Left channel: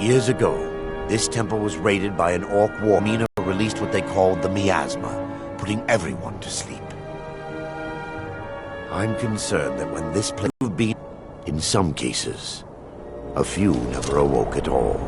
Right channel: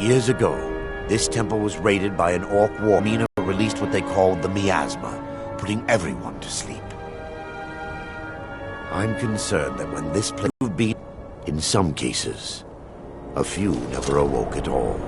Years ago, this temple was raided by an orc war. Mina released what they called the miasma, putting everyone to sleep. I'm concerned that when this place would be, in some cases, a few never awoke at all.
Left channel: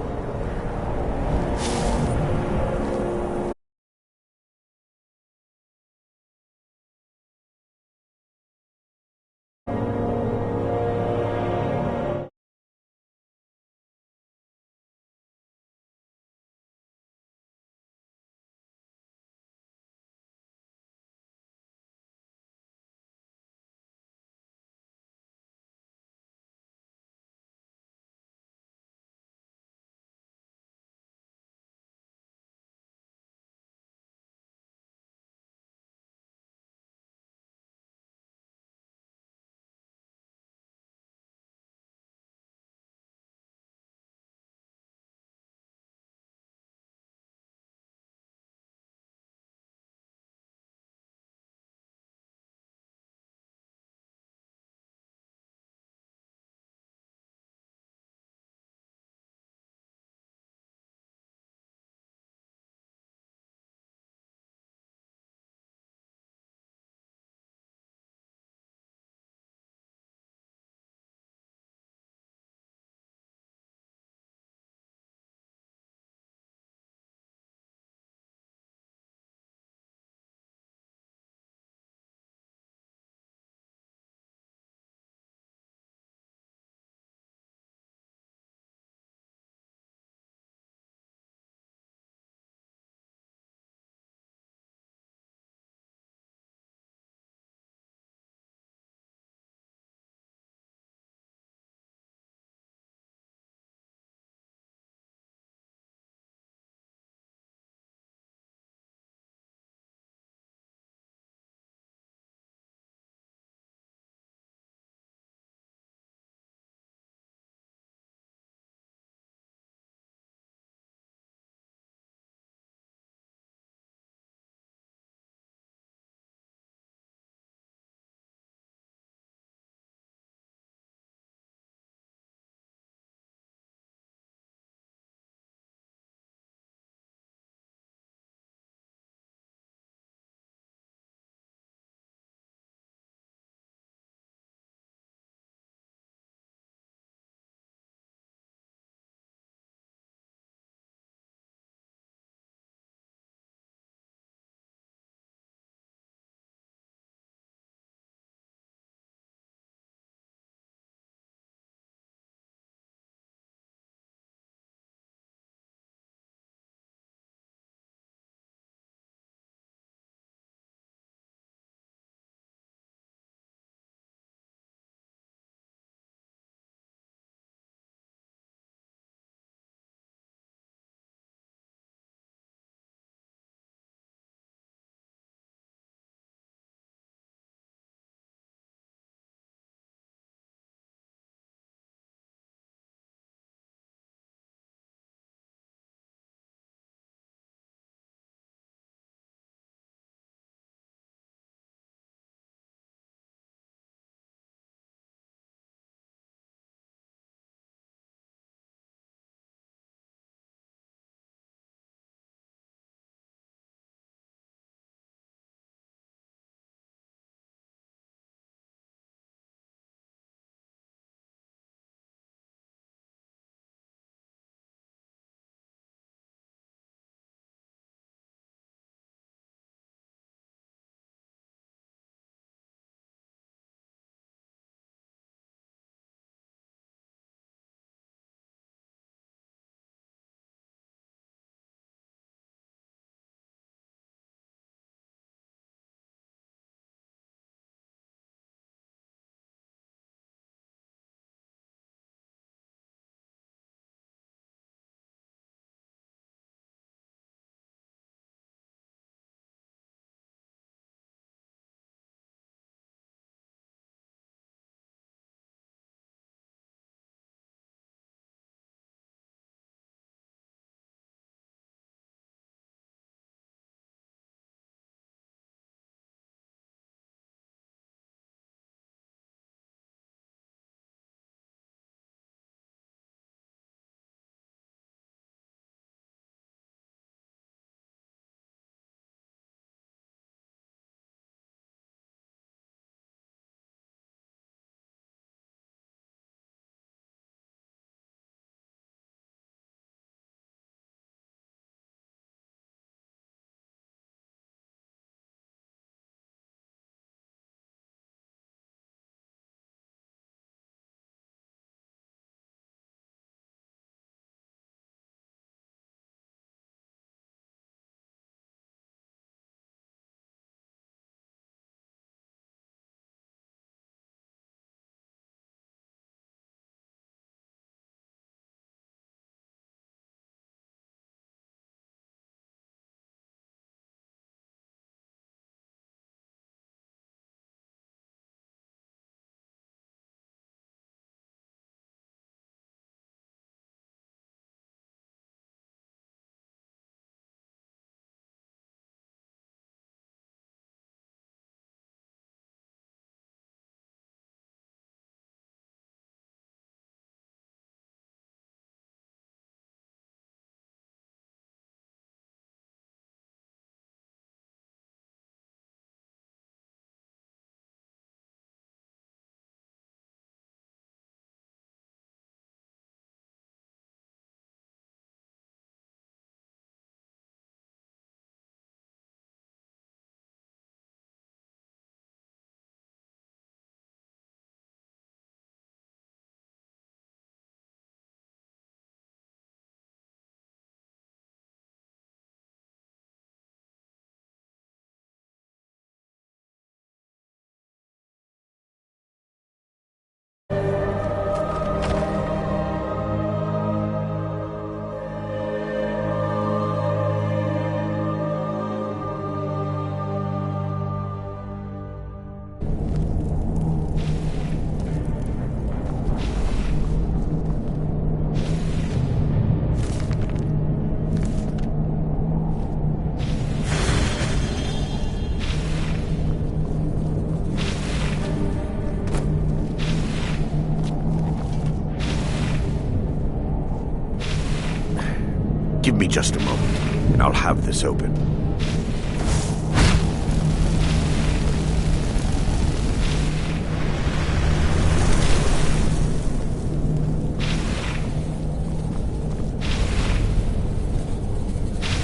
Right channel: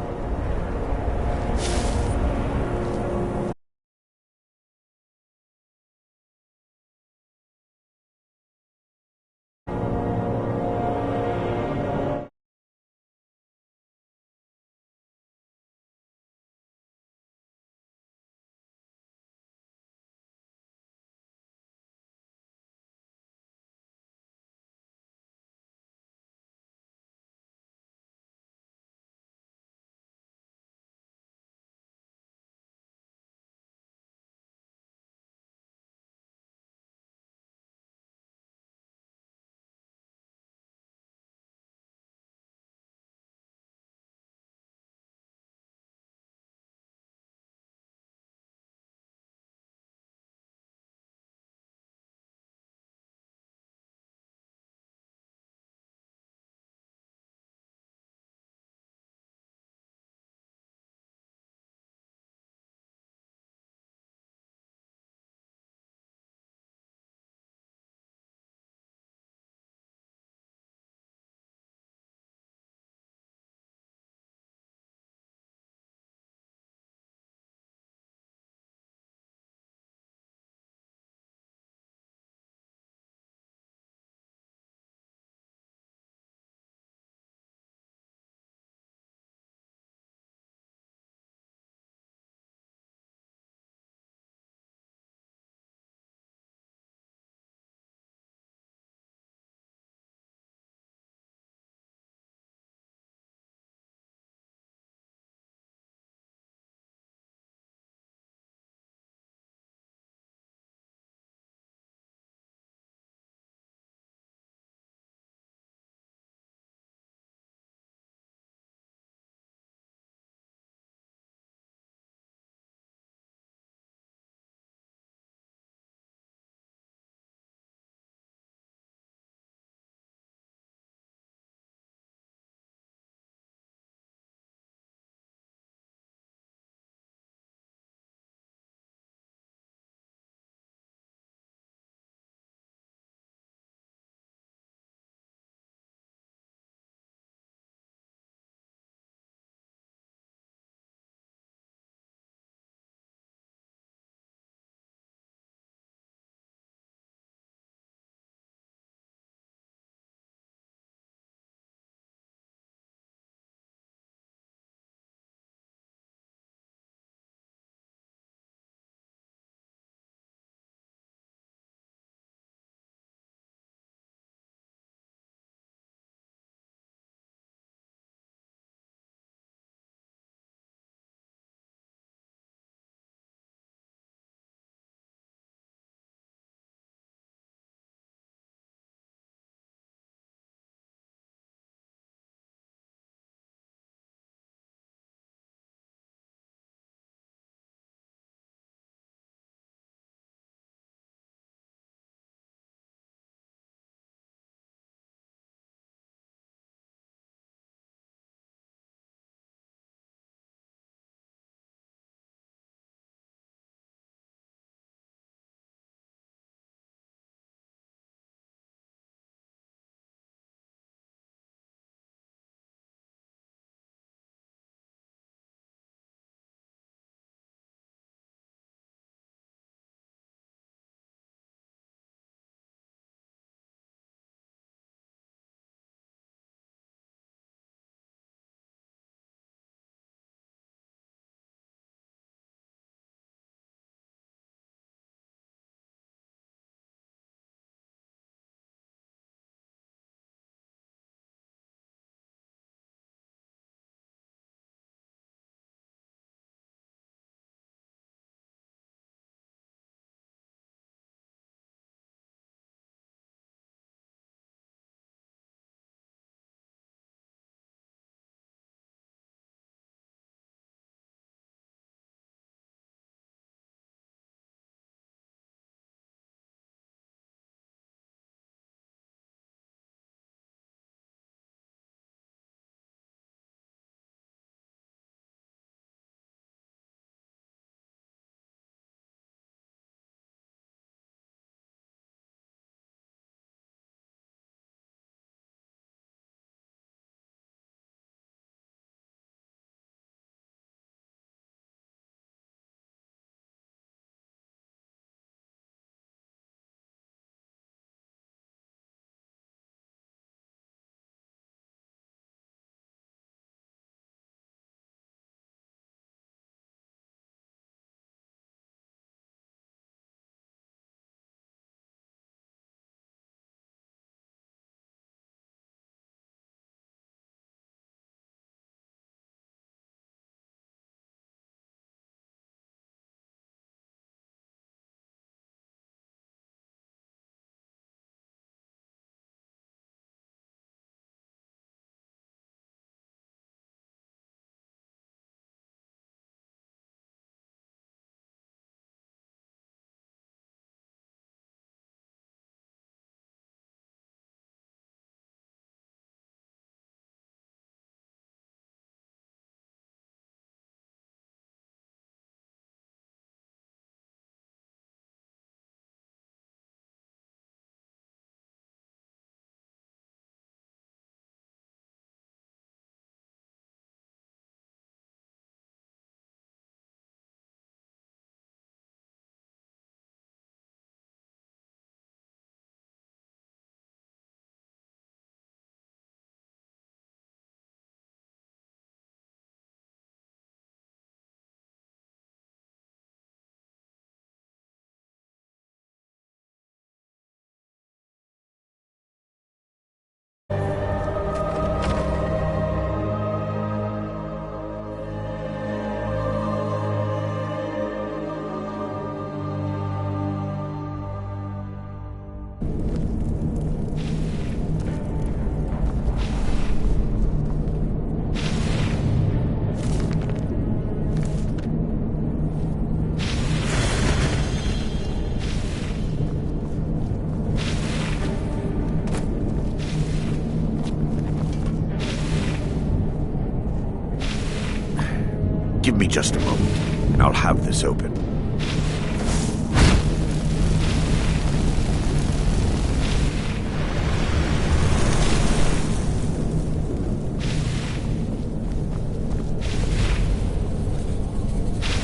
Give me just a moment, and I'll have this open.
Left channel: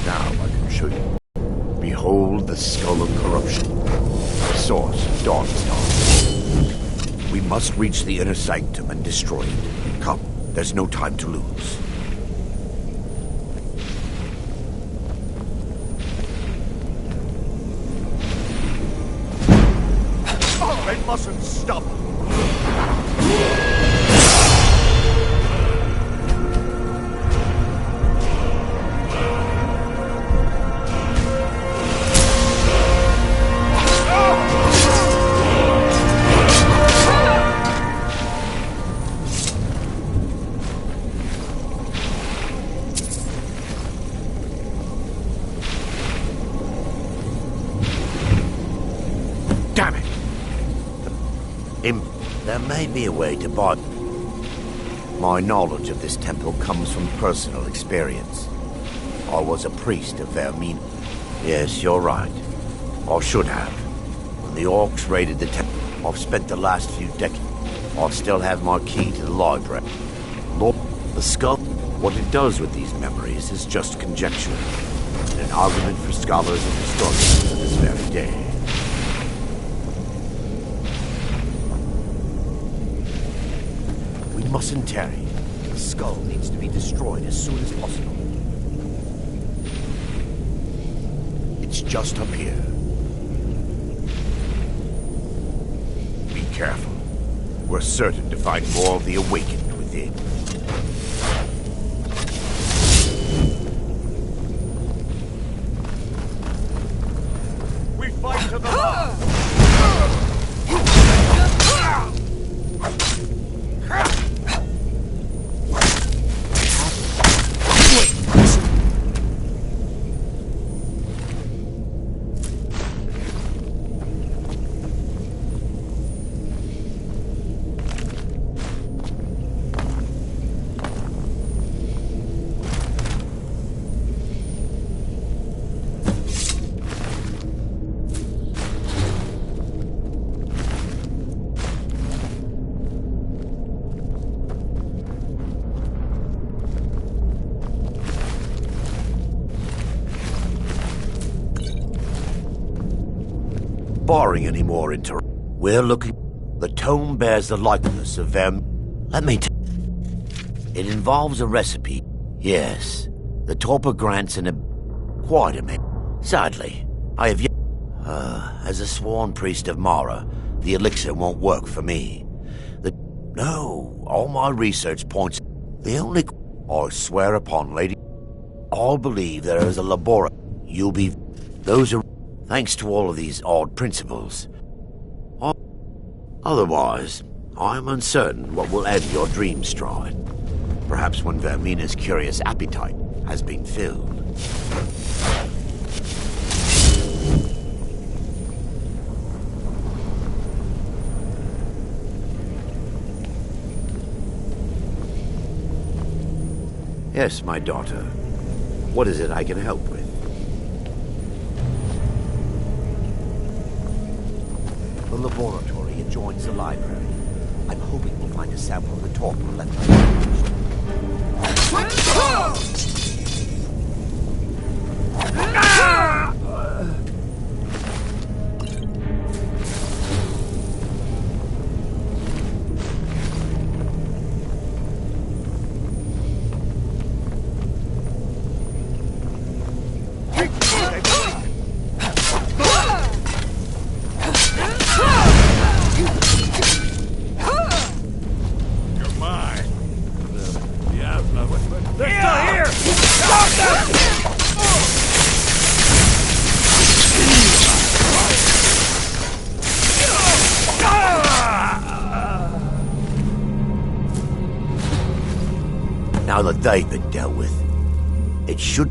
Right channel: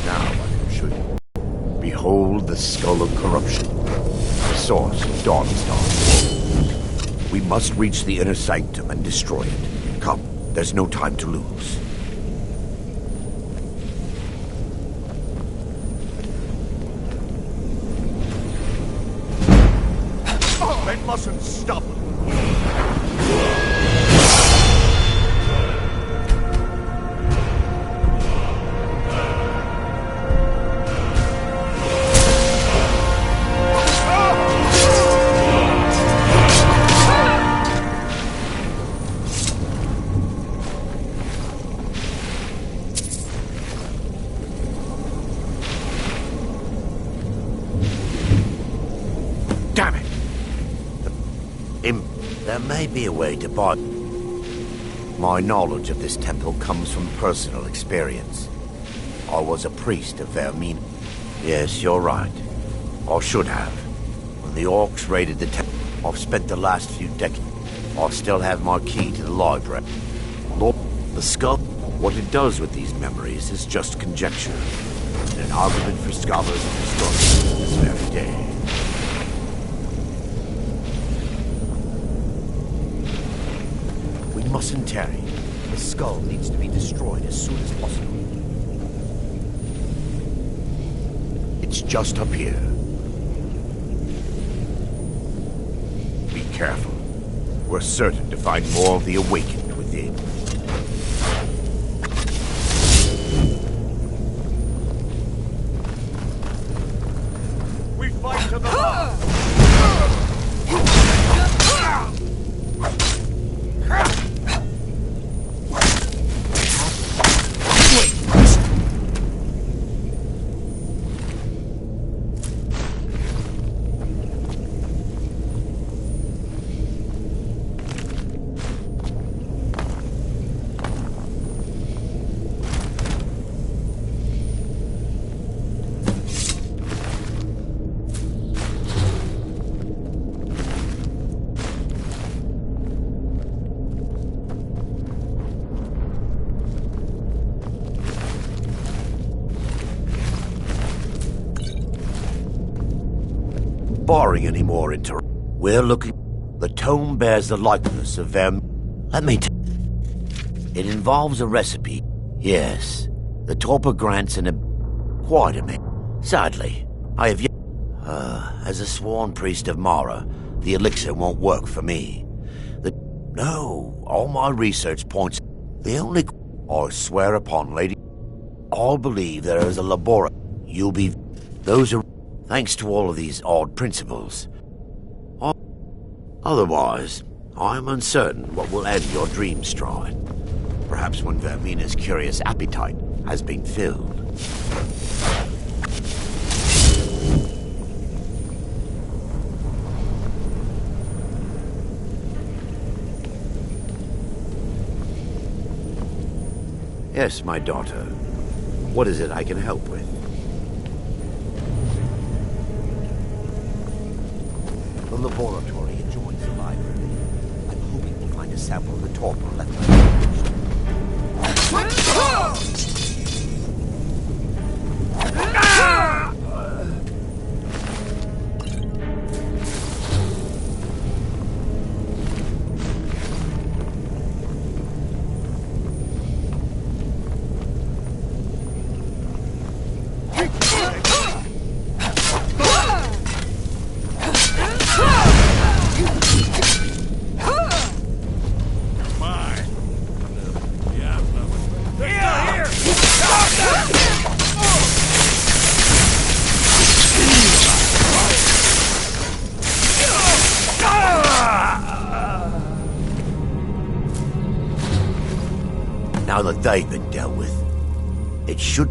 Now I can show you. Behold the skull of corruption, the source of Dawnstar. We must reach the inner sanctum and destroy it. Come, there's no time to lose. They mustn't stop. Damn it! There may be a way to buy... My knowledge of this temple comes from personal experience. I was a priest of Vermina. Yes, you're right. Or should have. When the orcs raided the temple, I've spent the last few decades. I still have my key to the library. Lord, the skull, what it does with these memories is just conjecture. And an argument for scholars and historians of this very day. We mustn't tarry. The skull needs to be destroyed as soon as possible. It's just up here. Be careful. We're certain to find more of the awakened within. We fight to the last! Barring any more we're looking... The tome bears the likeness of Let me tell... It involves a recipe. Yes. The Torpor grants quite a minute. Sadly, I have yet... as a sworn priest of Mara, the elixir won't work for me. No, all my research points... The only... I swear upon, lady... I'll believe there is a laboratory. You'll be... Those are... Thanks to all of these odd principles. Otherwise, I'm uncertain what will end your dream stride. Perhaps when Vermina's curious appetite has been filled. Yes, my daughter. What is it I can help with? The laboratory adjoins the library. I'm hoping we'll find a sample of the torpor left untouched. Now that they've been dealt with, it should...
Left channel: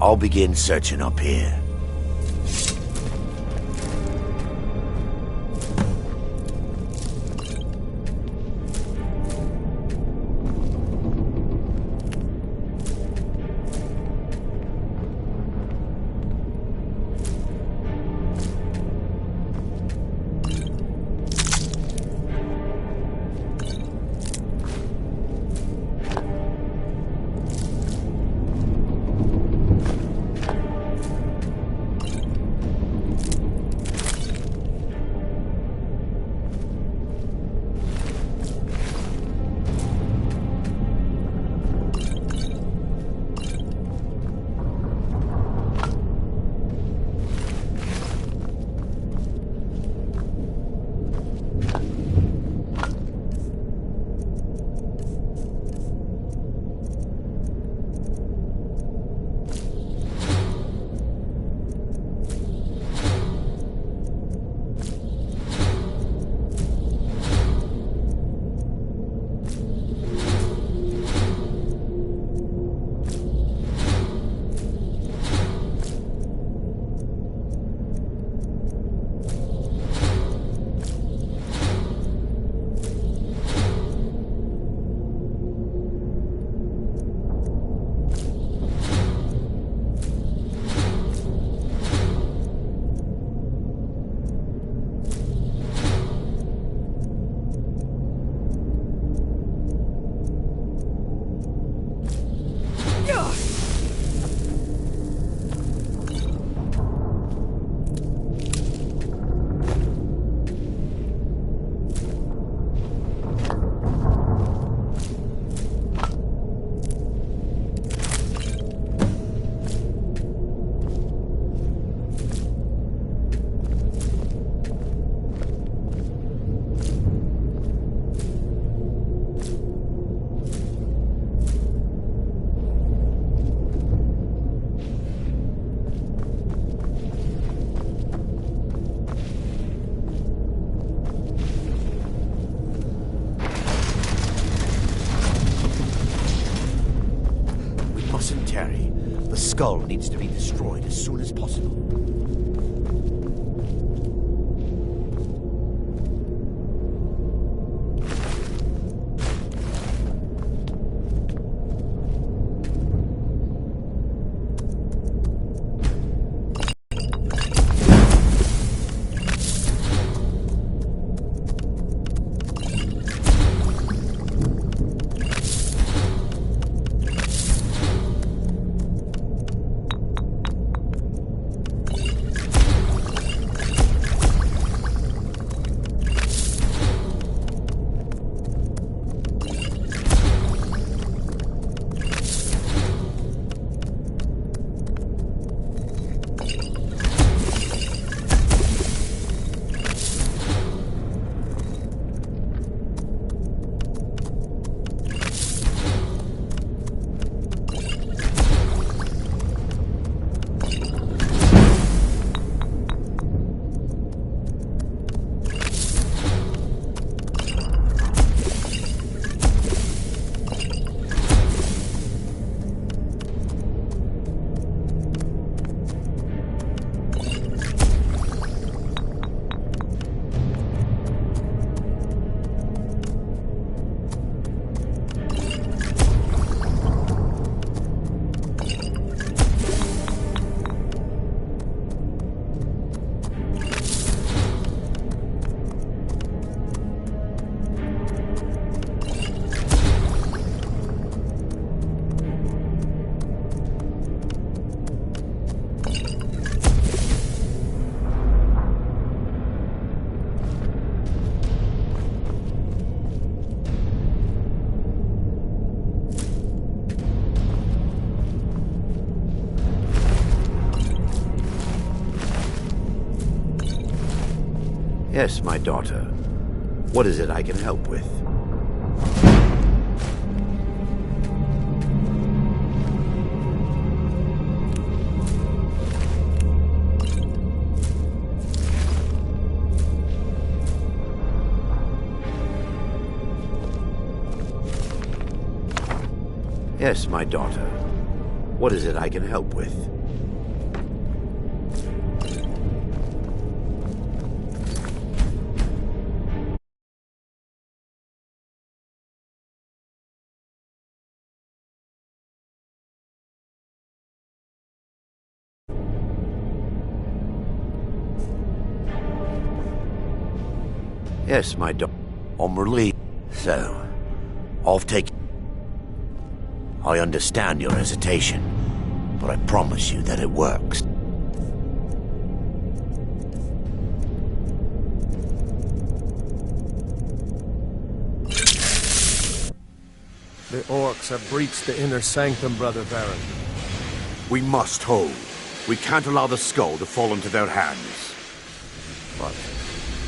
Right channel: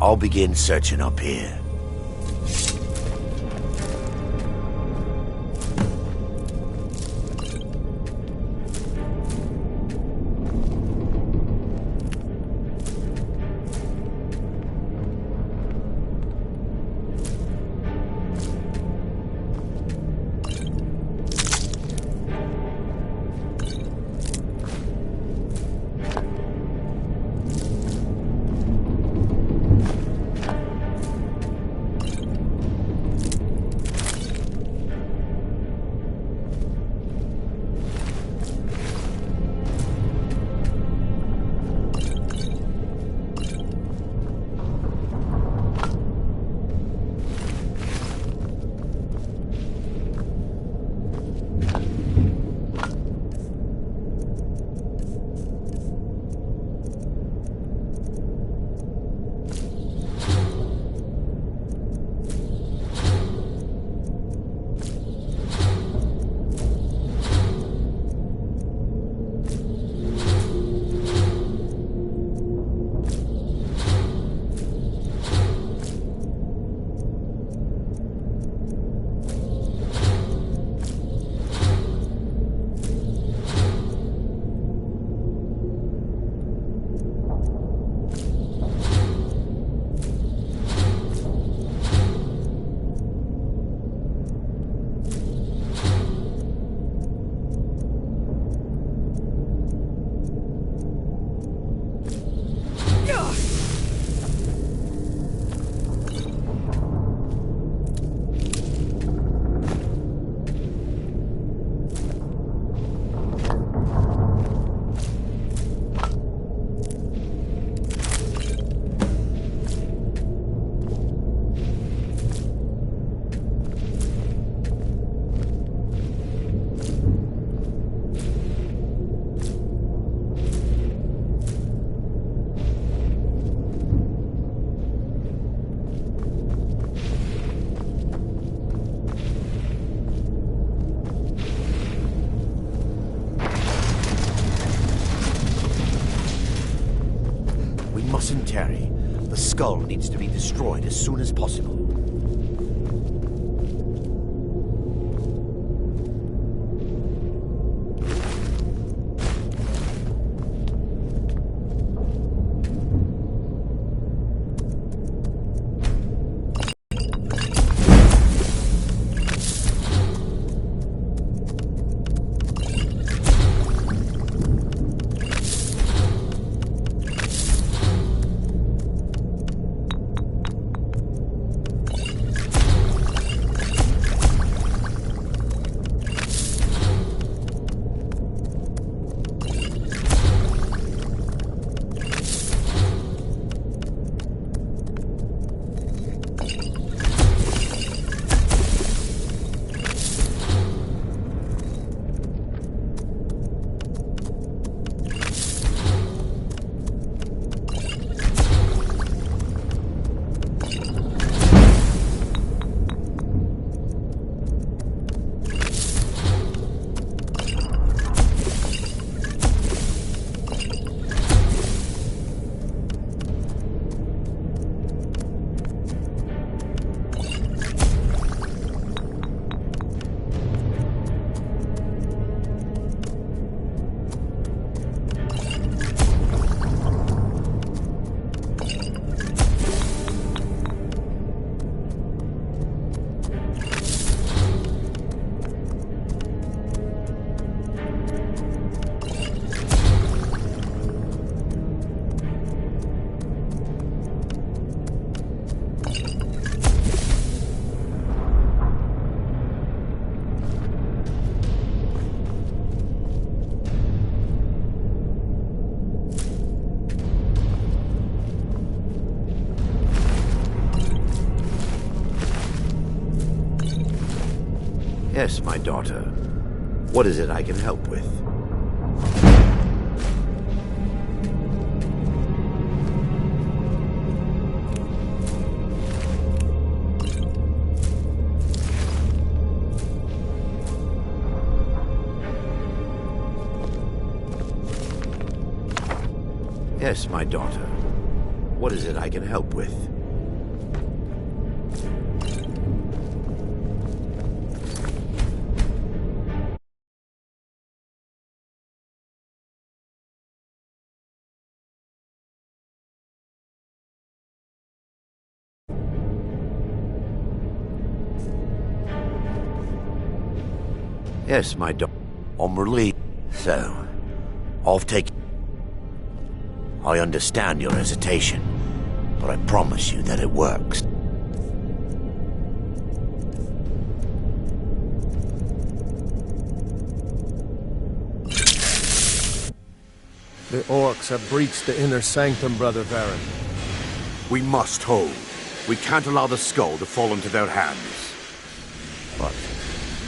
I'll begin searching up here. mustn't tarry. The skull needs to be destroyed as soon as possible. Yes, my daughter. What is it I can help with? Yes, my daughter. What is it I can help with? Yes, my daughter. On relief. So, I'll take... I understand your hesitation, but I promise you that it works. The orcs have breached the inner sanctum, Brother Baron. We must hold. We can't allow the skull to fall into their hands. But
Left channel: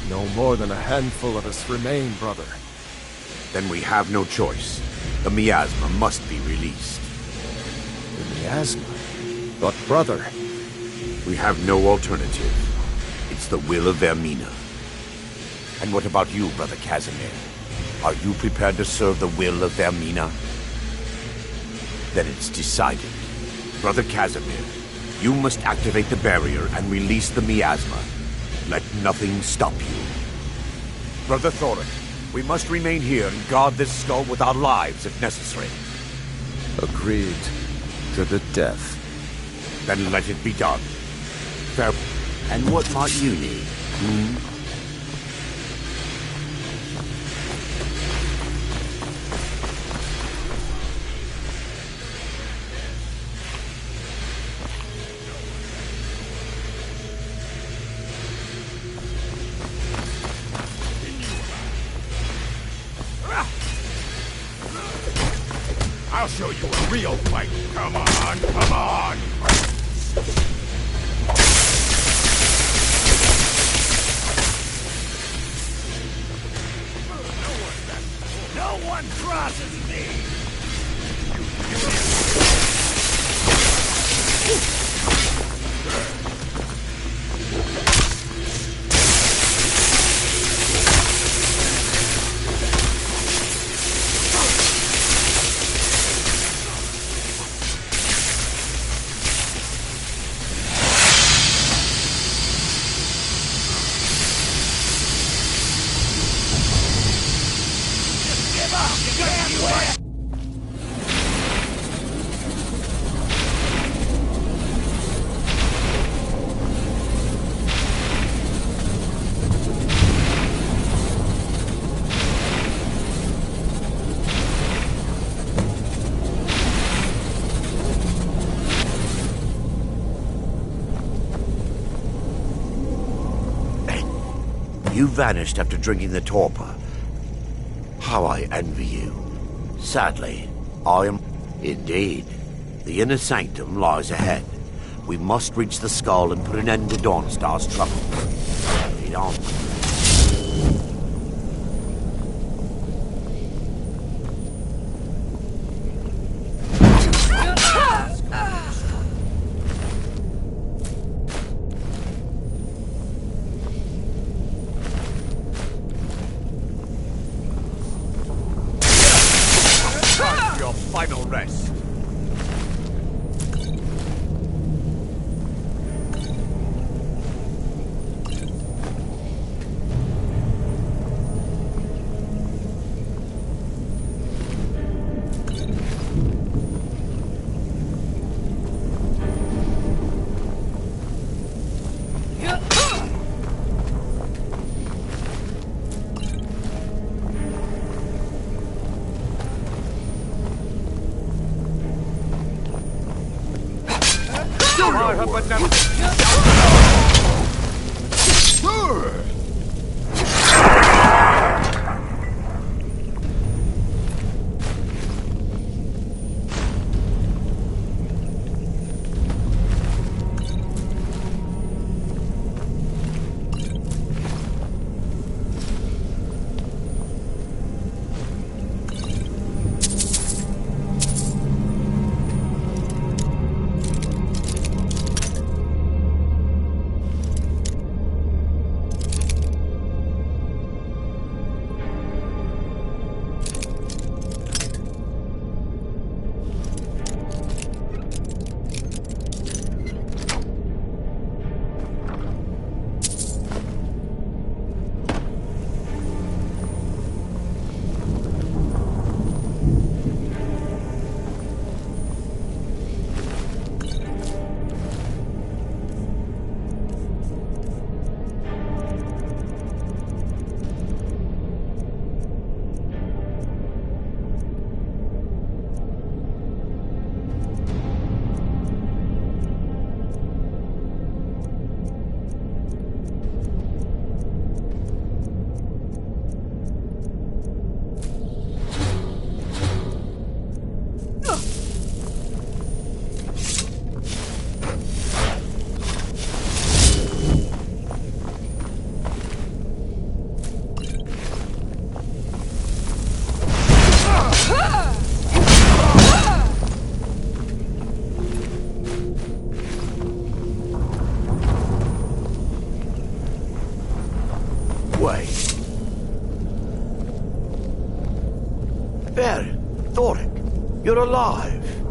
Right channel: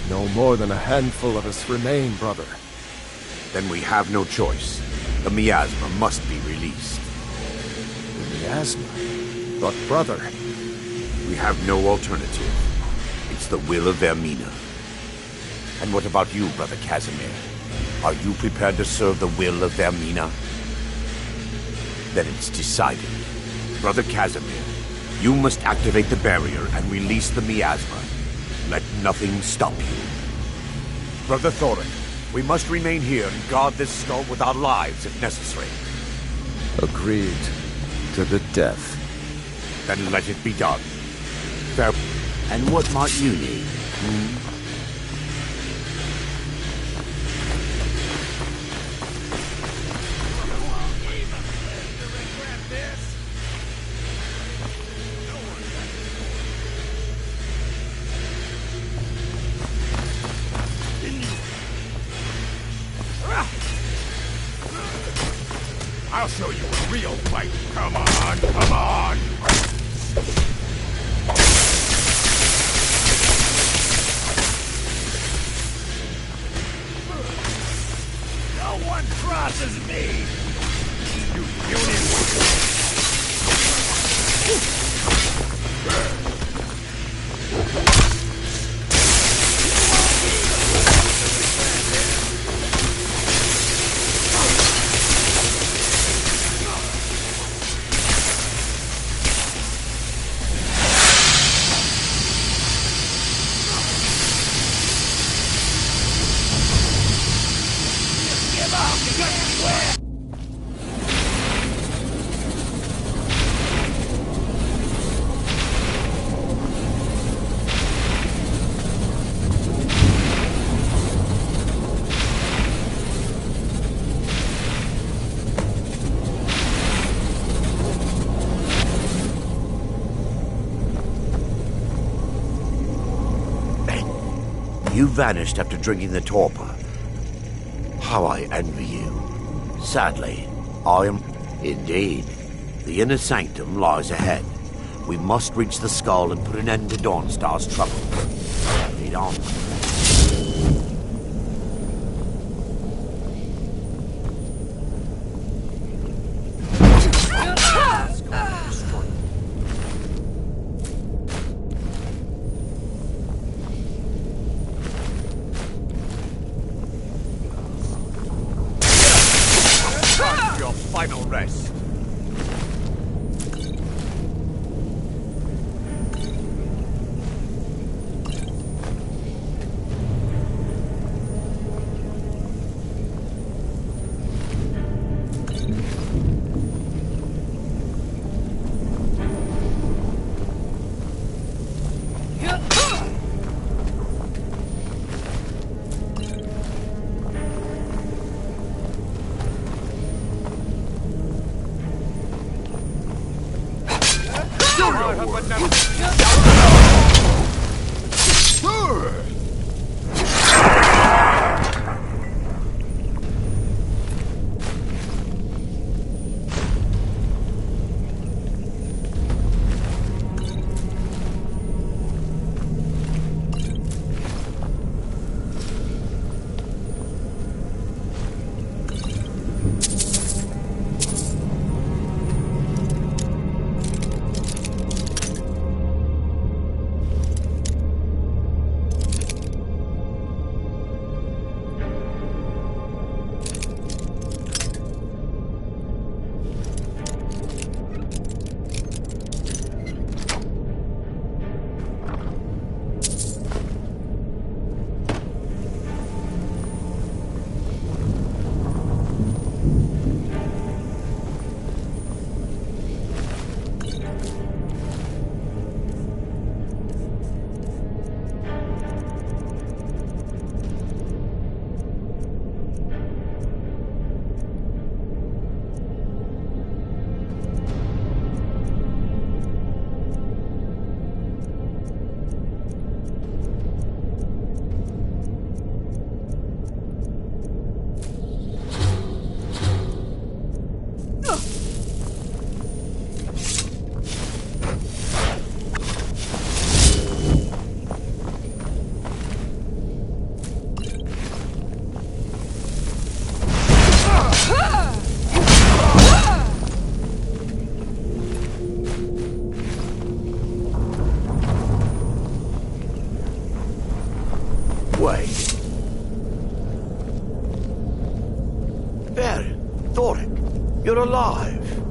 no more than a handful of us remain, brother. Then we have no choice. The miasma must be released. The miasma? But brother... We have no alternative. It's the will of Vermina. And what about you, Brother Casimir? Are you prepared to serve the will of Vermina? Then it's decided. Brother Casimir, you must activate the barrier and release the miasma. Let nothing stop you. Brother Thorin, we must remain here and guard this skull with our lives if necessary. Agreed. To the death. Then let it be done. Fair. And what might you need? I'll show you a real fight. Come on, come on! No one crosses me! You unit! You vanished after drinking the torpor. How I envy you. Sadly, I am... Indeed. The inner sanctum lies ahead. We must reach the skull and put an end to Dawnstar's trouble. Lead on. Your final rest. I have Wait. There, Thoric, you're alive.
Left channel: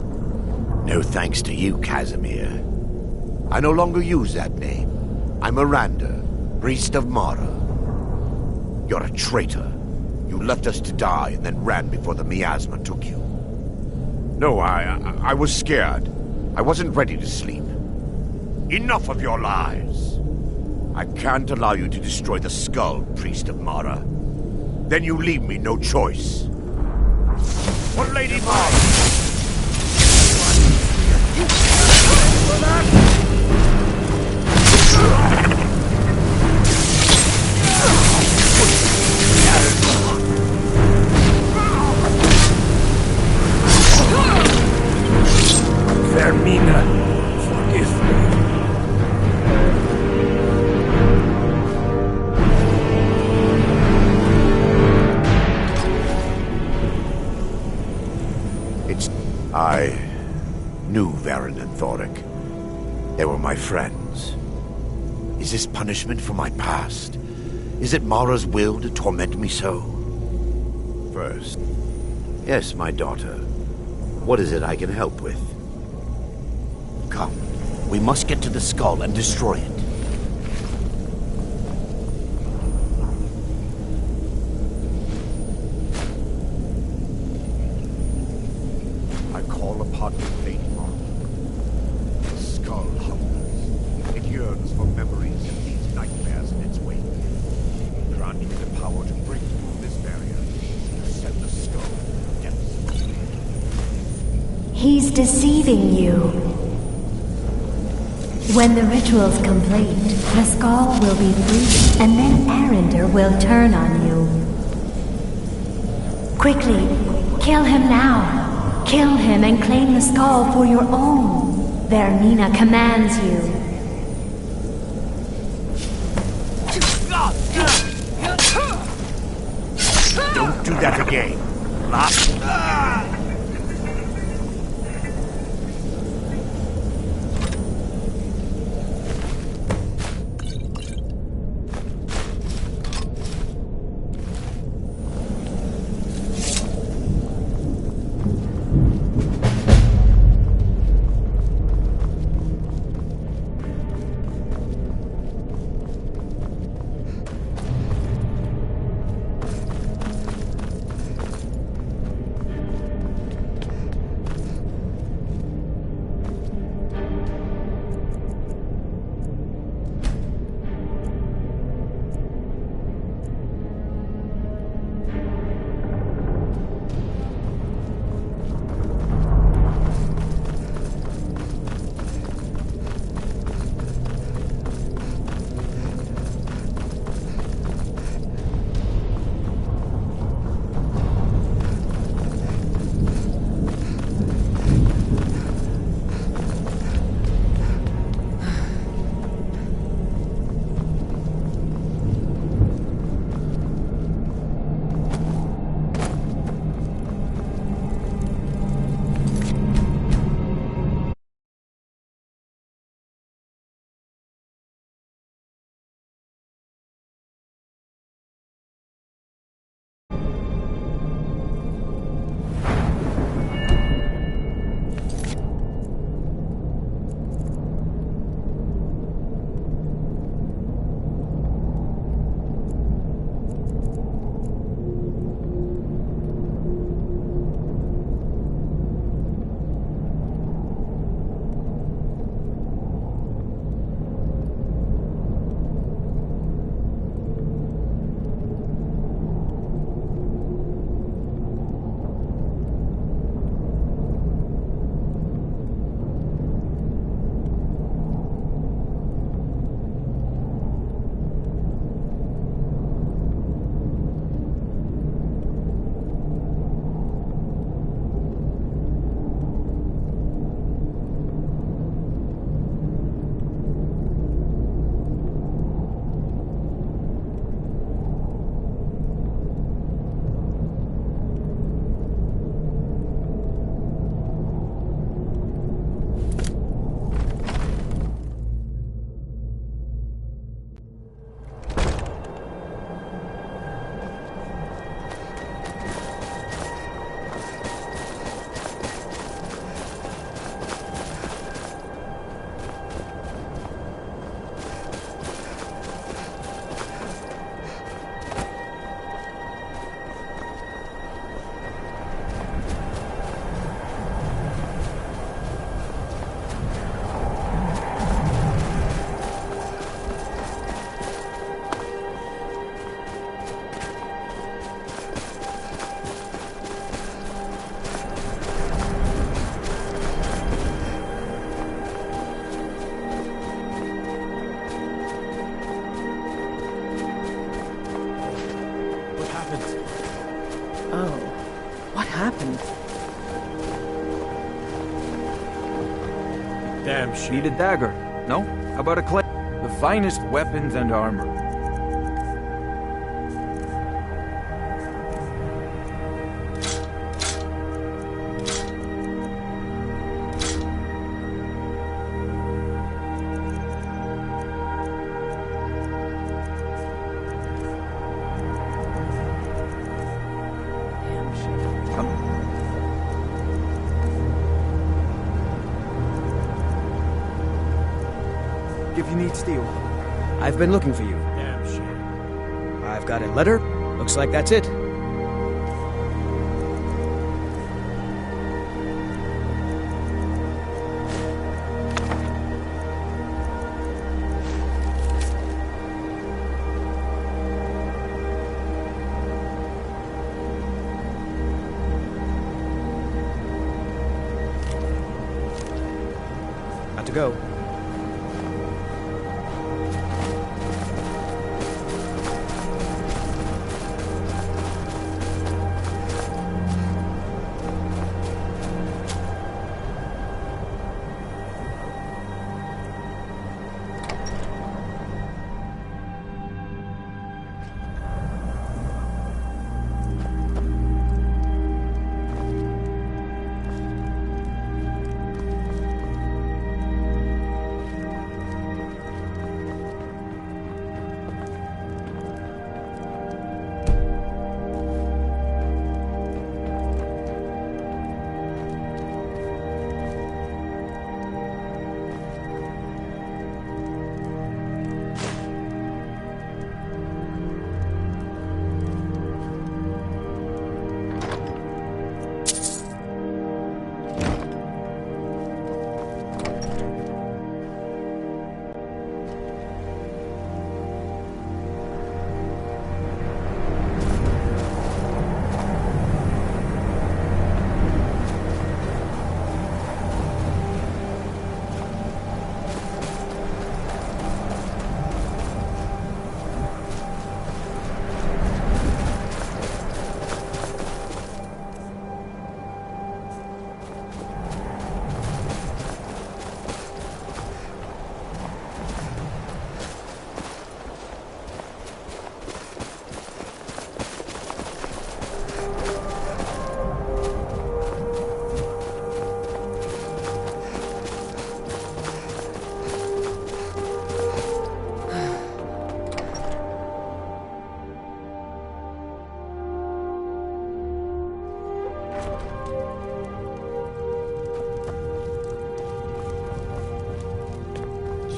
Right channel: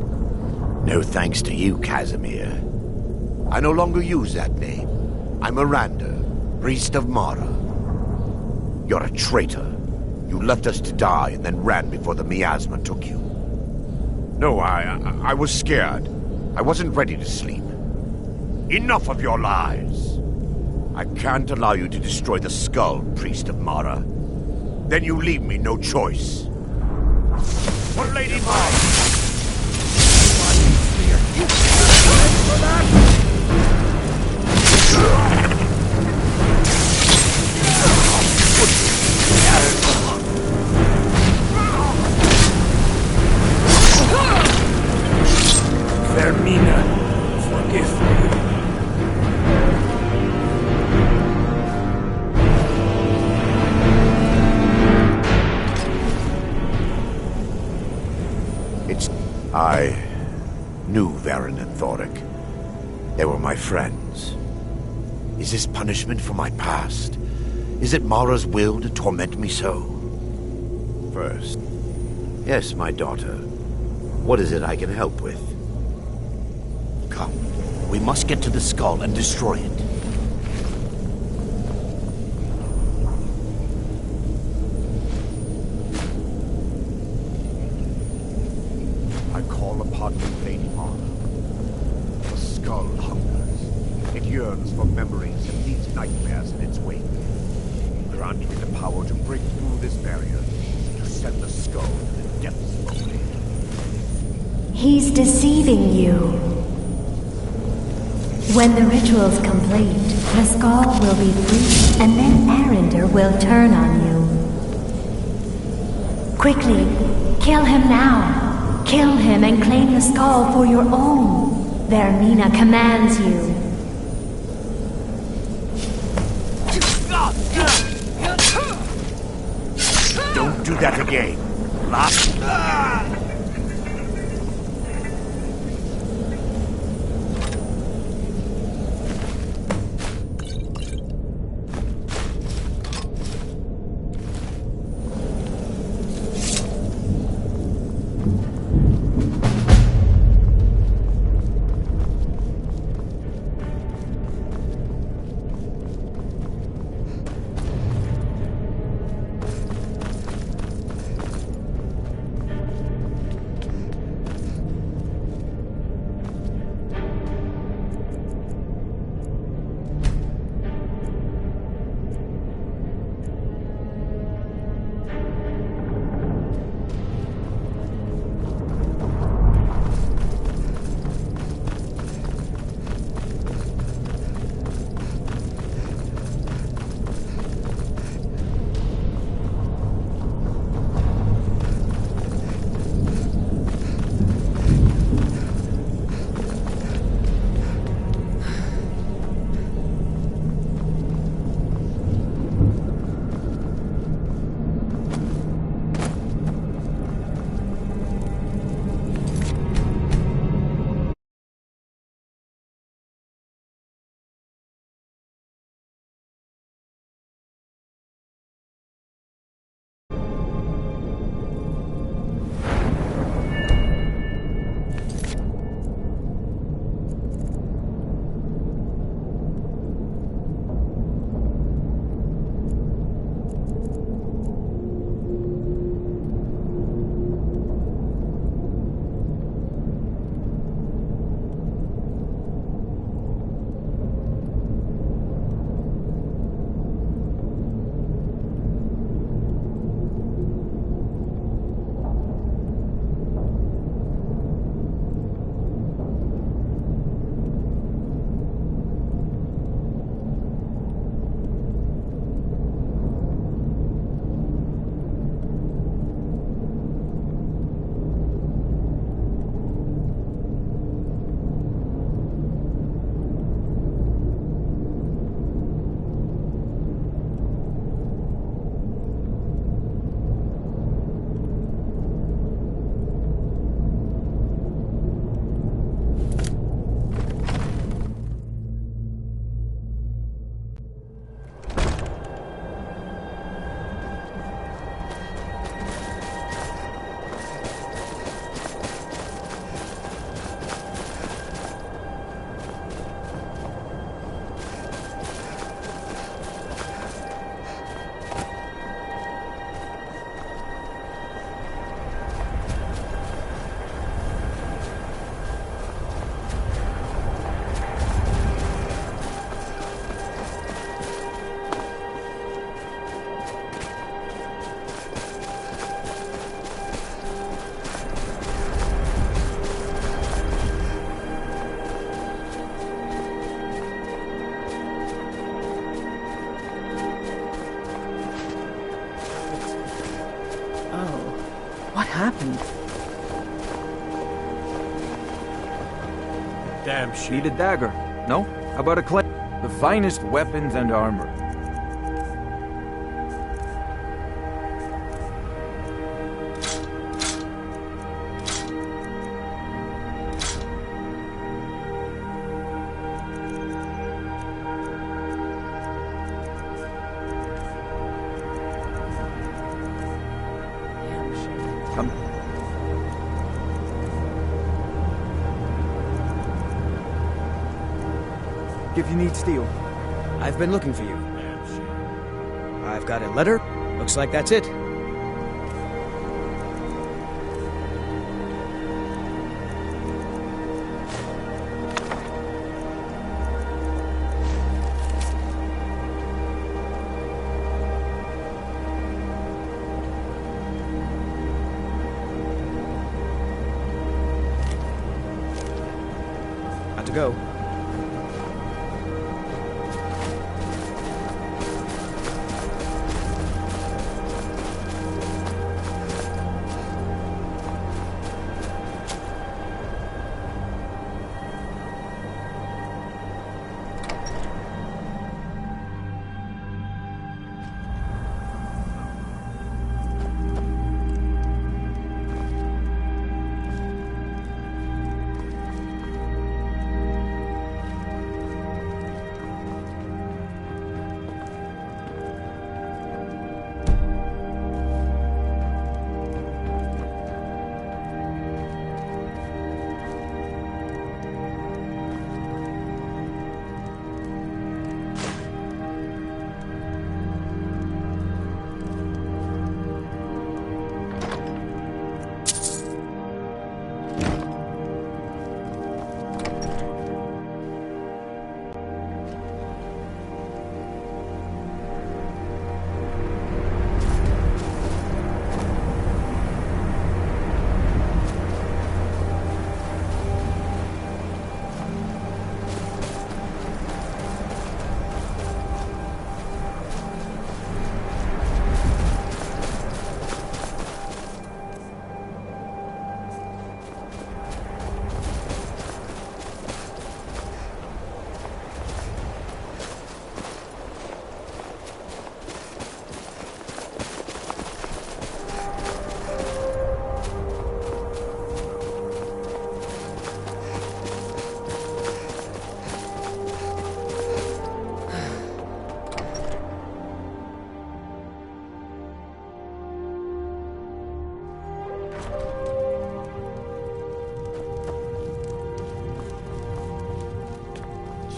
No thanks to you, Casimir. I no longer use that name. I'm Miranda, priest of Mara. You're a traitor. You left us to die and then ran before the miasma took you. No, I was scared. I wasn't ready to sleep. Enough of your lies. I can't allow you to destroy the skull, priest of Mara. Then you leave me no choice. For Lady Mara! Vermina, forgive me. I knew Varen and Thoric. They were my friends. Is this punishment for my past? Is it Mara's will to torment me so? First. Yes, my daughter. What is it I can help with? Come. We must get to the skull and destroy it. I call upon you, Lady Mara. The skull hungers. It yearns for memories and leaves nightmares in its wake. Grant me the power to break through this barrier, to send the skull to the depths of oblivion. He's deceiving you. When the ritual's complete, the skull will be free, and then Arender will turn on you. Quickly, kill him now. Kill him and claim the skull for your own. Vermina commands you. Don't do that again. Last. happened? Damn shit. Need a dagger. No? How about a clay? The finest weapons and armor. Damn shit. Come. If you need steel. I've been looking for you. Damn shit. I've got a letter. Looks like that's it. Got to go.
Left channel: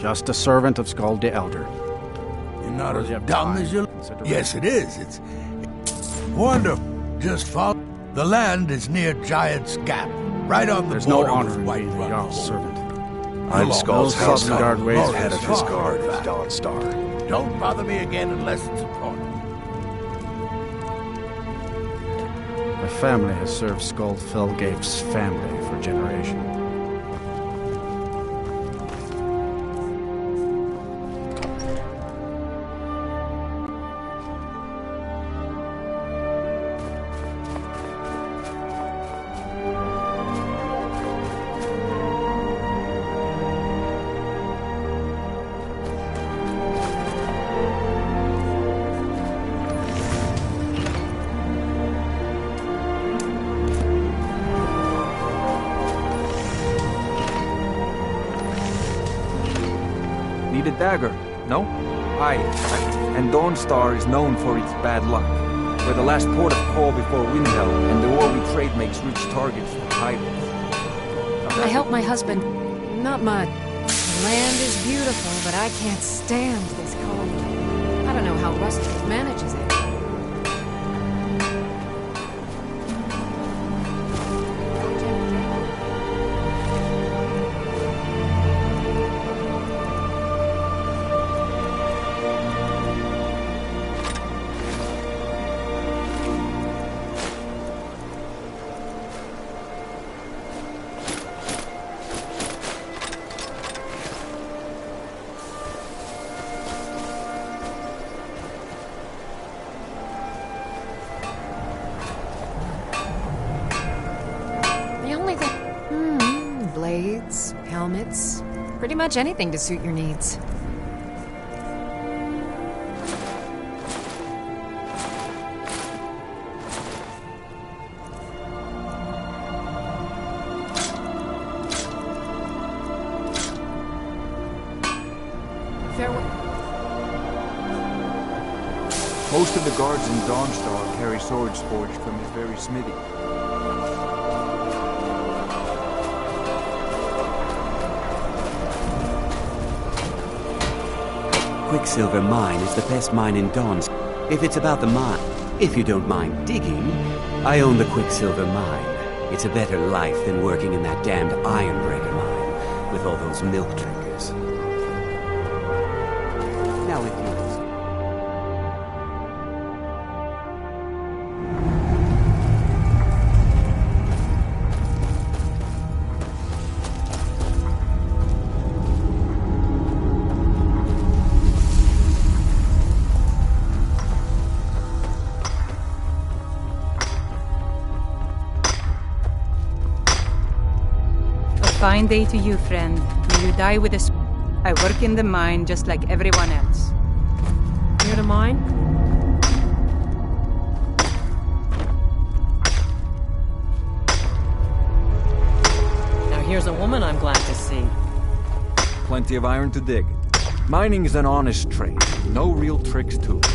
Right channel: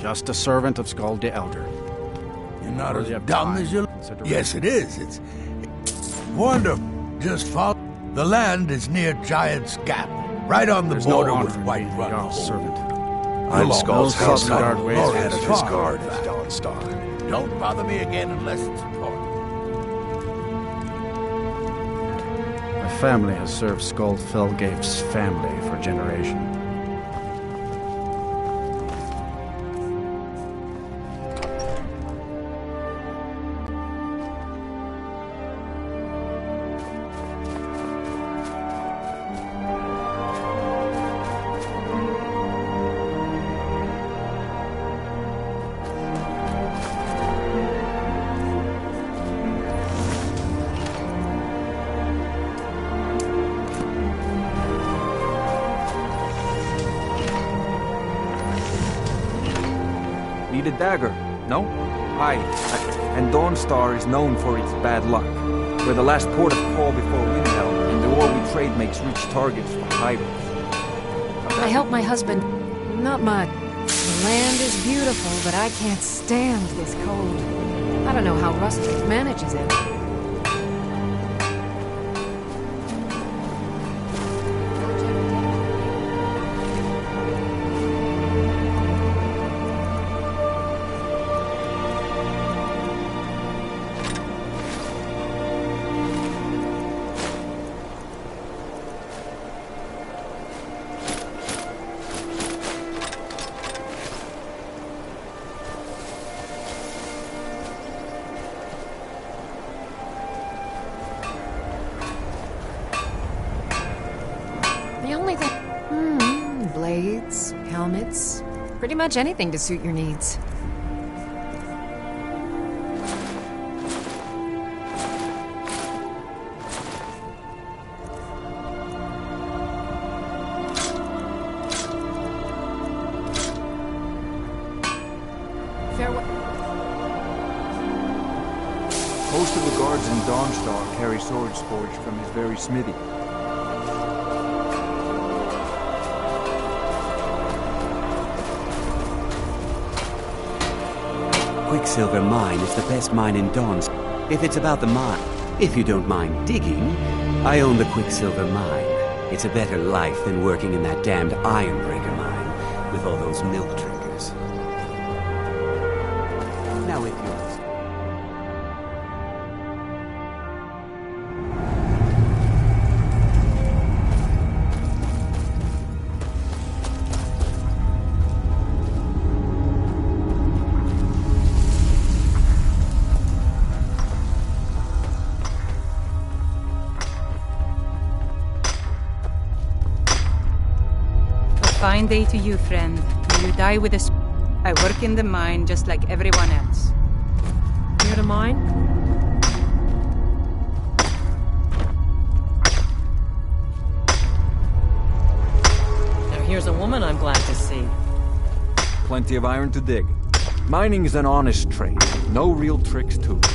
Just a servant of Skull the Elder. You're not as Worthy of dumb time as you... and consideration. Yes, it is. It's wonderful. Just follow. The land is near Giant's Gap, right on the There's no border honor with in White being the Run. Jarl's servant. I'm You'll Skull's almost house have guard some ways glorious head of his far, guard in is fact. Dawnstar. Don't bother me again unless it's important. My family has served Skull Felgate's family for generations. Need a dagger? No? Aye. And Dawnstar is known for its bad luck. We're the last port of call before Windhelm, and the ore we trade makes rich targets for pirates. I help my husband. Not much. The land is beautiful, but I can't stand this cold. I don't know how Rustic manages it. The only thing... blades, helmets, pretty much anything to suit your needs. Farewell. Most of the guards in Dawnstar carry swords forged from his very smithy. Quicksilver Mine is the best mine in Dawns. If it's about the mine, if you don't mind digging, I own the Quicksilver Mine. It's a better life than working in that damned Ironbreaker mine with all those milk drinkers. Now if you'll... Fine day to you, friend. May you die with a... I work in the mine just like everyone else. Near the mine? Now here's a woman I'm glad to see. Plenty of iron to dig. Mining is an honest trade. No real tricks to it.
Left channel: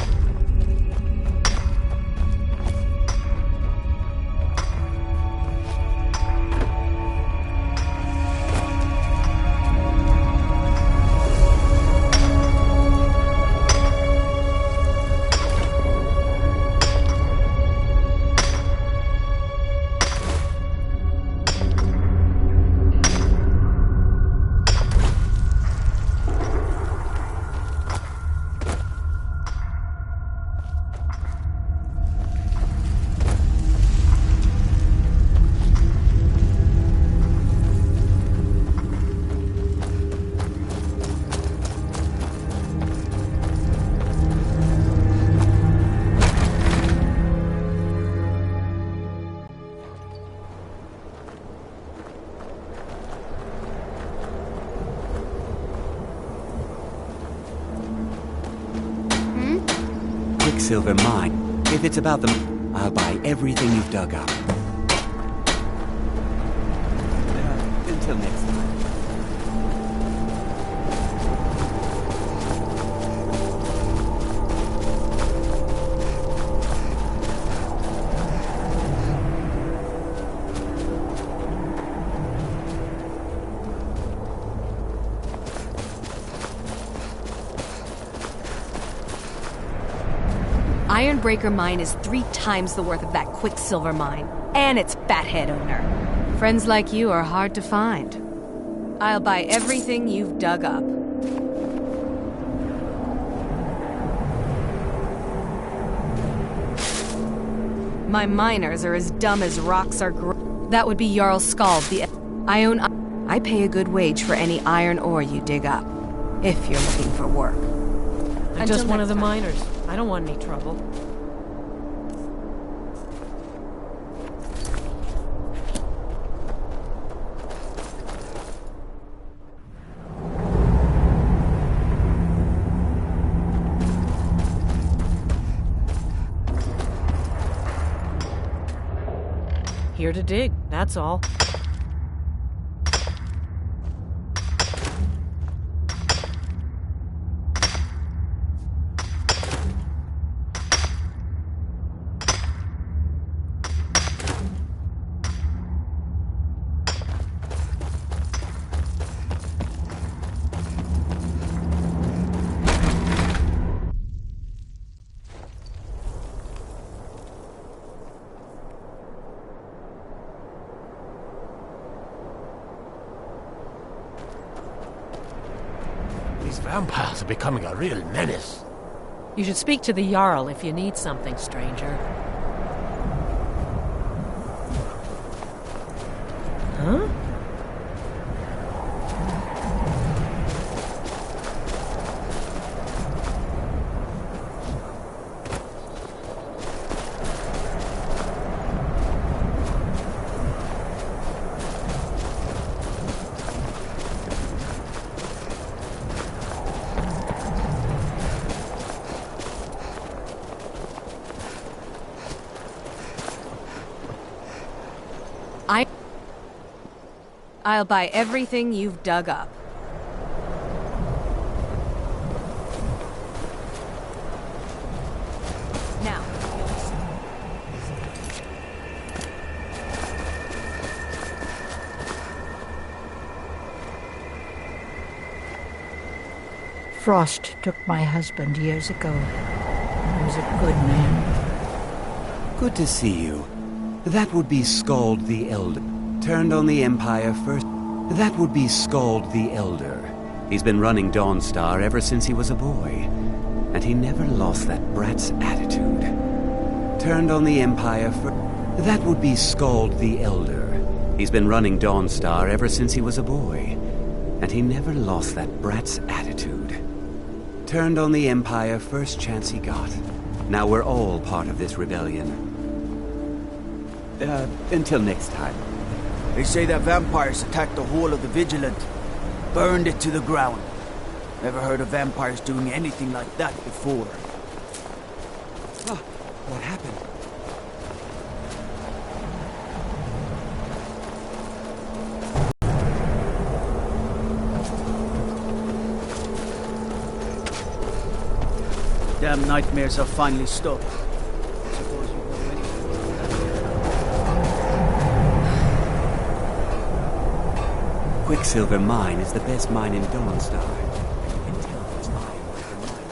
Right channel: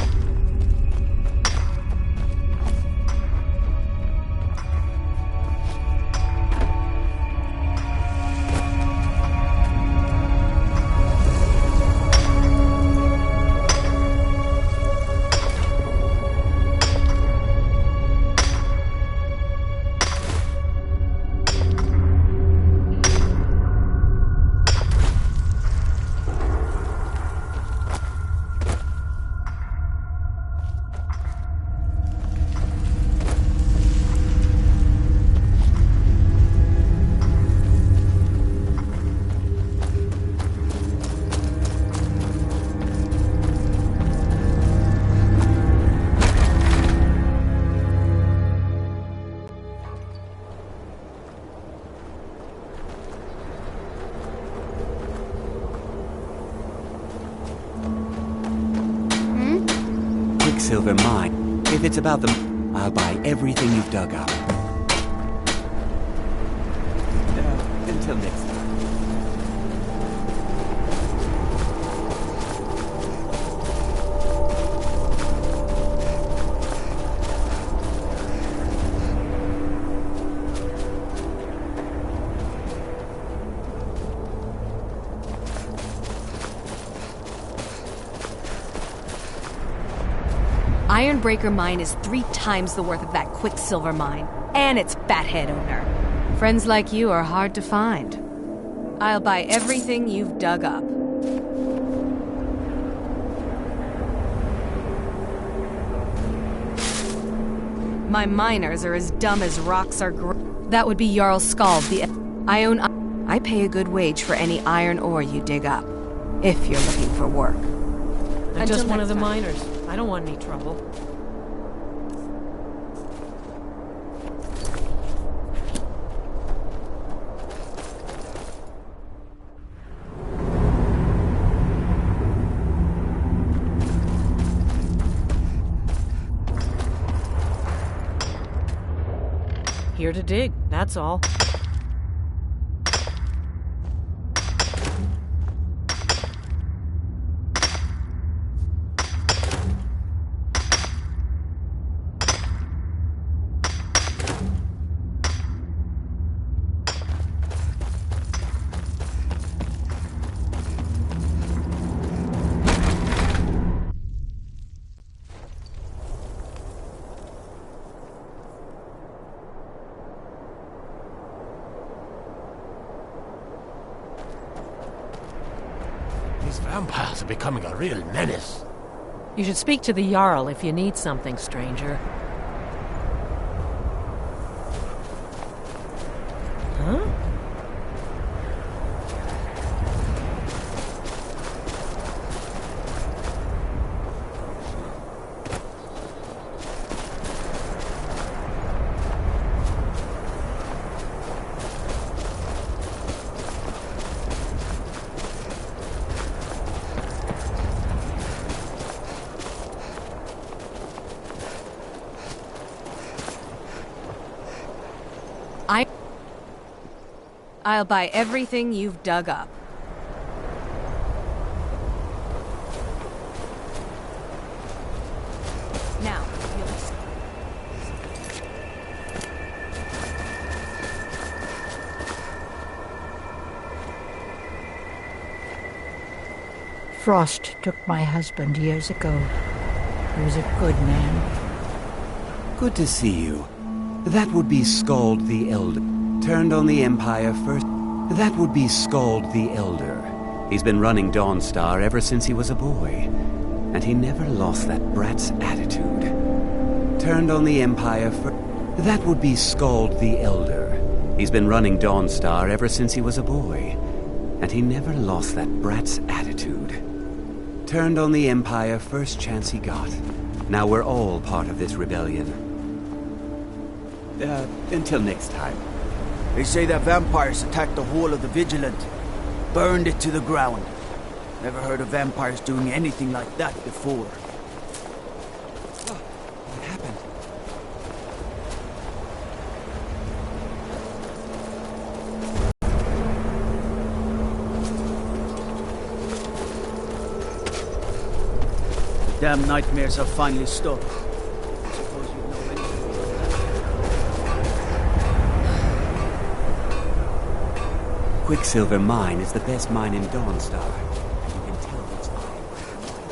Quicksilver Mine. If it's about them, I'll buy everything you've dug up. Until next time. Ironbreaker mine is 3 times the worth of that Quicksilver mine, and its fathead owner. Friends like you are hard to find. I'll buy everything you've dug up. My miners are as dumb as rocks are That would be Jarl Skald, I pay a good wage for any iron ore you dig up, if you're looking for work. I'm just one of the miners. I don't want any trouble. Here to dig, that's all. These vampires are becoming a real menace. You should speak to the Jarl if you need something, stranger. Huh? I'll buy everything you've dug up. Now, Frost took my husband years ago. He was a good man. Good to see you. That would be Skald the Elder. Turned on the Empire first. That would be Skald the Elder. He's been running Dawnstar ever since he was a boy. And he never lost that brat's attitude. Turned on the Empire first. That would be Skald the Elder. He's been running Dawnstar ever since he was a boy. And he never lost that brat's attitude. Turned on the Empire first chance he got. Now we're all part of this rebellion. Until next time. They say that vampires attacked the Hall of the Vigilant. Burned it to the ground. Never heard of vampires doing anything like that before. Oh, what happened? The damn nightmares have finally stopped. I suppose you know anything about that. Quicksilver mine is the best mine in Dawnstar. And you can tell it's mine by the mine.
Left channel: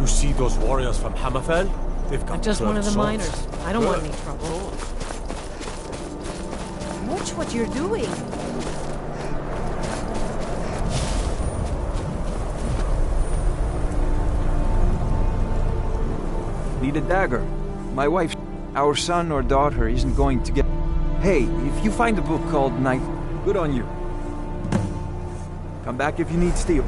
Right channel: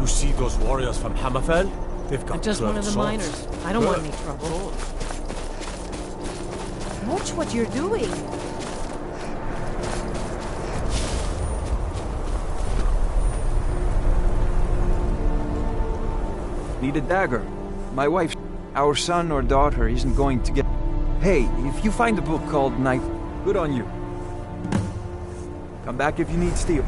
You see those warriors from Hammerfell? They've got I'm just one of the swords. miners. I don't want any trouble. Watch what you're doing. Need a dagger. My wife, our son or daughter isn't going to get... Hey, if you find a book called Knife, good on you. Come back if you need steel.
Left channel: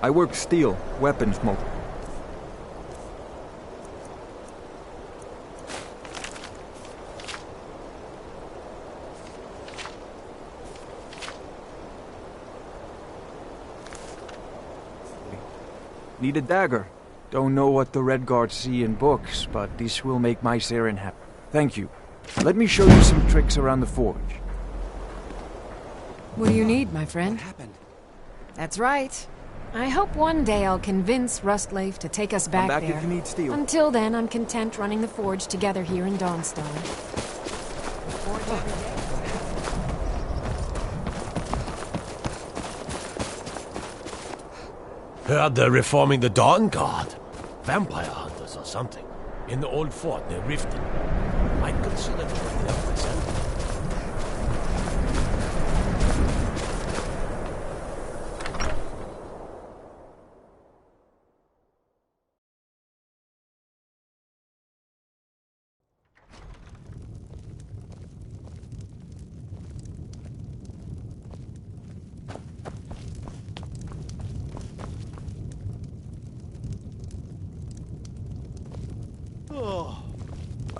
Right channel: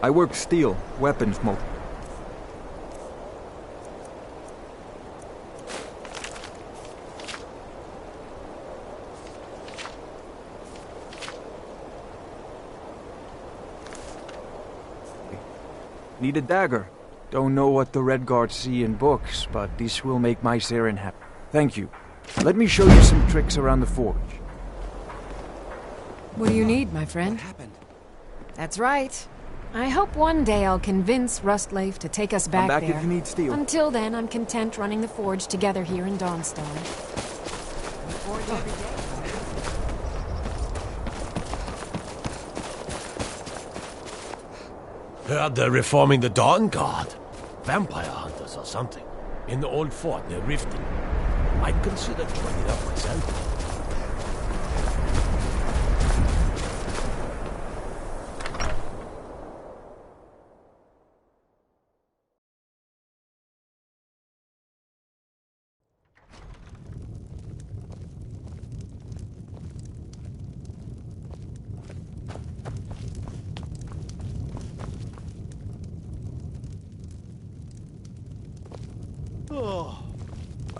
I work steel, weapons most. Need a dagger. Don't know what the Red Guards see in books, but this will make my Saren happy. Thank you. Let me show you some tricks around the forge. What do you need, my friend? What happened? That's right. I hope one day I'll convince Rustleaf to take us back I'm back there. if you need steel. Until then, I'm content running the forge together here in Dawnstar. Heard they're reforming the Dawn Guard. Vampire hunters or something. In the old fort near Riften. Might consider joining up myself.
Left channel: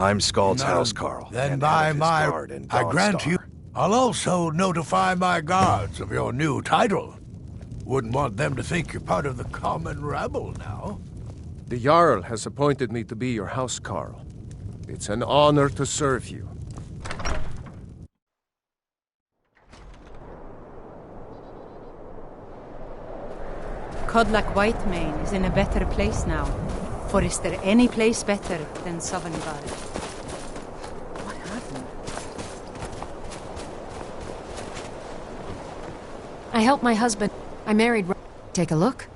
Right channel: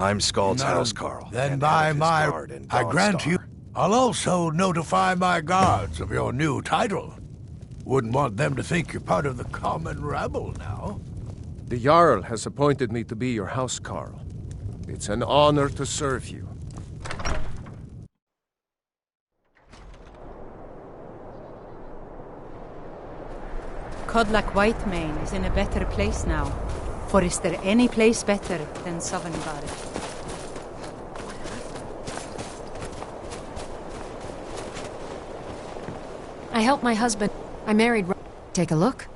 I'm Scald's None. housecarl. Then and by head of his my... guard in I grant Dawnstar. you... I'll also notify my guards of your new title. Wouldn't want them to think you're part of the common rabble now. The Jarl has appointed me to be your housecarl. It's an honor to serve you. Codlac Whitemane is in a better place now. For is there any place better than Sovngarde? What happened? I helped my husband. I married. Take a look.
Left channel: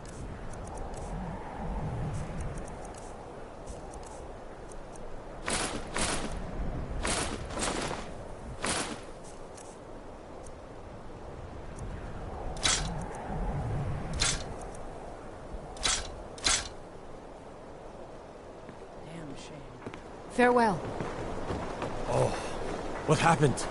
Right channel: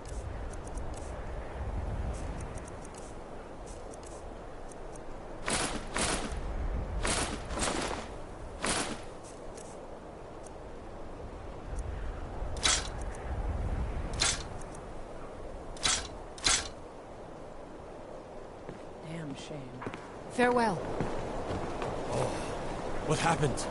Damn shame. Farewell. Oh, what happened?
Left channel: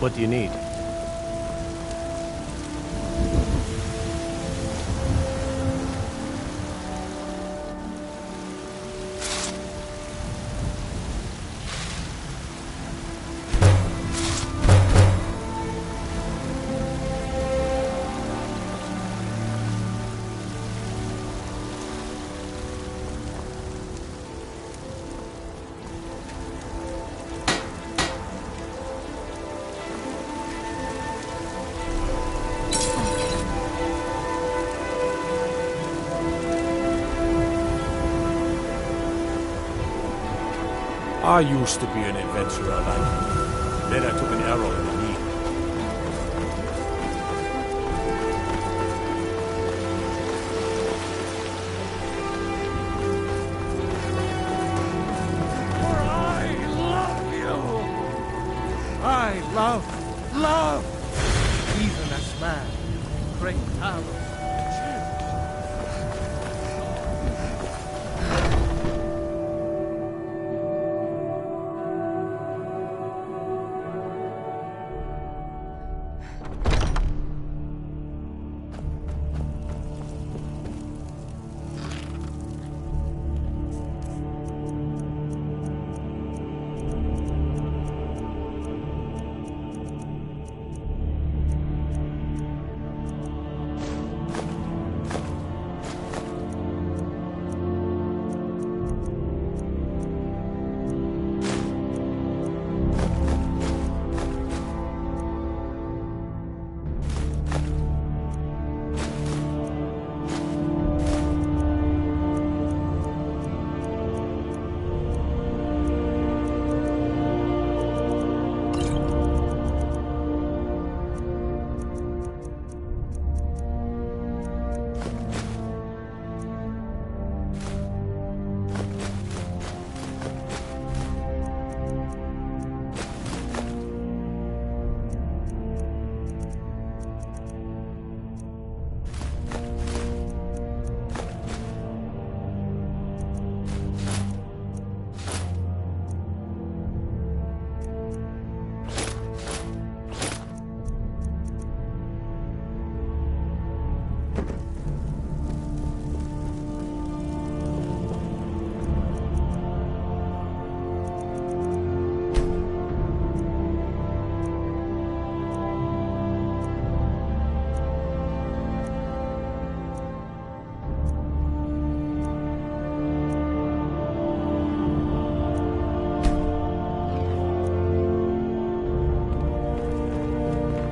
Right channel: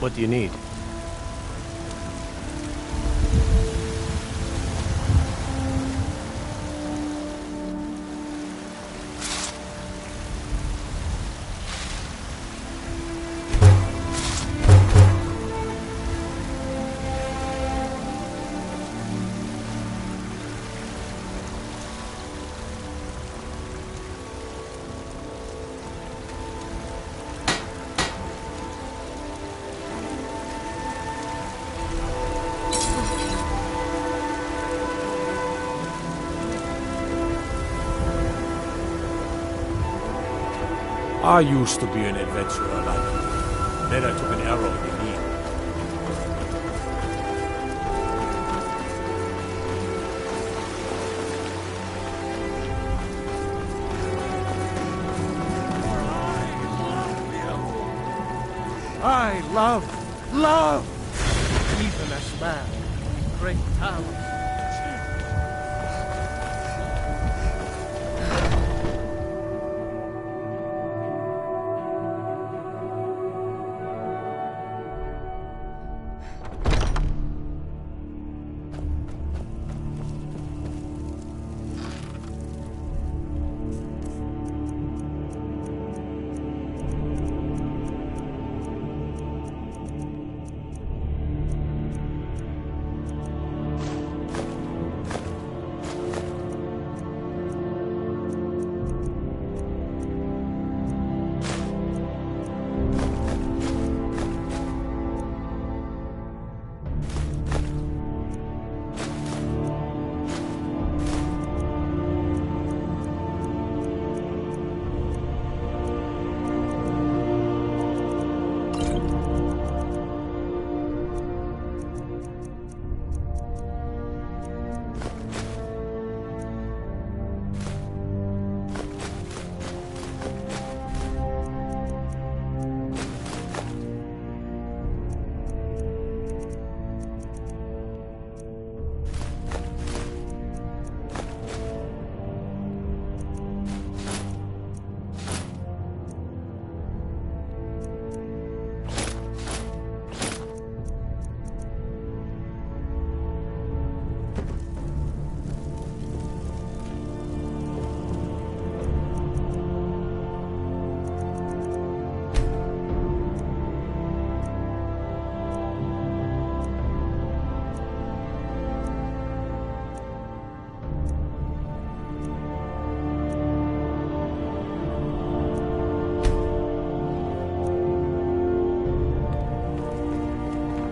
What do you need? I used to be an adventurer like you. Then I took an arrow in the knee. I love, even as man, great talent.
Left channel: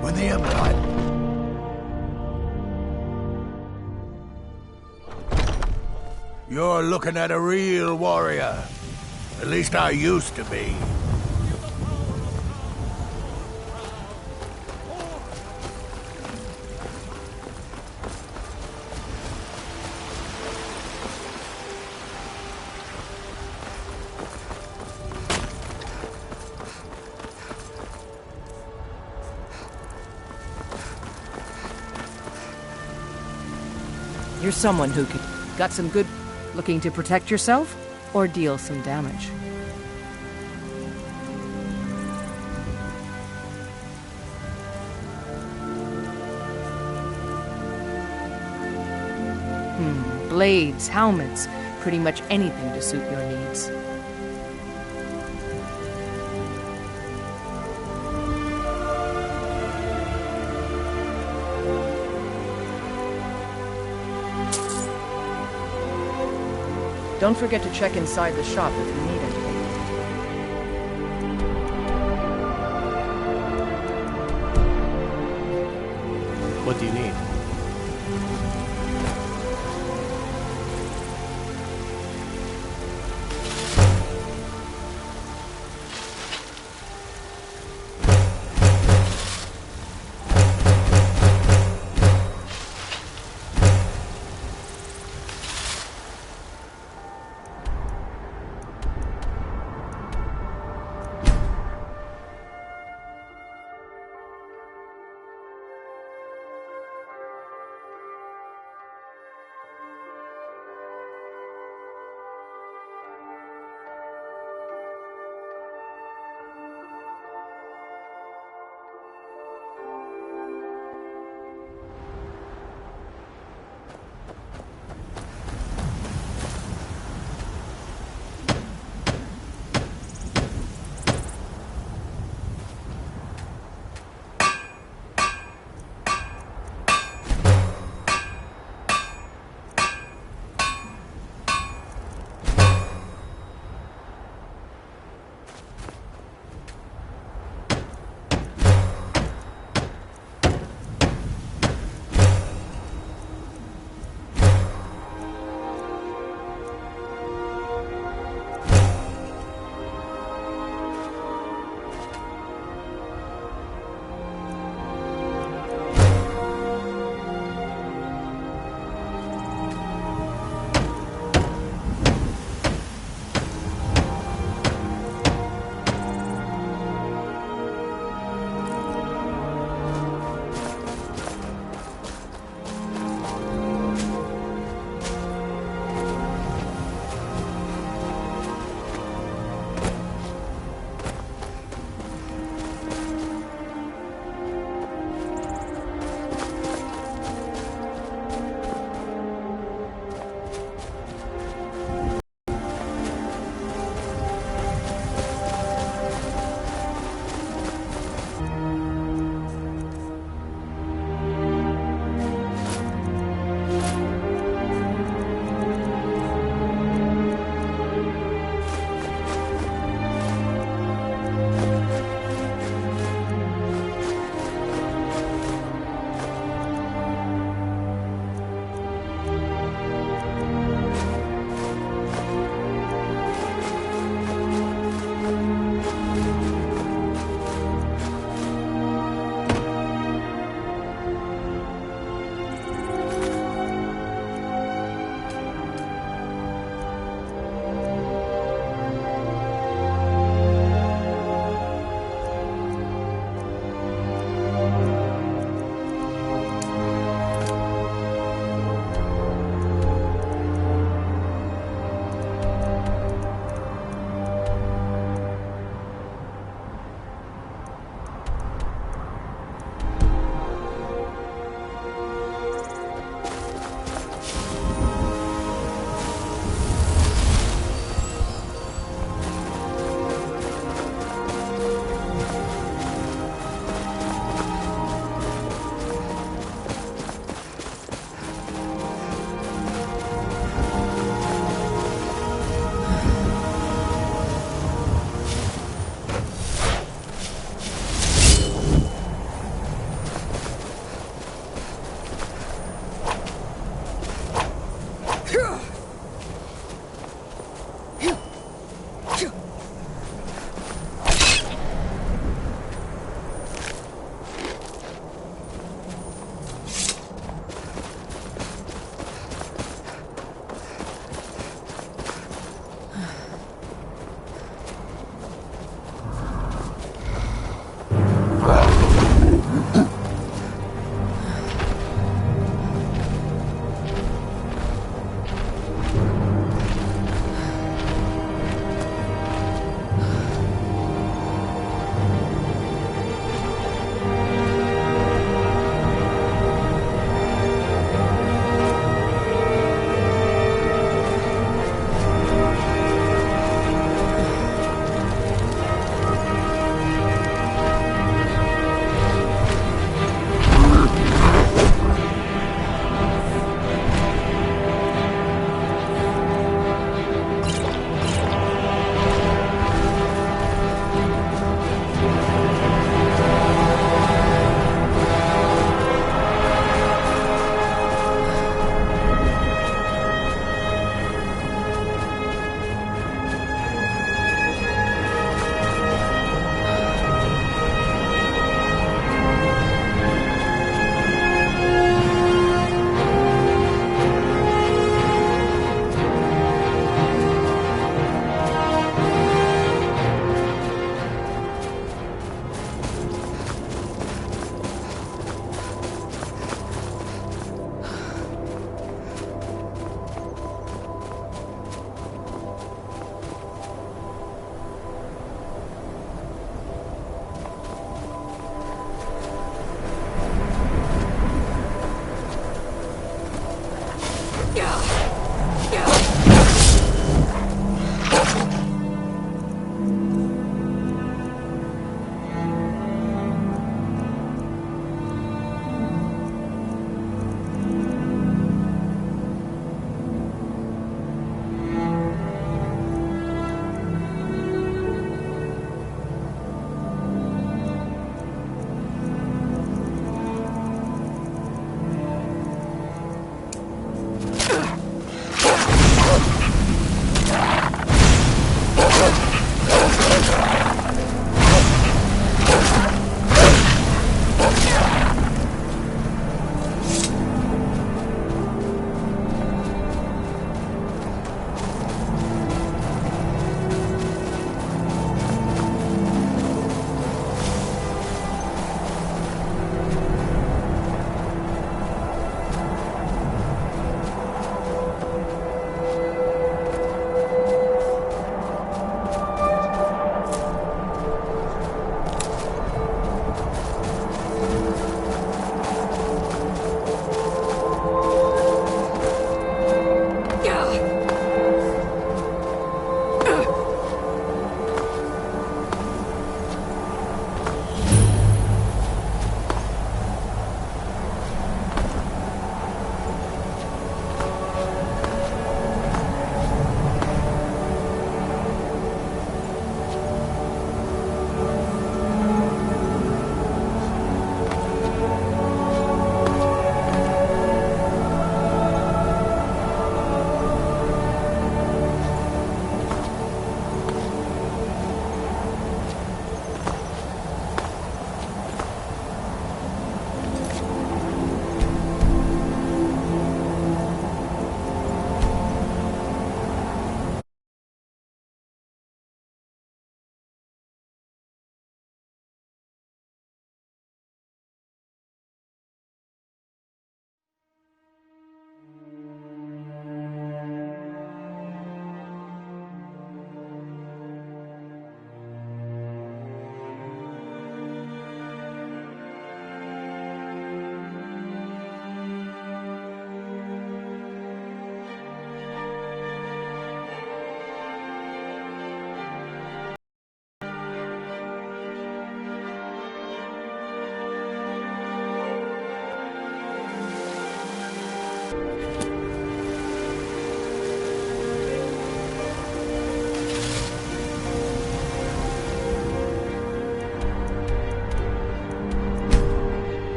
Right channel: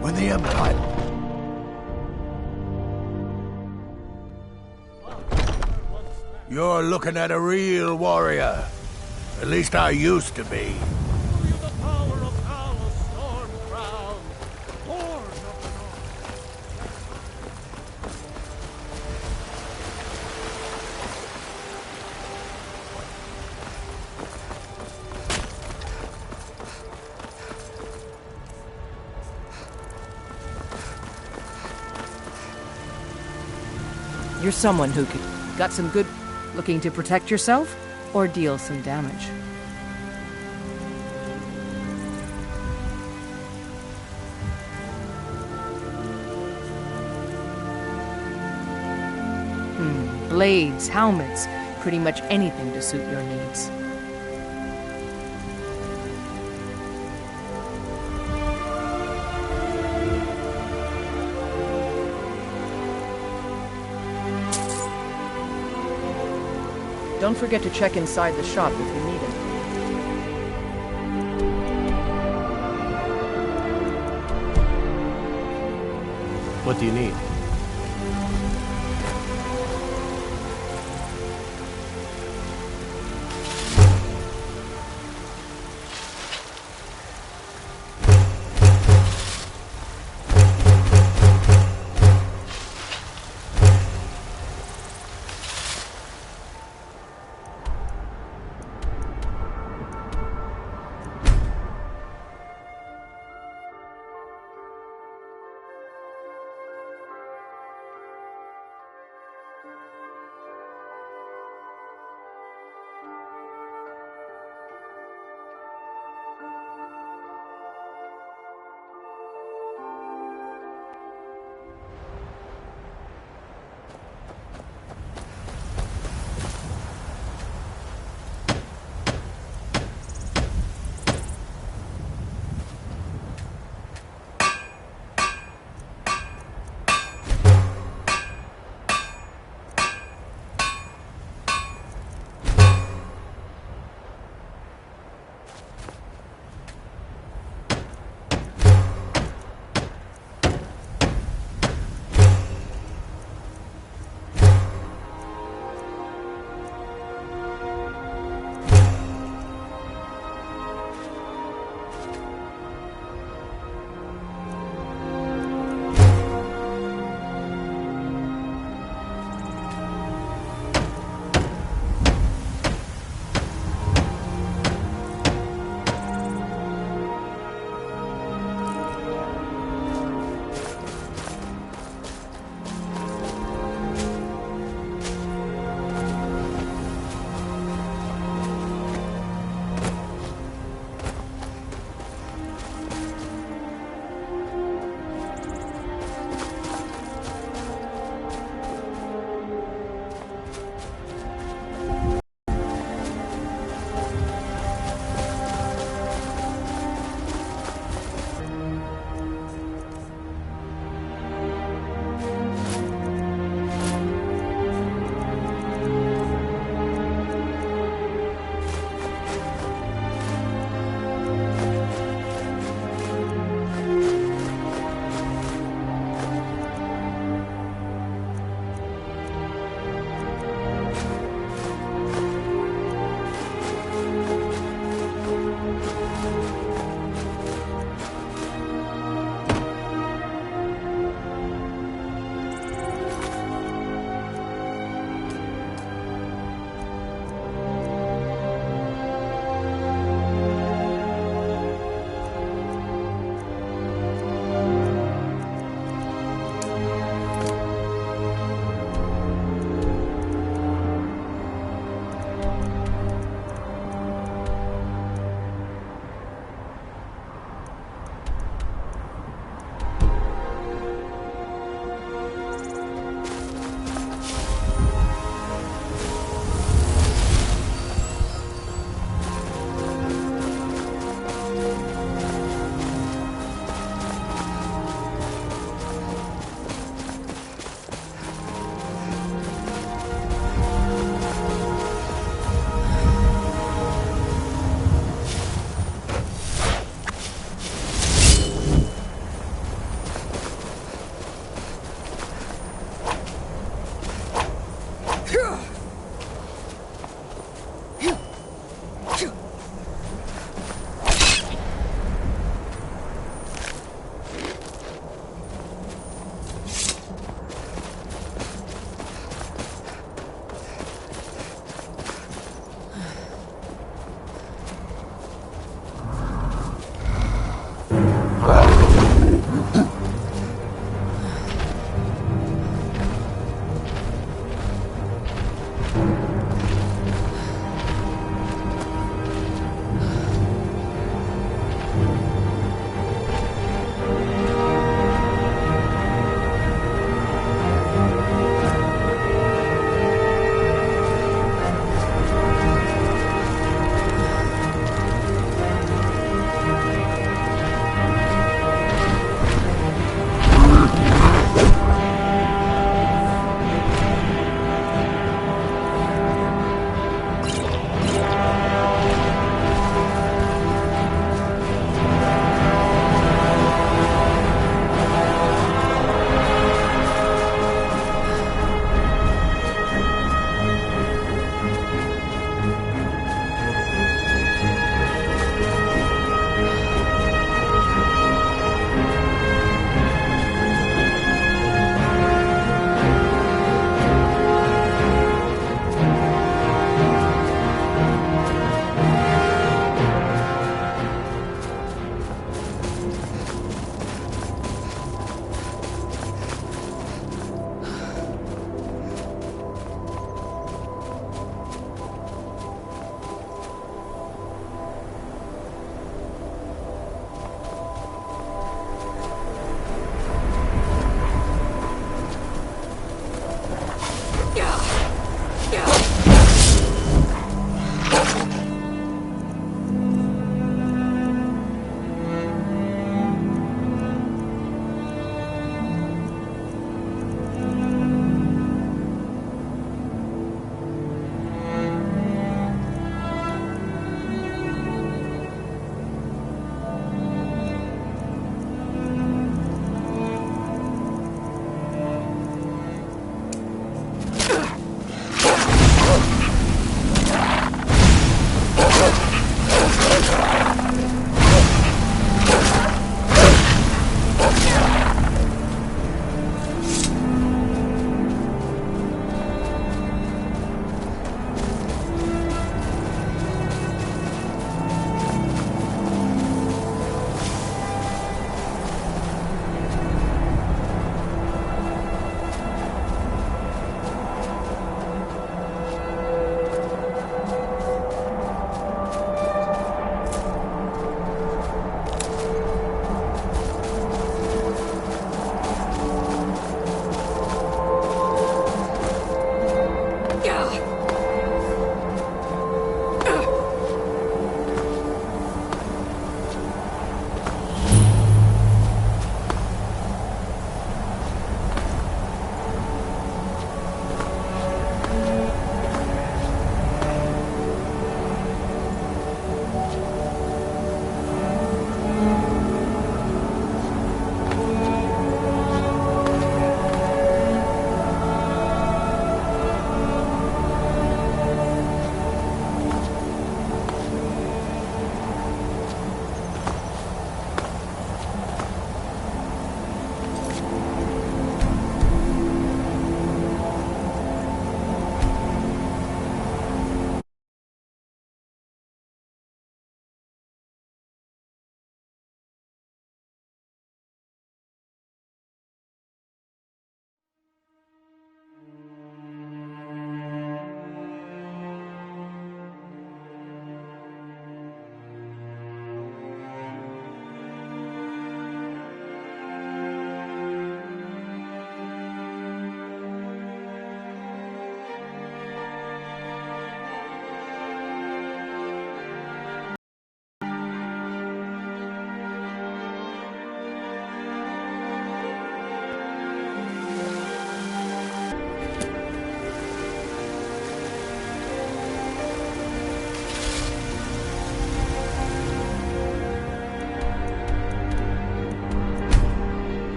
When the Empire... You're looking at a real warrior. At least I used to be. You're someone who could... Got some good... Looking to protect yourself? Or deal some damage? Blades, helmets, pretty much anything to suit your needs. Don't forget to check inside the shop if you need anything. What do you need?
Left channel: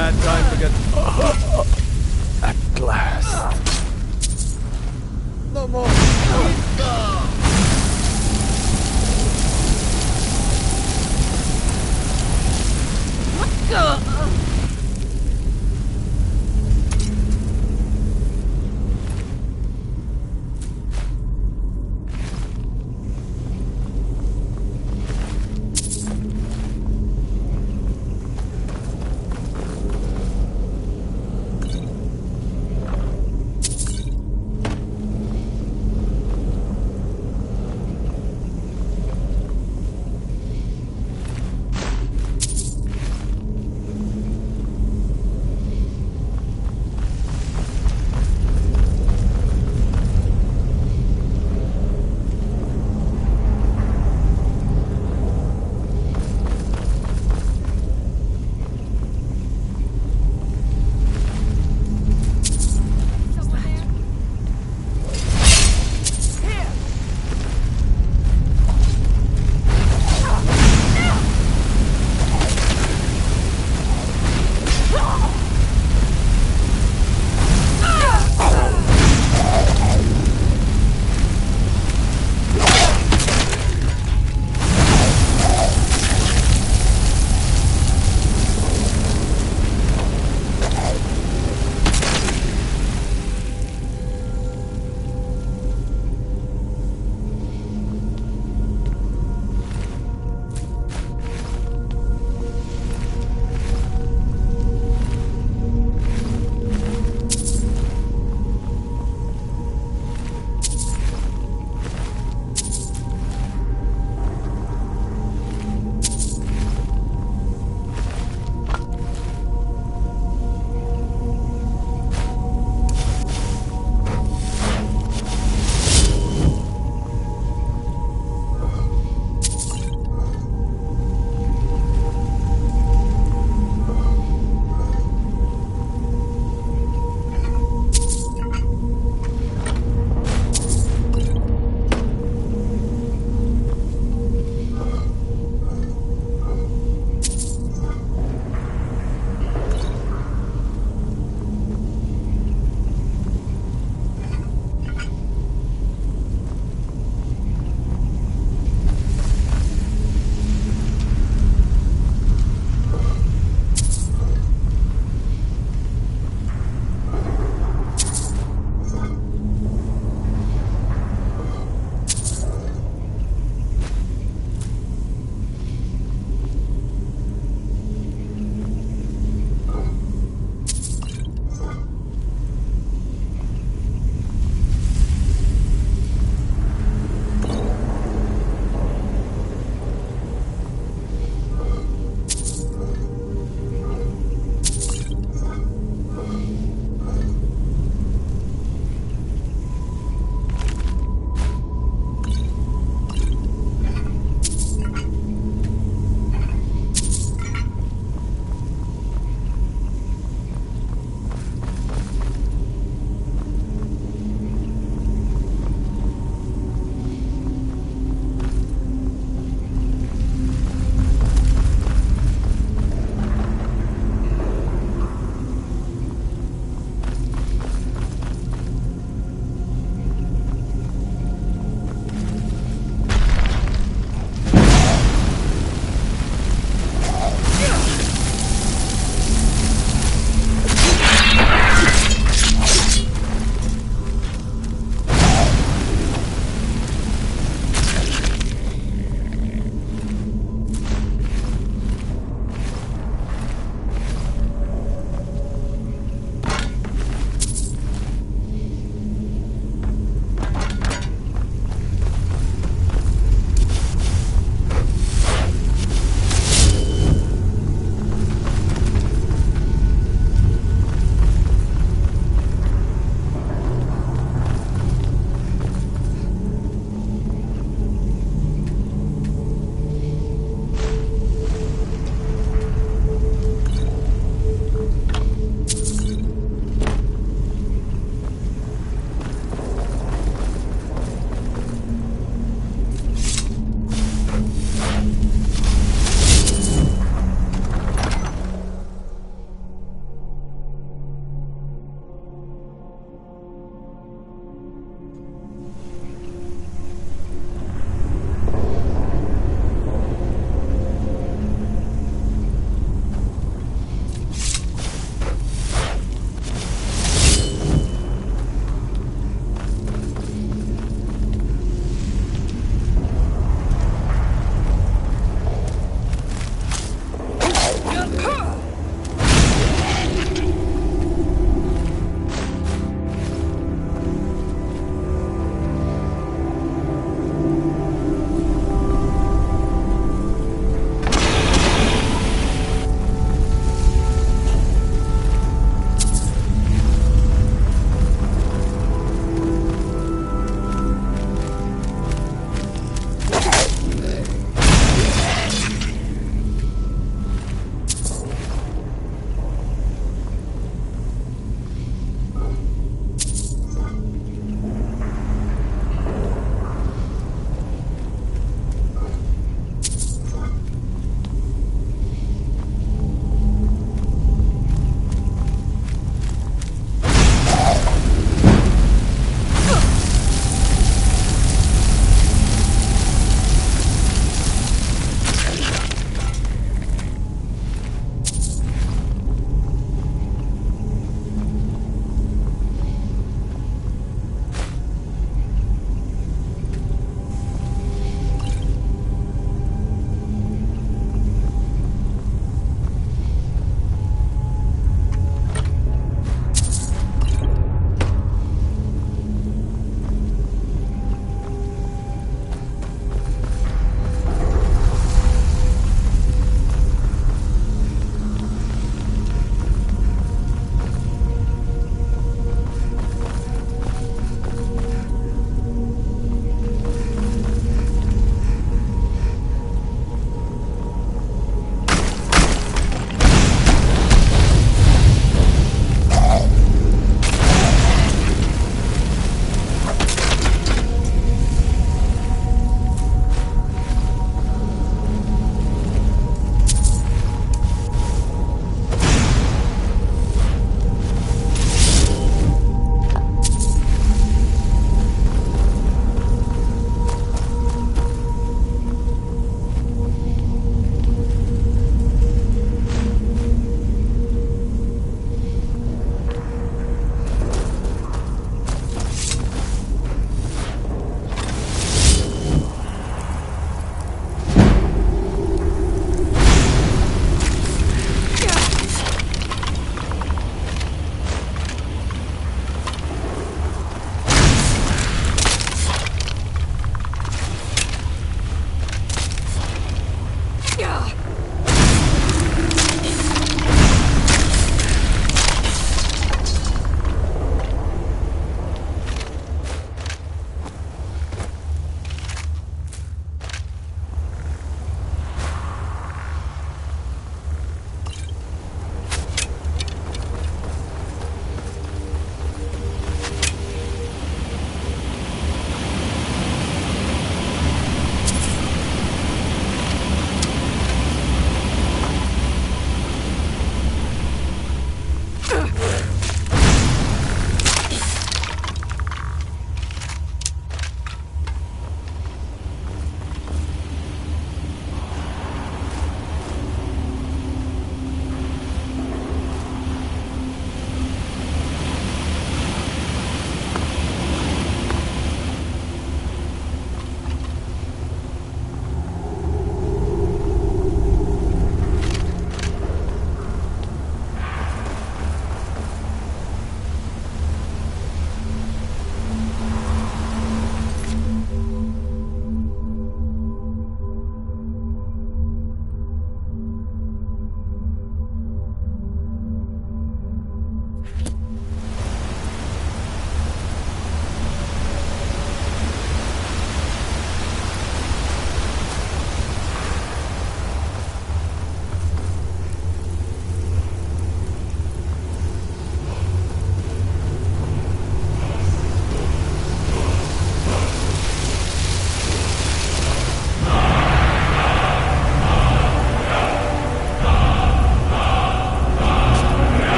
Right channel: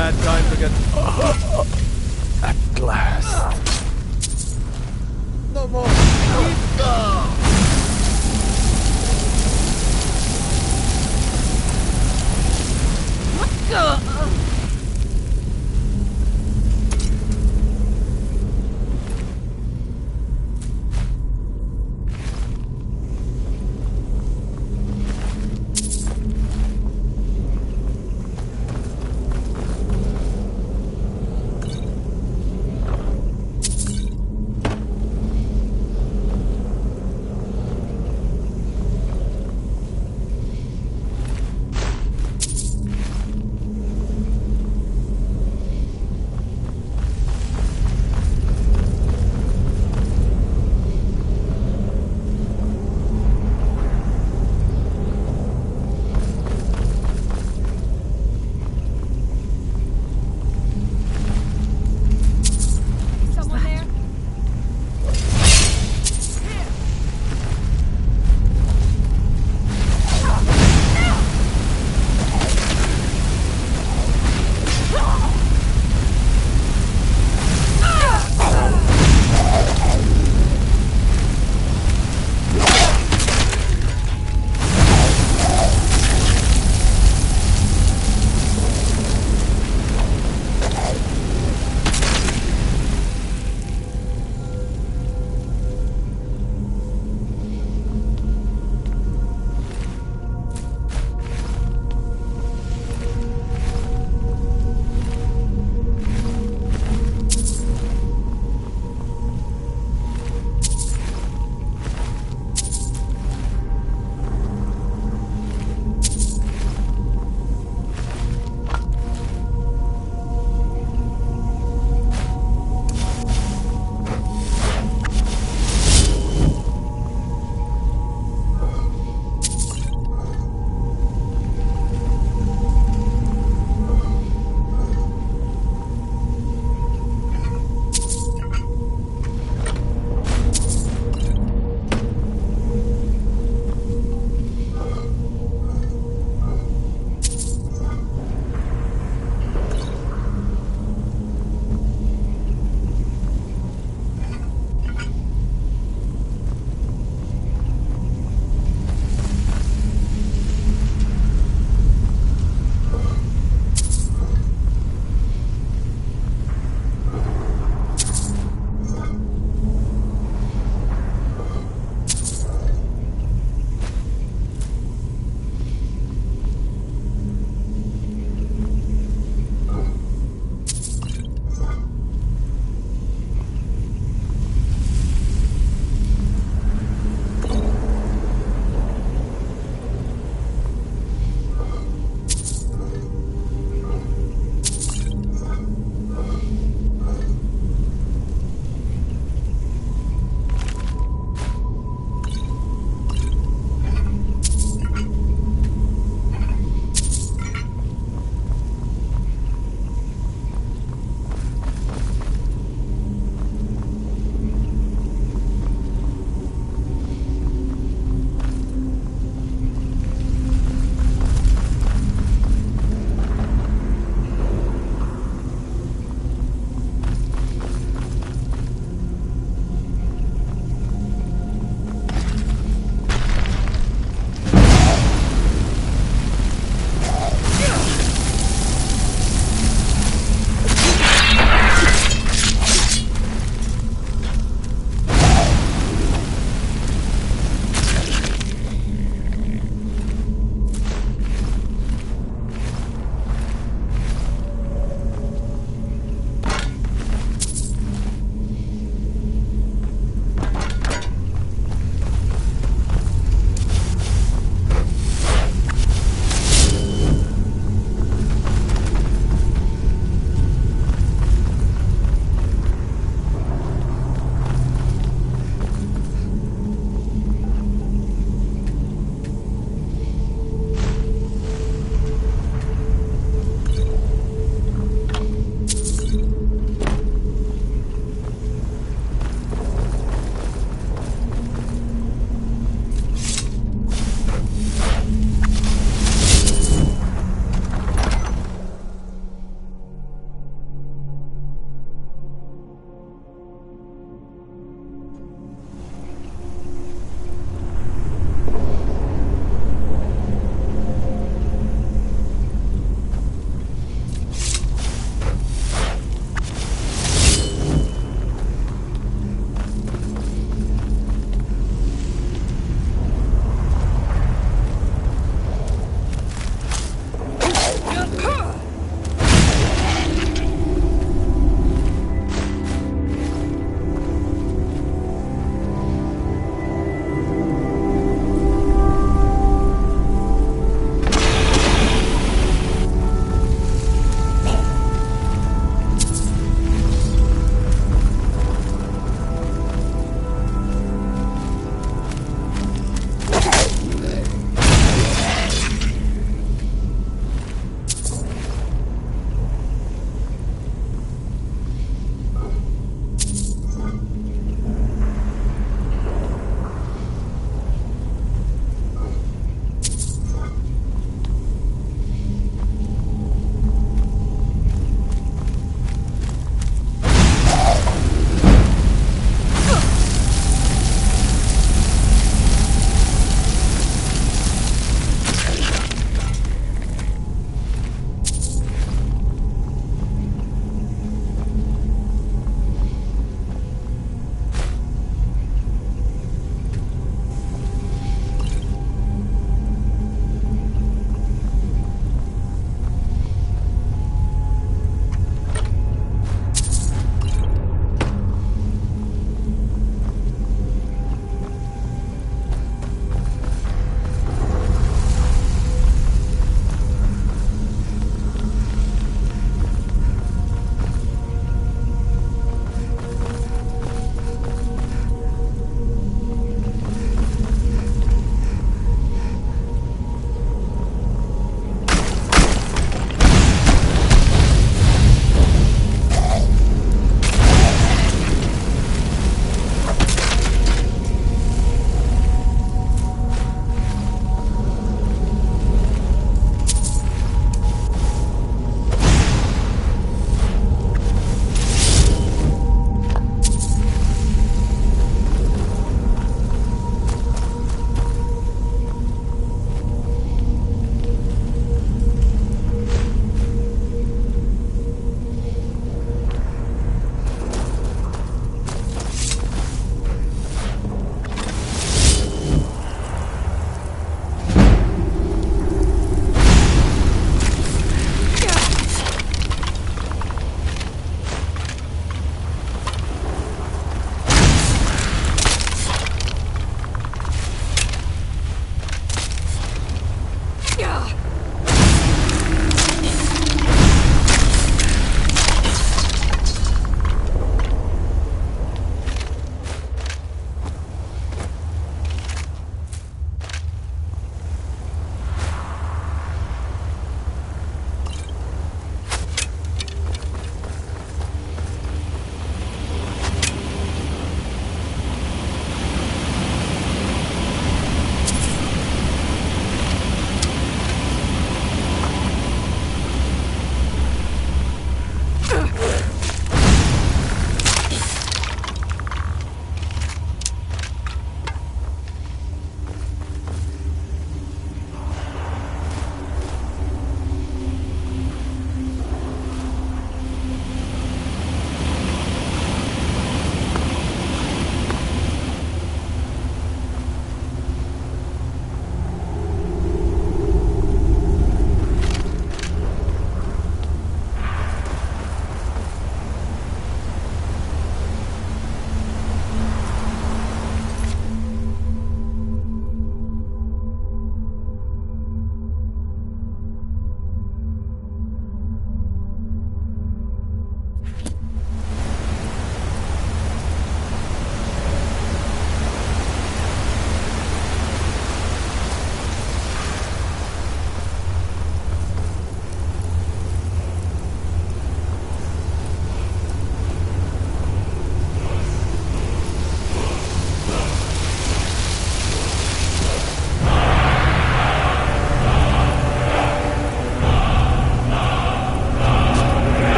Bad time to get... At last. No more. What the...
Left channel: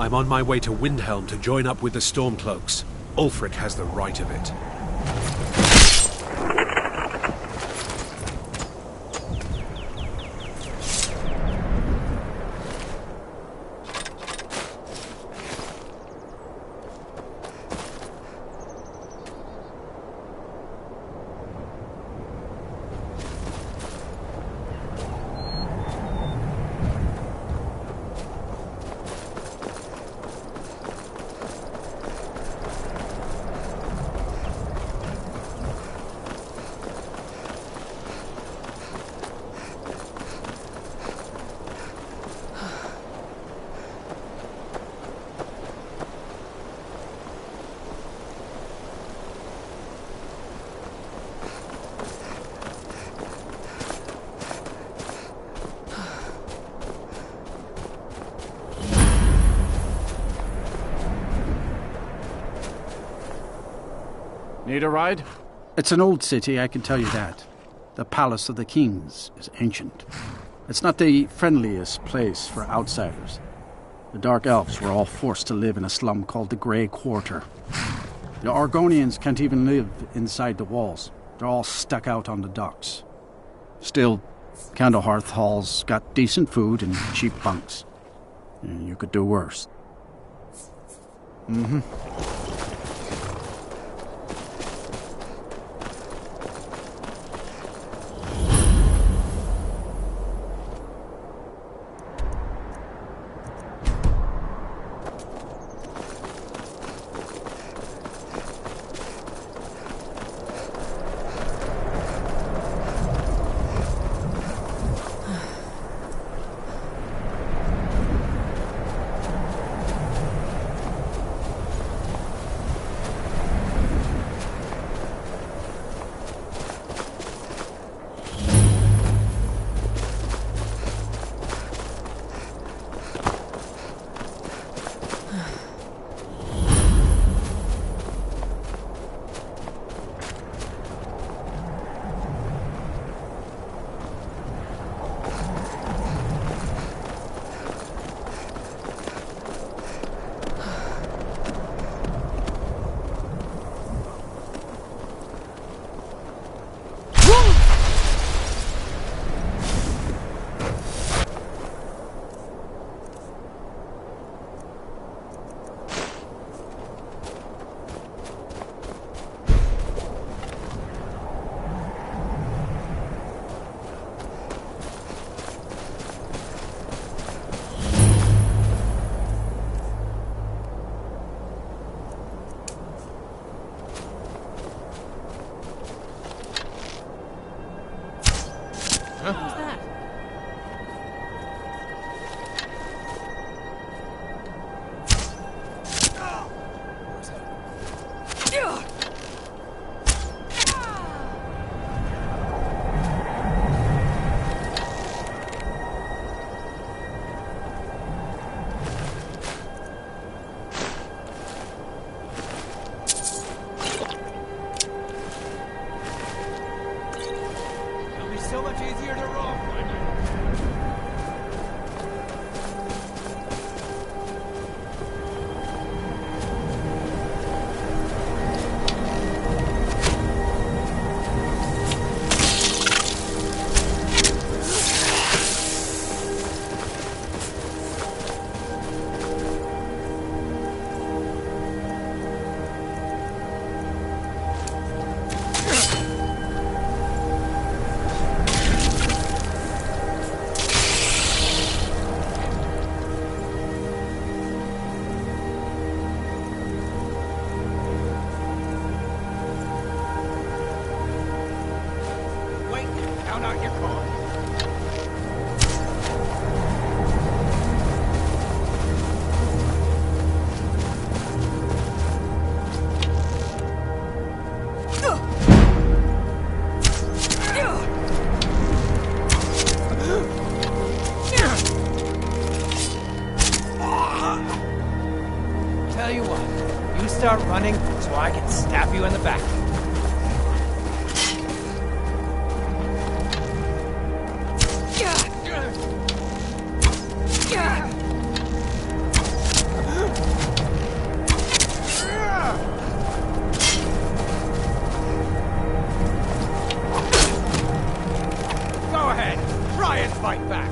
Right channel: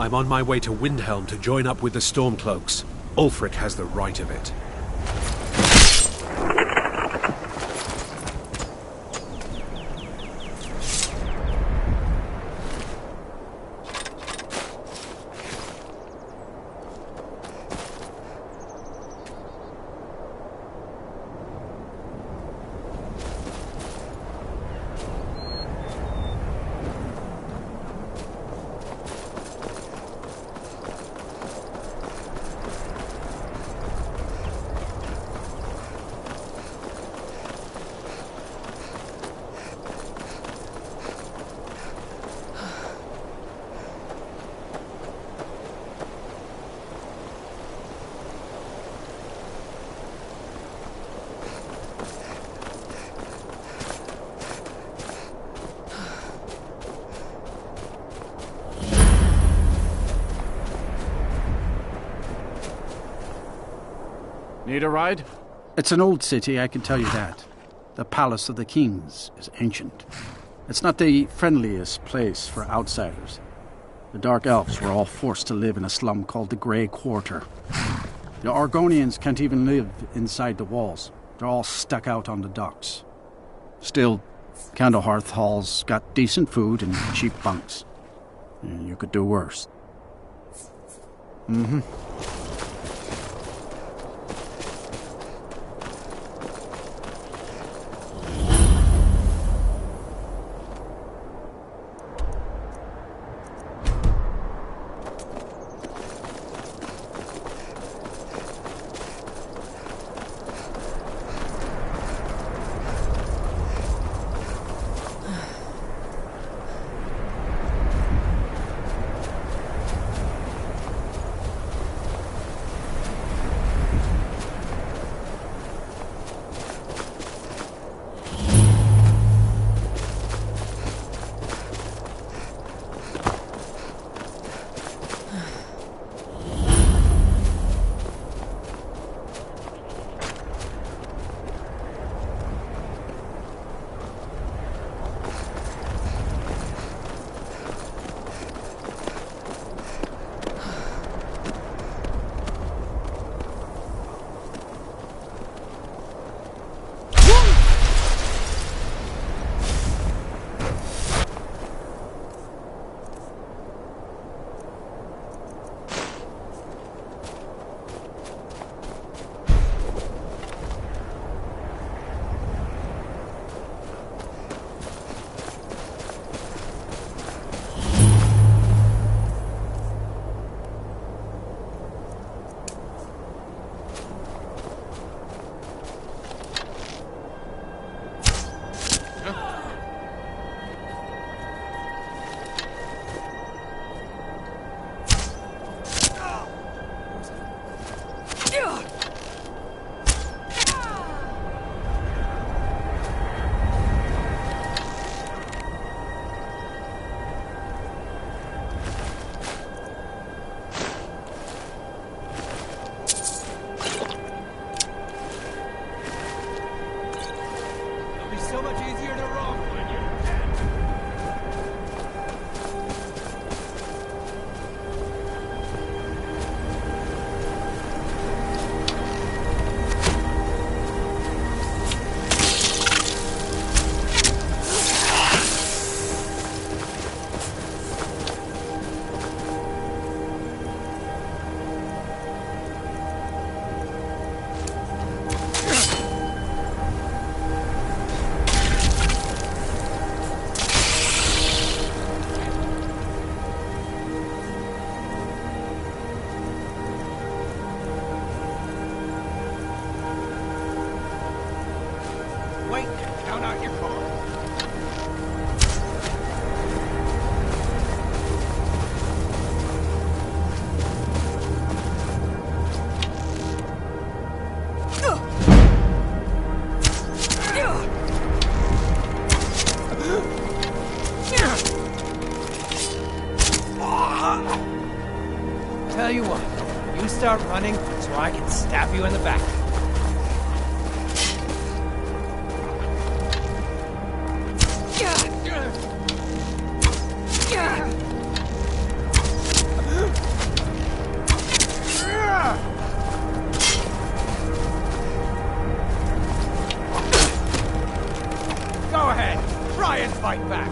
I'm on my way to Windhelm to join up with the Stormcloaks. Ulfric has the right of it. Need a ride? It's an old city, I can tell you that. The Palace of the Kings is ancient. It's not the friendliest place for outsiders. The Dark Elves were all forced to live in a slum called the Grey Quarter. The Argonians can't even live inside the walls. They're all stuck out on the docks. Still, Candlehearth Hall's got decent food and cheap bunks. You could do worse. Mm-hmm. So much easier to roam when you count out your cards. Tell you what, you start running so I can stab you in the back. try and fight back!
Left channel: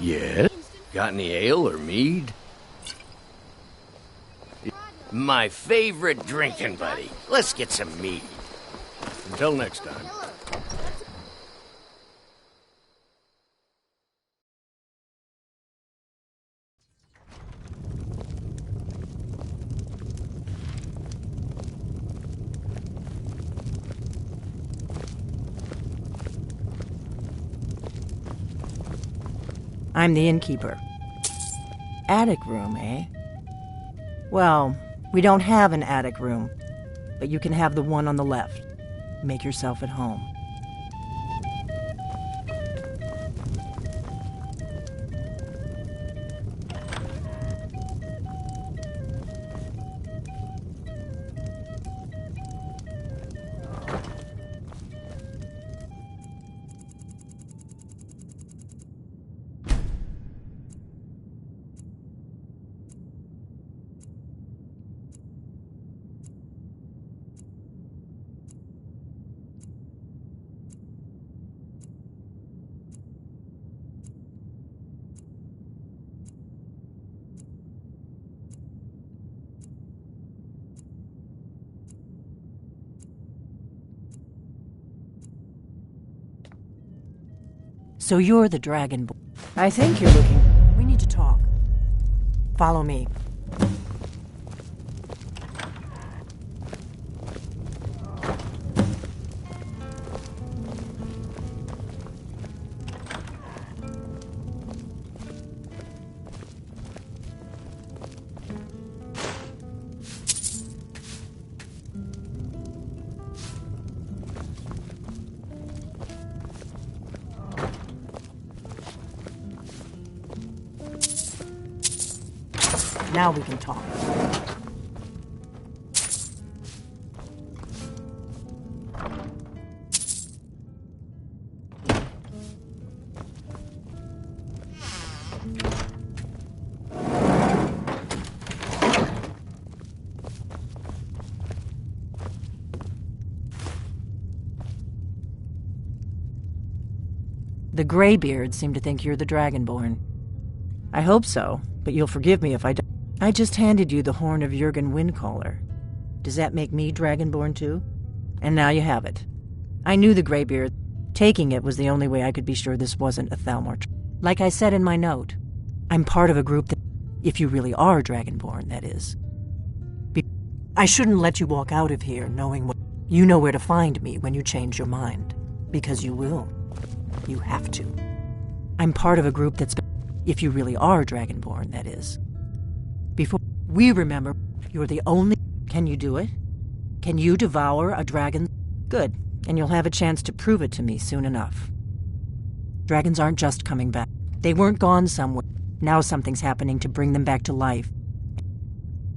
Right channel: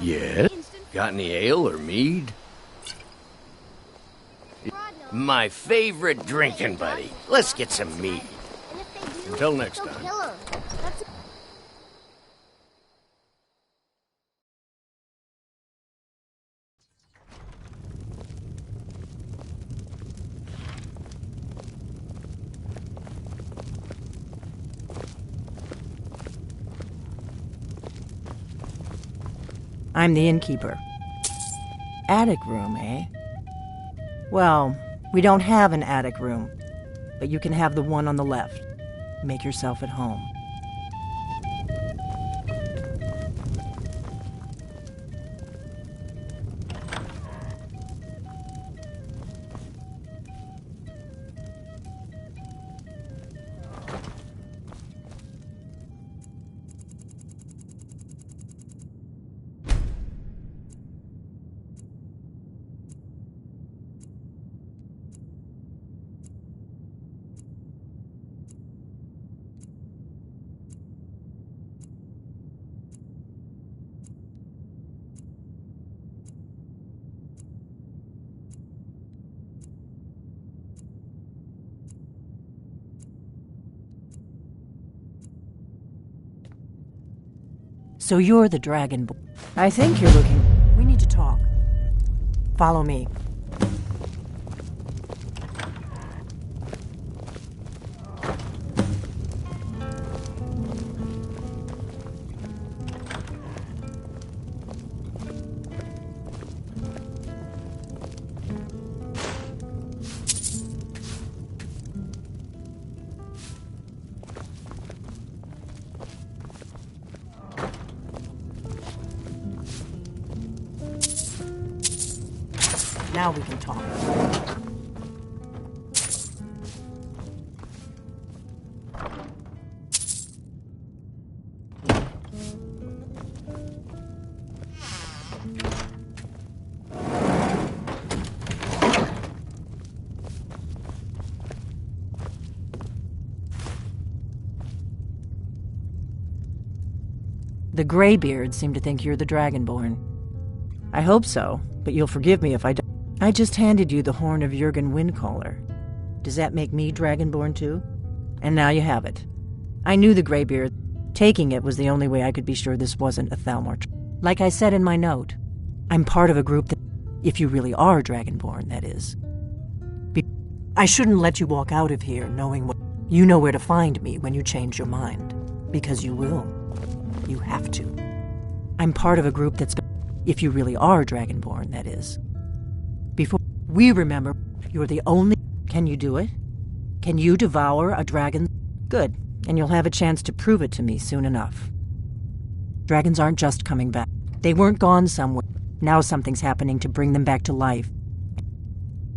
Yeah? Got any ale or mead? My favorite drinking buddy. Let's get some mead. Until next time. I'm the innkeeper. Attic room, eh? Well, we don't have an attic room, but you can have the one on the left. Make yourself at home. So you're the Dragonborn. I think you're looking... We need to talk. Follow me. Now we can talk. The Greybeards seem to think you're the Dragonborn. I hope so, but you'll forgive me if I don't. I just handed you the horn of Jurgen Windcaller. Does that make me Dragonborn too? And now you have it. I knew the Greybeard. Taking it was the only way I could be sure this wasn't a Thalmor. Like I said in my note, I'm part of a group that, if you really are Dragonborn, that is. I shouldn't let you walk out of here knowing what... You know where to find me when you change your mind. Because you will. You have to. I'm part of a group that's... If you really are Dragonborn, that is. Before we remember, you're the only... Can you do it? Can you devour a dragon? Good, and you'll have a chance to prove it to me soon enough. Dragons aren't just coming back. They weren't gone somewhere. Now something's happening to bring them back to life.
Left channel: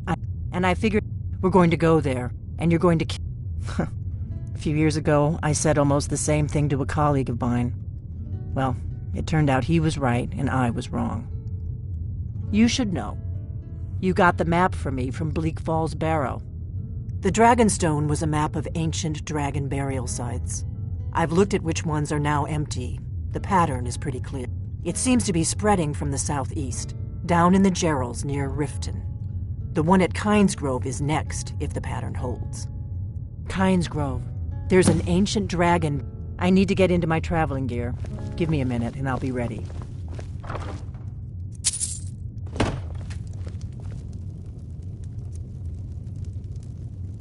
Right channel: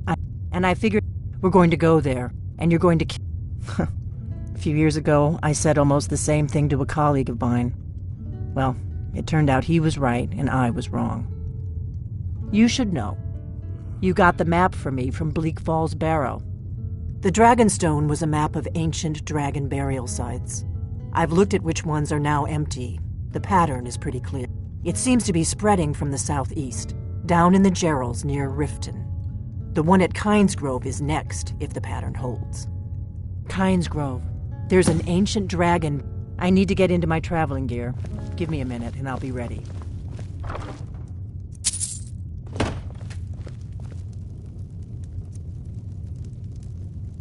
I figured we're going to go there, and you're going to... A few years ago, I said almost the same thing to a colleague of mine. Well, it turned out he was right, and I was wrong. You should know. You got the map for me from Bleak Falls Barrow. The Dragonstone was a map of ancient dragon burial sites. I've looked at which ones are now empty. The pattern is pretty clear. It seems to be spreading from the southeast, down in the Gerals near Riften. The one at Kynesgrove is next, if the pattern holds. Kynesgrove. There's an ancient dragon. I need to get into my traveling gear. Give me a minute and I'll be ready.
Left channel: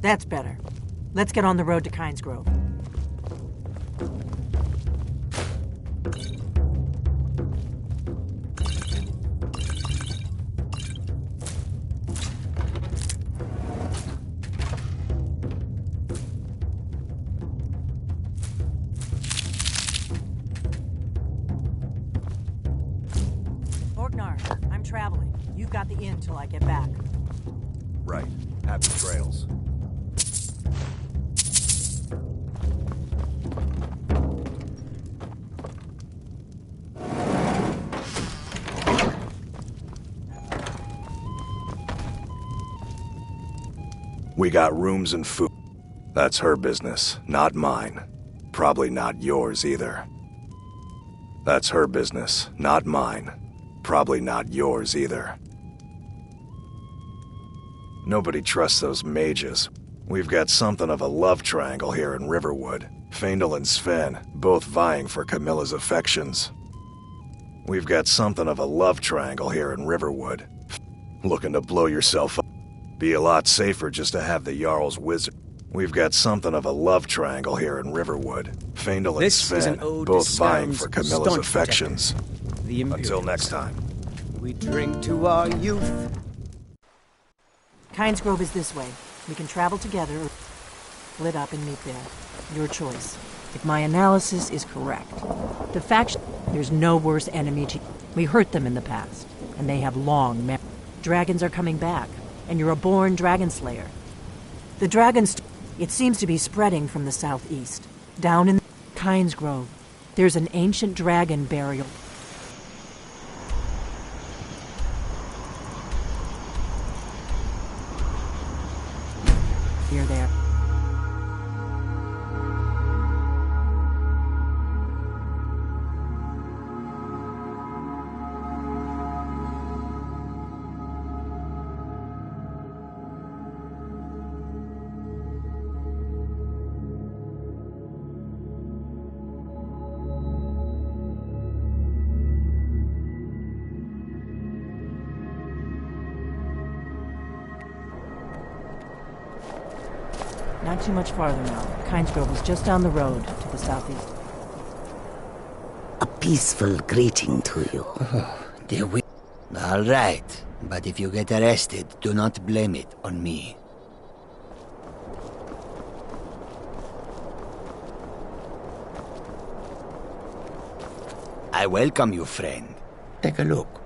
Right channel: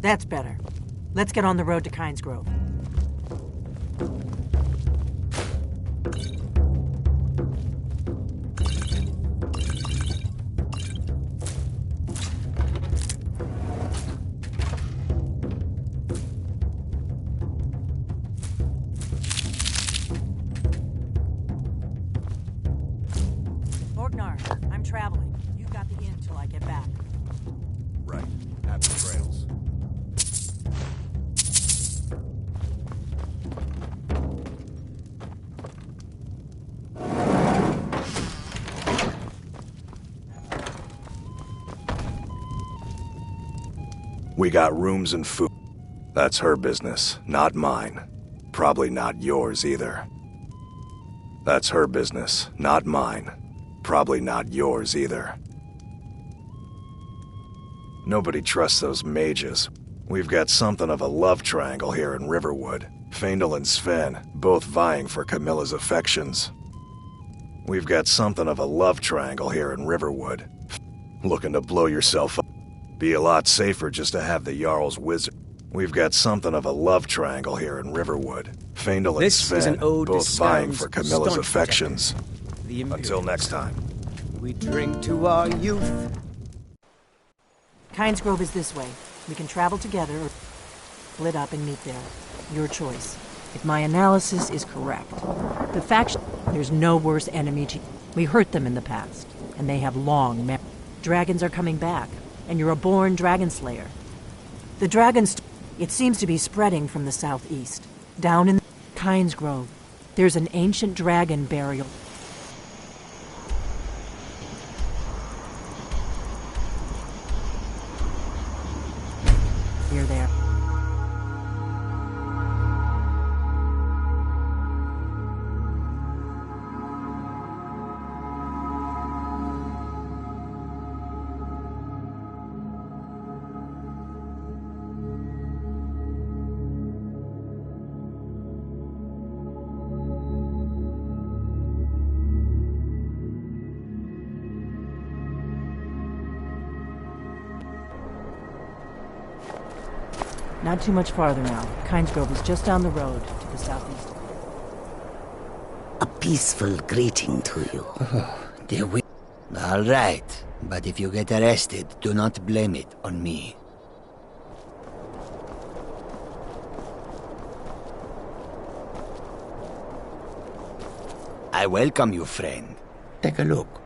That's better. Let's get on the road to Kynesgrove. Orgnar, I'm traveling. You've got the inn till I get back. Right. Happy trails. We got rooms and food. That's her business, not mine. Probably not yours either. That's her business, not mine. probably not yours either. Nobody trusts those mages. We've got something of a love triangle here in Riverwood. Faendal and Sven, both vying for Camilla's affections. We've got something of a love triangle here in Riverwood. Looking to blow yourself up. Be a lot safer just to have the Jarl's wizard. We've got something of a love triangle here in Riverwood. Faendal and Sven, both vying for Camilla's affections. Until next time. We drink to our youth. Kynes Grove is this way. We can travel together or split up and meet there. Your choice. If my analysis is correct, the faction, there's no worse enemy to... We hurt them in the past, and they have long dragons are coming back, and you're a born dragon slayer. The dragons, it seems to be spreading from the southeast. Down in Kynes Grove, there's an ancient dragon burial. You're there. Not too much farther now. Kynes Grove is just down the road to the southeast. A peaceful greeting to you. All right, but if you get arrested, do not blame it on me. I welcome you, friend. Take a look.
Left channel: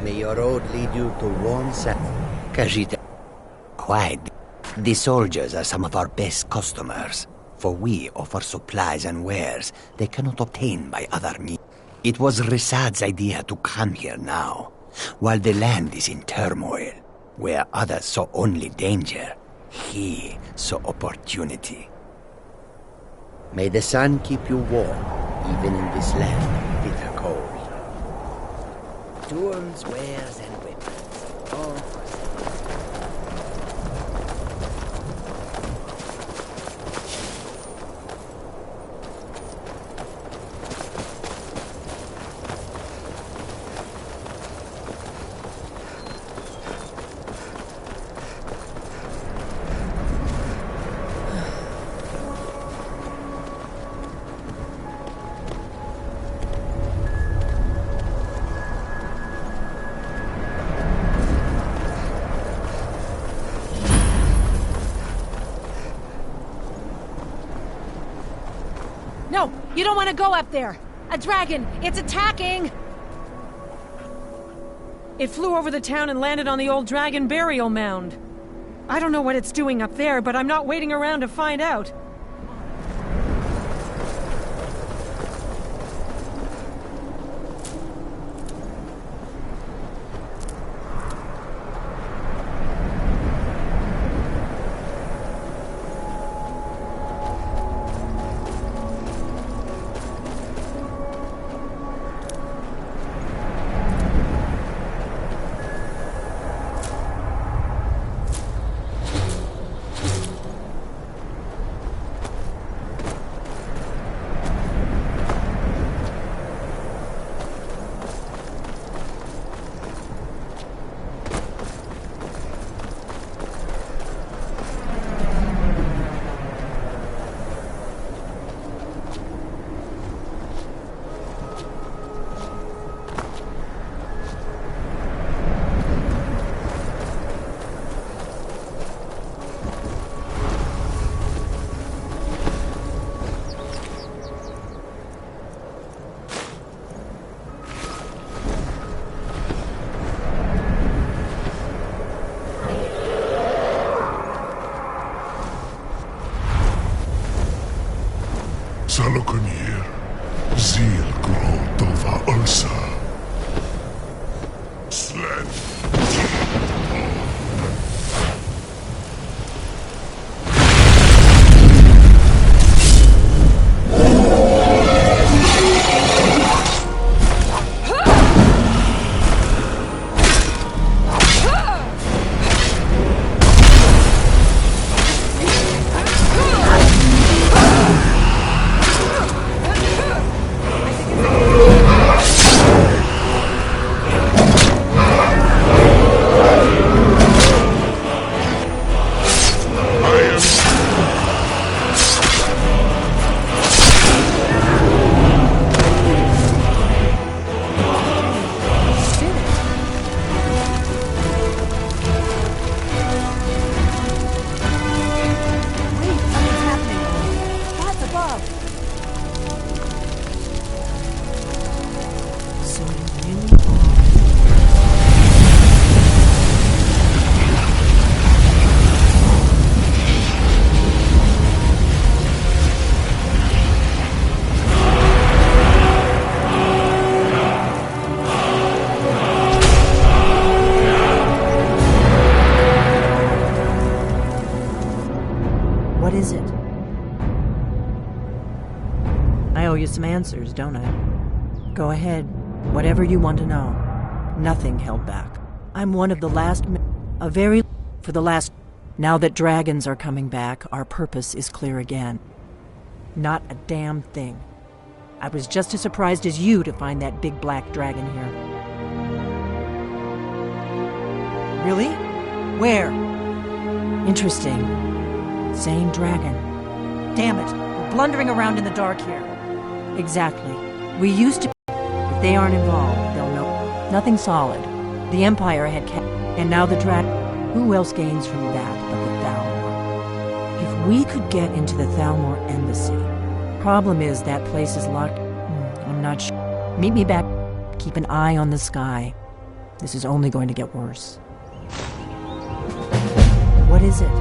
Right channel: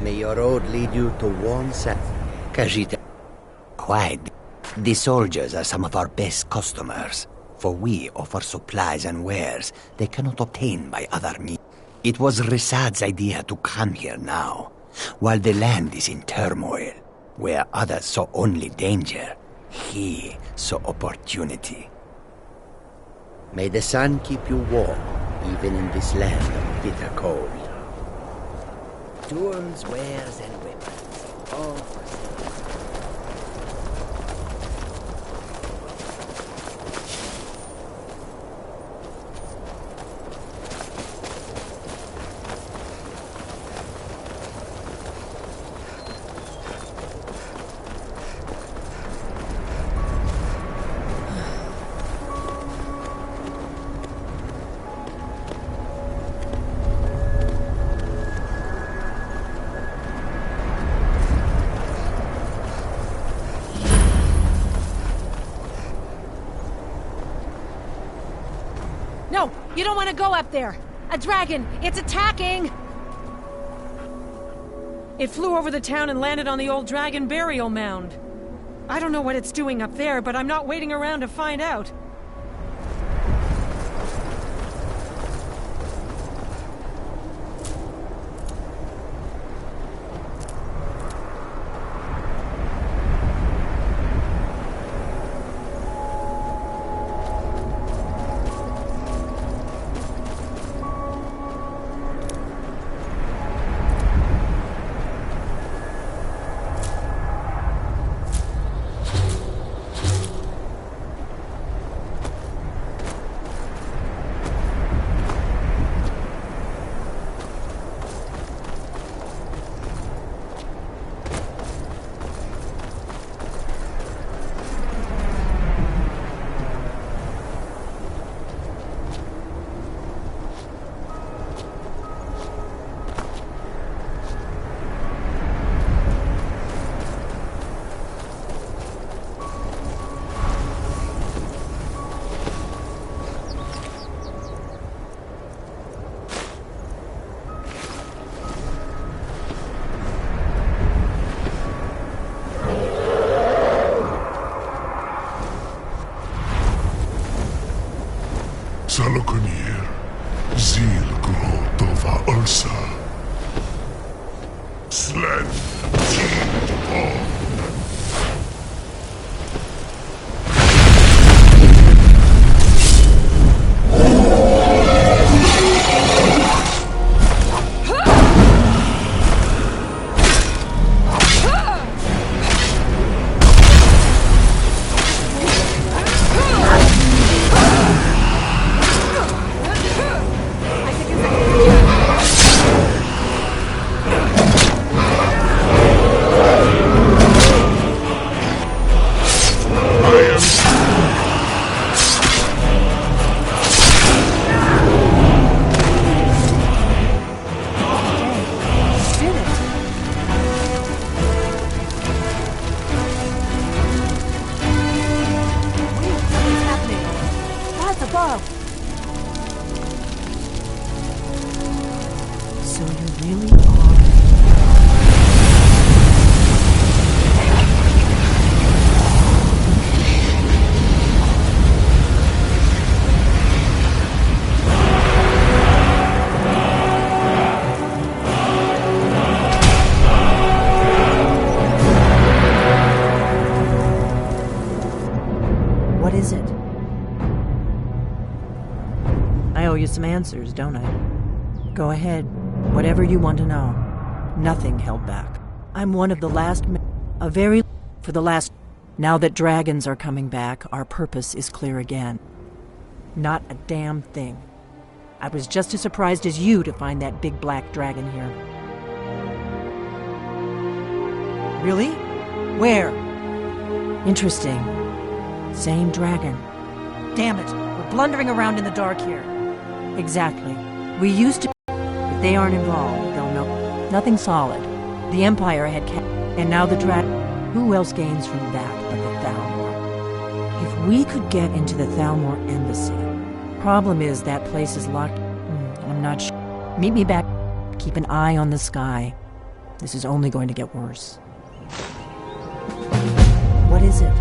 May your road lead you to warm south. Kajita. Quiet. The soldiers are some of our best customers, for we offer supplies and wares they cannot obtain by other means. It was Risad's idea to come here now, while the land is in turmoil, where others saw only danger. He saw opportunity. May the sun keep you warm, even in this land of bitter cold. Tools, wares, and weapons, all for sale. No, you don't want to go up there. A dragon, it's attacking! It flew over the town and landed on the old dragon burial mound. I don't know what it's doing up there, but I'm not waiting around to find out. What is it? I owe you some answers, don't I? Go ahead. Whatever you want to know. Nothing held back. I'm one of the last Now that dragons are coming back, our purpose is clear again. Not a damn thing. I was just as surprised as you to find that big black dragon here. Really? Where? Interesting. Same dragon. Damn it, we're blundering around in the dark here. Exactly. We used to... If they aren't involved, they'll know. Nothing solid. The Empire had and now the dragon. Who else gains from that but the Thalmor? If we could get into the Thalmor embassy... Problem is, that place is locked... I'm not sure. Meet me back. Keep an eye on the sky. This is only going to get worse. What is it?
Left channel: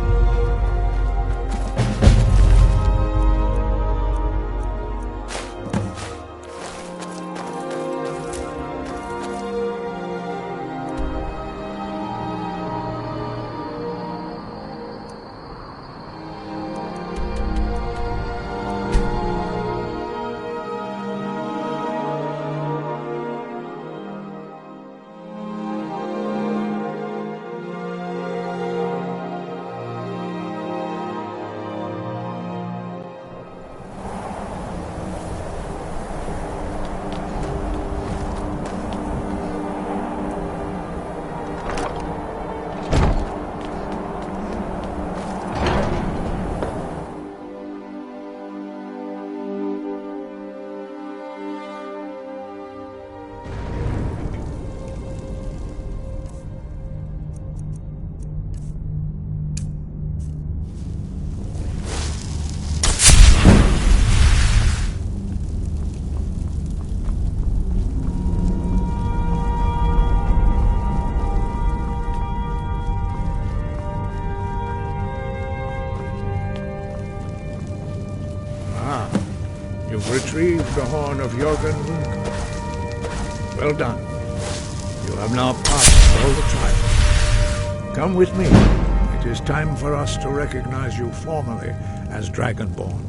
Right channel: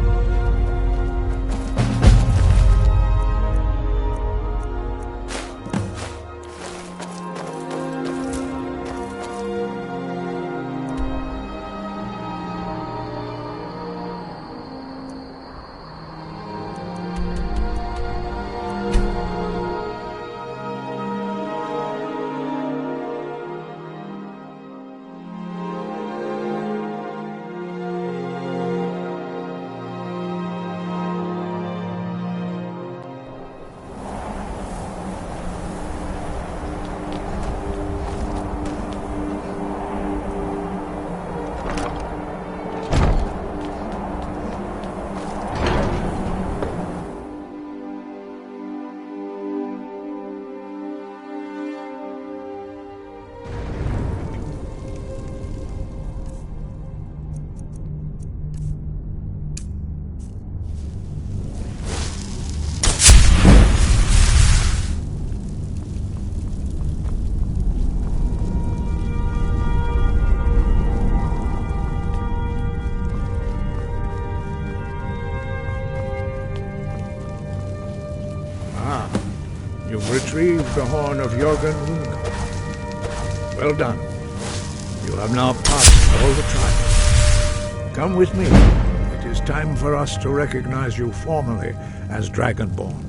You've retrieved the horn of Jürgen Windkopf. Well done. You have now passed all the trials. Come with me. It is time for us to recognize you formally as Dragonborn.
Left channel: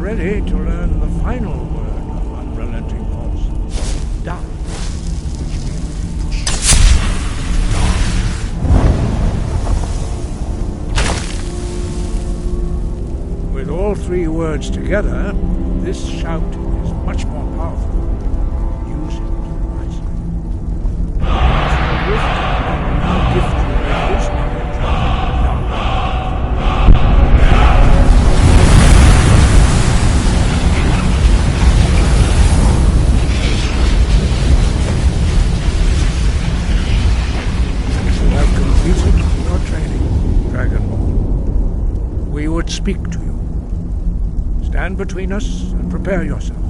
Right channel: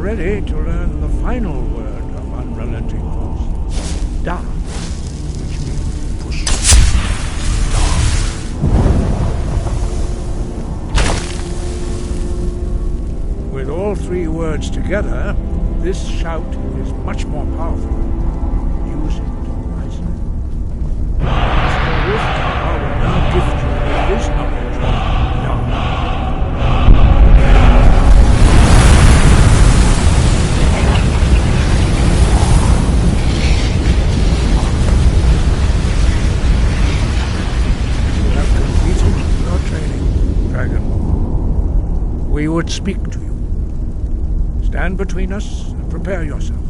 are ready to learn the final word of unrelenting force. Da. Which means push. Da. With all three words together, this shout is much more powerful. Use it wisely. Master Wolfgar will now gift you with his knowledge of Da. Your training, Dragonborn. We would speak to you. Stand between us and prepare yourself.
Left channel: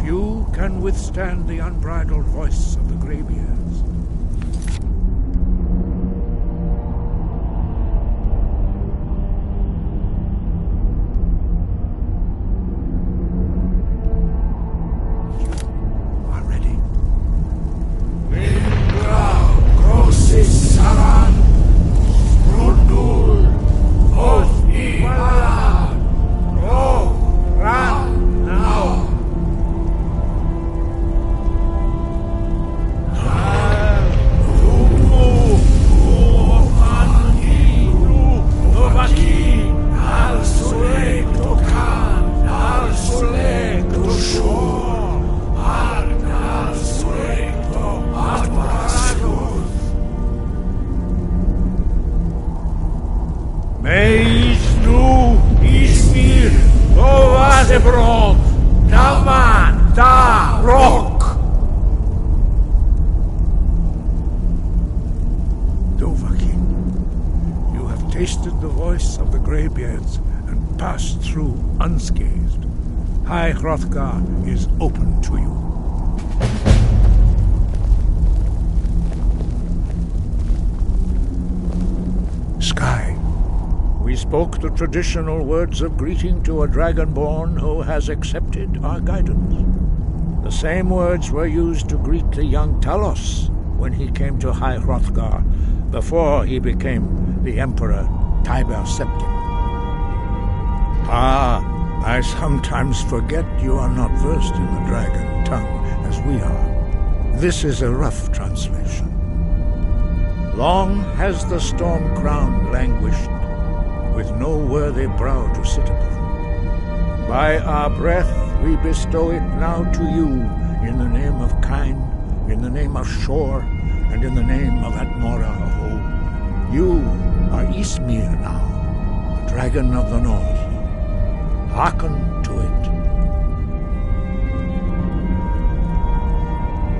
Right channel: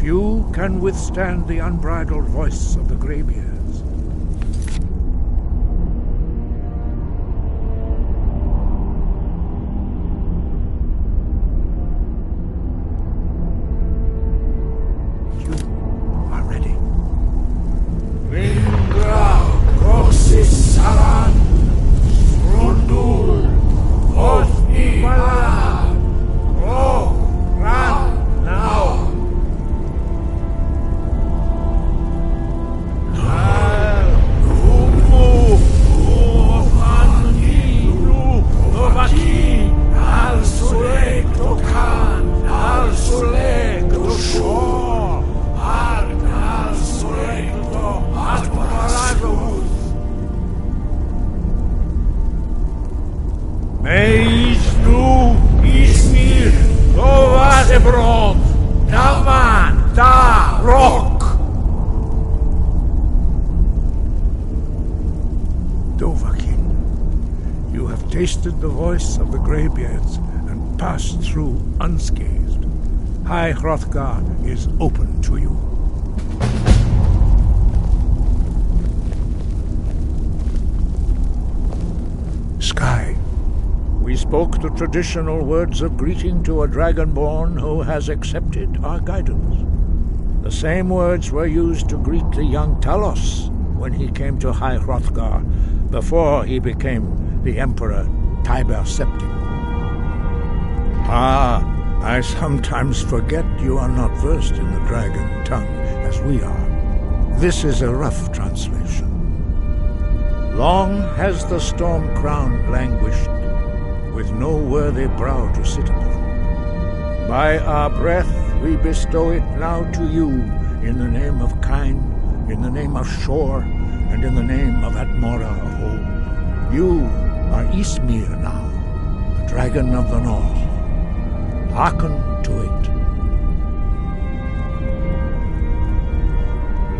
Few can withstand the unbridled voice of the Greybeards. You are ready. Tasted the voice of the Greybeards and passed through unscathed. High Hrothgar is open to you. Sky. We spoke the traditional words of greeting to a Dragonborn who has accepted our guidance. The same words were used to greet the young Talos when he came to High Hrothgar before he became the Emperor Tiber Septim. I sometimes forget you are not versed in the dragon tongue as we are. This is a rough translation. Long has the storm crown languished, with no worthy brow to sit upon. By our breath we bestow it now to you, in the name of Kyne, in the name of Shor, and in the name of Atmora of old. You are Ysmir now, a dragon of the north. Hearken to it.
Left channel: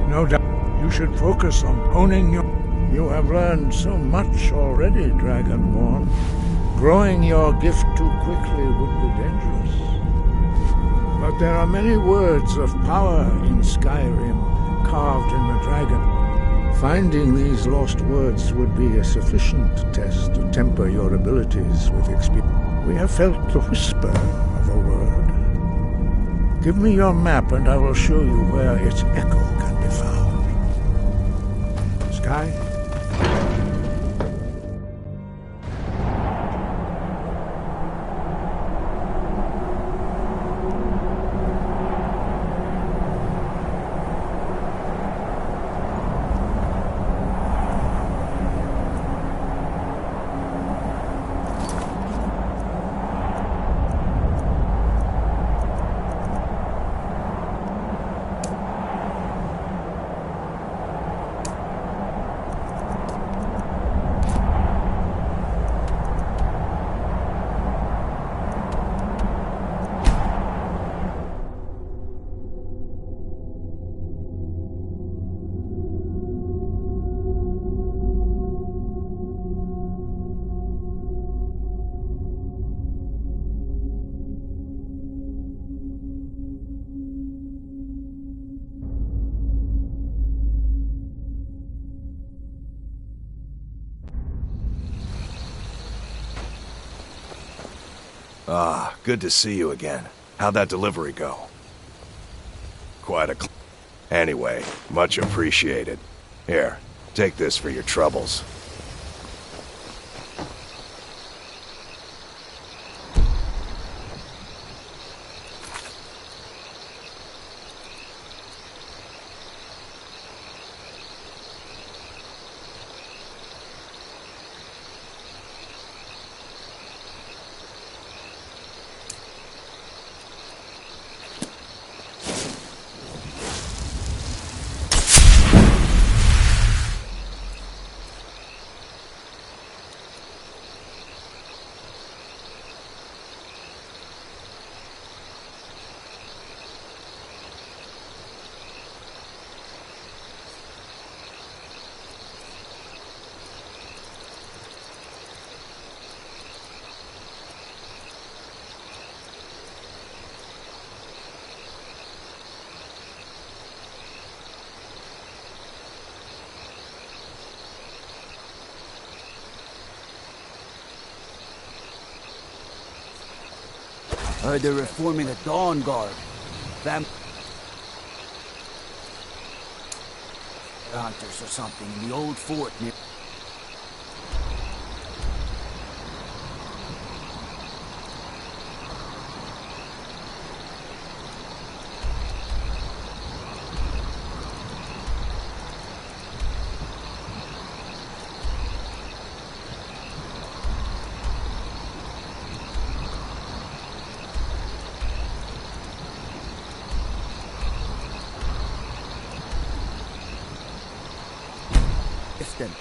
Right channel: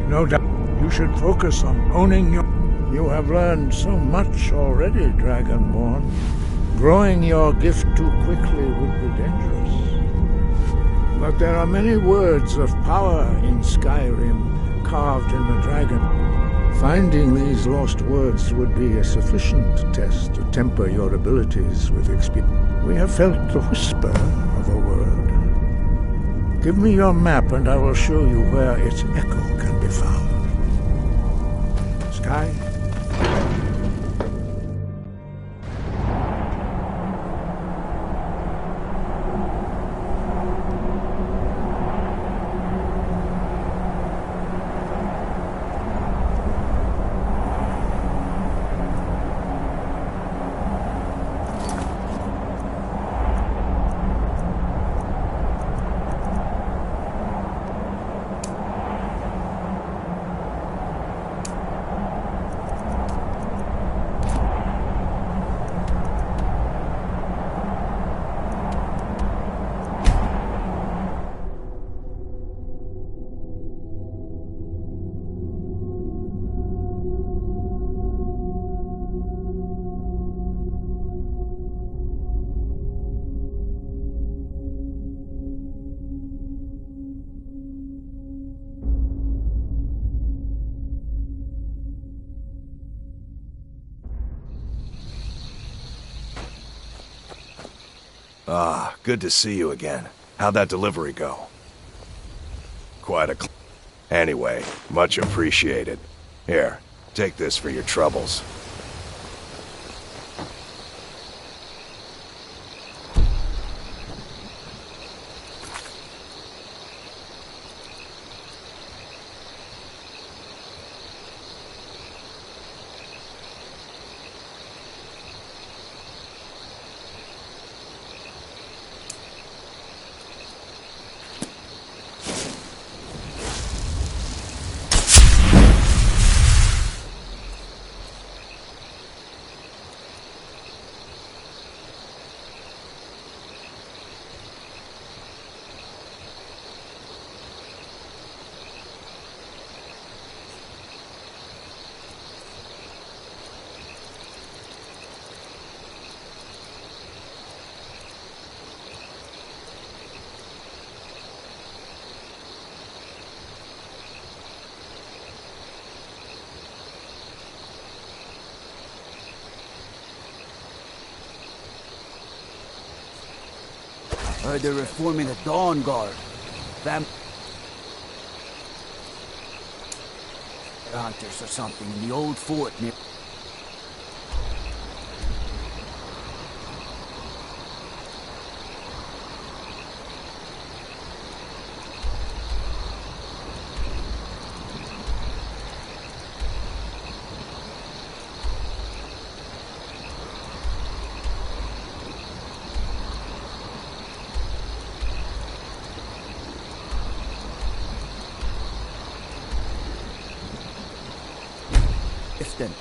No doubt you should focus on honing your... You have learned so much already, Dragonborn. Growing your gift too quickly would be dangerous. But there are many words of power in Skyrim, carved in the dragon. Finding these lost words would be a sufficient test to temper your abilities with experience. We have felt the whisper of a word. Give me your map and I will show you where its echo can be found. Sky? Ah, good to see you again. How'd that delivery go? Quite a... Anyway, much appreciated. Here, take this for your troubles. Heard they're reforming the Dawn Guard. Hunters or something in the old fort near... Then.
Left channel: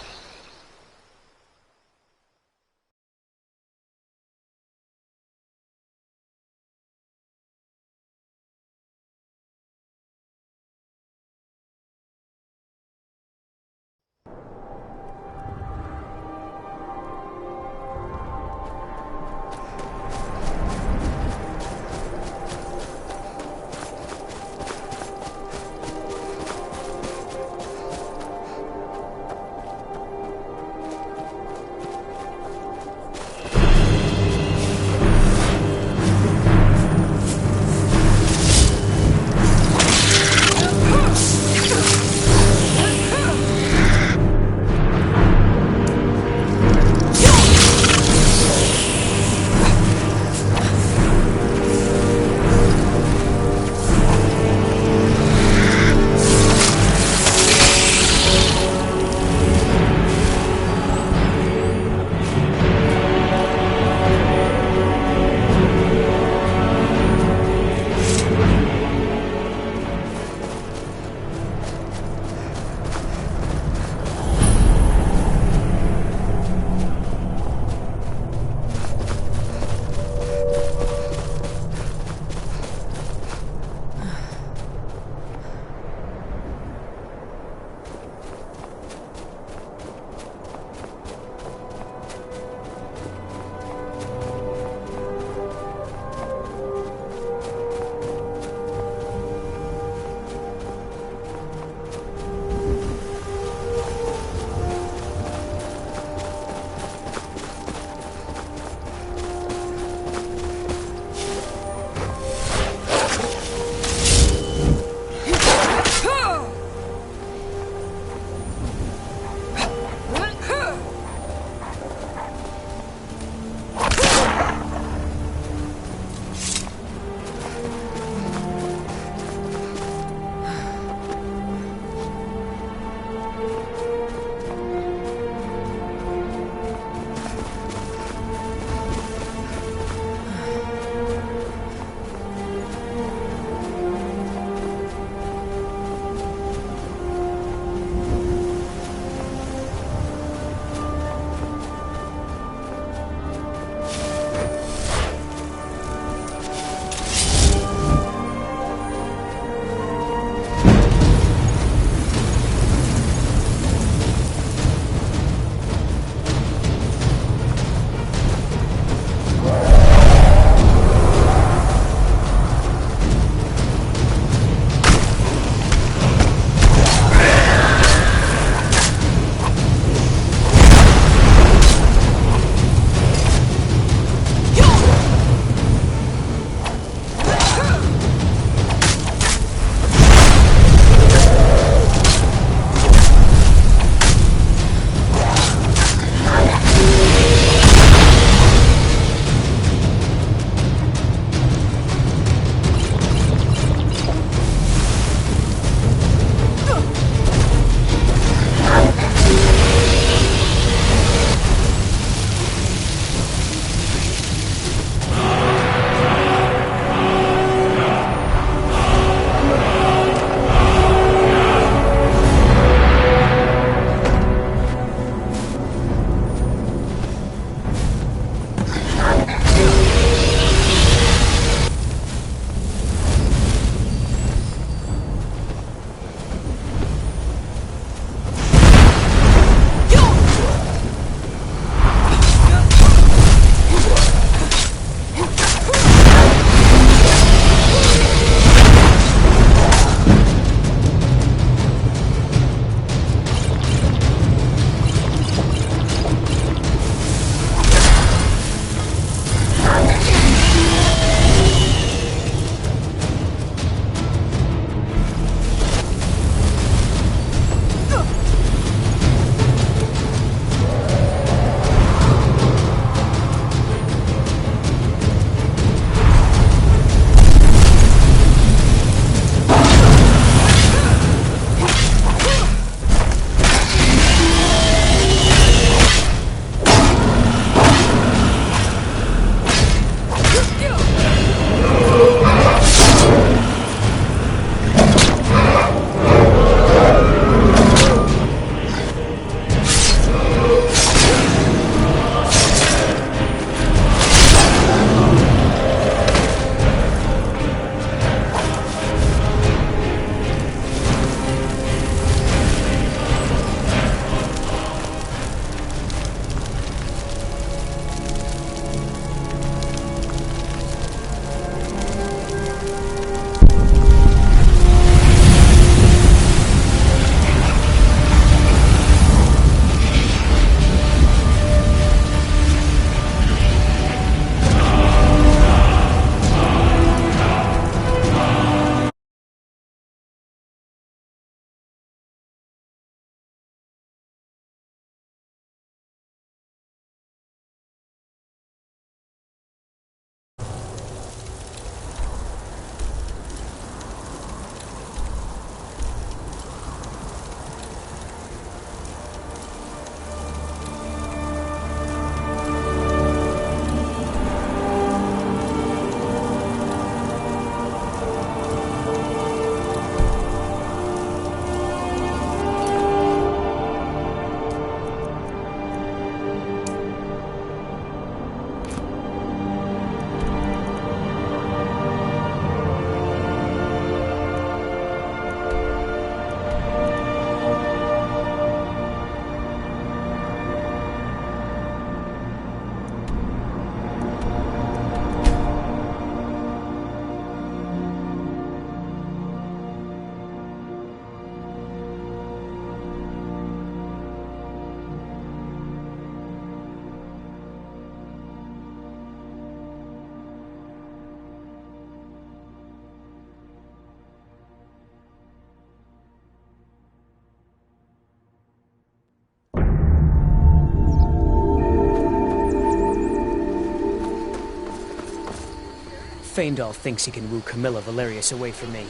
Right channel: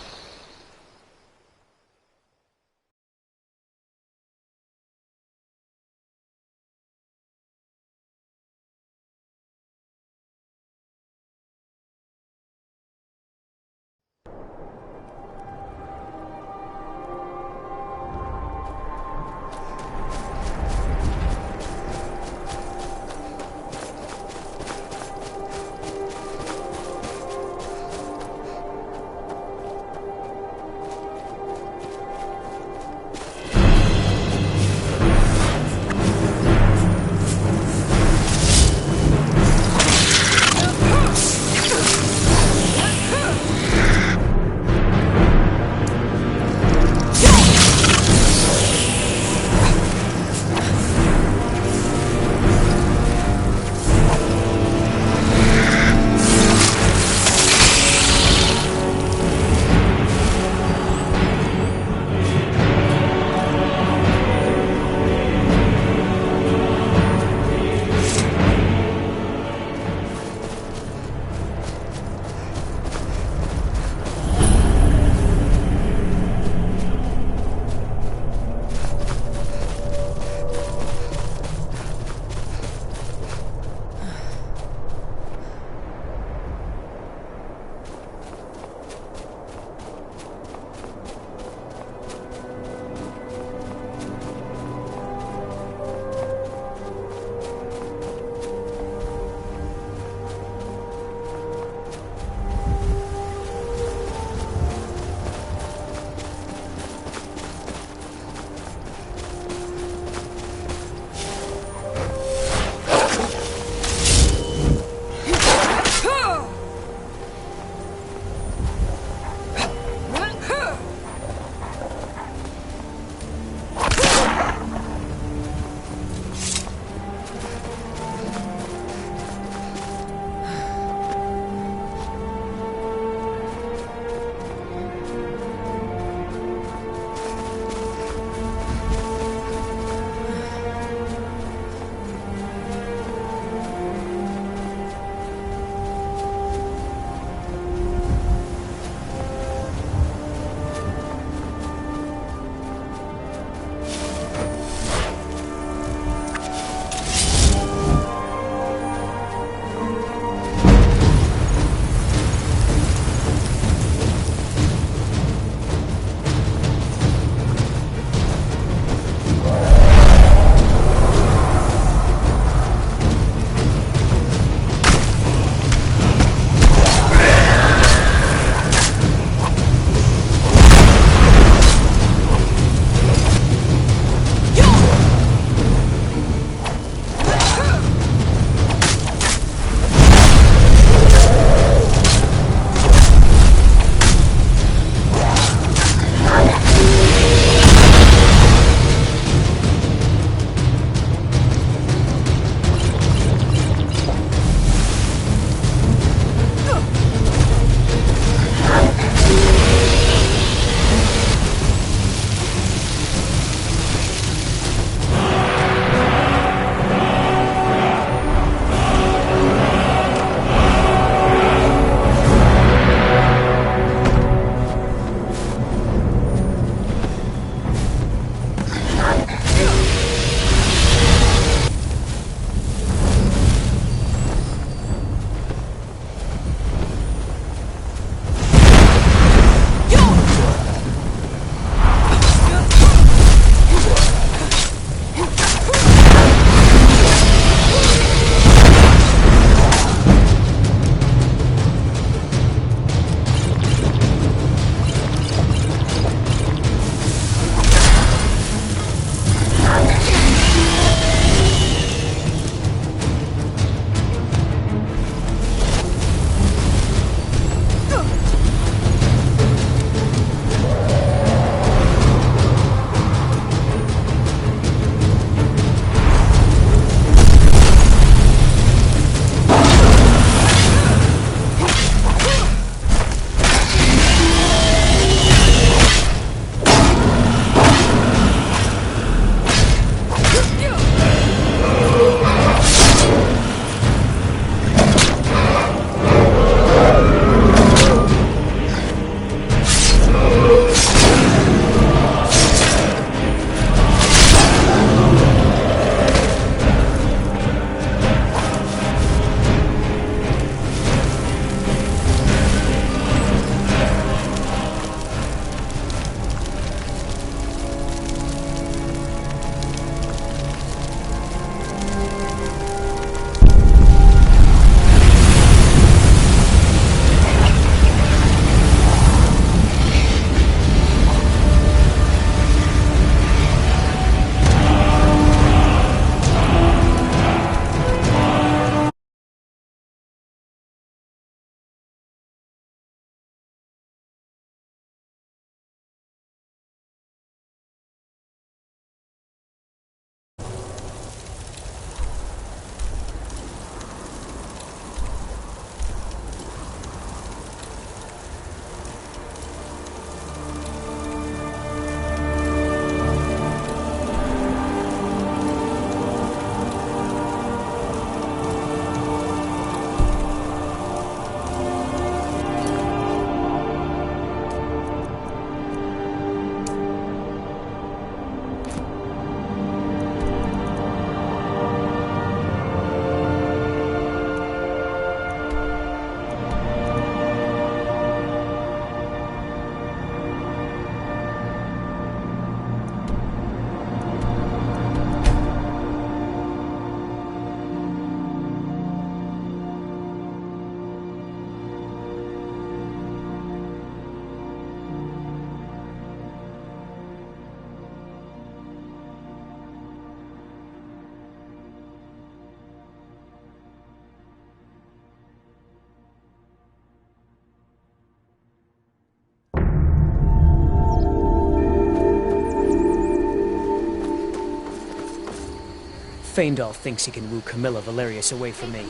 Faendal thinks he can woo Camilla Valerius away from me.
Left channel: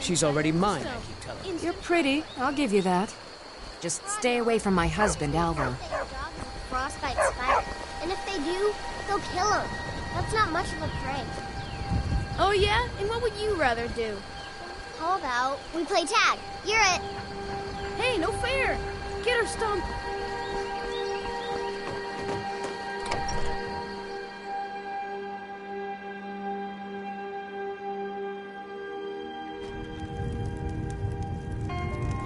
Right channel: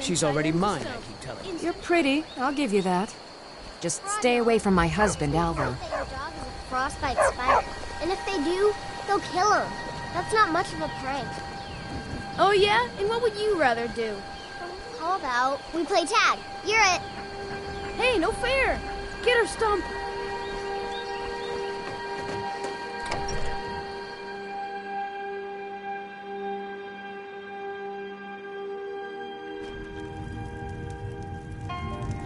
She's already mine, I keep telling him. You're pretty, I'll give you that. Just stay away from my husband, Alvar. Your dog is a frostbite spider. And if they do, they'll kill him. That's not much of a prank. Oh yeah? And what would you rather do? How about we play tag? You're it. Hey, no fair. Get her, Stump.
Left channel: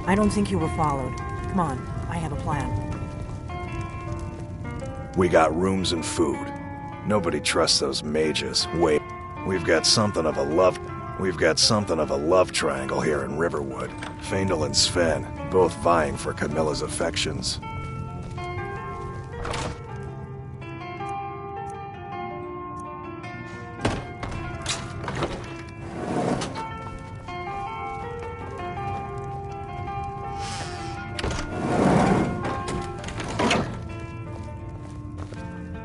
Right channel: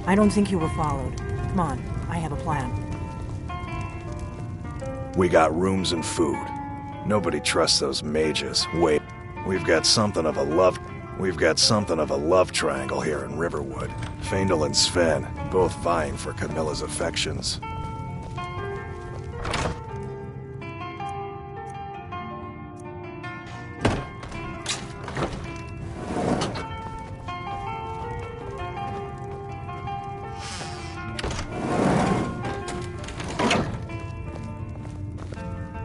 I don't think you were followed. Come on, I have a plan. We got rooms and food. Nobody trusts those mages. Wait, we've got something of a love triangle here in Riverwood. Faendal and Sven, both vying for Camilla's affections.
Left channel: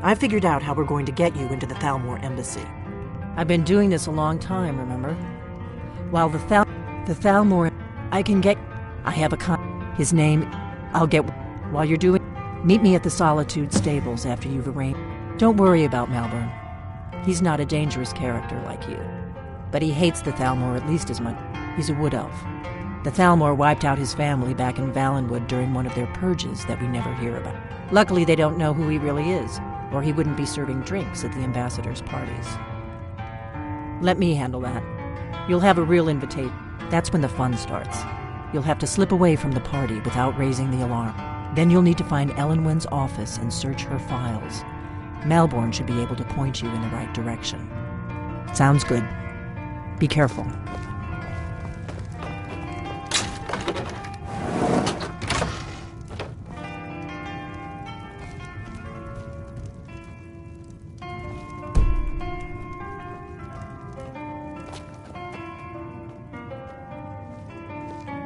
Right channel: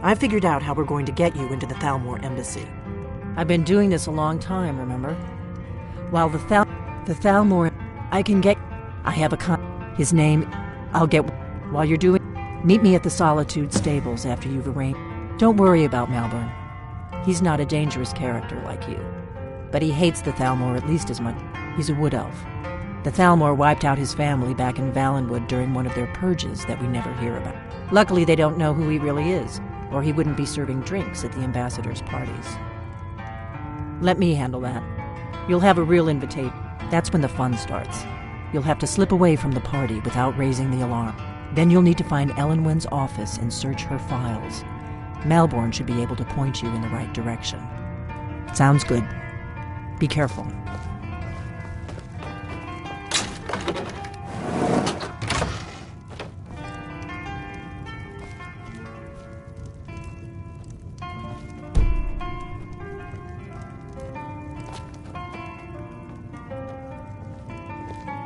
I figured out how we're going to get you into the Thalmor embassy. I've been doing this a long time, remember? While the Thalmor, I have his name, while you're doing, meet me at the Solitude stables after you've arranged. Don't worry about Malborn. He's not a dangerous character like you. But he hates the Thalmor at least as much. He's a wood elf. The Thalmor wiped out his family back in Valenwood during one of their purges that we never hear about. Luckily, they don't know who he really is, or he wouldn't be serving drinks at the ambassadors' parties. Let me handle that. You'll have a real invitation. That's when the fun starts. You'll have to slip away from the party without raising the alarm. Then you'll need to find Elenwen's office and search her files. Malborn should be able to point you in the right direction. Sounds good. Be careful.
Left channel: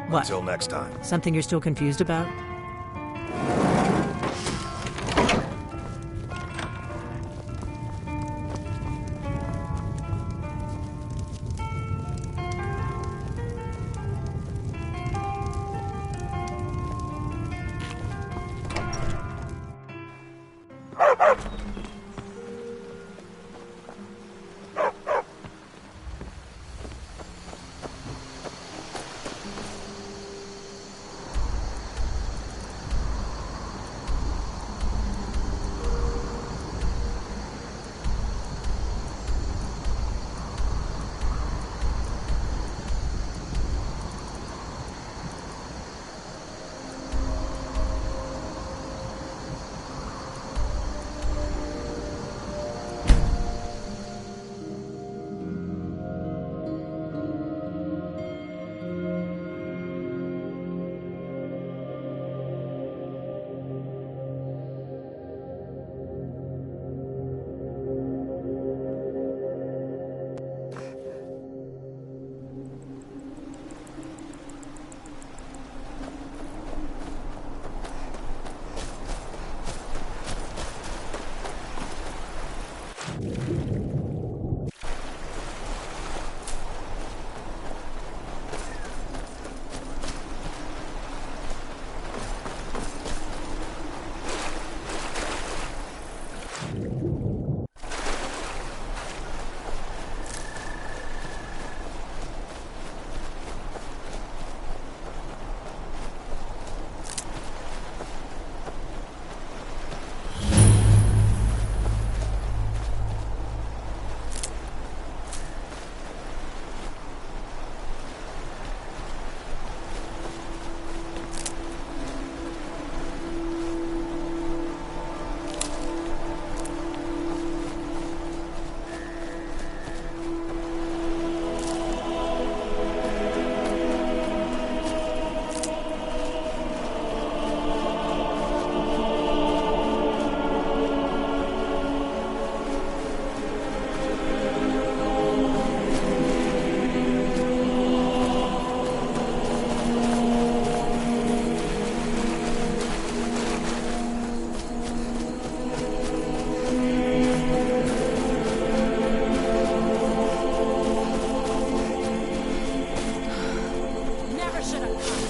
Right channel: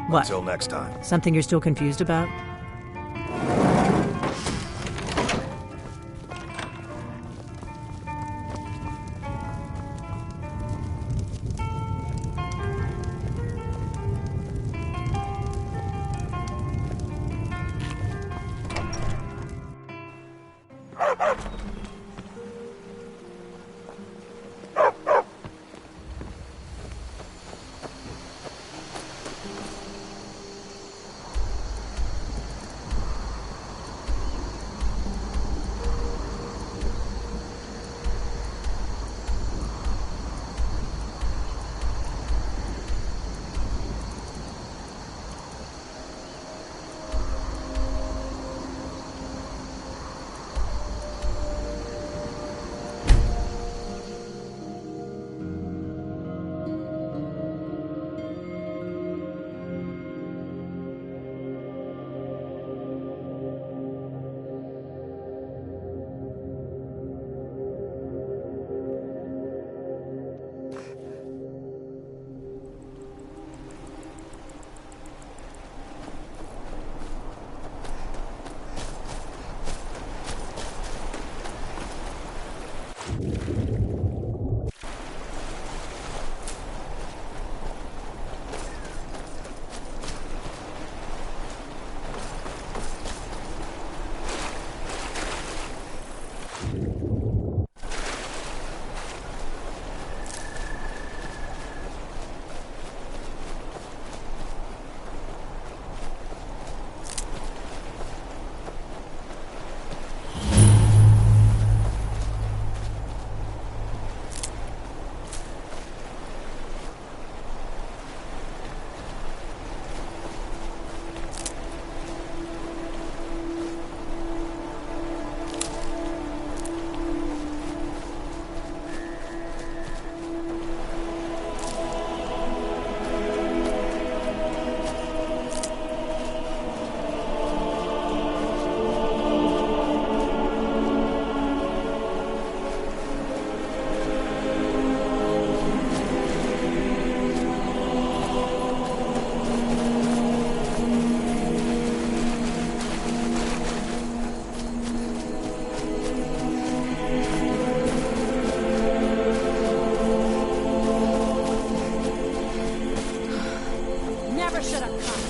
What? Until next time. Something you're still confused about? never should have come.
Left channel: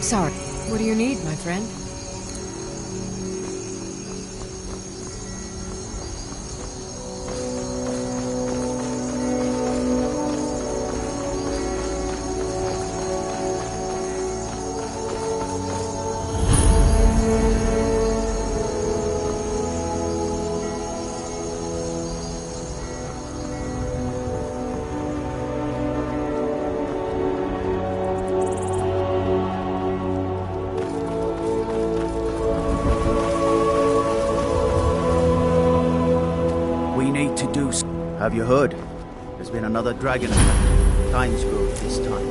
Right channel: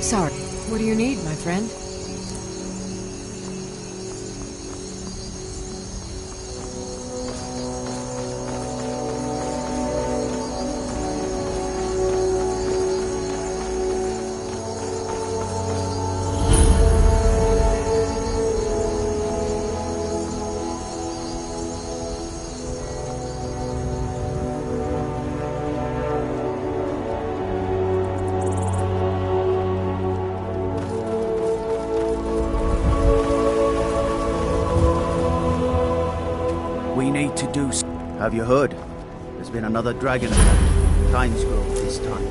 Sorry. What do you need, my friend? We need to do. Have you heard? There's been another dragon attack. Times Grove this time.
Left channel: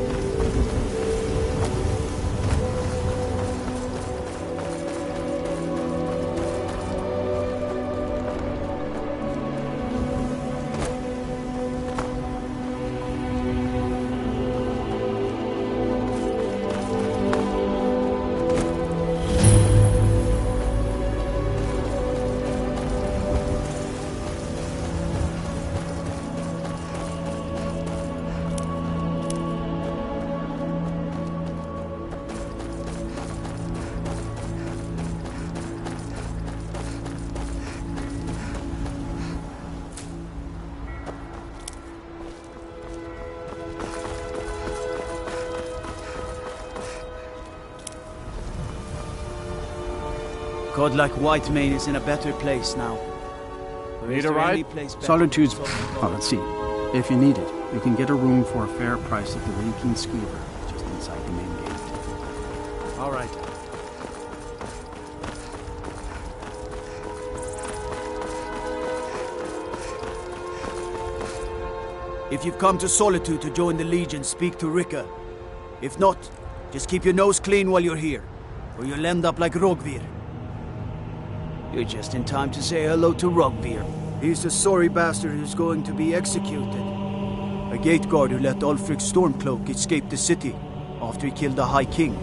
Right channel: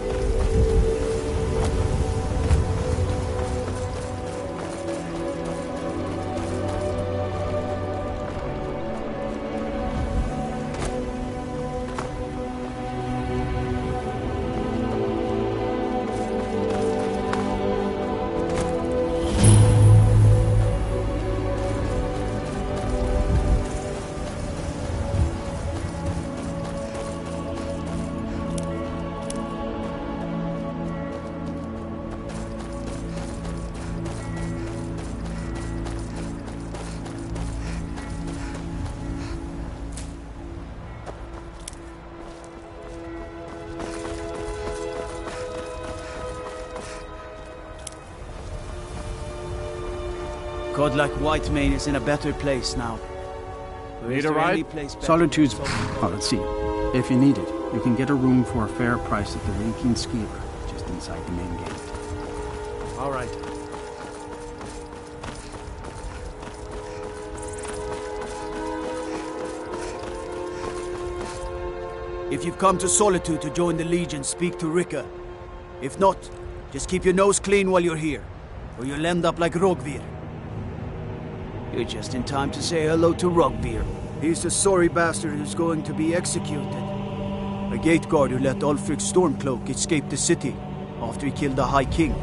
God like Whitemane is in a better place now. Need a ride? Solitude's... Oh, let's see. If you need it, you can get a room for a fair price at the Winking Skeever, just inside the main gate. All right. If you've come to Solitude to join the Legion, speak to Rika. If not, just keep your nose clean while you're here, or you'll end up like Rogvir. You're just in time to say hello to Rogvir. He's the sorry bastard who's going to be executed. A gate guard who let Ulfric's Stormcloak escape the city after he killed the High King.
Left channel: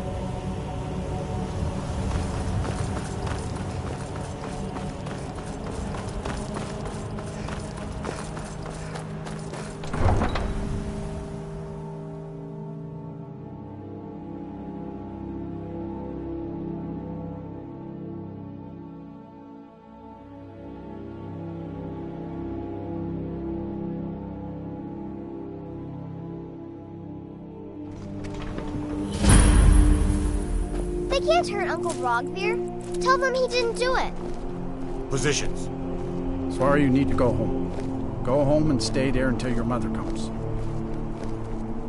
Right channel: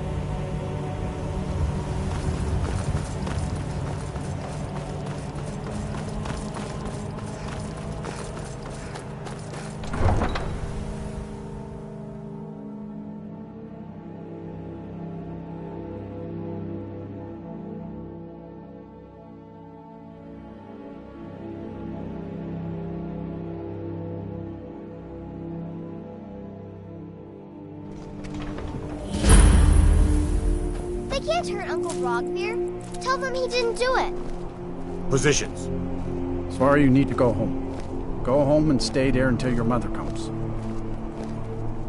can't hurt Uncle Rogvir. Tell them he didn't do it. Positions. Sora, you need to go home. Go home and stay there until your mother comes.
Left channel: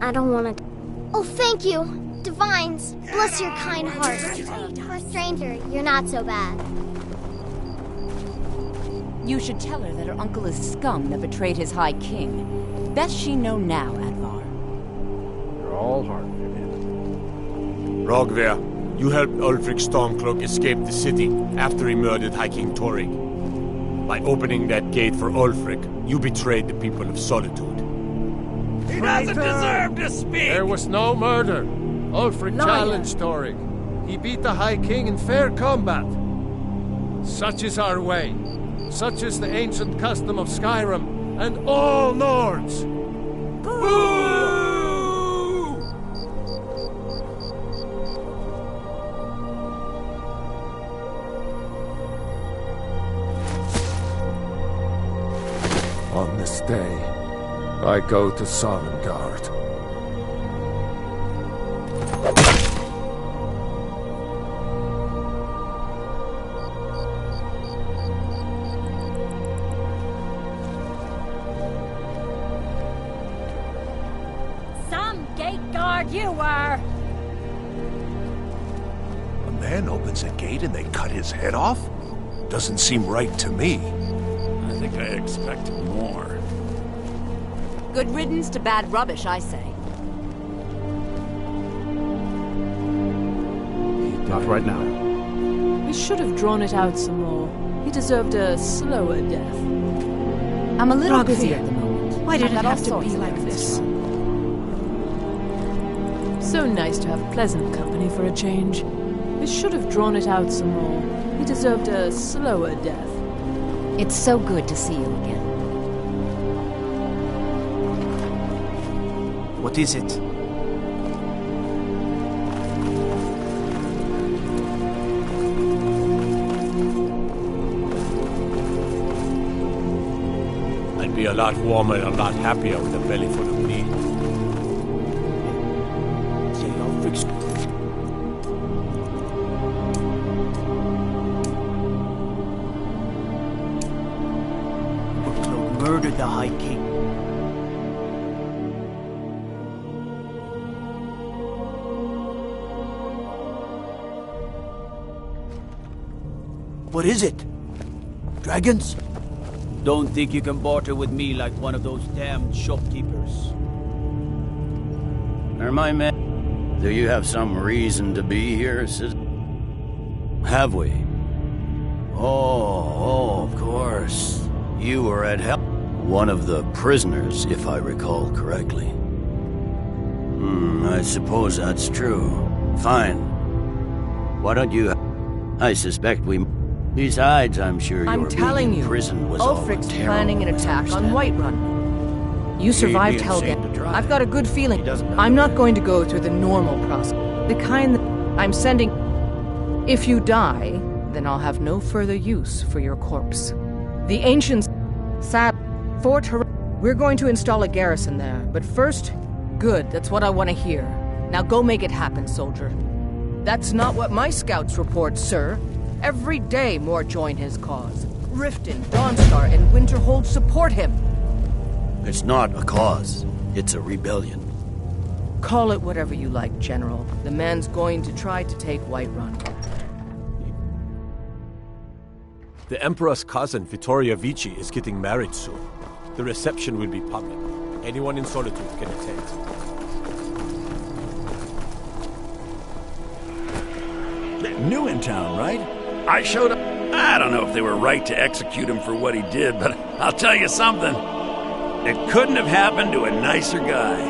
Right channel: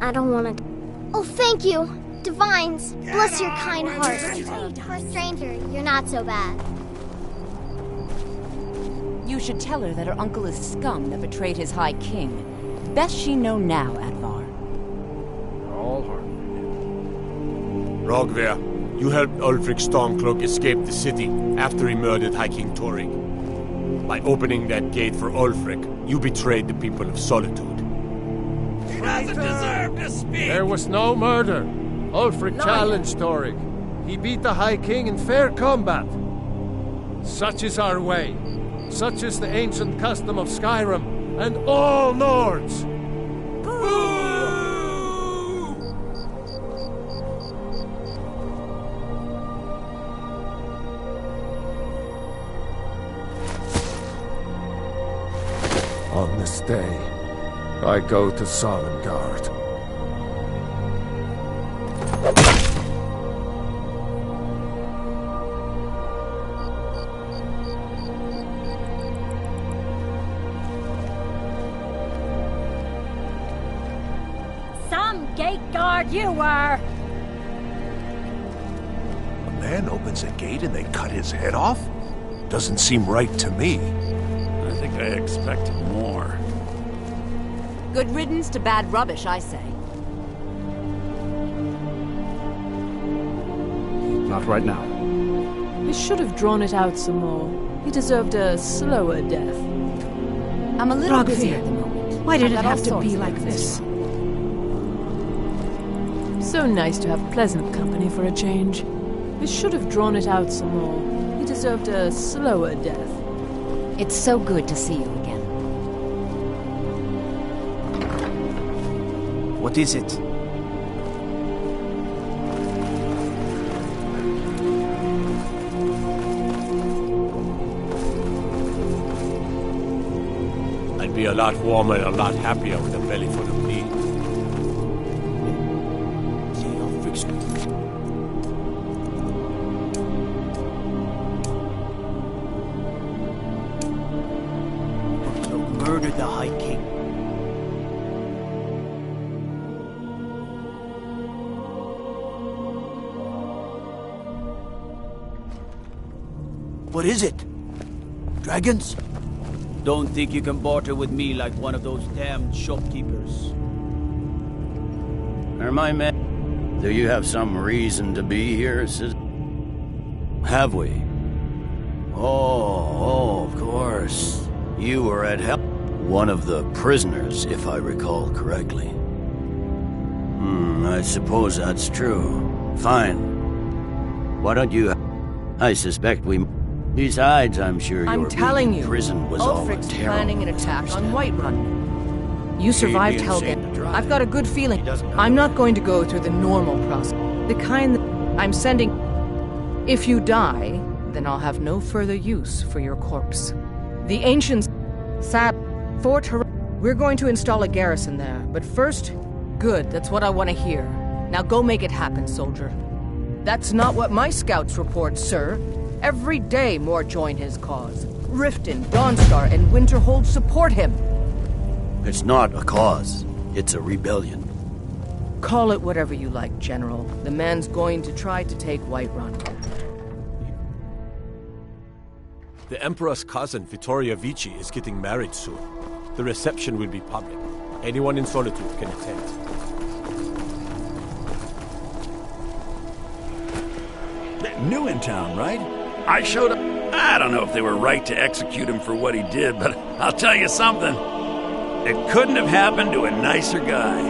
I don't want to... Oh, thank you. Divines, bless your kind heart. For a stranger, you're not so bad. You should tell her that her uncle is scum that betrayed his High King. Best she know now, Advar. You're all heart, Vivian. Rogvir, you helped Ulfric Stormcloak escape the city after he murdered High King Torrig. By opening that gate for Ulfric, you betrayed the people of Solitude. He doesn't deserve to speak! There was no murder. Ulfric challenged Torrig. He beat the High King in fair combat. Such is our way. Such is the ancient custom of Skyrim and all Nords. Boo! On this day, I go to Sovngarde. Some gate guard you were! A man opens a gate and they cut his head off? Doesn't seem right to me. I think I expected more. Good riddance to bad rubbish, I say. Not right now. We should have drawn it out some more. He deserved a slower death. I'm a little Rogvir, busy at the moment. Why did I've it got have all to sorts be of like errands this? to run. So nice to have pleasant company for a change. We should have drawn it out some more. He deserved a slower death. It's so good to see you again. What is it? I'd be a lot warmer and a lot happier with a belly full of meat. Murdered the High King. What is it? Dragons? Don't think you can barter with me like one of those damned shopkeepers. Are my men... Do you have some reason to be here, citizen? Have we? Oh, of course. You were at help. One of the prisoners, if I recall correctly. I suppose that's true. Fine. Why don't you... I suspect we... Besides, I'm sure I'm your telling being in you, prison was all a Ulfric's terrible planning an attack on Whiterun. You He'd survived be ashamed Helgen. to try. I've got a good feeling. I'm not going to go through the normal process. The kind that I'm sending... If you die, then I'll have no further use for your corpse. The ancients... Fort Har... We're going to install a garrison there, but first... Good, that's what I want to hear. Now go make it happen, soldier. That's not what my scouts report, sir. Every day more join his cause. Riften, Dawnstar, and Winterhold support him. It's not a cause. It's a rebellion. Call it whatever you like, General. The man's going to try to take Whiterun. The Emperor's cousin, Vittoria Vici, is getting married soon. The reception will be public. Anyone in Solitude can attend. New in town, right? I showed up. I don't know if they were right to execute him for what he did, but I'll tell you something. It couldn't have happened to a nicer guy.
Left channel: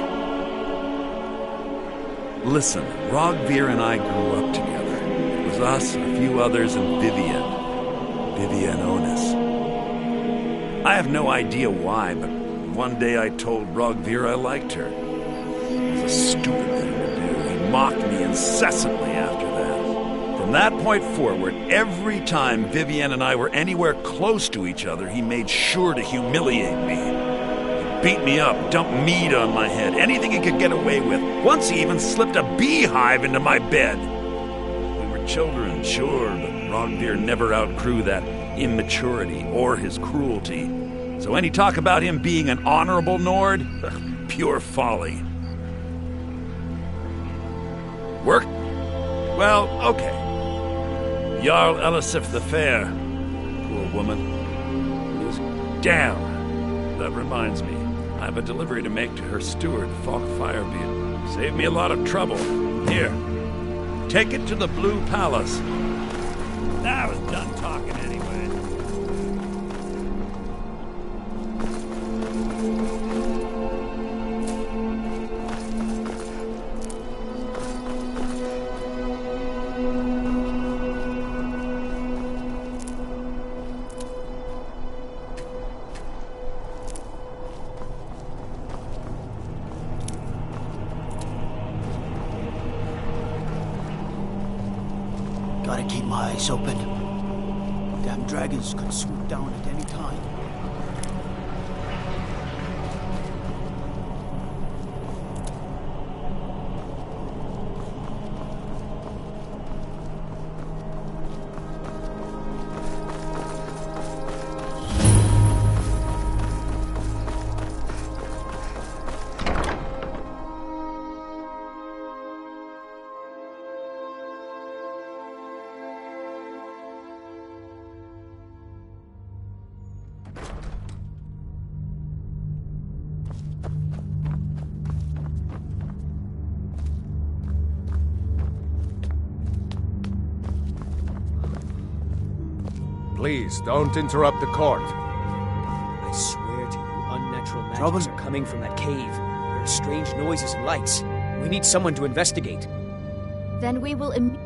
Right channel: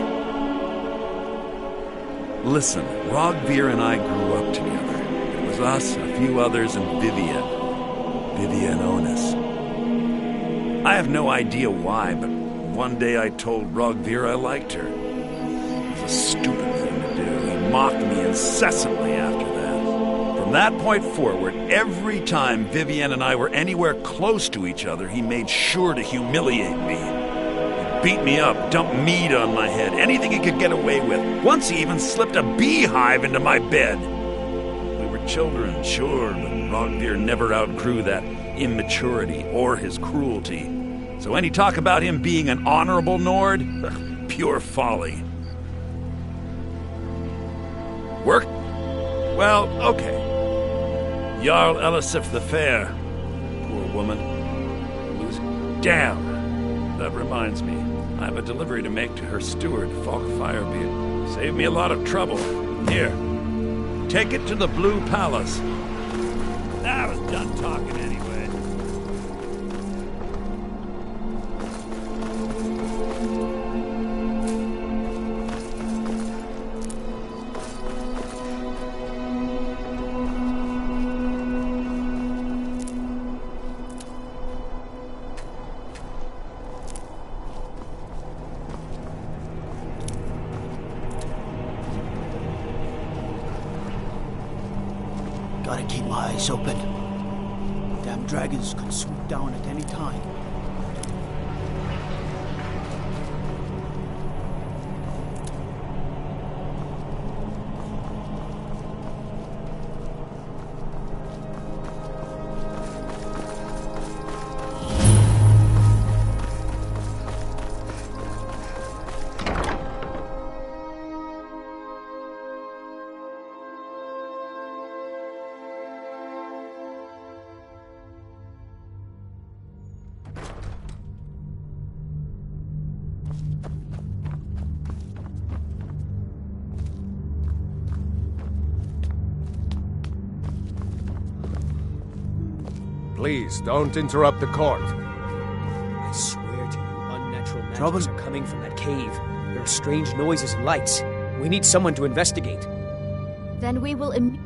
Listen, Rogvir and I grew up together. It was us, a few others, and Vivian Onus. I have no idea why, but one day I told Rogvir I liked her. It was a stupid thing to do. He mocked me incessantly after that. From that point forward, every time Vivian and I were anywhere close to each other, he made sure to humiliate me. He'd beat me up, dump meat on my head, anything he could get away with. Once he even slipped a beehive into my bed. We were children, sure, but Rogvir never outgrew that immaturity or his cruelty. So any talk about him being an honorable Nord? Pure folly. Work? Well, okay. Jarl Elisif the Fair. Poor woman. Damn! That reminds me. I have a delivery to make to her steward, Falk Firebeard. Saved me a lot of trouble. Here. Take it to the Blue Palace. I was done talking anyway. Gotta keep my eyes open. Damn dragons could swoop down at any time. Please, don't interrupt the court. I swear to you, unnatural magics are coming from that cave. There are strange noises and lights. We need someone to investigate. Then we will immediately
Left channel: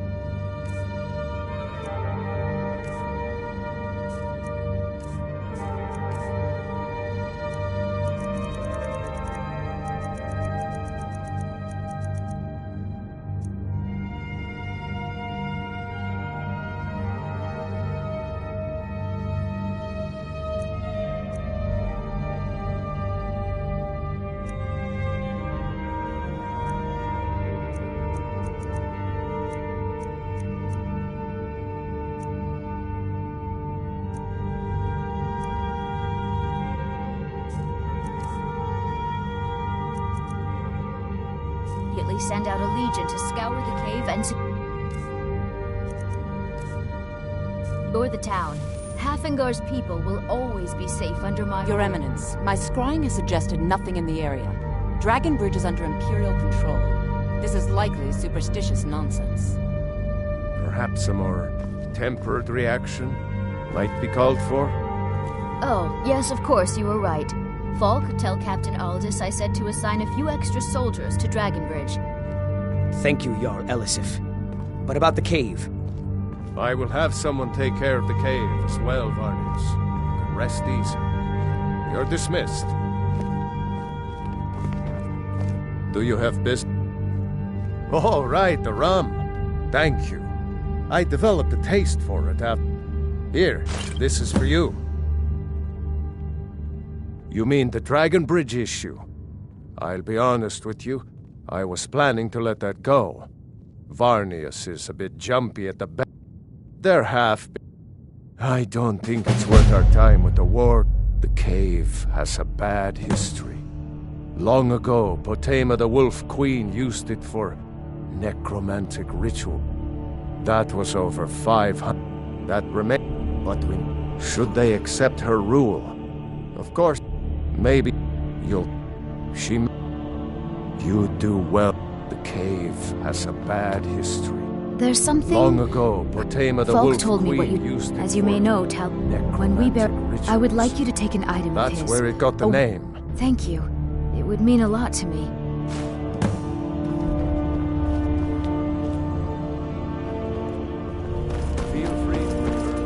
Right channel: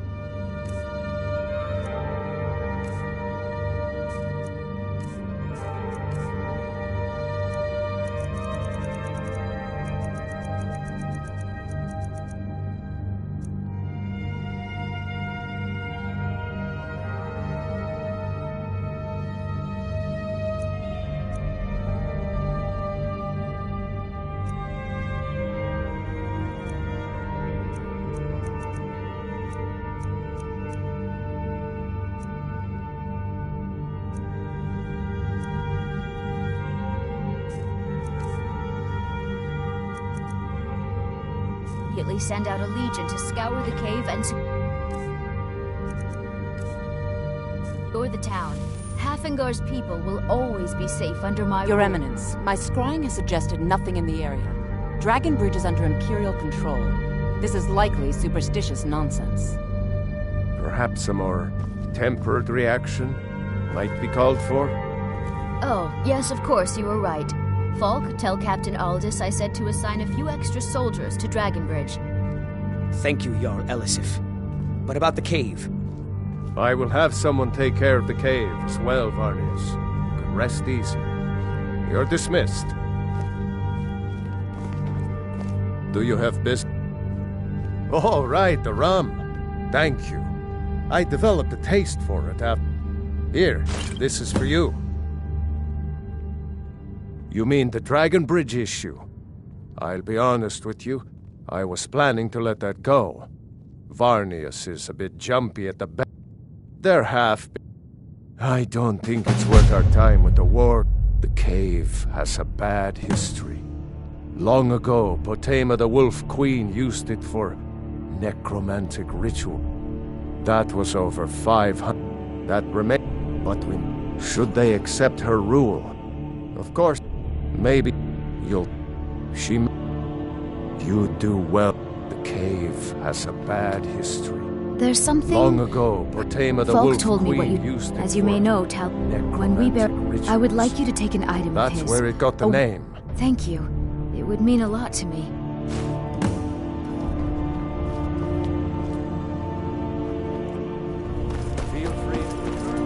send out a legion to scour the cave and secure the town. Hafengar's people will always be safe under my Your rule. Eminence, my scrying has suggested nothing in the area. Dragon Bridge is under Imperial control. This is likely superstitious nonsense. Perhaps a more tempered reaction might be called for? Oh, yes, of course, you were right. Falk, tell Captain Aldous I said to assign a few extra soldiers to Dragonbridge. Thank you, Jarl Elisif. But about the cave? I will have someone take care of the cave as well, Varnius. You can rest easy. You're dismissed. Do you have business? Oh, right, the rum. Thank you. I developed a taste for it after... Here, this is for you. You mean the Dragon Bridge issue? I'll be honest with you. I was planning to let that go. Varnius is a bit jumpy at the back. They're half... I don't think it's worth our time with the war. The cave has a bad history. Long ago, Potema the Wolf Queen used it for necromantic ritual. That was over 500. That remained. But should they accept her rule? Of course, maybe you'll... You do well. The cave has a bad history. There's something... Long ago, Potema the Falk Wolf told me Queen what you... used it As you may know, Tal... When we bear... I would like you to take an item of his. That's where it got the name. Thank you. It would mean a lot to me. Feel free to return.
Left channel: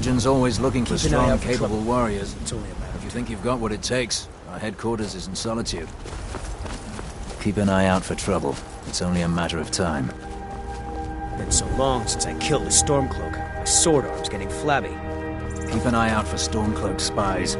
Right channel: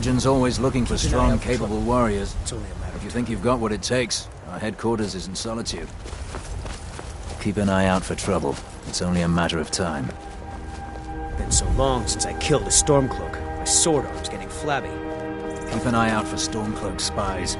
Legion's always looking for Keep an eye strong, out for capable trouble. warriors. It's only a matter If you think you've got what it takes, our headquarters is in Solitude. Keep an eye out for trouble. It's only a matter of time. Been so long since I killed a Stormcloak. My sword arm's getting flabby. Keep an eye out for Stormcloak spies.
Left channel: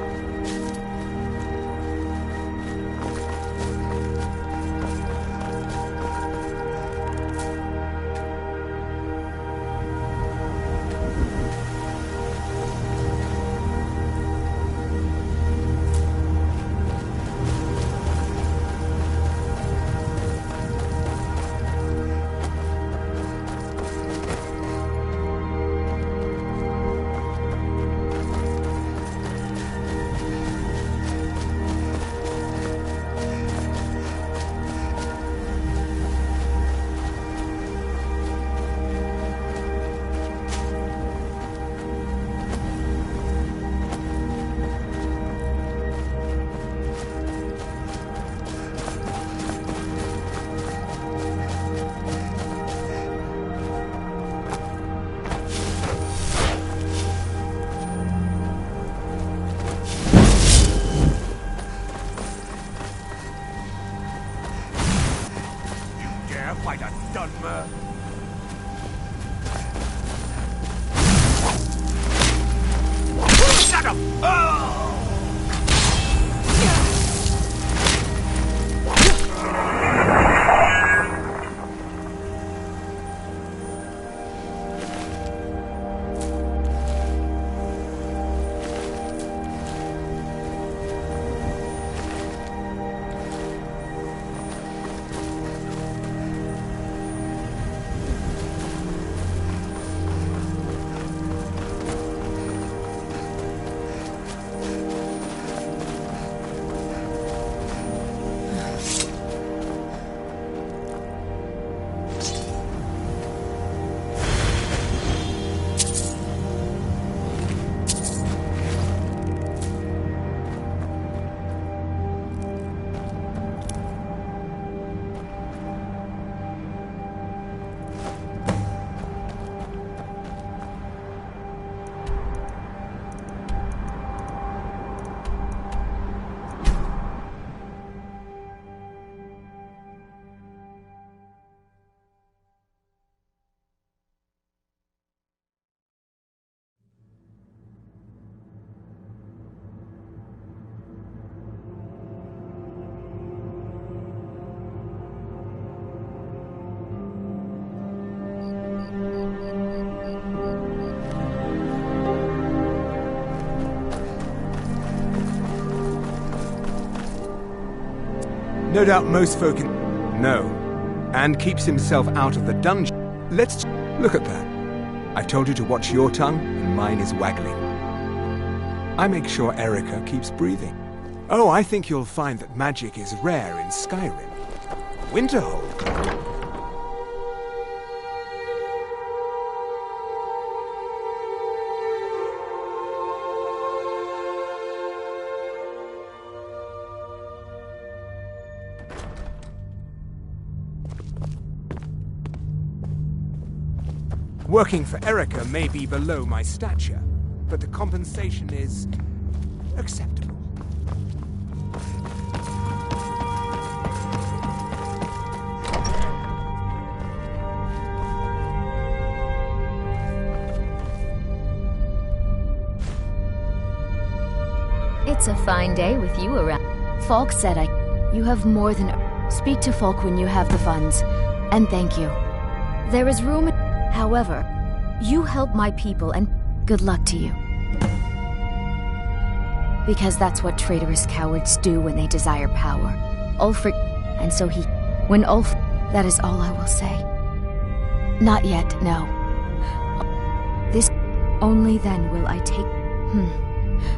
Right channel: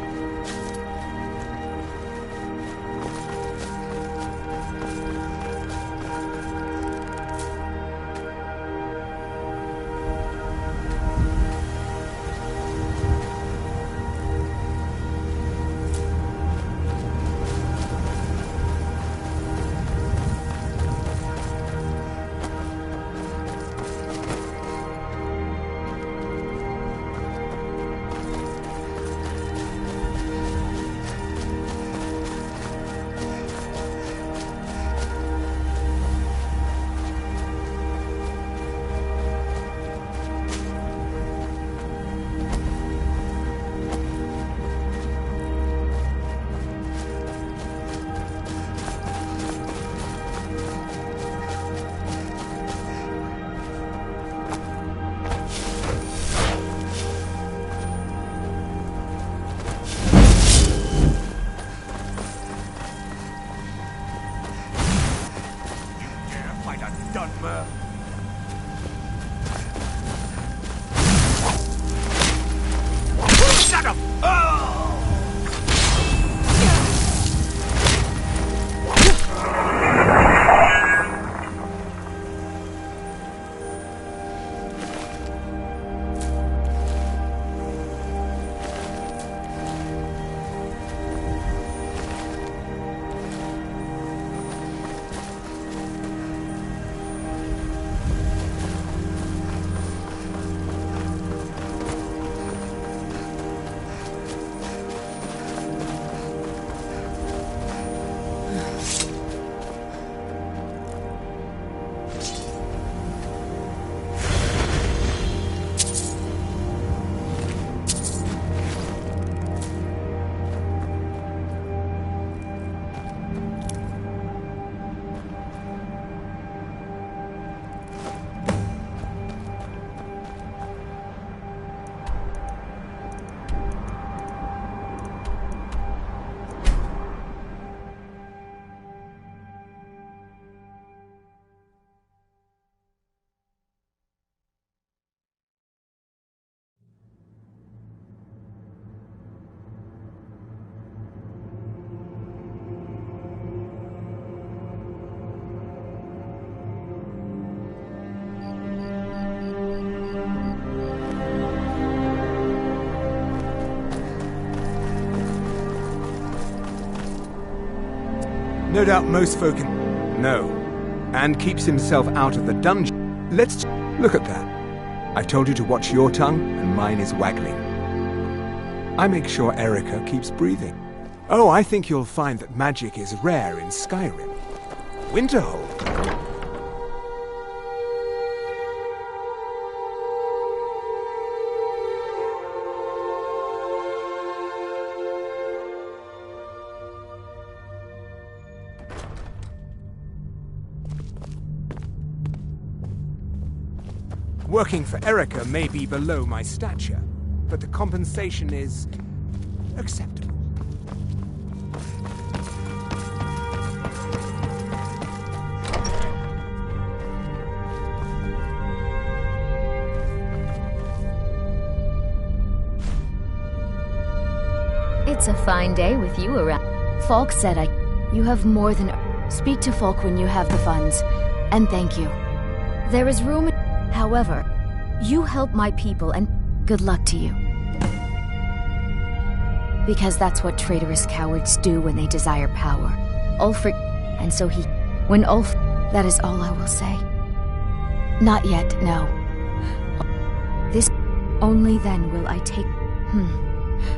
No doubt most folk know, and keeps himself out of the dungeon. Let's look at that. I've told you to watch your tongue, and mine is waggling. I make sure Erica keeps breathing. Oh, I think you'll find that magic is rare in Skyrim. Winterhold. Working for Erica may be below my stature, but the compensation is acceptable. It's a fine day with you around. Falk said you have more than... Speak to Falk when you have the funds, and thank you. There is room... However, you help my people, and good luck to you. Because that's what traitorous cowards do when they desire power. Ulfric... And so he... When Ulf... That is all I will say. Not yet, no. This... Only then will I take...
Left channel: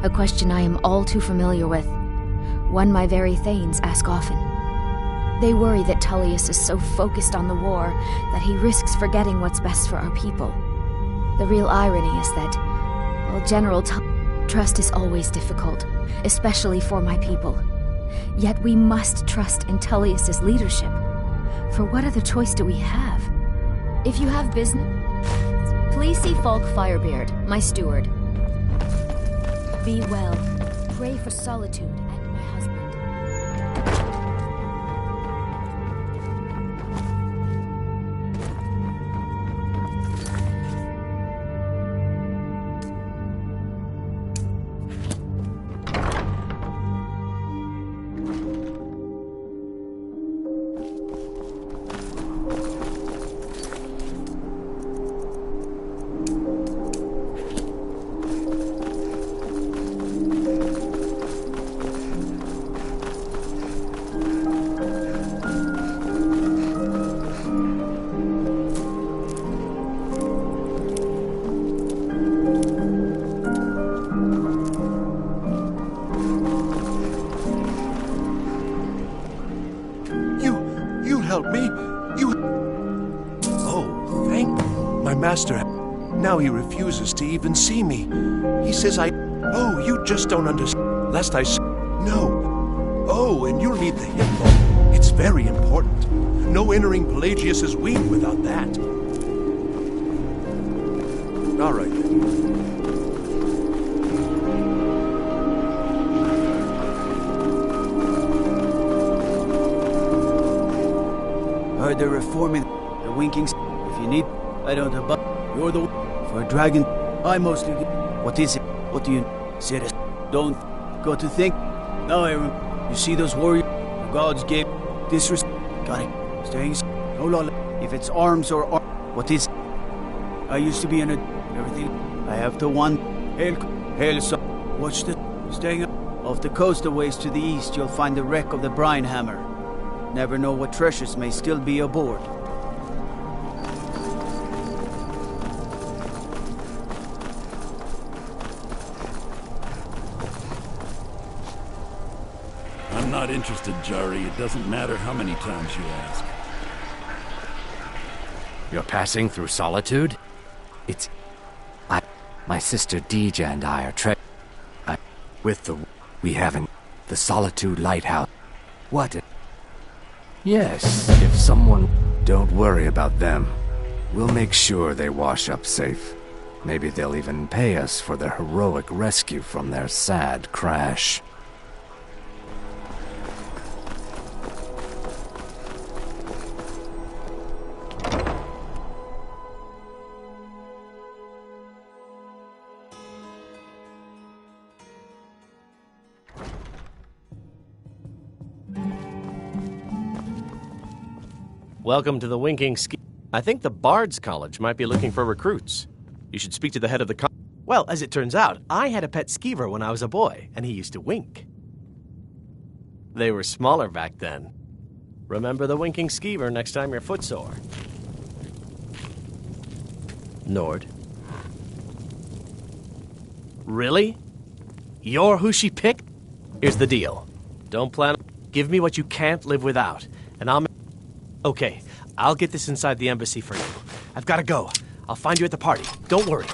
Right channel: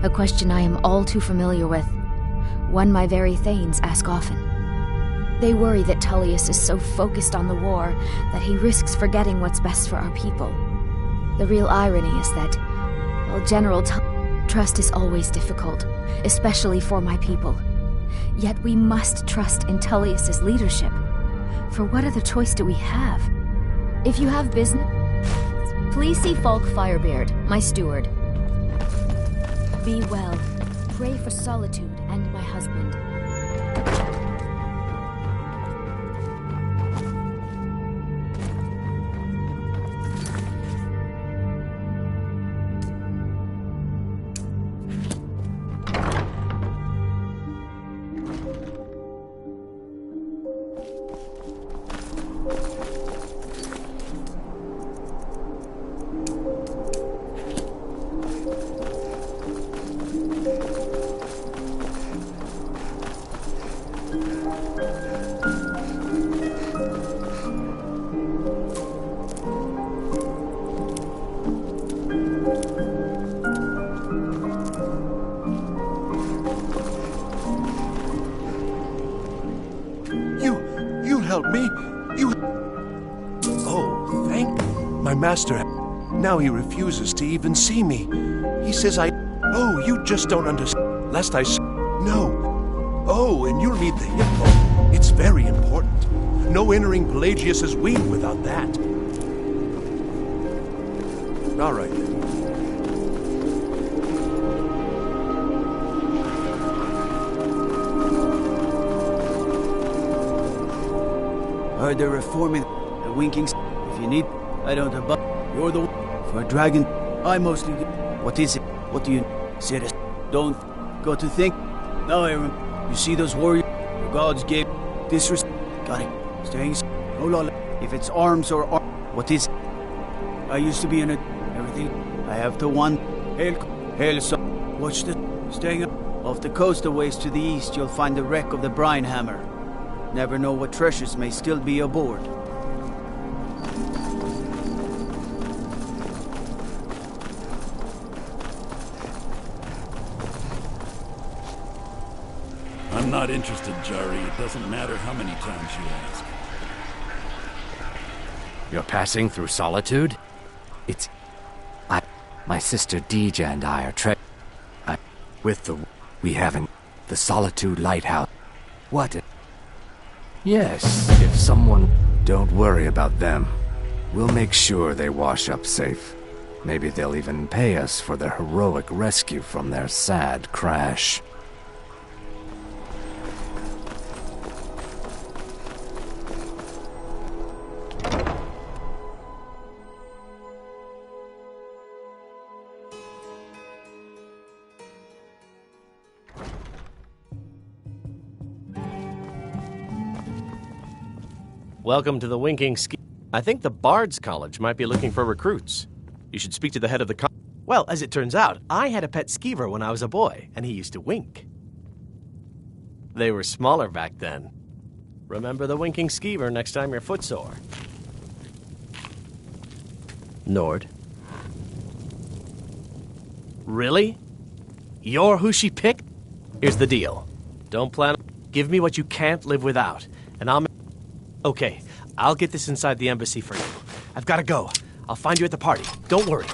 A question I am all too familiar with. One my very Thanes ask often. They worry that Tullius is so focused on the war that he risks forgetting what's best for our people. The real irony is that, while General trust is always difficult, especially for my people, yet we must trust in Tullius's leadership. For what other choice do we have? If you have business, please see Falk Firebeard, my steward. Be well. Pray for Solitude and my husband. Help me. You... Oh, thank... My master... Now he refuses to even see me. He says I... Oh, you just don't understand. Lest I... No. Oh, and you'll need the hippo. It's very important. No entering Pelagius's wing without that. All right, then. Heard they're reforming the winking. If you need, I don't abut. You're the one. For a dragon, I mostly get. What is it? What do you... Serious. Don't go to think. Now I remember. You see those warriors? The gods gave disrespect. Got it. Staying. No law. If it's arms or what is it? I used to be in a... Everything. I have to one. Hail, so. Watch the... Staying up. Off the coast a ways to the east, you'll find the wreck of the brine hammer. Never know what treasures may still be aboard. I'm not interested, Jari. It doesn't matter how many times you ask. You're passing through Solitude? It's... My sister Deja and I are with the... We haven't... The Solitude Lighthouse. What? Yes, if someone... Don't worry about them. We'll make sure they wash up safe. Maybe they'll even pay us for their heroic rescue from their sad crash. Welcome to the Winking Ski. I think the Bard's College might be looking for recruits. You should speak to the head of the Well, as it turns out, I had a pet skeever when I was a boy, and he used to wink. They were smaller back then. Remember the winking skeever next time you're footsore. Nord. Really? You're who she picked? Here's the deal. Don't plan... Give me what you can't live without, and I'll... Okay, I'll get this inside the embassy for you. I've got to go. I'll find you at the party. Don't worry.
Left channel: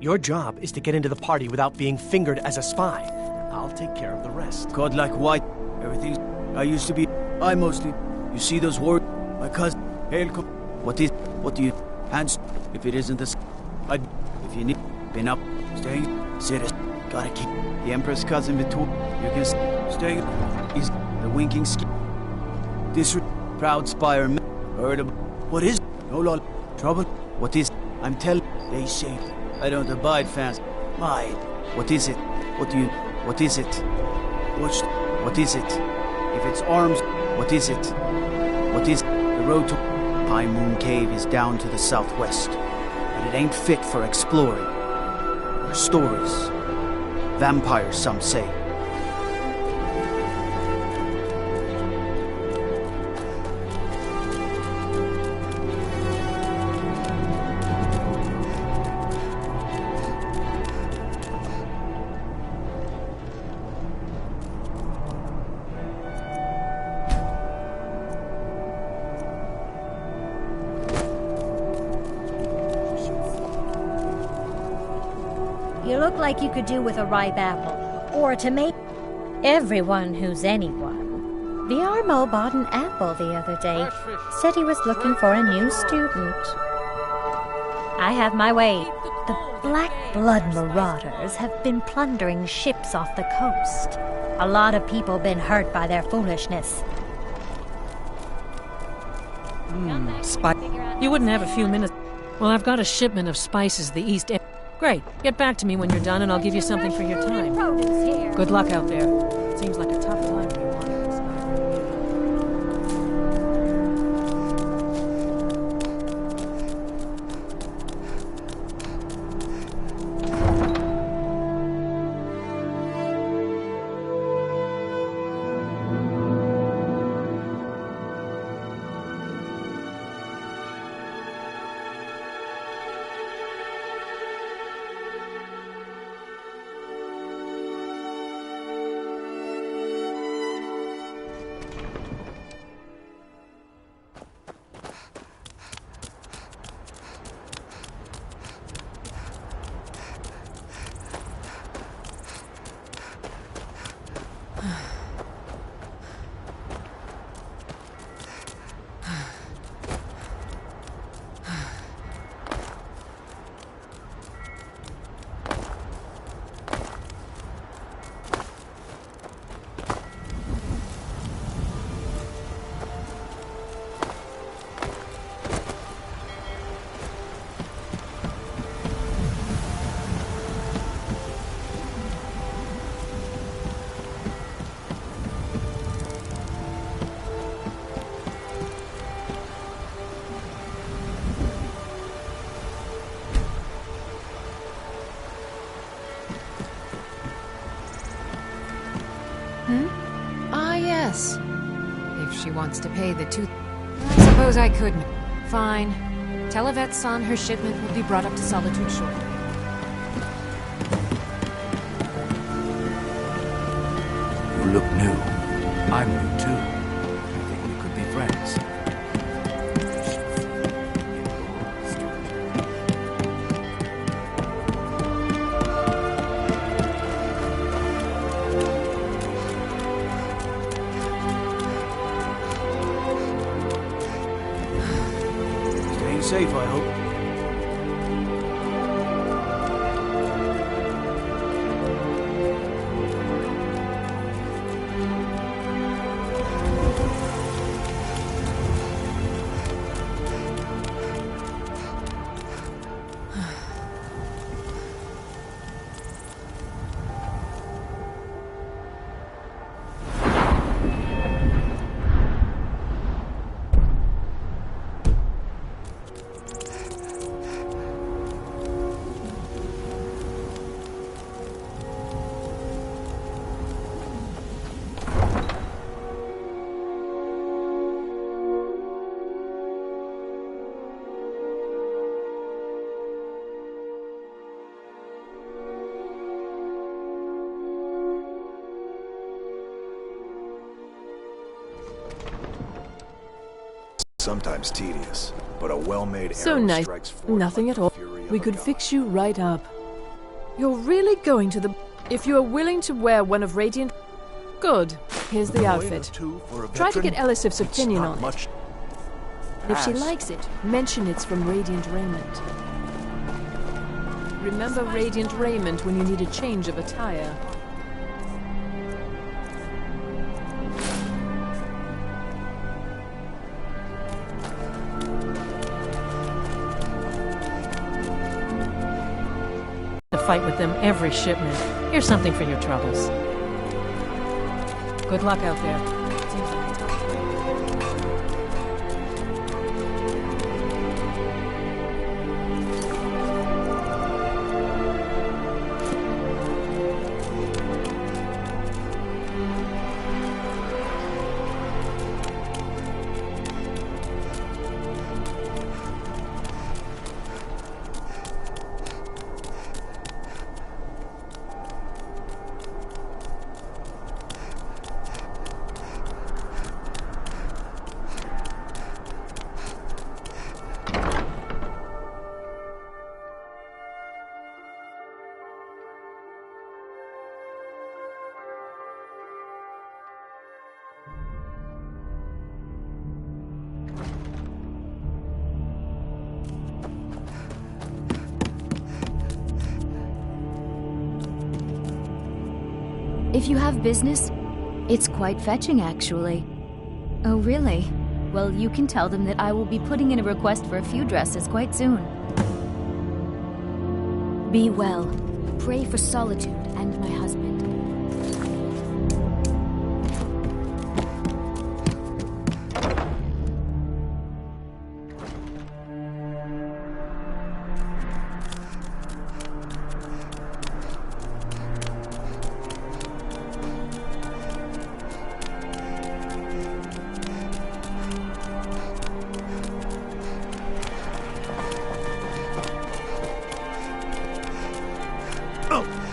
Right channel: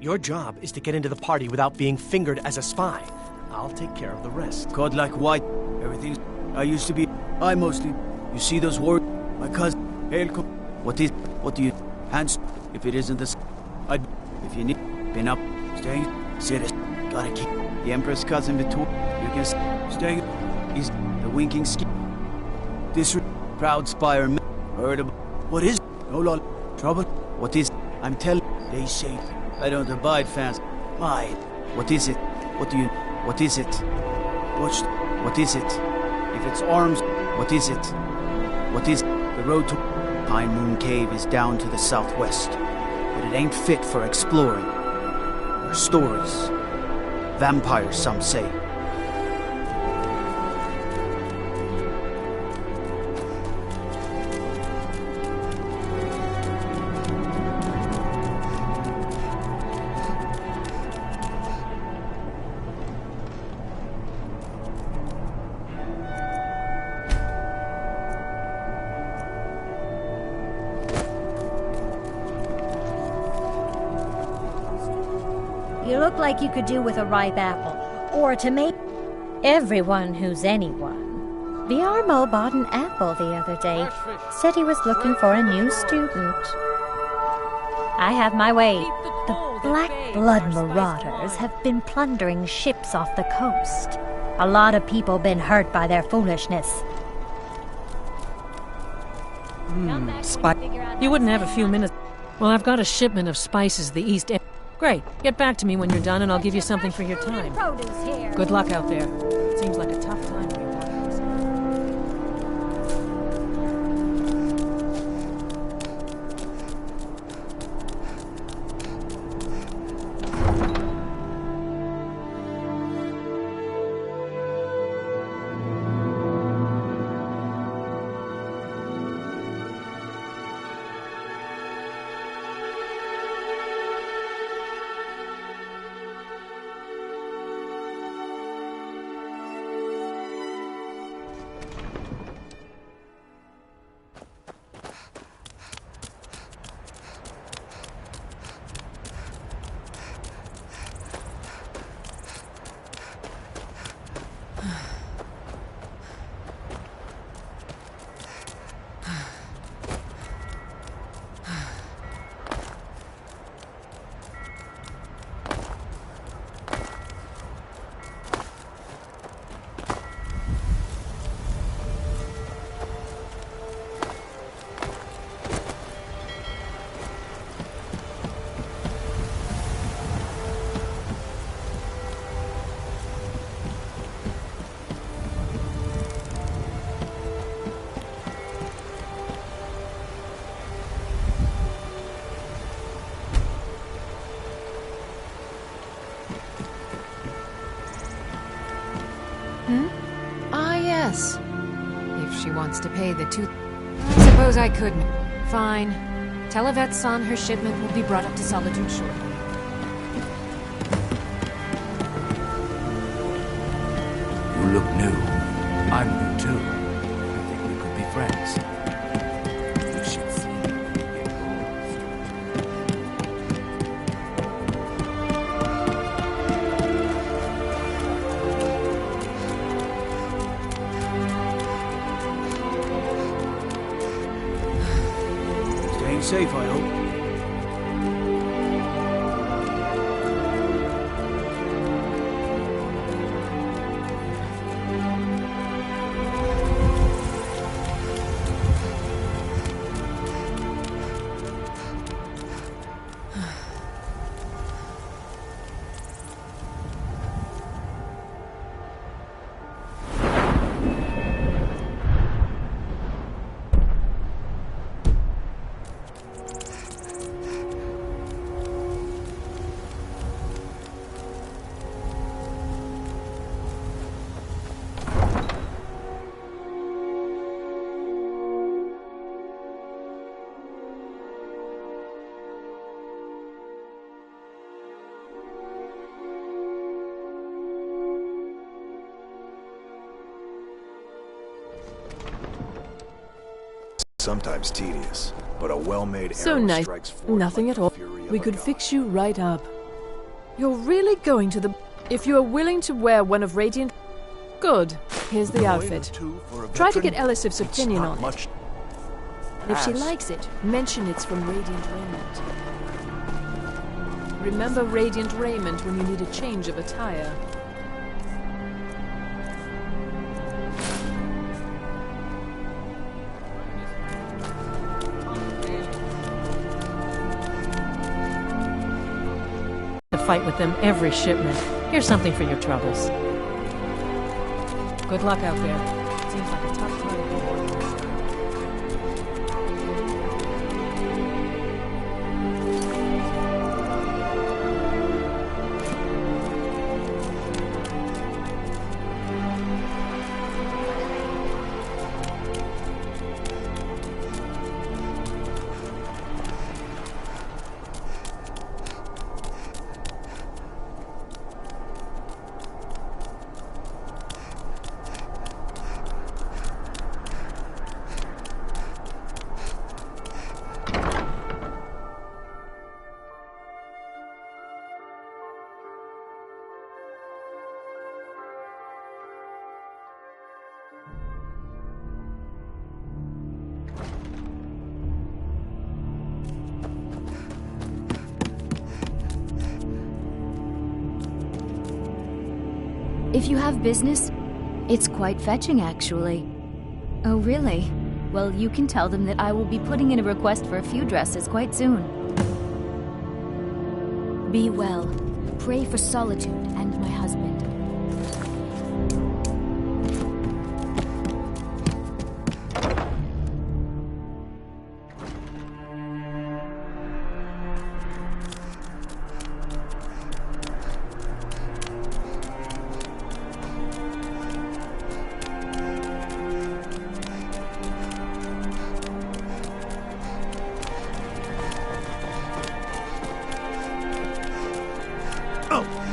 Your job is to get into the party without being fingered as a spy. I'll take care of the rest. God like white. Everything. I used to be. I mostly. You see those words? My cousin. Hail. What do you. Hands. If it isn't this. I'd. If you need. Been up. Staying. Serious. Gotta keep. The Empress cousin Victoria. You can. Stay. He's the winking ski. This proud spire. Heard about. What is. No law. Trouble. What is. I'm telling. They say. I don't abide fast. My. What is it? What do you. What is it? What is it? If it's arms, what is it? What is the road to Pine Moon Cave is down to the southwest, but it ain't fit for exploring. There are stories. Vampires, some say. You look like you could do with a ripe apple, or a tomato. Everyone who's anyone. The Armo bought an apple the other day. Said he was looking for a new student. I have my way. The Black Blood Marauders have been plundering ships off the coast. A lot of people been hurt by their foolishness. You wouldn't have a few minutes. Well, I've got a shipment of spices the East End. Great. Get back to me when you're done and I'll give you something for your time. Good luck out there. Seems like a tough time for you. Ah, yes. If she wants to pay the tooth... I suppose I could. Fine. Tell Yvette's son her shipment will be brought up to Solitude shortly. You look new. I'm new too. I think we could be friends. You should see it goes. Staying safe, I hope. Sometimes tedious, but a well-made So arrow nice. strikes forth Nothing like at the all. fury of We a could god. fix you right up. You're really going to the... If you are willing to wear one of Radiant... Good. Here's the outfit. Try to get Elisif's opinion on it. And if she likes it, mention it's from Radiant Raiment. Remember Radiant Raiment when you need a change of attire. To fight with them every shipment. Here's something for your troubles. Good luck out there. Seems like a tough time. If you have business, it's quite fetching, actually. Oh, really? Well, you can tell them that I will be putting in a request for a few dresses quite soon. Be well. Pray for Solitude and my husband.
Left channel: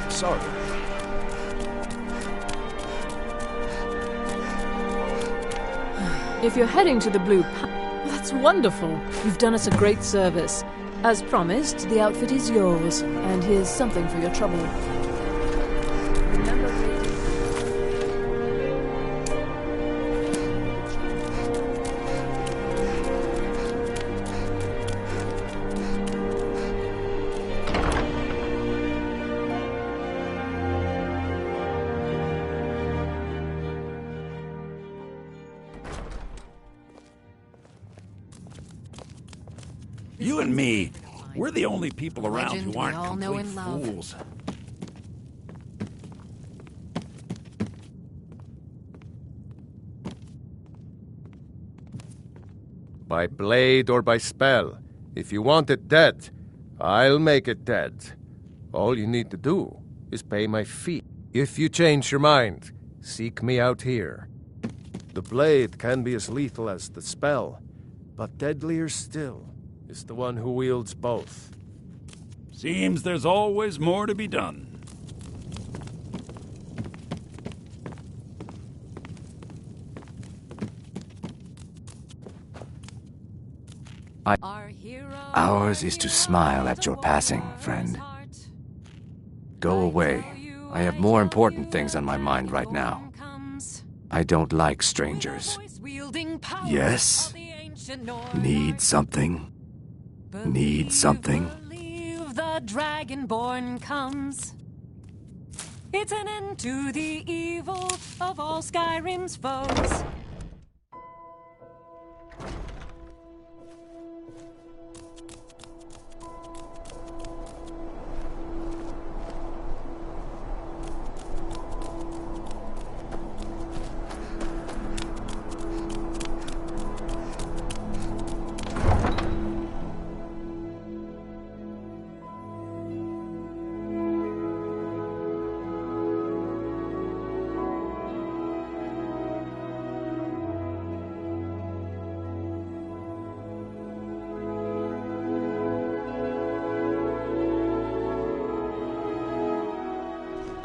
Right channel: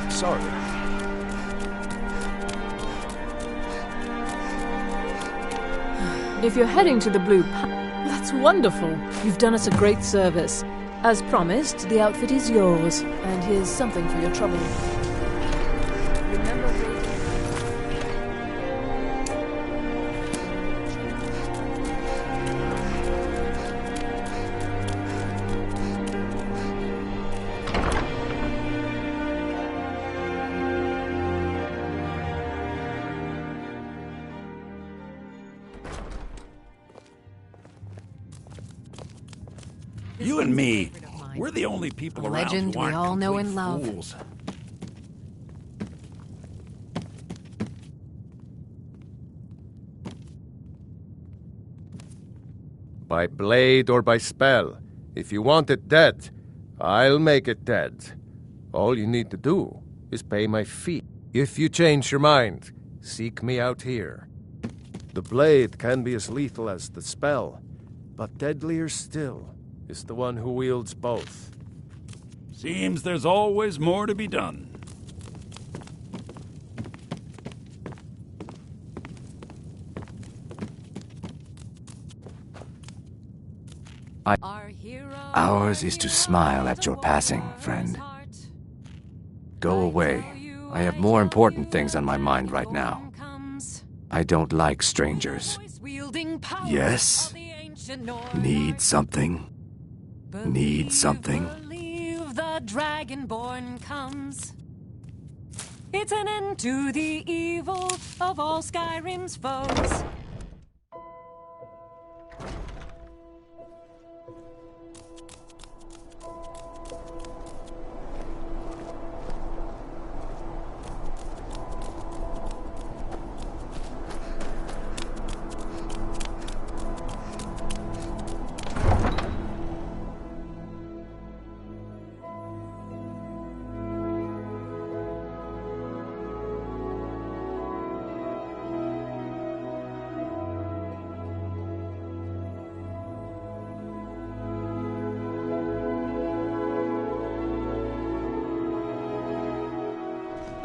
Sorry. If you're heading to the Blue That's wonderful. You've done us a great service. As promised, the outfit is yours. And here's something for your trouble. Remember You and me, we're the only people around Legend who aren't we all know complete and love. fools. By blade or by spell. If you want it dead, I'll make it dead. All you need to do is pay my fee. If you change your mind, seek me out here. The blade can be as lethal as the spell, but deadlier still is the one who wields both. Seems there's always more to be done. Ours is to smile at your passing, friend. Go away. I have more important things on my mind right now. I don't like strangers. Yes? Need something? Need something? The Dragonborn comes. It's an end to the evil of all Skyrim's foes.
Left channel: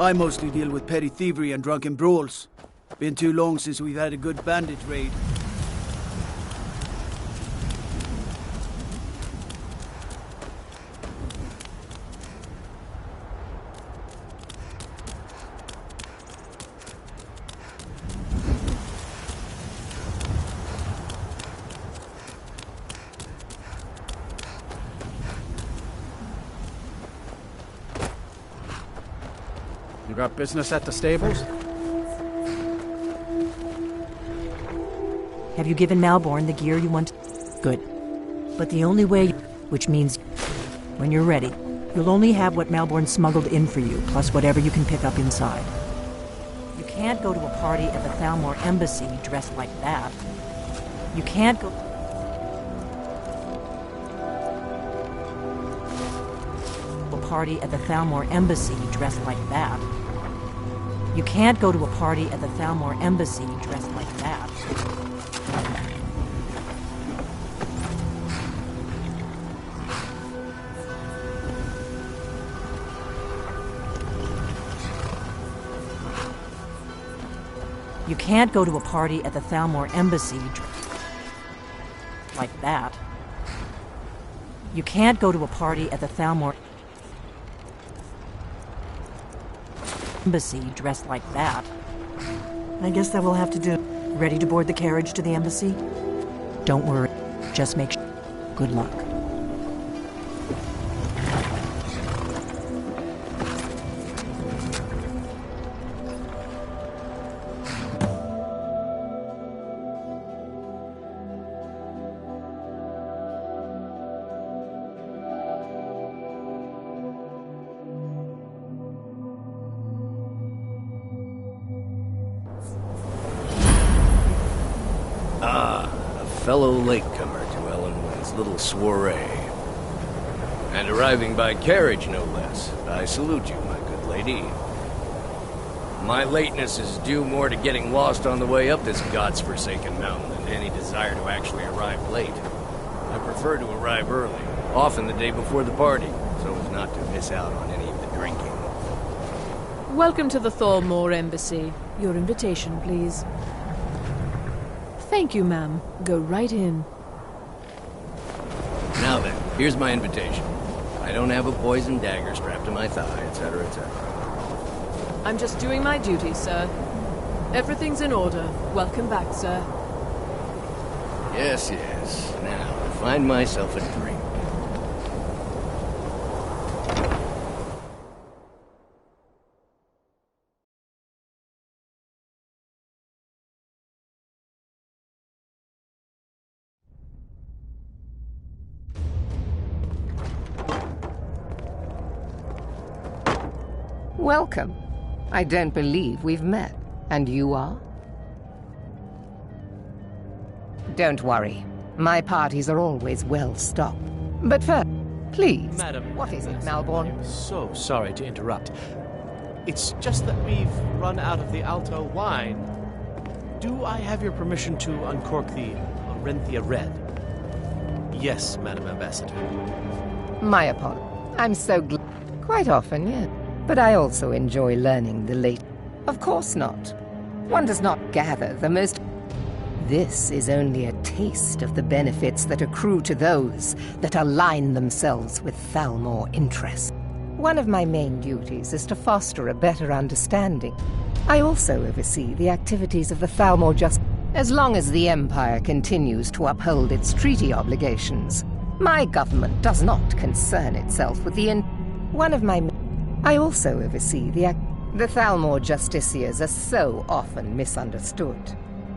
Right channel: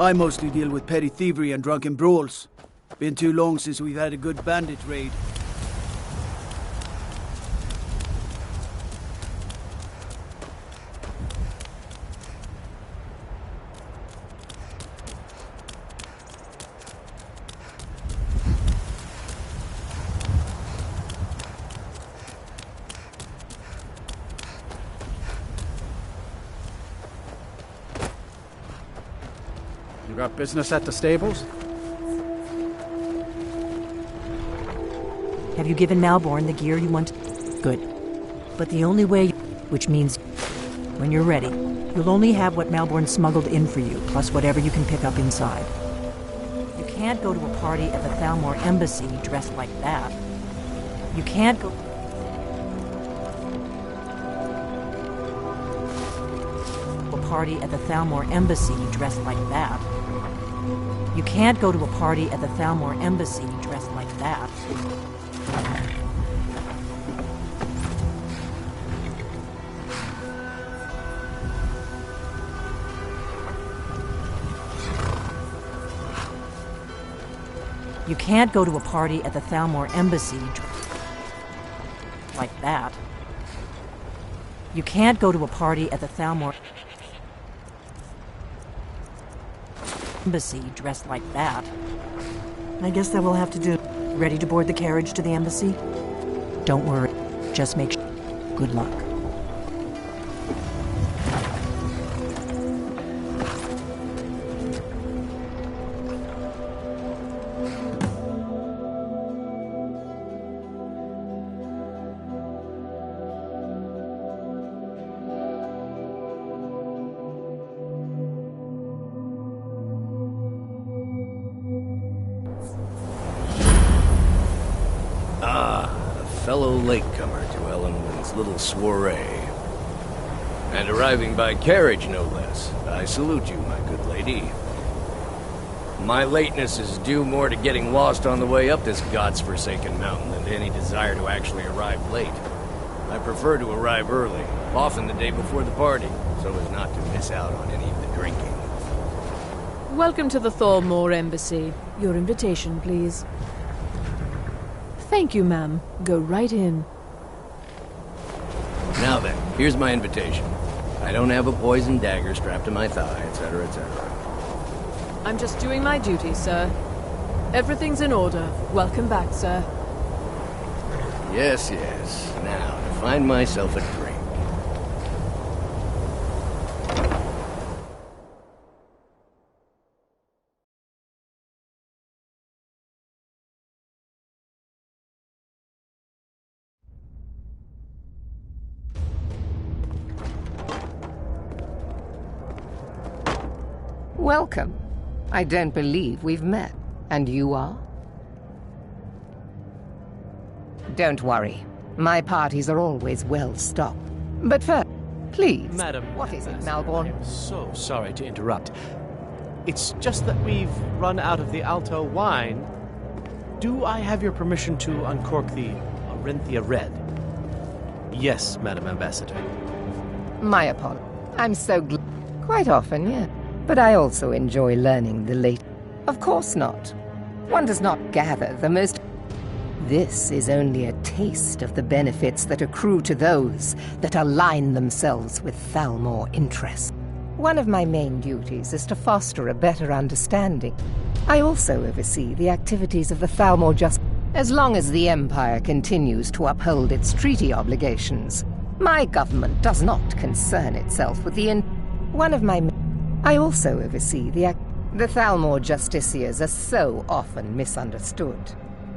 I mostly deal with petty thievery and drunken brawls. Been too long since we've had a good bandit raid. You got business at the stables? Have you given Malborn the gear you want? Good. But the only way, which means when you're ready, you'll only have what Malborn smuggled in for you, plus whatever you can pick up inside. You can't go to a party at the Thalmor Embassy dressed like that. You can't go... a party at the Thalmor Embassy dressed like that. You can't go to a party at the Thalmor Embassy dressed like that. You can't go to a party at the Thalmor Embassy like that. You can't go to a party at the Thalmor Embassy dressed like that. I guess that will have to do. Ready to board the carriage to the embassy? Don't worry. Just make sure. Good luck. Fellow latecomer to Ellenwyn's little soiree. And arriving by carriage, no less. I salute you, my good lady. My lateness is due more to getting lost on the way up this god's-forsaken mountain than to any desire to actually arrive late. I prefer to arrive early, often the day before the party, so as not to miss out on any of the drinking. Welcome to the Thalmor Embassy. Your invitation, please. Thank you, ma'am. Go right in. Now then, here's my invitation. I don't have a poisoned dagger strapped to my thigh, etc., etc. I'm just doing my duty, sir. Everything's in order. Welcome back, sir. Yes, yes. Now, to find myself a drink. Welcome. I don't believe we've met. And you are? Don't worry. My parties are always well stocked. But first, please. Madam, what is it, Malborn? I'm so sorry to interrupt. It's just that we've run out of the Alto wine. Do I have your permission to uncork the Orenthia Red? Yes, Madam Ambassador. My apologies. I'm so glad. Quite often, yes. But I also enjoy learning the late. Of course not. One does not gather the most. This is only a taste of the benefits that accrue to those that align themselves with Thalmor interests. One of my main duties is to foster a better understanding. I also oversee the activities of the Thalmor Justice. As long as the Empire continues to uphold its treaty obligations, my government does not concern itself with the One of my I also oversee the Thalmor Justiciars are so often misunderstood.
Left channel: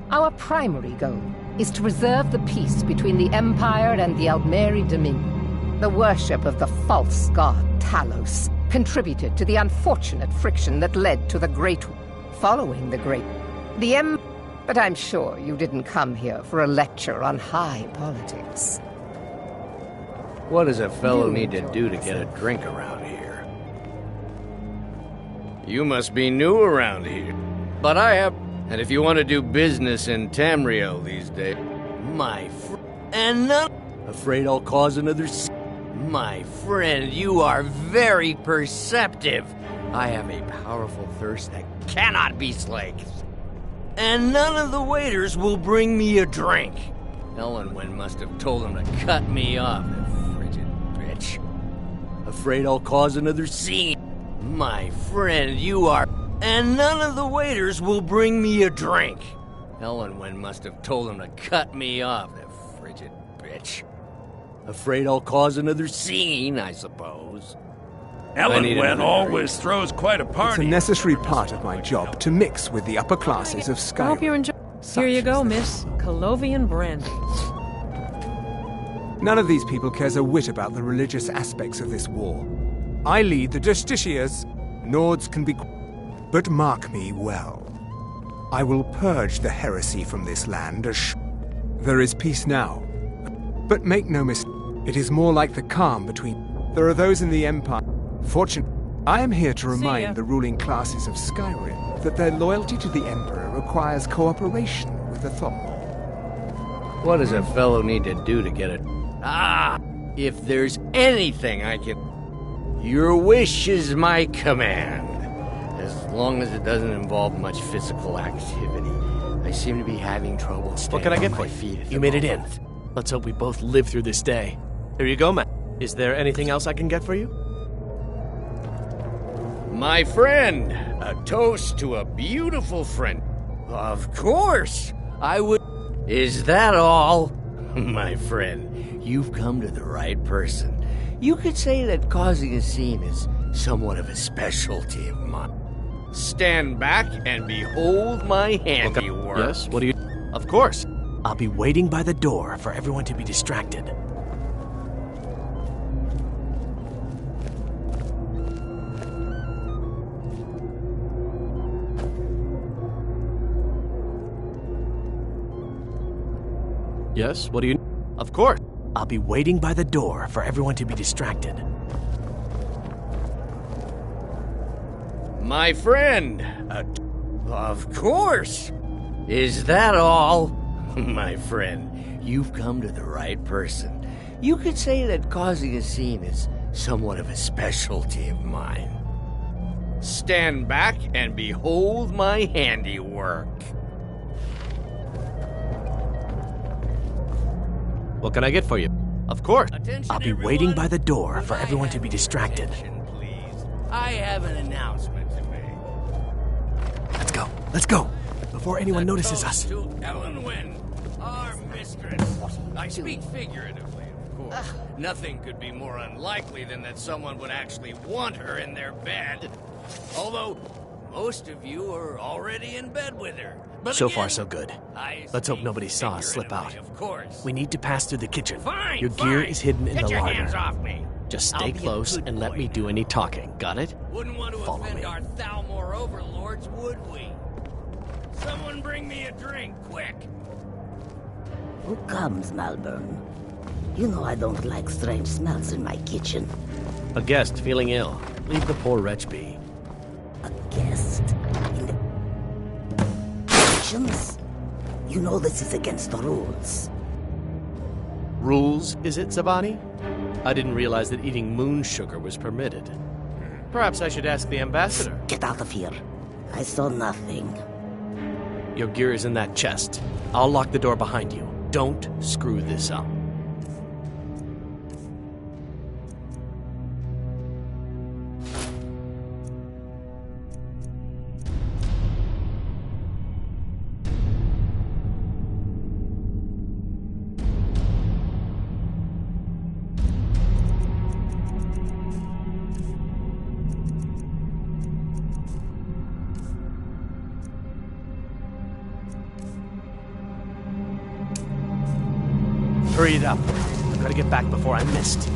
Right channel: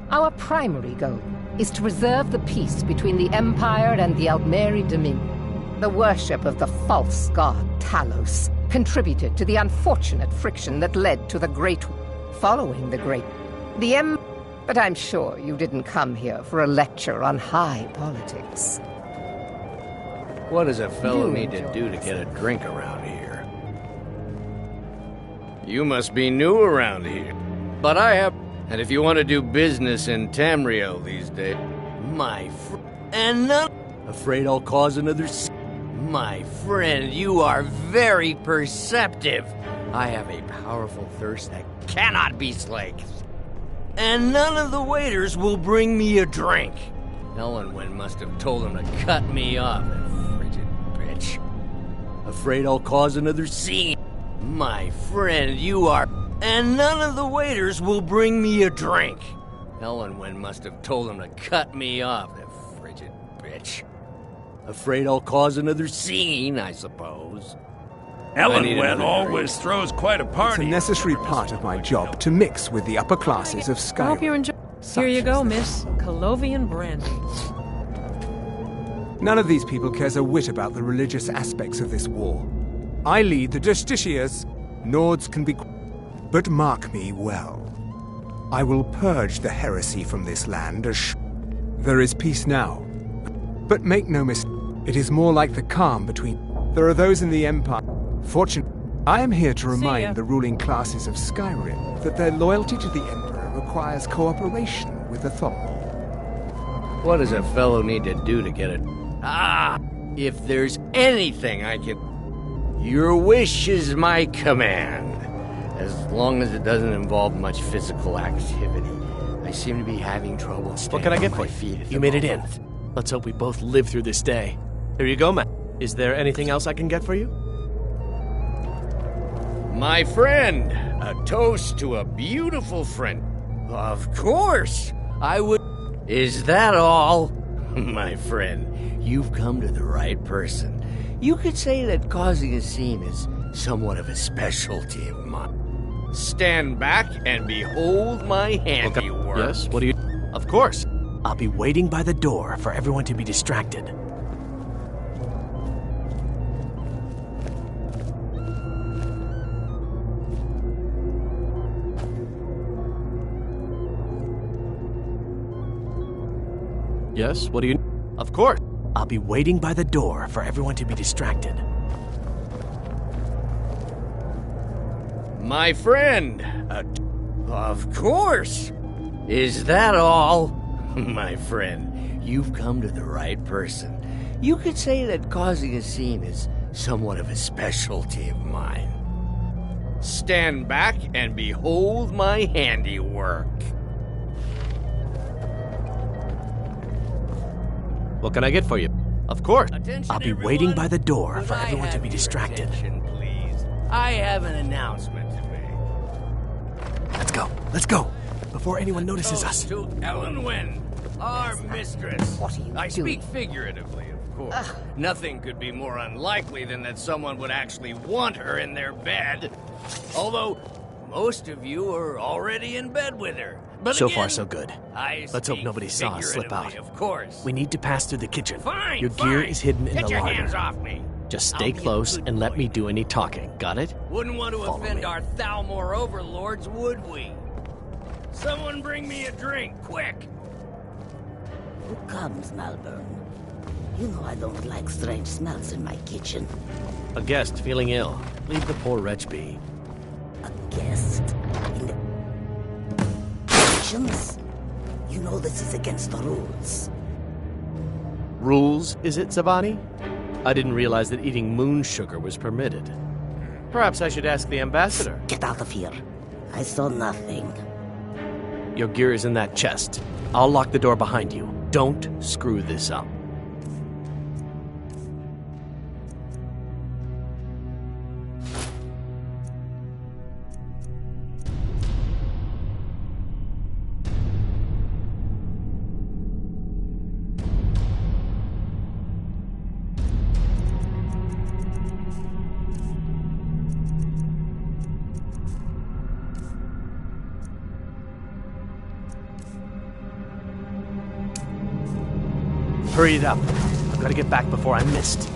Our primary goal is to preserve the peace between the Empire and the Aldmeri Dominion. The worship of the false god Talos contributed to the unfortunate friction that led to the Great... Following the Great... But I'm sure you didn't come here for a lecture on high politics. What does a fellow need to do to get a drink around here? You must be new around here. But I have... And if you want to do business in Tamriel these days... My and none... Afraid I'll cause another... My friend, you are very perceptive. I have a powerful thirst that cannot be slaked. And none of the waiters will bring me a drink. Ellenwyn must have told them to cut me off, that frigid bitch. Afraid I'll cause another scene. My friend, you are... And none of the waiters will bring me a drink. Ellenwyn must have told them to cut me off, that frigid bitch. Afraid I'll cause another scene, I suppose. Ellen always throws quite a It's party. a necessary part of my job to mix with the upper classes of I hope you Skyrim. enjoy. Here you go, Miss Colovian brandy. None of these people cares a whit about the religious aspects of this war. I lead the Justiciars. Nords can be... But mark me well. I will purge the heresy from this land as... There is peace now. But make no mistake, it is more like the calm between... There are those in the Empire. Fortunately, I am here to remind the ruling classes of Skyrim that their loyalty to the Emperor requires cooperation with the Thorn. What does a fellow need to do to get it? Ah! If there's anything I can... Your wish is my command. As long as it doesn't involve much physical activity. I seem to be having trouble staying What can I get on for my you? feet at You the made it in. moment. Let's hope we both live through this day. Here you go, man. Is there anything else I can get for you? My friend, a toast to a beautiful friend. Of course, I would... Is that all? My friend, you've come to the right person. You could say that causing a scene is somewhat of a specialty of mine. Stand back and behold my handiwork. Yes, what do you... Of course. I'll be waiting by the door for everyone to be distracted. Yes, what do you... Of course. I'll be waiting by the door for everyone to be distracted. My friend, of course. Is that all? My friend, you've come to the right person. You could say that causing a scene is somewhat of a specialty of mine. Stand back and behold my handiwork. What can I get for you? Of course. Attention, I'll be everyone. waiting by the door Could for I everyone to have be your distracted. attention, please? I have an announcement to make. Let's go. Let's go. Before anyone notices us. To Ellenwyn, our mistress. What are you I doing? speak figuratively, of course. Nothing could be more unlikely than that someone would actually want her in their bed. Although, most of you are already in bed with her. But So again, far, so good. Let's hope nobody saw us slip out. Of course. We need to pass through the kitchen. Fine, Your gear fine. is hidden in Get the your larder. hands off me. Just I'll stay be a close good and let boy. me do any talking. Got it? Wouldn't want to Follow offend me. our Thalmor overlords, would we? Someone bring me a drink, quick! Who comes, Malburn? You know I don't like strange smells in my kitchen. A guest feeling ill. Leave the poor wretch be. A guest? In the kitchens? You know this is against the rules. Rules, is it, Zavani? I didn't realize that eating moon sugar was permitted. Perhaps I should ask the ambassador. Get out of here. I saw nothing. Your gear is in that chest. I'll lock the door behind you. Don't screw this up. Hurry it up. I've got to get back before I'm missed.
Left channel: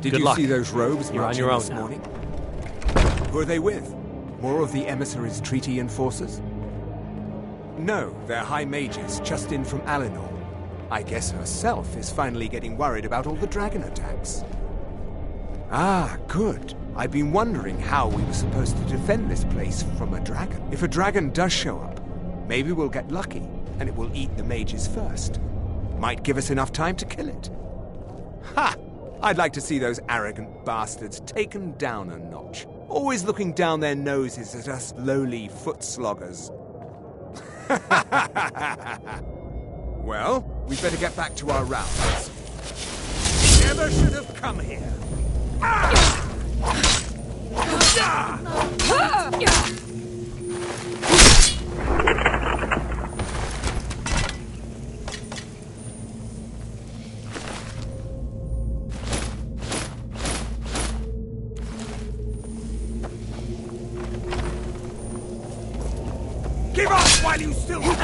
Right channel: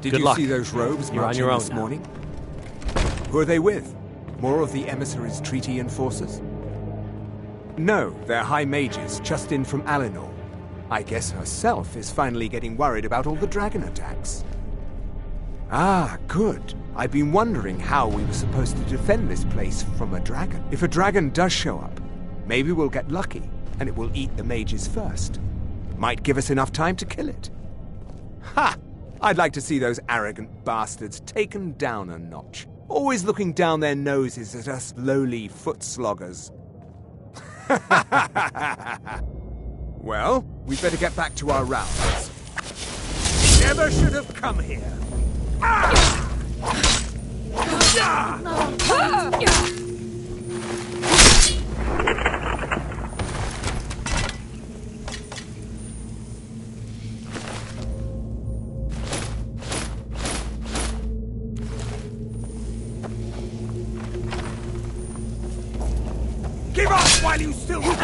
Did Good you luck. see those robes You're on marching your own this now. morning? Who are they with? More of the emissaries' treaty enforcers? No, they're high mages just in from Alinor. I guess herself is finally getting worried about all the dragon attacks. Ah, good. I've been wondering how we were supposed to defend this place from a dragon. If a dragon does show up, maybe we'll get lucky and it will eat the mages first. Might give us enough time to kill it. Ha! I'd like to see those arrogant bastards taken down a notch. Always looking down their noses at us lowly foot sloggers. Well, we better get back to our rounds. Never should have come here. Give up while you still can!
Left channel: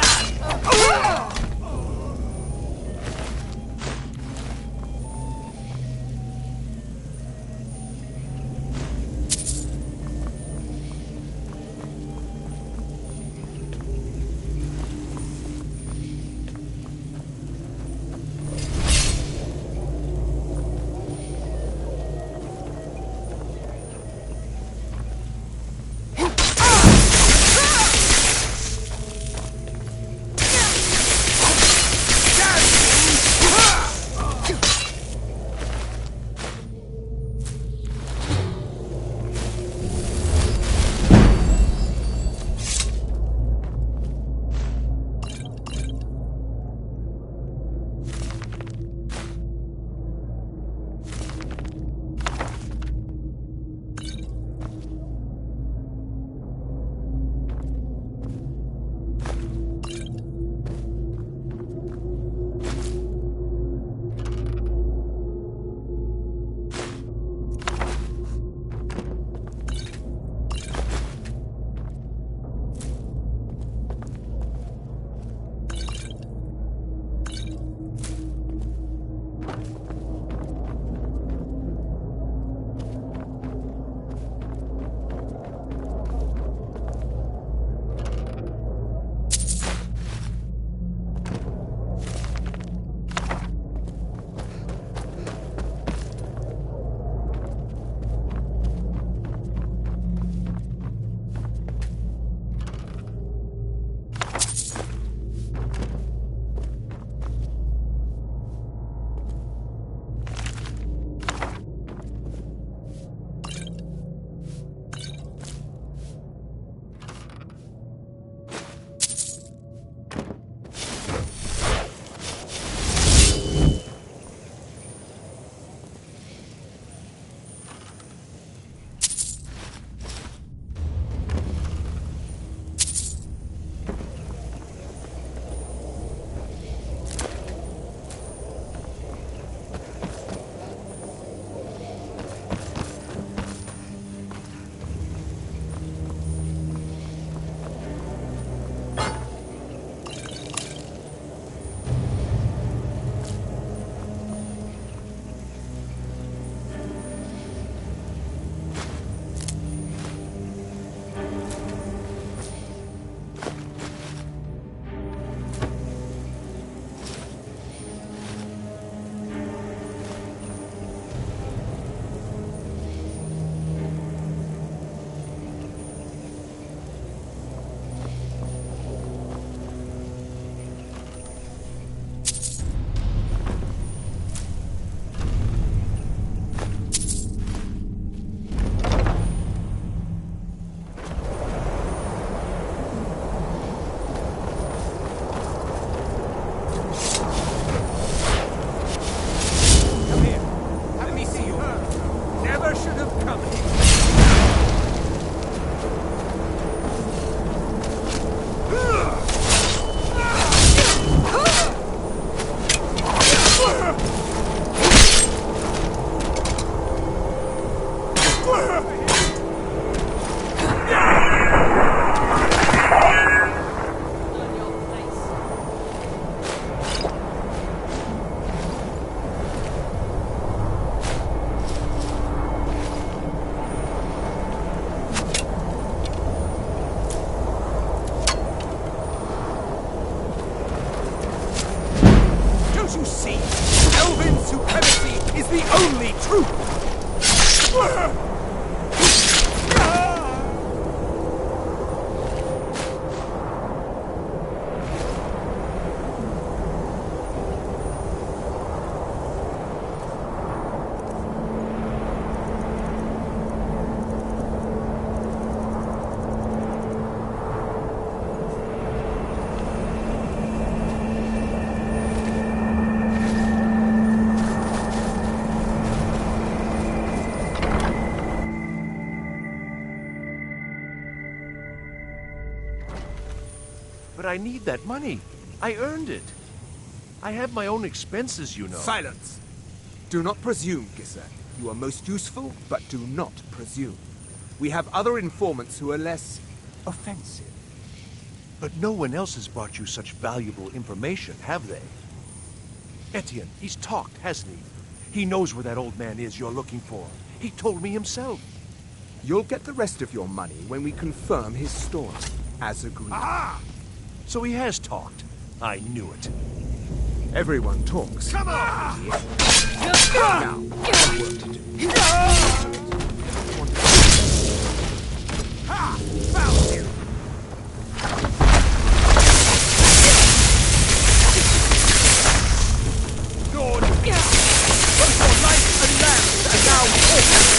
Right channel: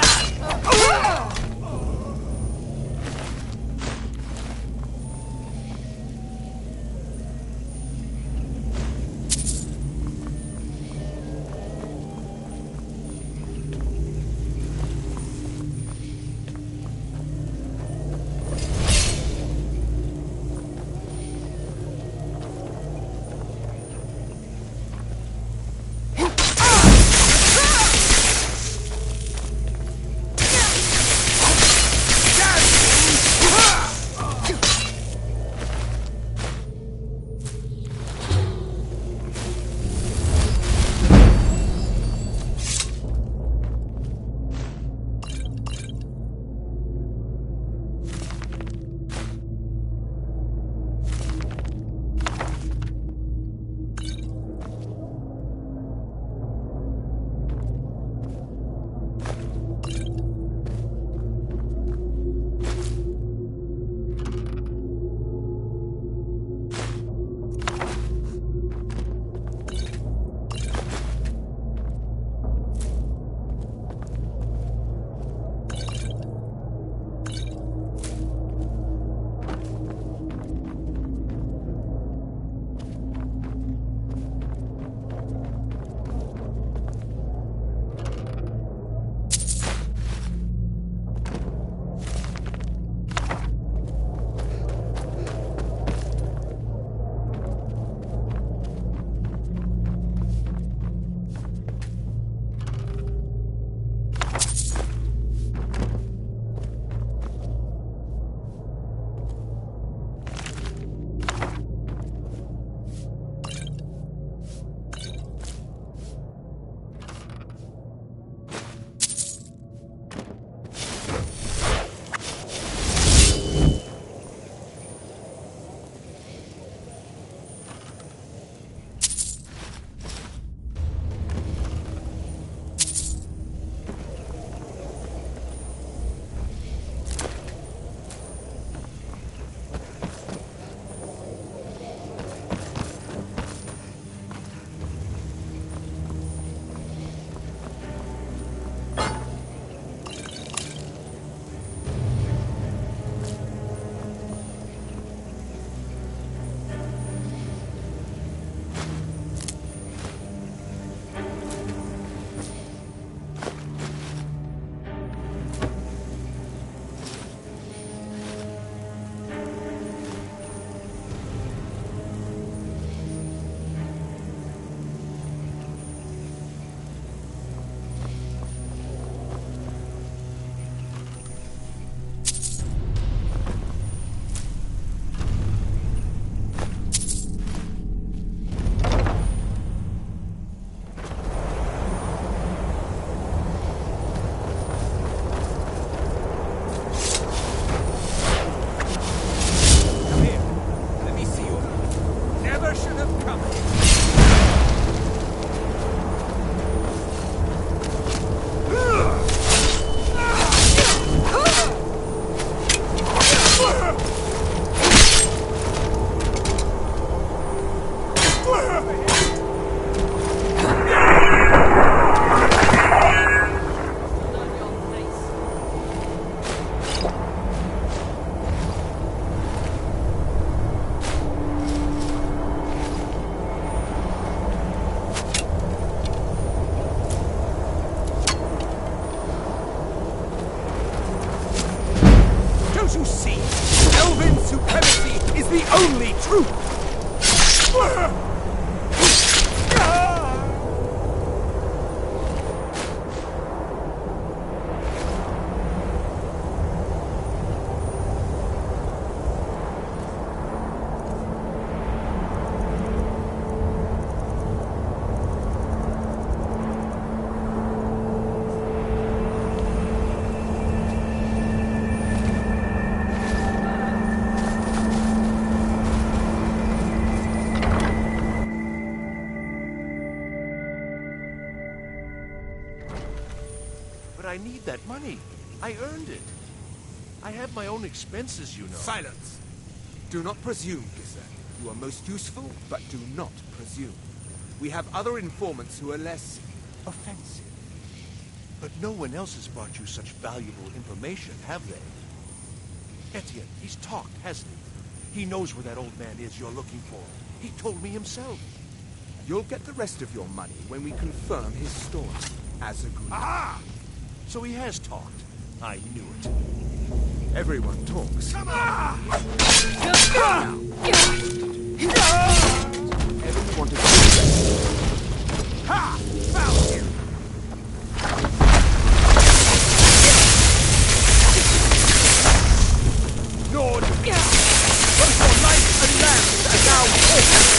Don't you see? Elven supremacy is the only truth! I need that money. I earned it. I have my own expenses, you know. Silence! Do not presume, Gisser. You are most useful, but do not presume. We have other informants who are less offensive. But no one else has brought you such valuable information, have they? Etienne, he's talked, hasn't he? He knows where that old man is you're looking for. He told me himself. You'll get the rest of your money when we confirm his story, as agreed. Ah! So he has talked. I knew it. Everyone talks. Come on! Now, everyone to Ha! Found you! Lord, both your life and land are now open.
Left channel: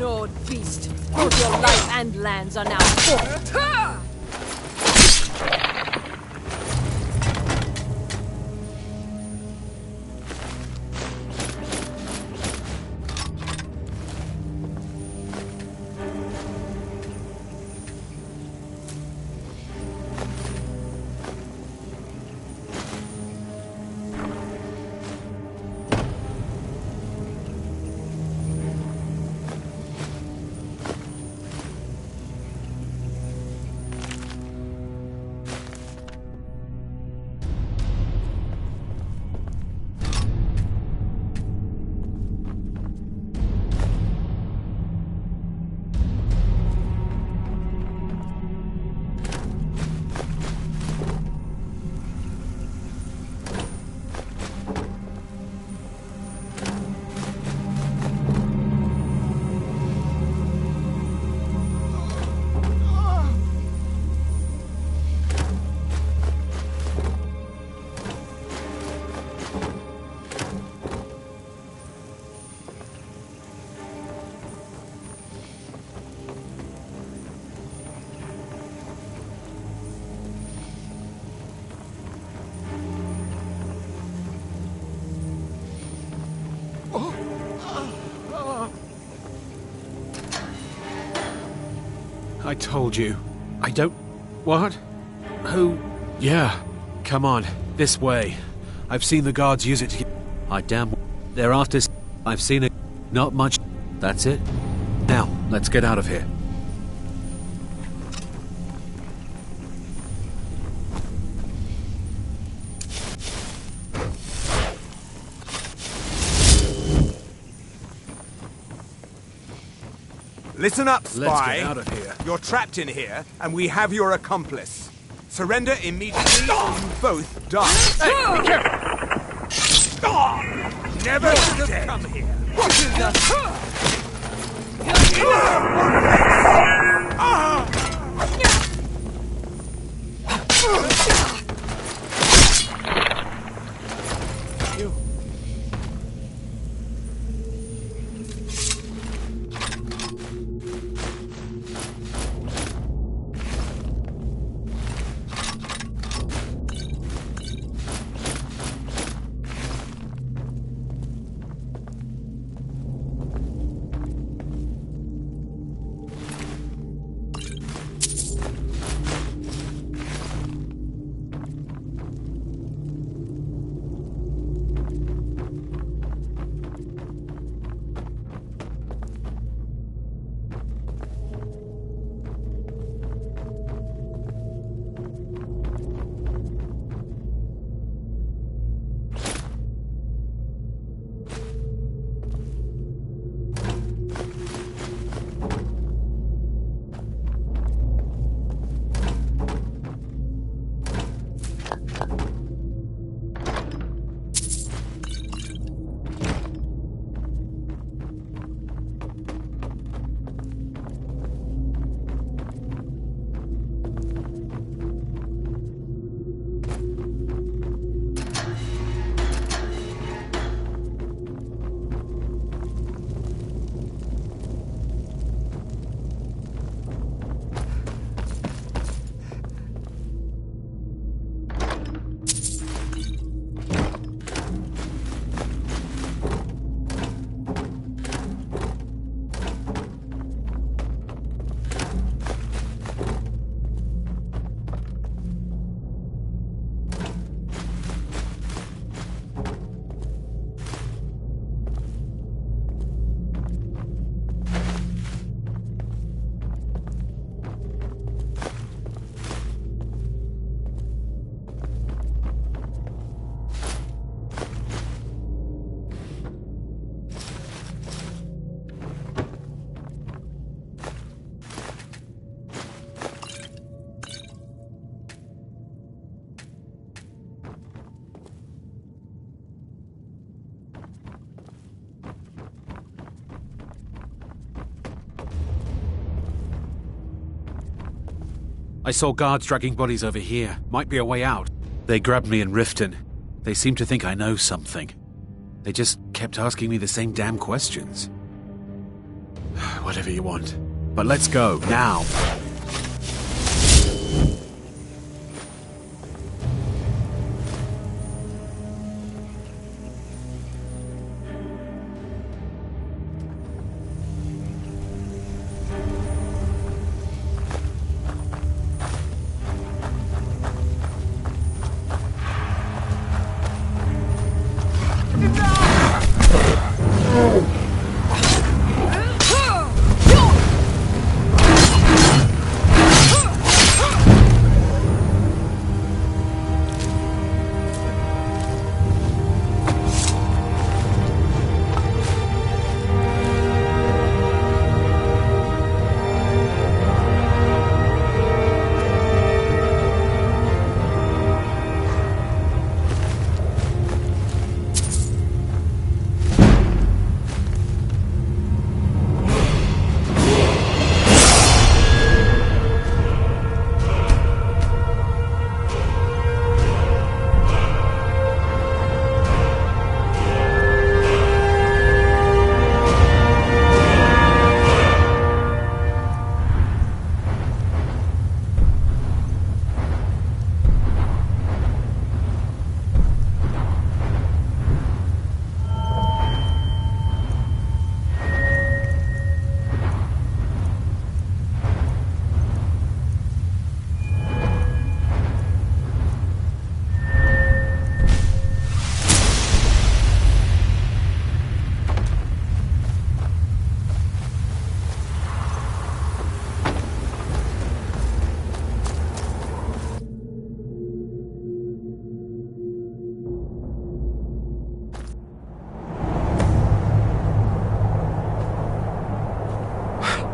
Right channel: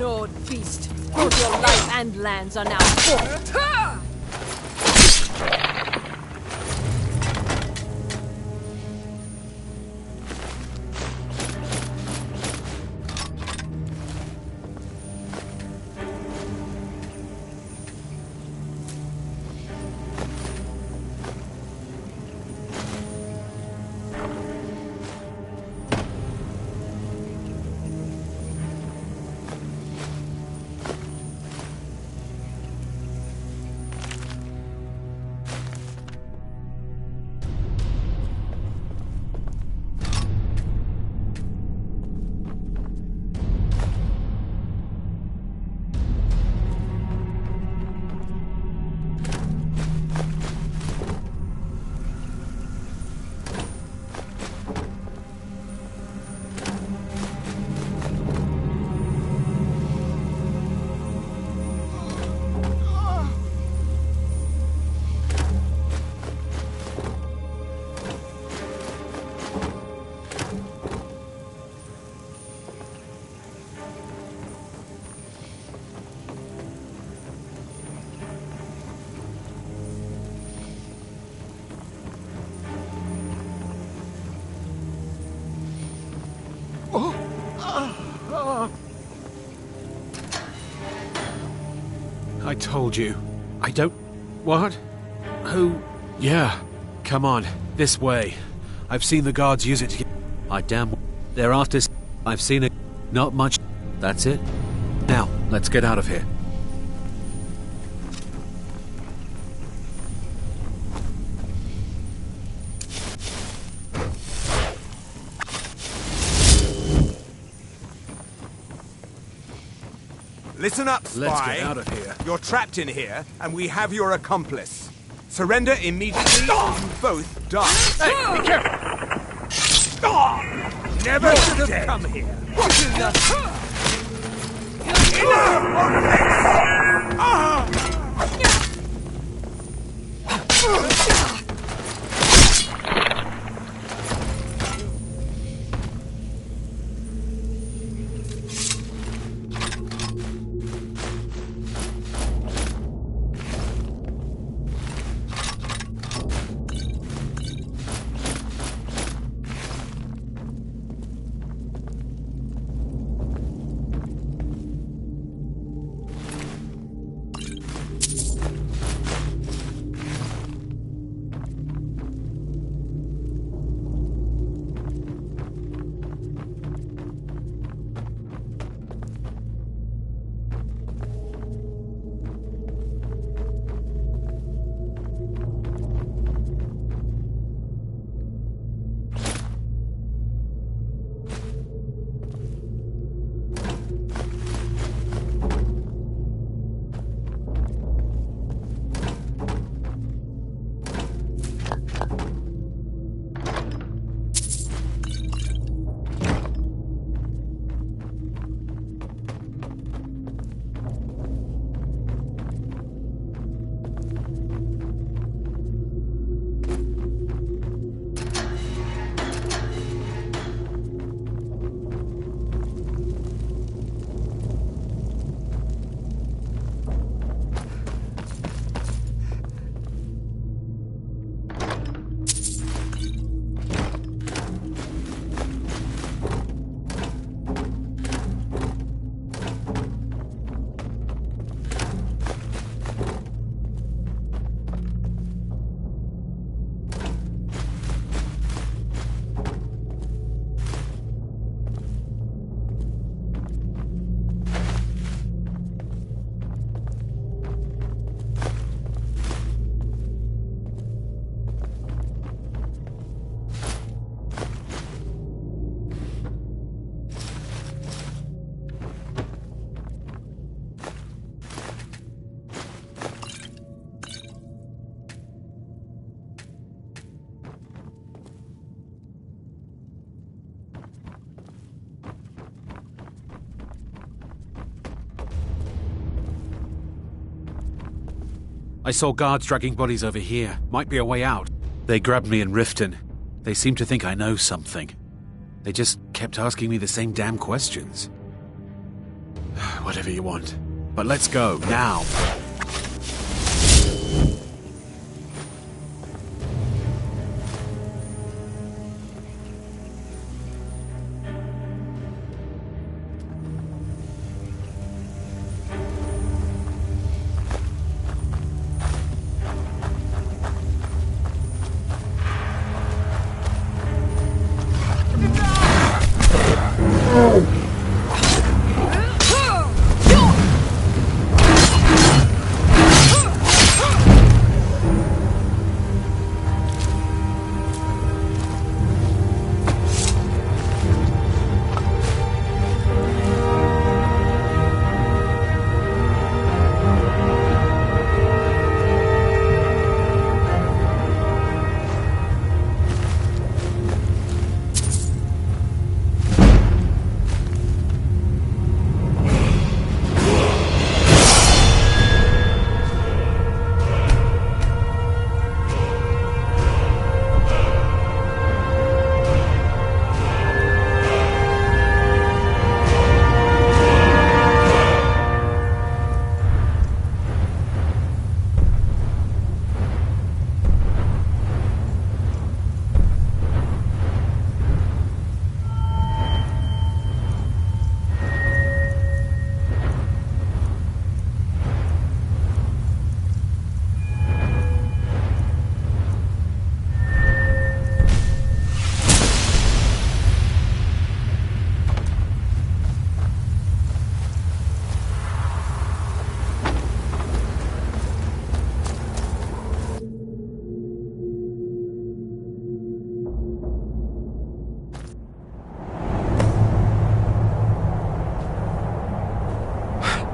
snowed beast! Both your life and lands are now forfeit! I told you. I don't... What? Who? Yeah. Come on. This way. I've seen the guards use it to get... I damn... They're after... I've seen it. Not much... That's it. Now, let's get out of here. Listen up, spy. Let's get out of here. You're trapped in here, and we have your accomplice. Surrender immediately, or you both die. Hey, be careful! Never should have come here. What in the... I saw guards dragging bodies over here. Might be a way out. They grabbed me in Riften. They seem to think I know something. They just kept asking me the same damn questions. Whatever you want. But let's go, now.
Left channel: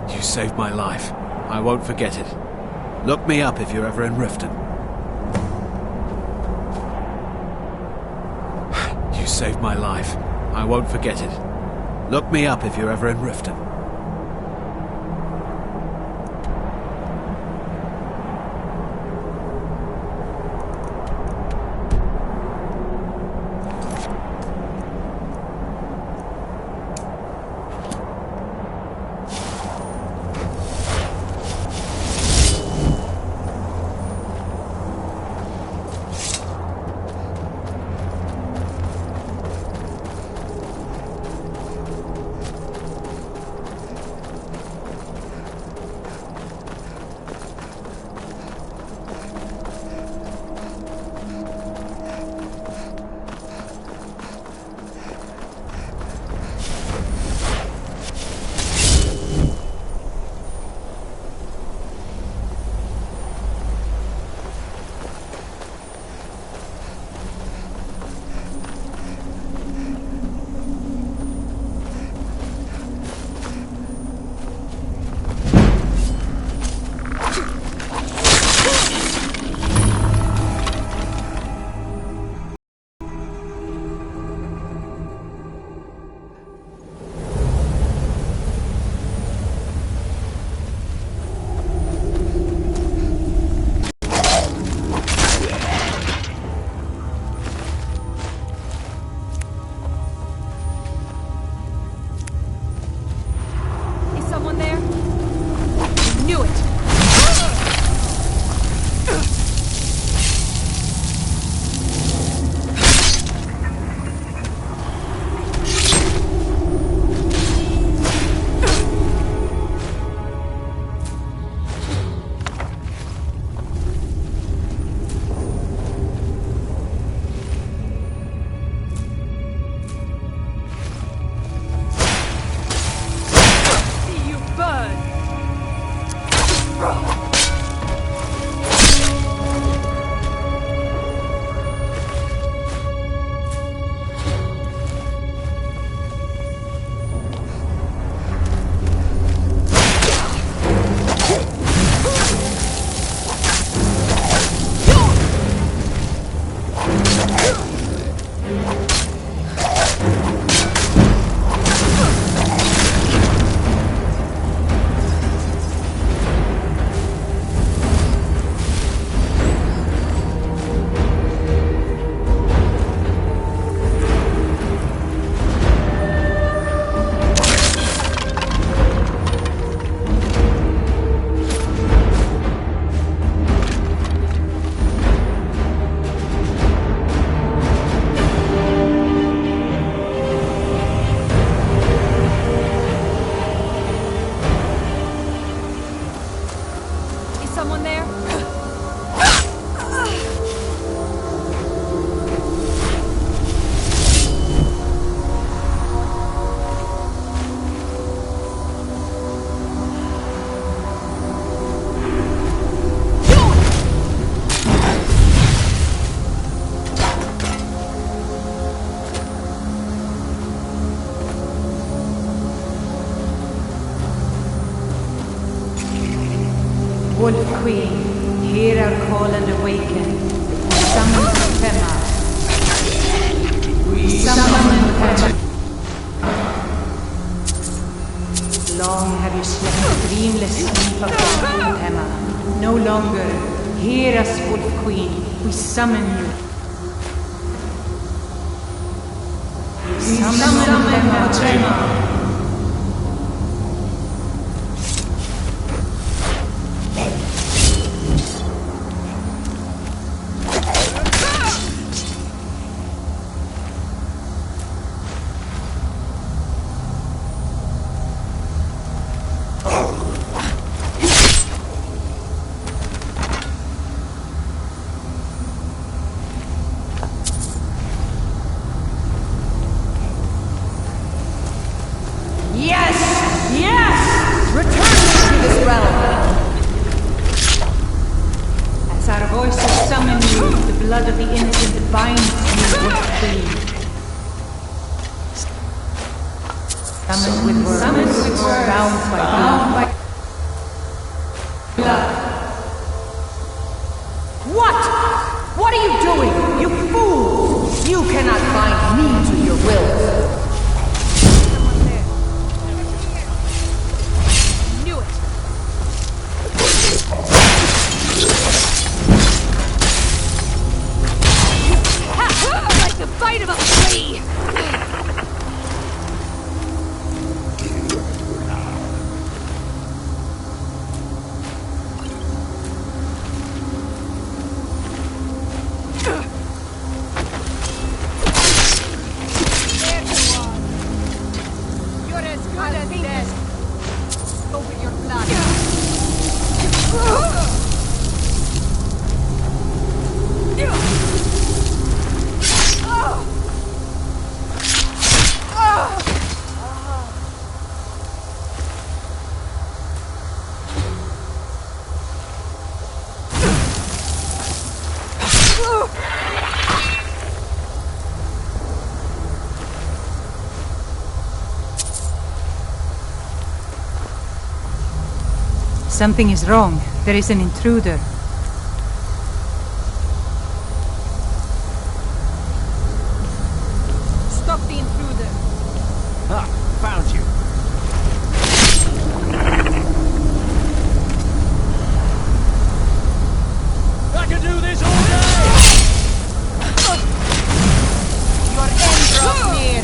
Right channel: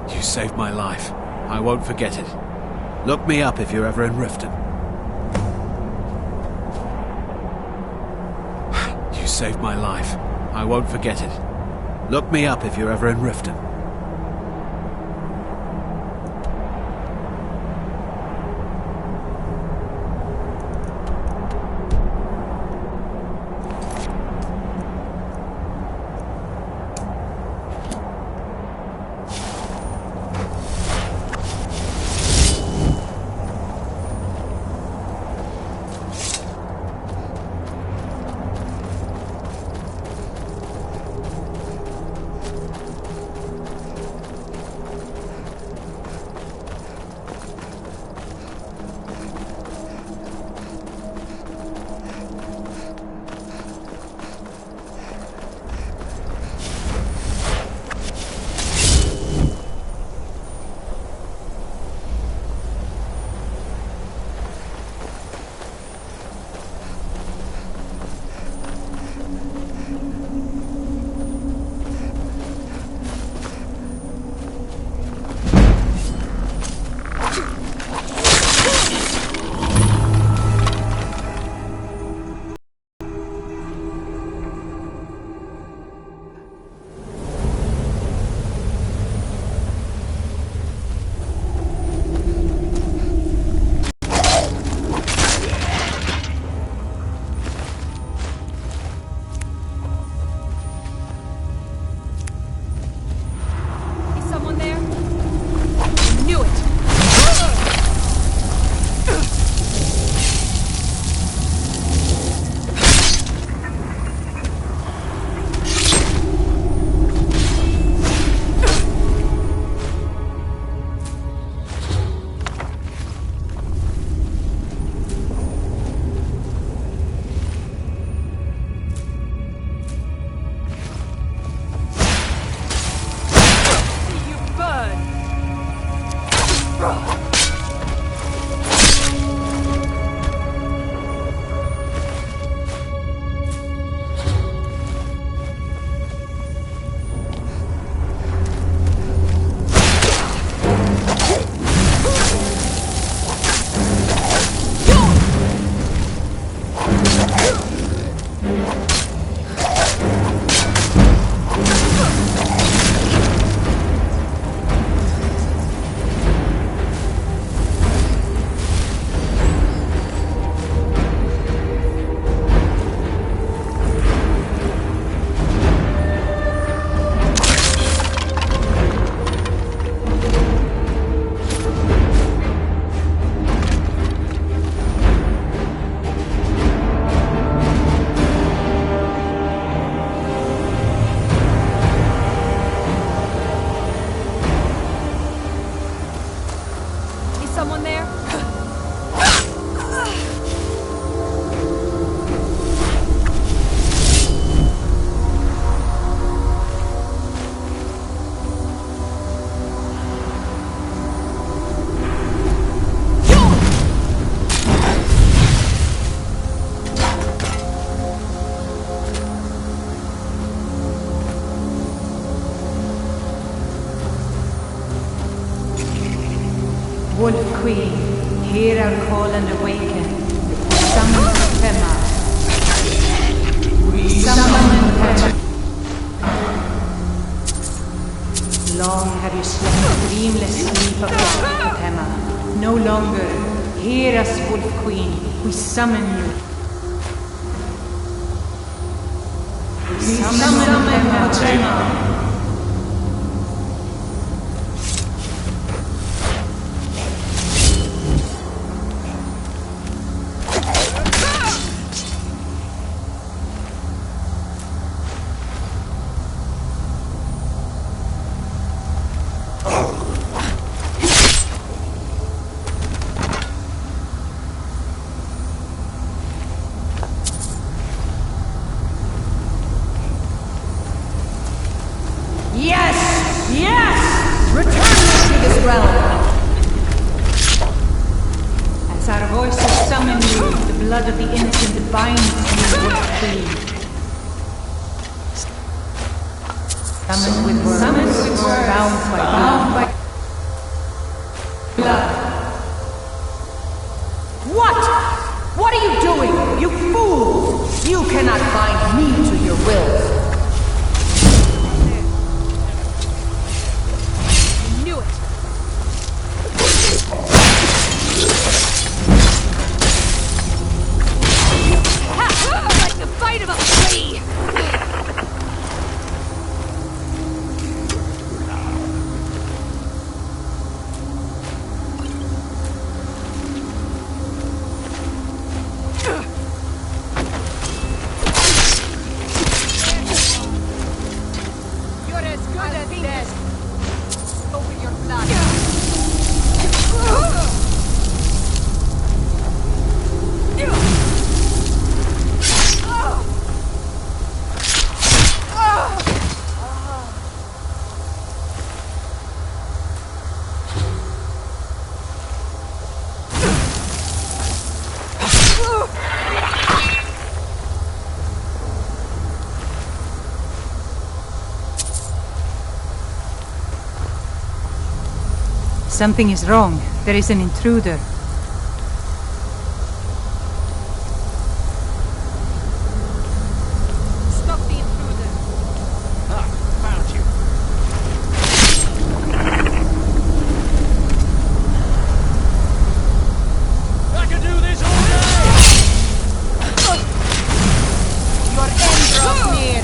You saved my life. I won't forget it. Look me up if you're ever in Riften. You saved my life. I won't forget it. Look me up if you're ever in Riften. Wolf Queen, hear our call and awaken. We summon Fema. We summon Fema. Long have you slept the dreamless sleep of death, Fema. No longer. Hear us, Wolf Queen. We summon you. We summon Fema. Yes! Yes! Return me to this realm! As our voices summon you, the blood of the innocent binds you, Wolf Queen. Summoned with words, bound by blood. What? What are you doing? You fools! You cannot bind me to your wills. Like the bite of a flea! You're as good as dead. Over your blood. Something is wrong. There is an intruder. Stop the intruder. Ah, found you. I could do this all day! Your end draws near.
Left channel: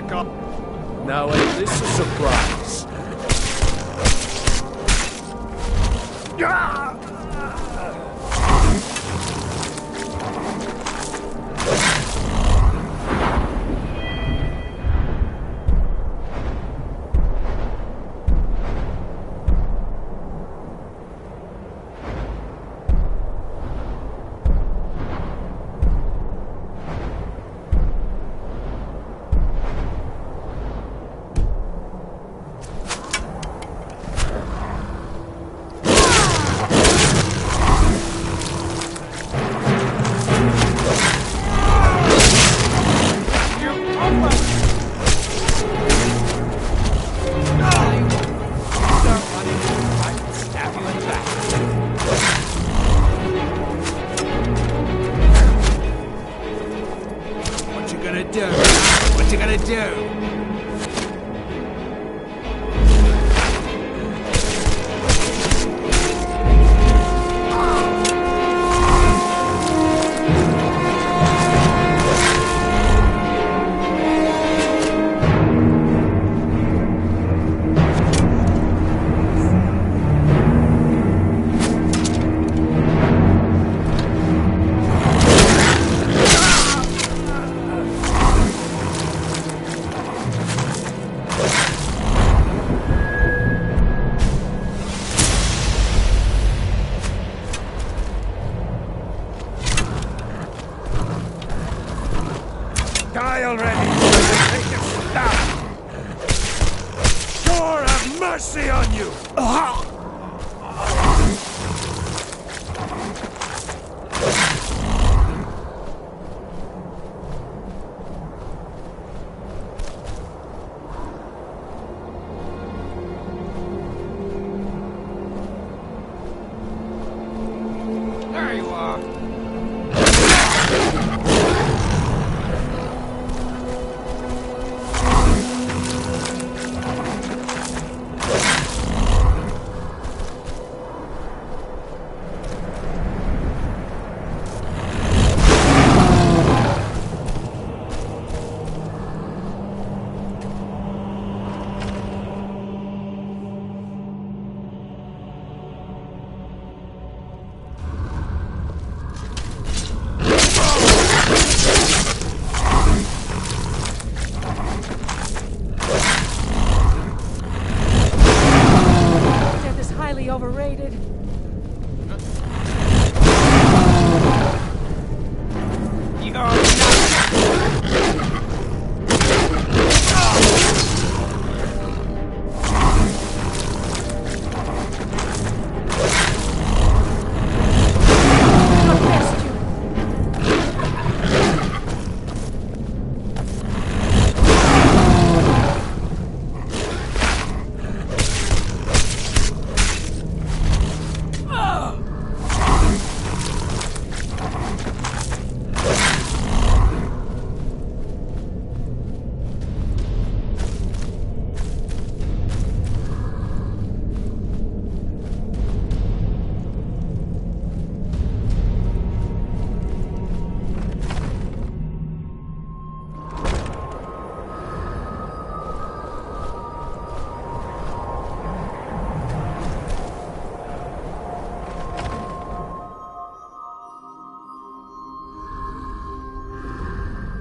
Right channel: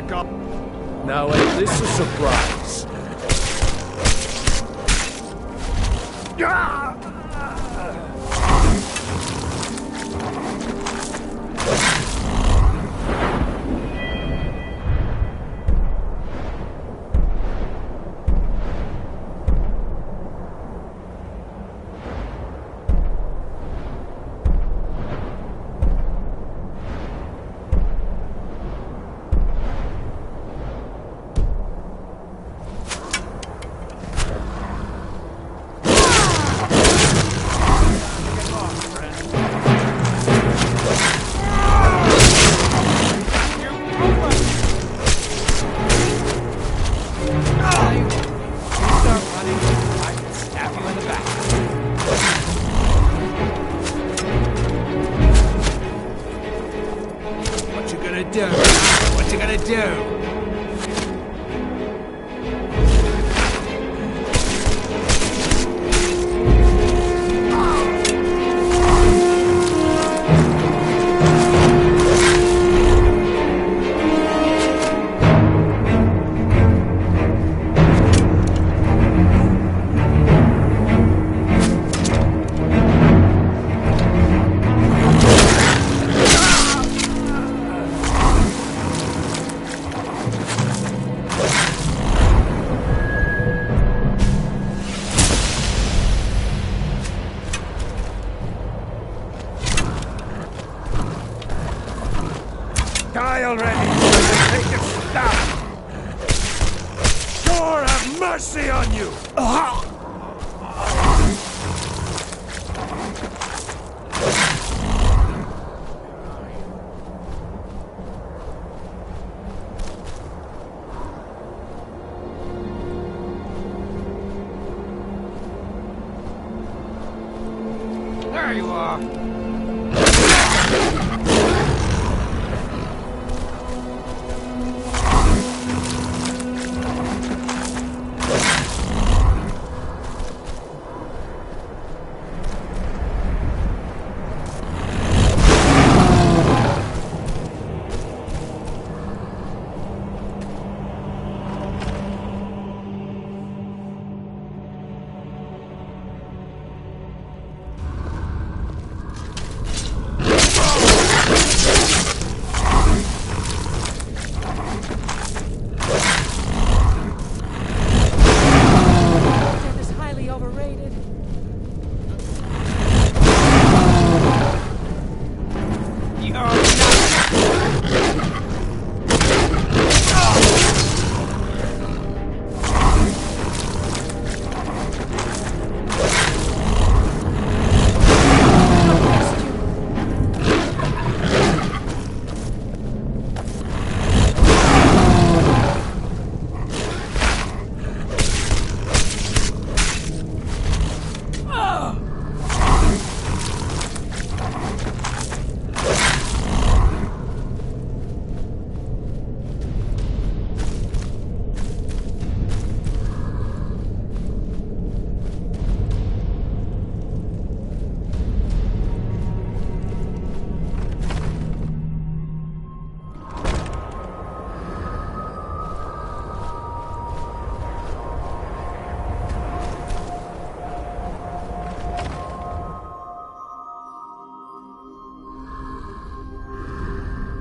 back up. Now, ain't this a surprise? What you gonna do? Die already! Make it stop! Thor have mercy on you! There you are. Overrated.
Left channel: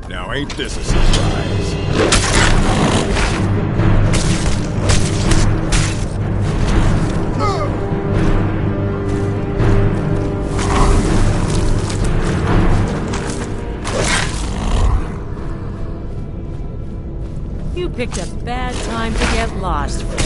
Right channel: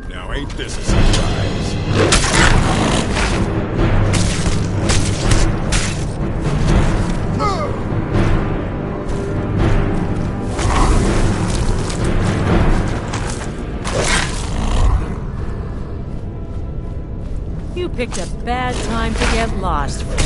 Now ain't this a surprise? You picked a bad time to get lost, friend.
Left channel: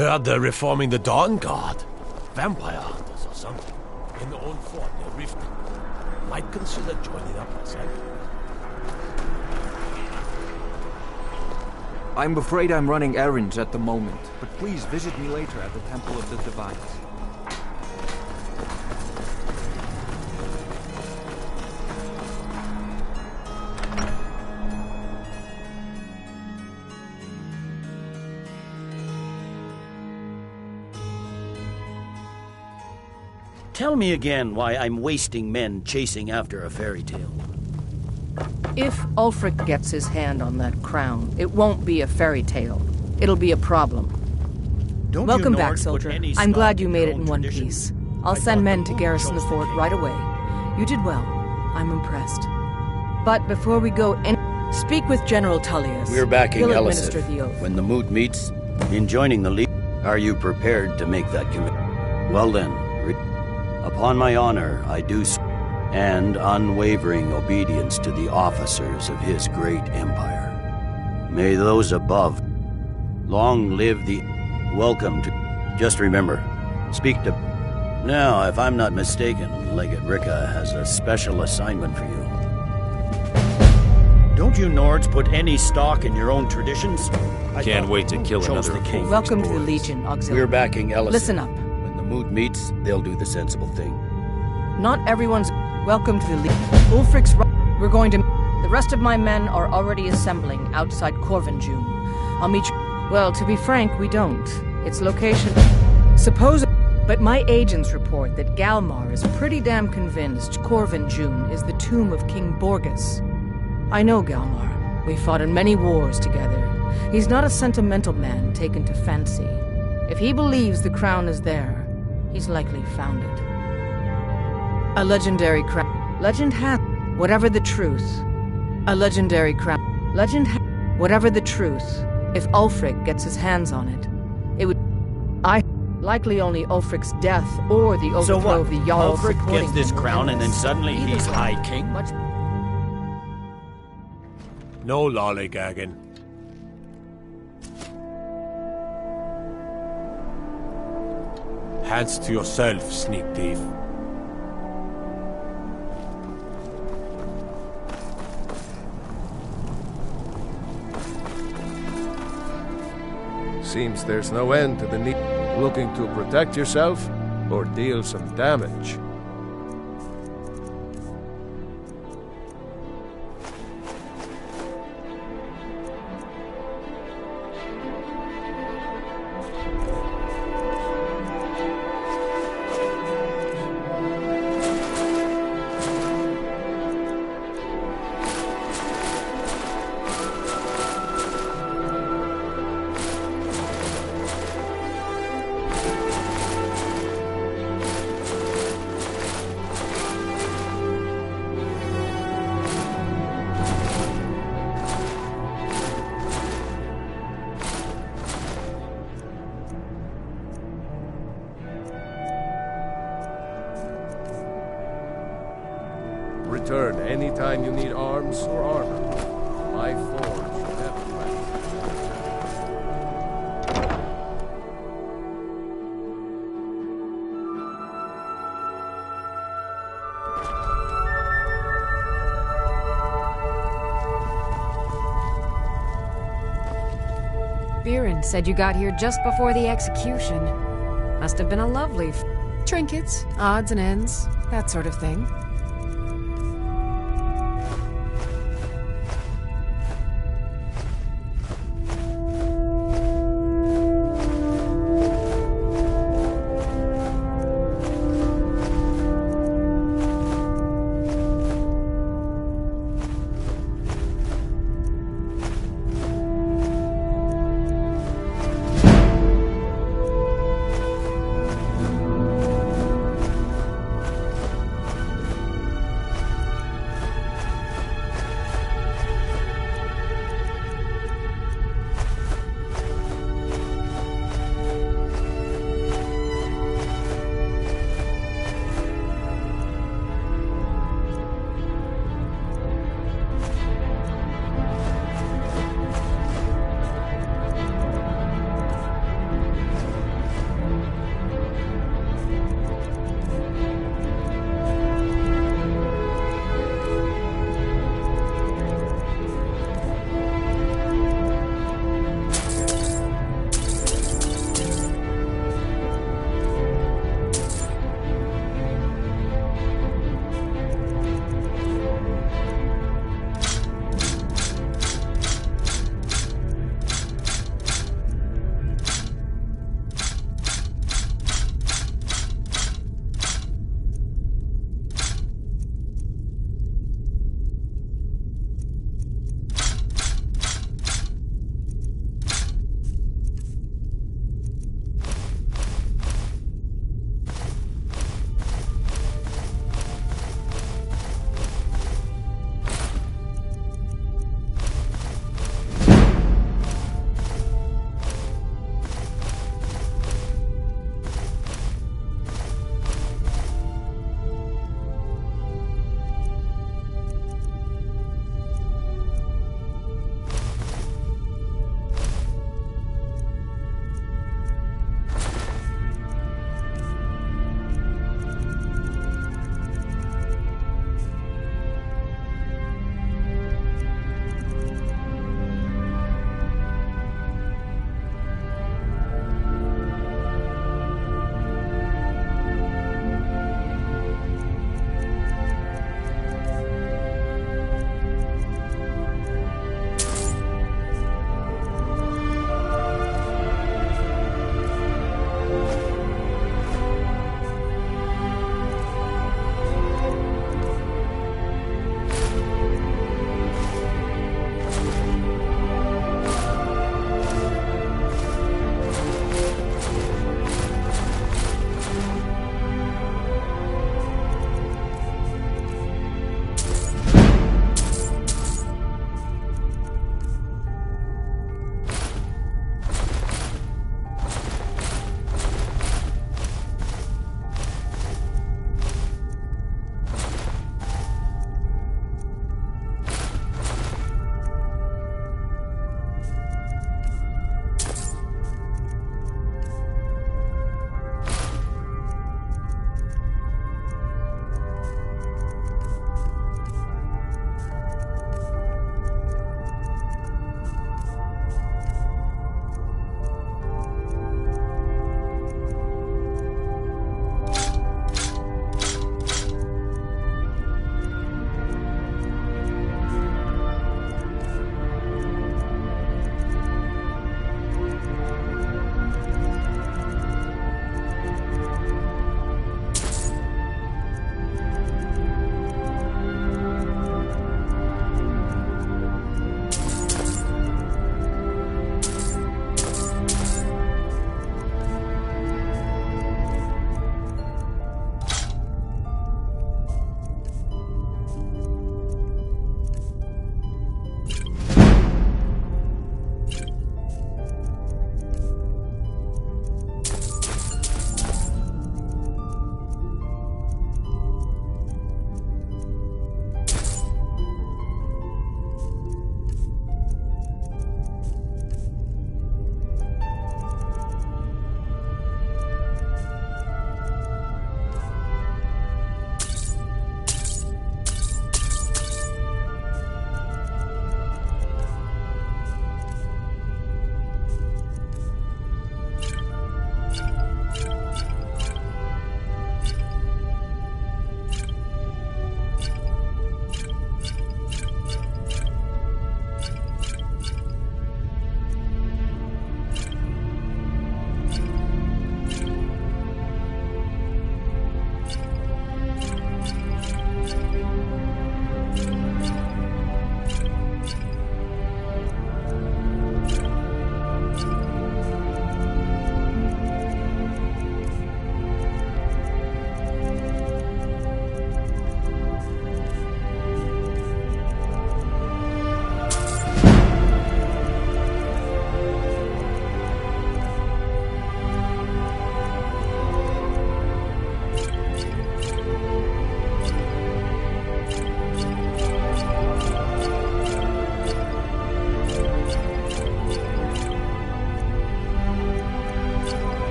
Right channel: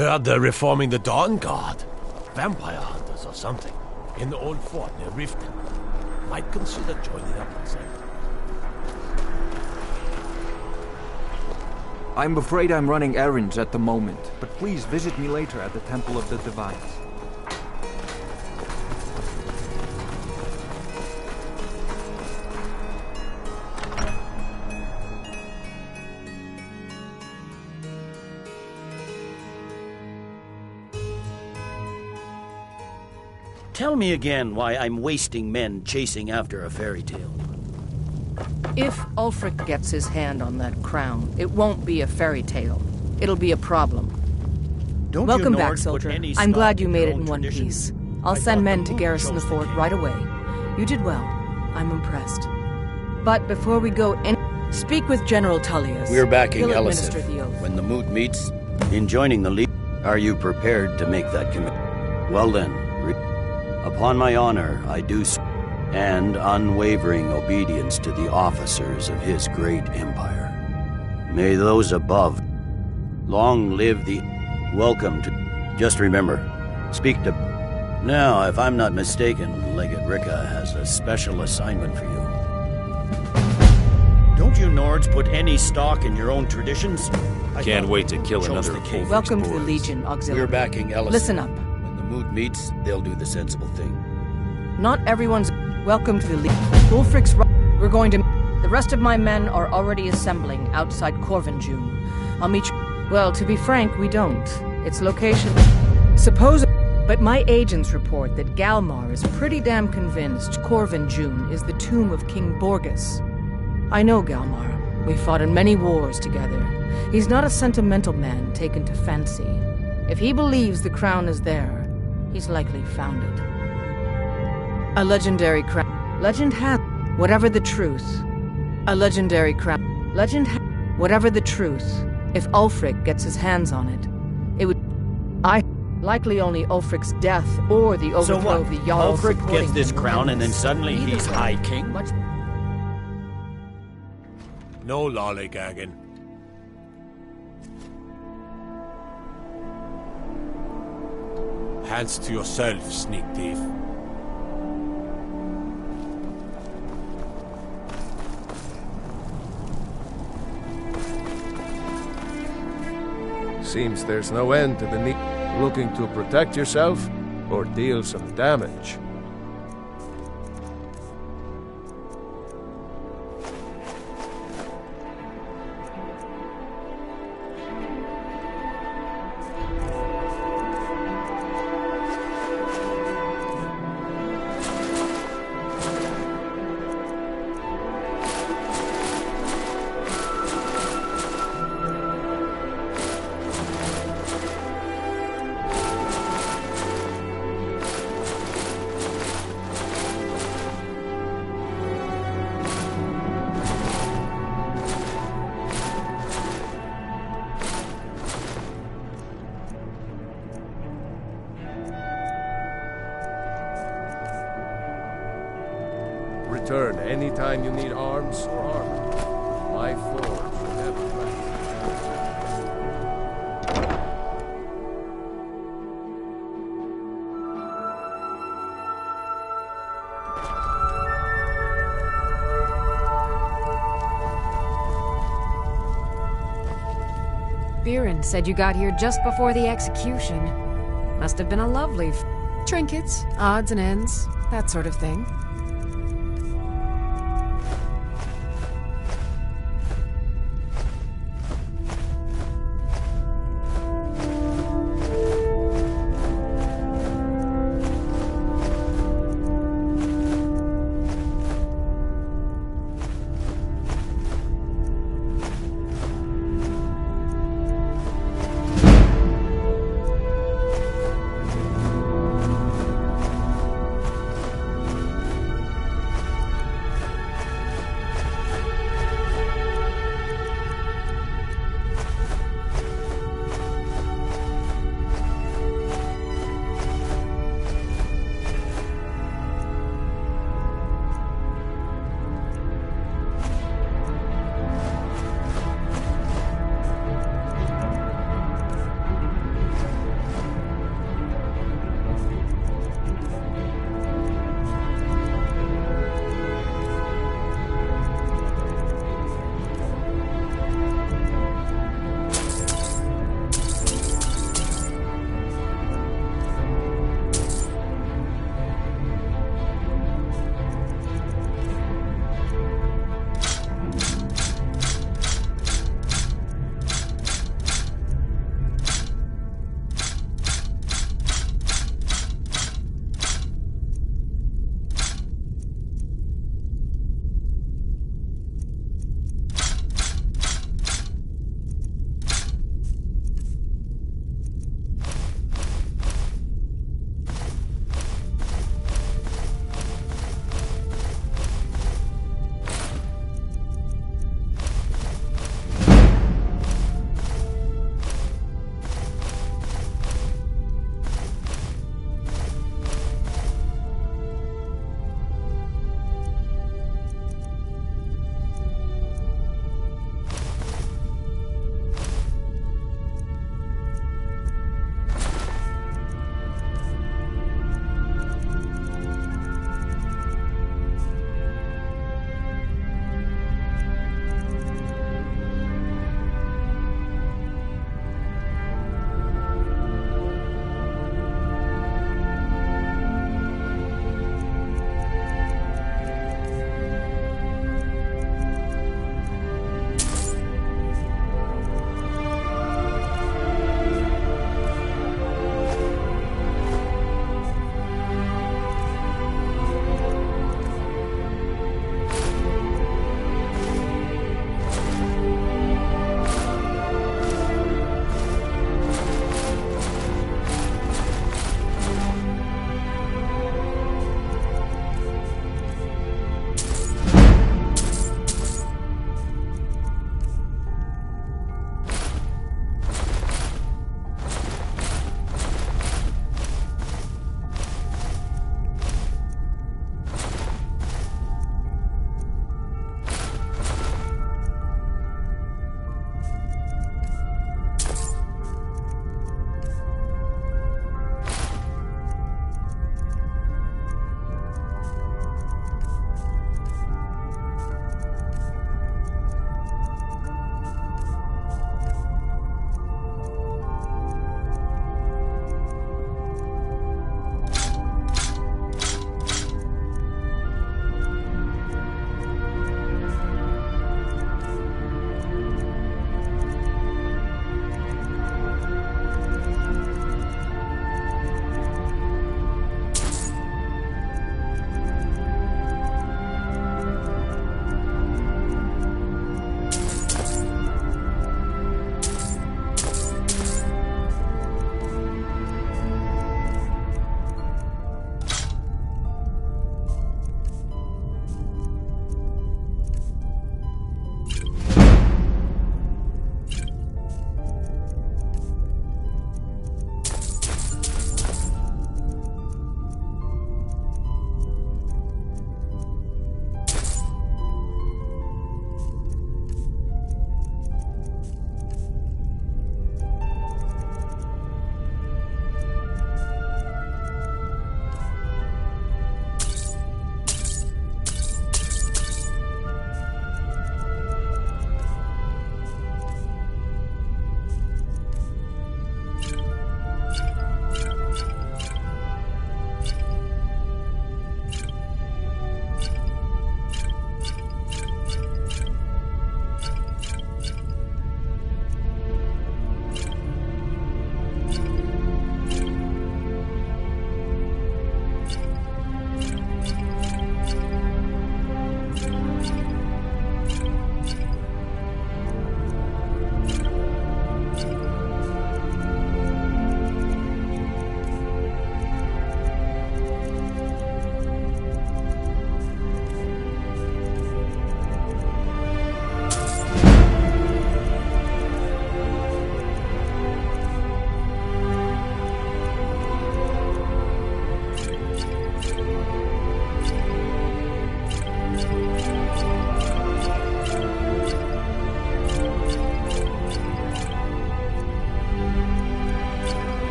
Heard they're reforming the Dawn Guard. Vampire hunters or something. In the old fort near Riften. Might consider joining up myself. I'm afraid I'm running errands at the moment, but please visit me later at the Temple of the Divines. Tell me again why I'm wasting men chasing after a fairy tale. If Ulfric gets his hand on that crown, it won't be a fairy tale. It'll be a problem. Don't Welcome you back, Nords put soldier. any I'm glad stock you in made your it in own one tradition? piece. I'll I send thought men the to moon garrison the chose fort king. right away. You did well. I'm impressed. But before we go, speak with General Tullius. We're backing He'll Elisif. administer the oath. When the moot meets, in joining the League, are you prepared to make that commitment? Well then, upon my honor, I do and unwavering obedience to the officers of his great empire. May those above long live the welcome to. Just remember, speak to. Now, if I'm not mistaken, Legate Ricca has a special assignment for you. Don't you Nords put any stock in your own traditions? Can't wait to kill another king. Welcome to the Legion Auxiliary. We're backing Elisif. Listen up. When the moot meets, they'll do the sensible thing. Not everyone's welcome to the Legion. Ulfric's we're going to. The rest of my men are already assembling outside Corvinjune. I'll meet you. Well, to be frank, we don't. Its location. Suppose. But my agents report that Galmar is pretty damn convinced Corvinjune is the tomb of King Borgus. I know Galmar. We fought in many wars together. He's not a sentimental man taken to fancy. If he believes the crown is there, he's likely found it. A legendary crown. Legend has. Whatever the truth. A legendary crown. Legend has. Whatever the truth. If Ulfric gets his hands on it, it would. Likely only Ulfric's death or the overthrow of the Jarl Ulfric supporting gets this him will crown end and then this. suddenly Either he's way, High King? Much No lollygagging. Hands to yourself, sneak thief. Seems there's no end to the need. Looking to protect yourself or deal some damage? Return anytime you need arms or armor. My forge never rests. Biren said you got here just before the execution. Must have been a lovely trinkets, odds and ends, that sort of thing.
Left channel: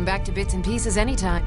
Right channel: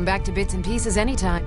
Come back to bits and pieces anytime.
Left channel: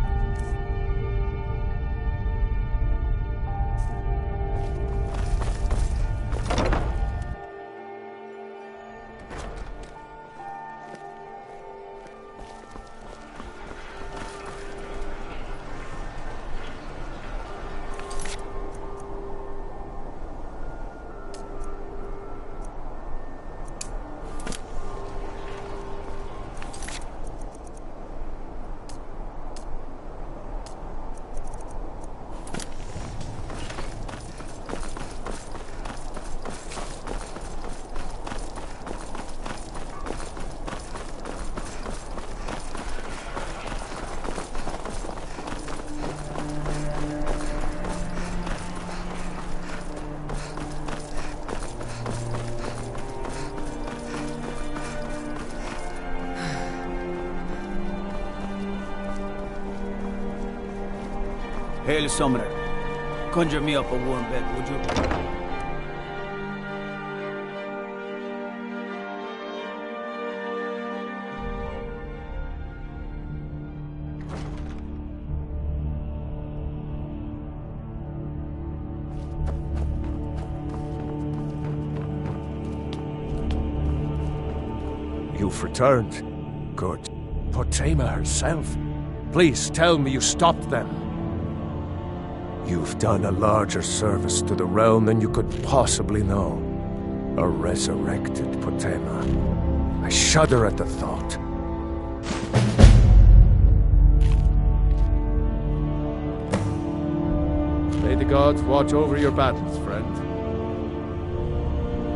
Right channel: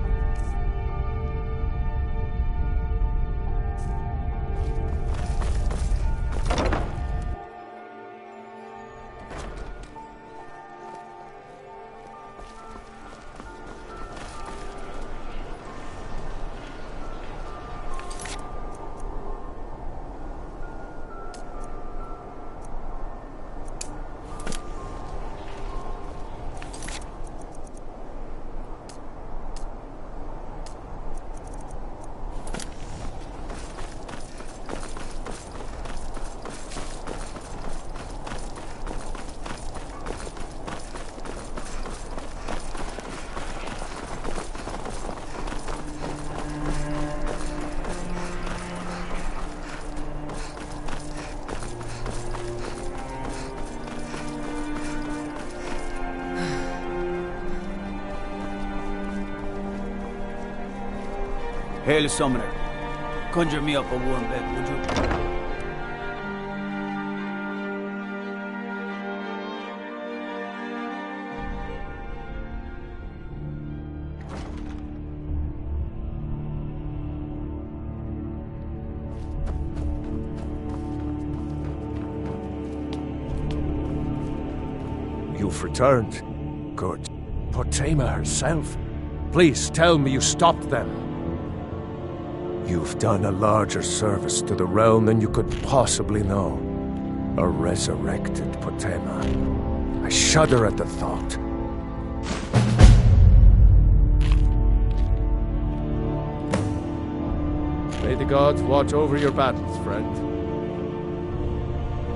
Hail, Summoner. Conjure me up a warm bed, would you? You've returned. Good. Potema herself. Please tell me you stopped them. You've done a larger service to the realm than you could possibly know. A resurrected Potema. I shudder at the thought. May the gods watch over your battles, friend.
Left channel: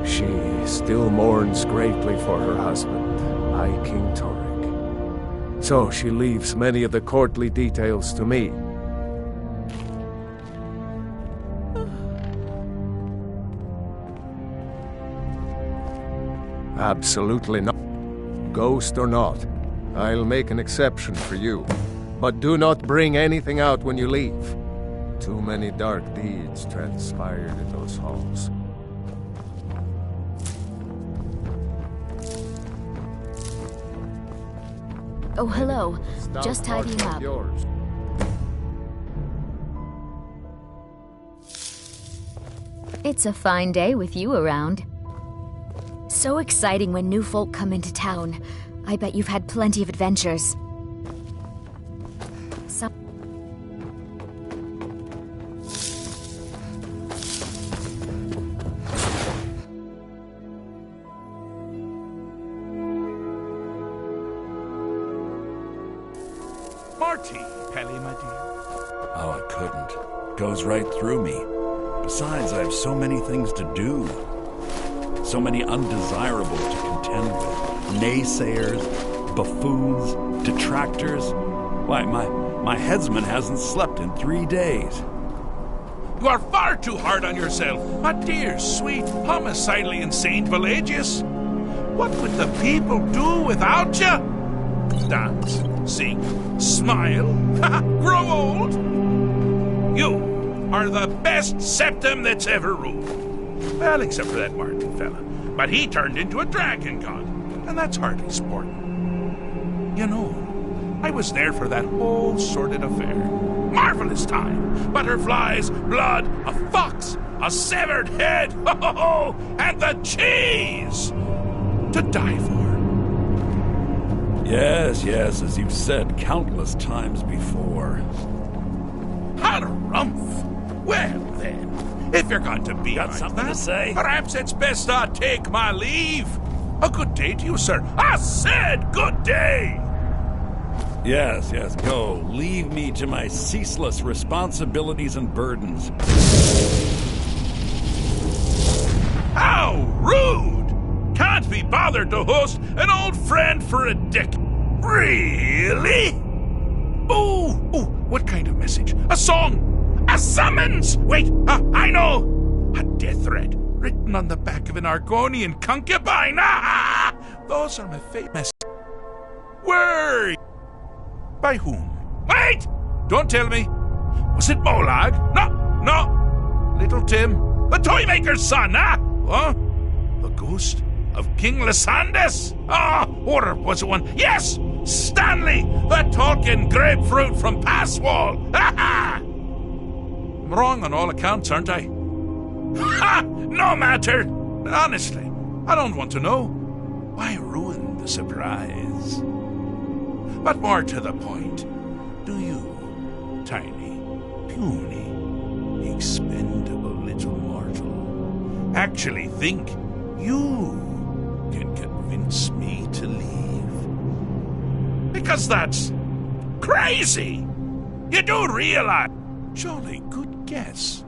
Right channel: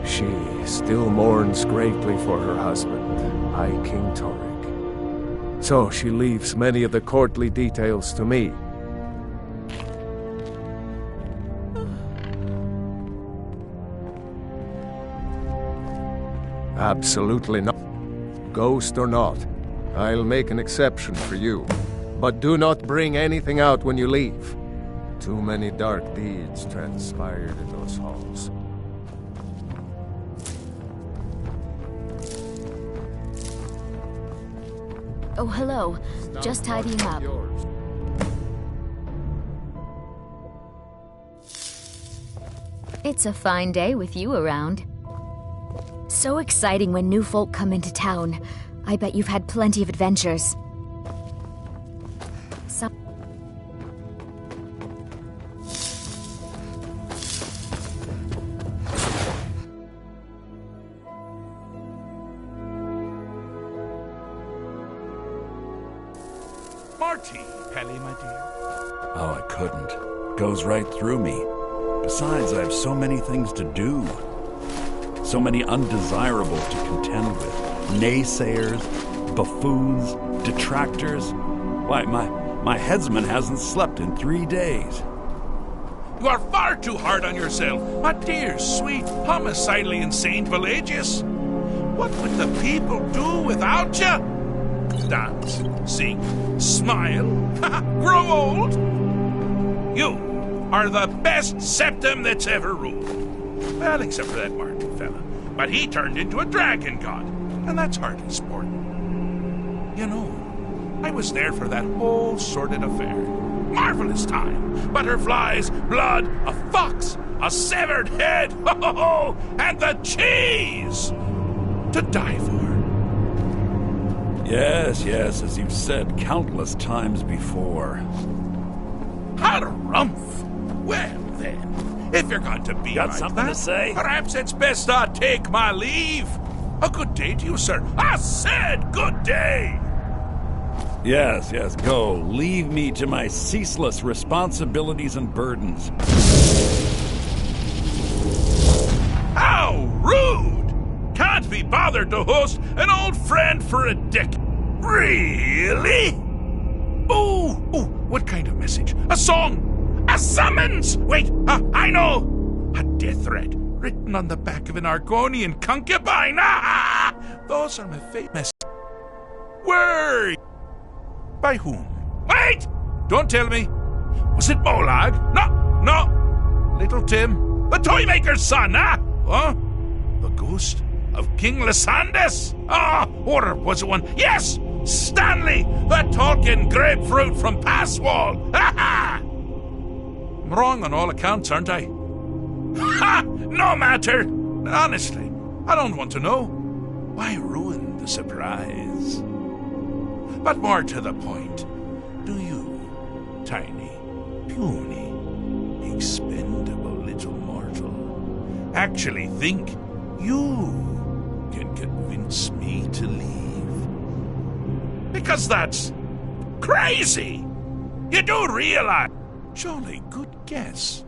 She still mourns greatly for her husband, High King Torrig. So she leaves many of the courtly details to me. Absolutely not. Ghost or not, I'll make an exception for you. But do not bring anything out when you leave. Too many dark deeds transpired in those halls. Oh, hello. Just tidying up. Yours. It's a fine day with you around. So exciting when new folk come into town. I bet you've had plenty of adventures. Marty, Pelly, my dear. Oh, I couldn't. Goes right through me. Besides, I have so many things to do. So many undesirables to contend with. Naysayers, buffoons, detractors. Why, my headsman hasn't slept in 3 days. You are far too hard on yourself, my dear, sweet, homicidally insane Velagius. What would the people do without you? Dance, sing, smile, grow old? You are the best septum that's ever ruled. Well, except for that Martin fella. But he turned into a dragon god, and that's hardly sporting. You know, I was there for that whole sordid affair. Marvelous time. Butterflies, blood, a fox, a severed head, and the cheese to die for. Yes, as you've said countless times before. Harumph! Well, then, if you're going to be Got like something that, to say? perhaps it's best I take my leave. A good day to you, sir. I said good day! Yes, go. Leave me to my ceaseless responsibilities and burdens. How rude! Can't be bothered to host an old friend for a decade. Really? Oh, what kind of message? A song? A summons! Wait, I know! A death threat written on the back of an Argonian concubine. Those are my famous. Where? By whom? Wait! Don't tell me. Was it Molag? No. Little Tim, the toymaker's son, Huh? The ghost of King Lysandas? Or was it one? Yes! Stanley, the talking grapefruit from Passwall! Ha ha! I'm wrong on all accounts, aren't I? Ha! No matter! Honestly, I don't want to know. Why ruin the surprise? But more to the point, do you, tiny, puny, expendable little mortal, actually think you can convince me to leave? Because that's crazy! You do realize... Jolly good guess.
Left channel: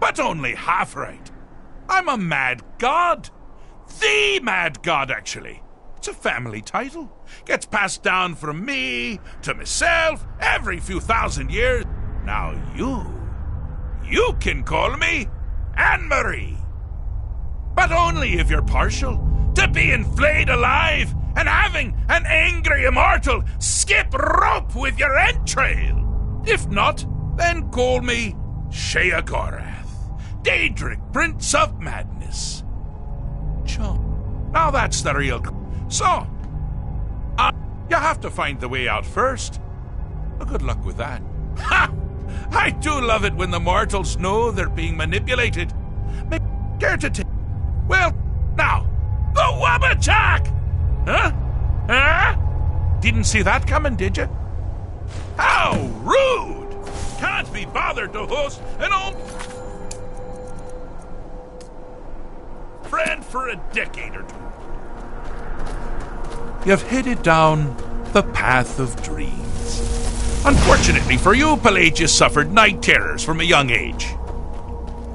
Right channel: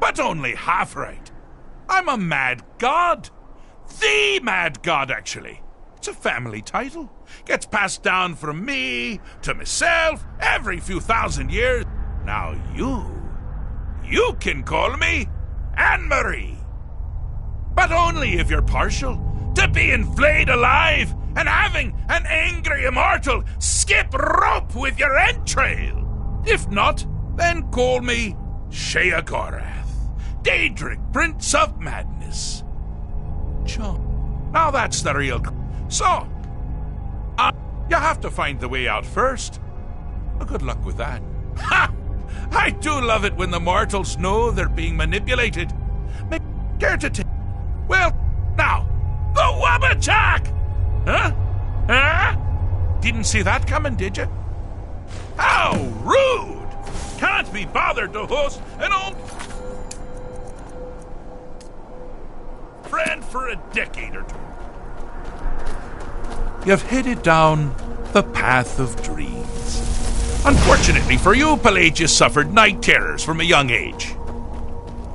But only half right. I'm a mad god. The mad god, actually. It's a family title. Gets passed down from me to myself every few thousand years. Now you can call me Anne-Marie. But only if you're partial to being flayed alive and having an angry immortal skip rope with your entrail. If not, then call me Sheagorath, Daedric, Prince of Madness. John. Now that's the real... So, you have to find the way out first. Well, good luck with that. Ha! I do love it when the mortals know they're being manipulated. Care to take... Well, now, the Wabbajack! Huh? Huh? Didn't see that coming, did you? How rude! Can't be bothered to host an old friend for a decade or two. You've headed down the path of dreams. Unfortunately for you, Pelagius suffered night terrors from a young age.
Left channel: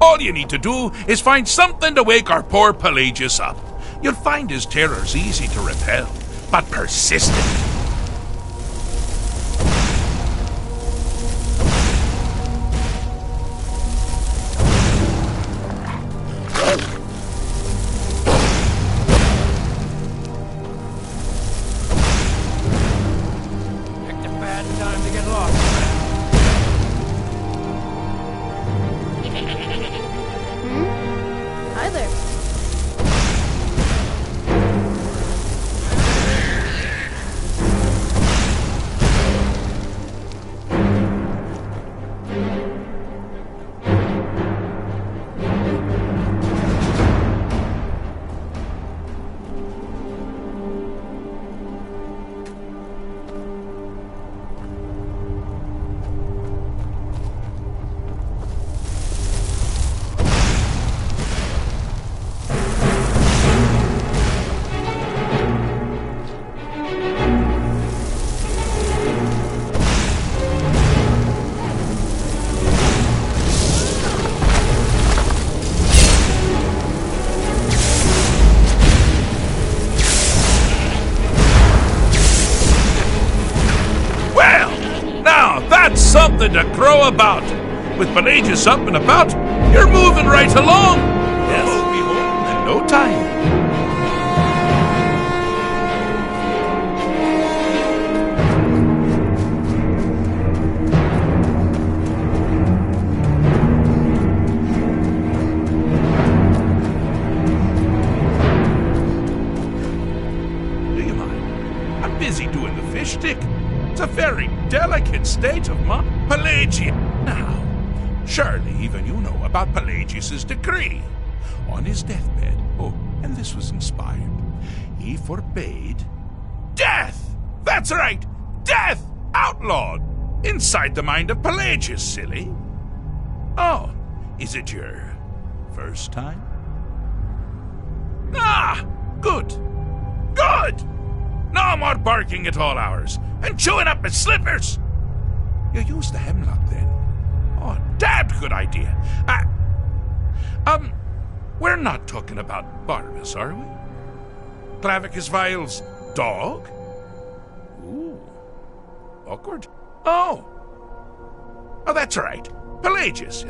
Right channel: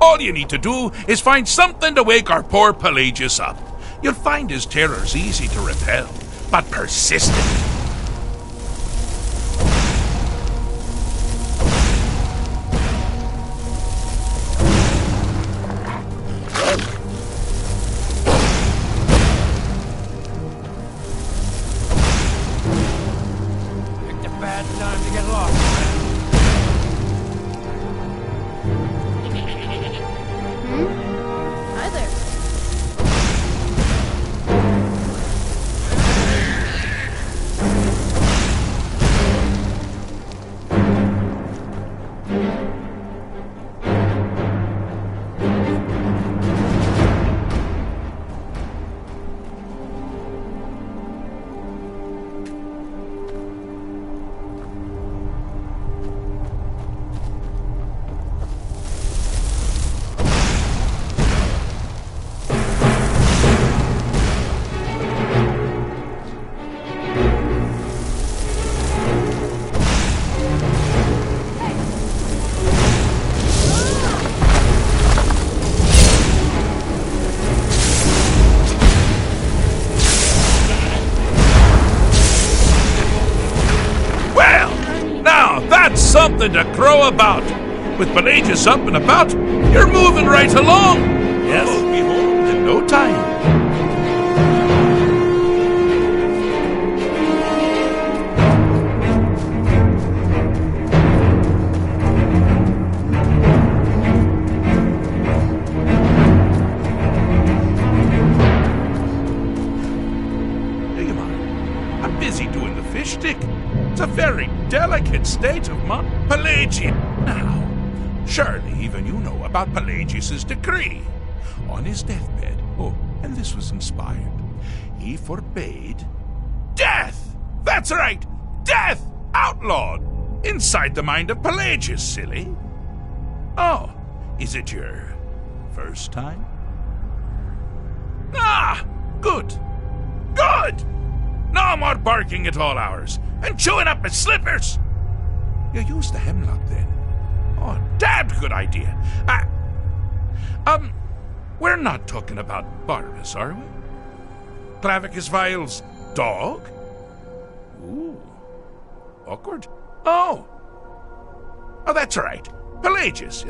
All you need to do is find something to wake our poor Pelagius up. You'll find his terrors easy to repel, but persistent. Time to get lost. Hi there. That's something to crow about. With Pelagius up and about, you're moving right along. Yes. We'll be home in no time. Do you mind? I'm busy doing the fish stick. It's a very delicate state of mind. Pelagius. Now, surely even you know about Pelagius's decree. On his deathbed, and this was inspired, he forbade death! That's right! Death! Outlawed! Inside the mind of Pelagius, silly. Oh, is it your first time? Ah! Good! Good! No more barking at all hours and chewing up my slippers! You use the hemlock then? Oh, damned good idea. We're not talking about Barbas, are we? Clavicus Vile's dog? Ooh. Awkward. Oh, that's right. Pelagius,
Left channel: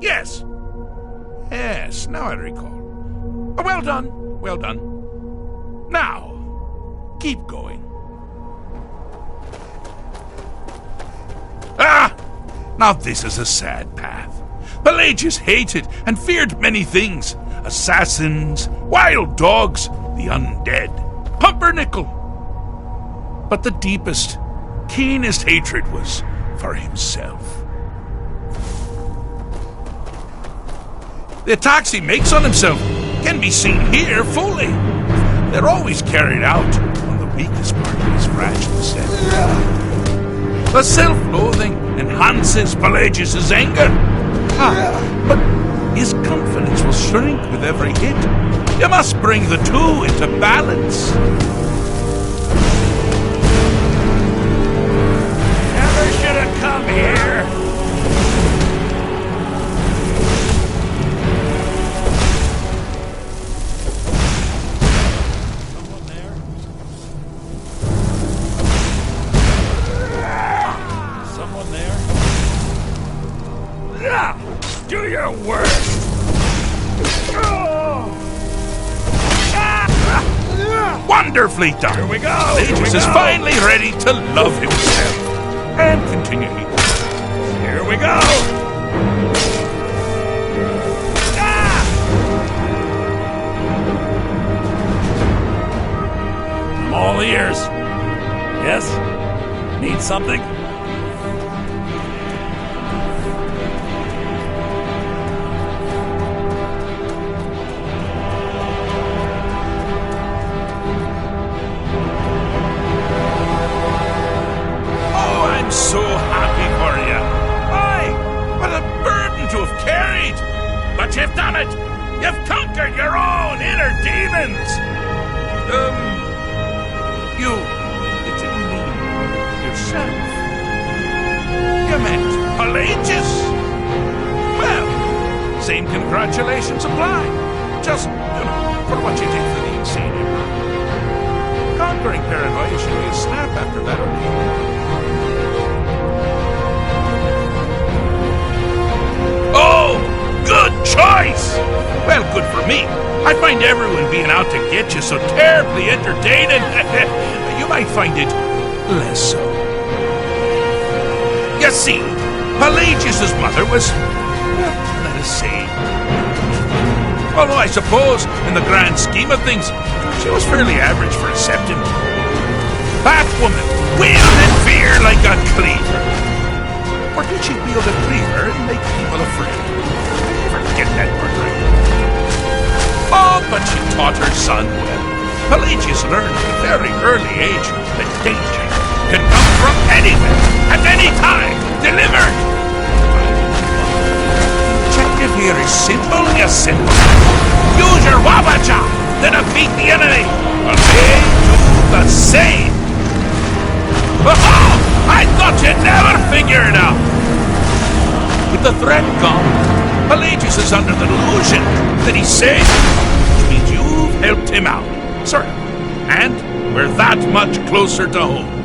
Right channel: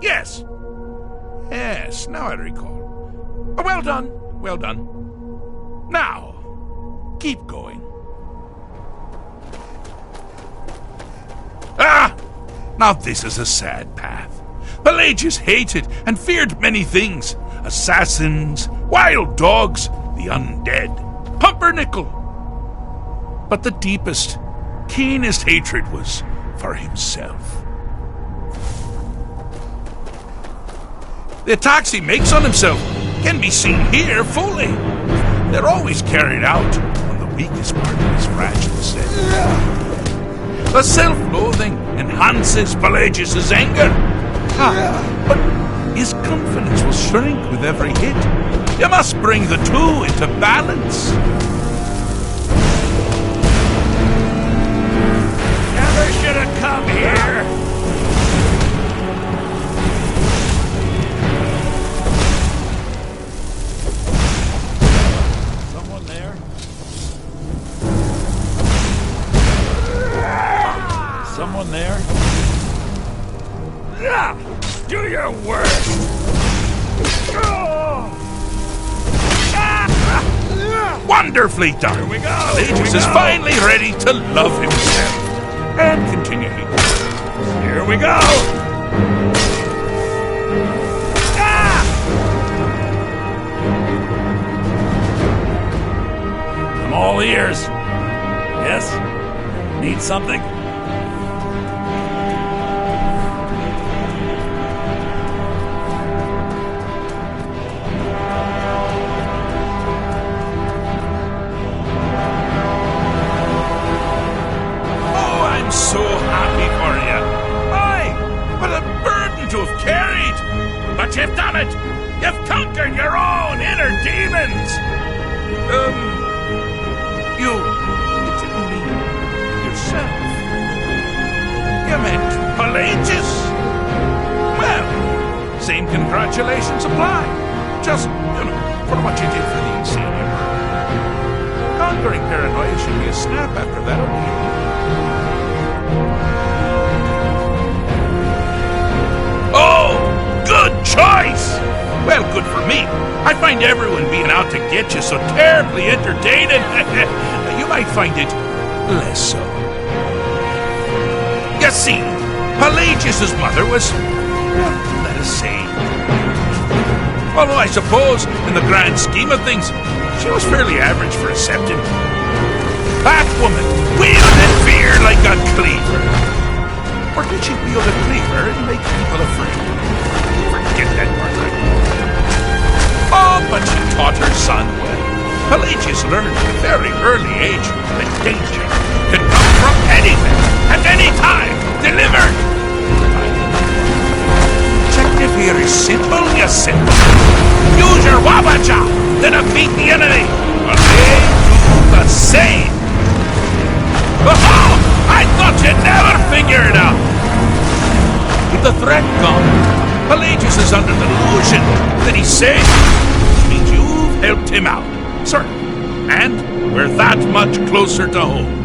yes. Yes, now I recall. Well done, well done. Now, keep going. Ah! Now this is a sad path. Pelagius hated and feared many things. Assassins, wild dogs, the undead, pumpernickel. But the deepest, keenest hatred was for himself. The attacks he makes on himself can be seen here fully. They're always carried out on the weakest part of his fragile self. The self-loathing enhances Pelagius' anger. But his confidence will shrink with every hit. You must bring the two into balance. Never should have come here. Someone there? Someone there? Do your worst! Wonderfully done! Here we go! Pelagius is finally ready to love himself. And continue hating. Here we go! I'm all ears. Yes? Need something? I'm so happy for you. Aye, what a burden to have carried. But you've done it. You've conquered your own inner demons. You didn't mean yourself. You meant Pelagius. Well, same congratulations apply. Just, for what you did for the insane emperor. Conquering paranoia should be a snap after that ordeal. Oh, good choice! Well, good for me. I find everyone being out to get you so terribly entertaining. You might find it less so. You see, Pelagius' mother was, well, let us say... Although I suppose, in the grand scheme of things, she was fairly average for a septon. That woman wielded fear like a cleaver. Or did she wield a cleaver and make people afraid? I never get that part right. Oh, but she taught her son well. Pelagius learned at a very early age that danger could come from anywhere, at any time, delivered. Objective here is simple, yes, simple. Use your Wabacha to defeat the enemy, or they do the same. Oh, I thought you'd never figure it out. With the threat gone, Pelagius is under the delusion that he's safe, which means you've helped him out, sort of. And we're that much closer to home.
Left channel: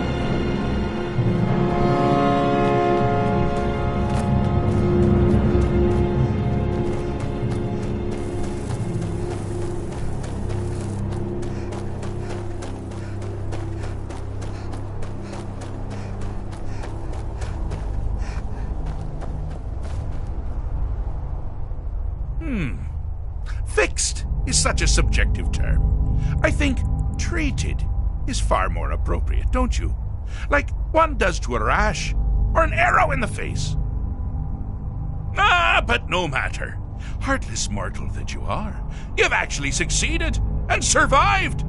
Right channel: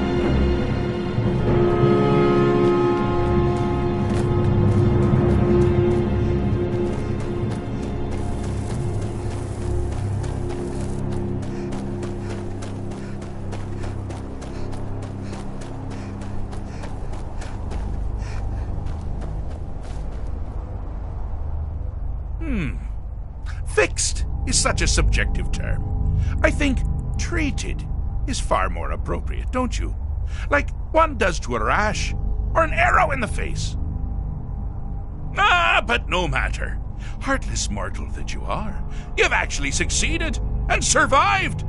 Fixed is such a subjective term. I think treated is far more appropriate, don't you? Like one does to a rash or an arrow in the face. But no matter. Heartless mortal that you are, you've actually succeeded and survived.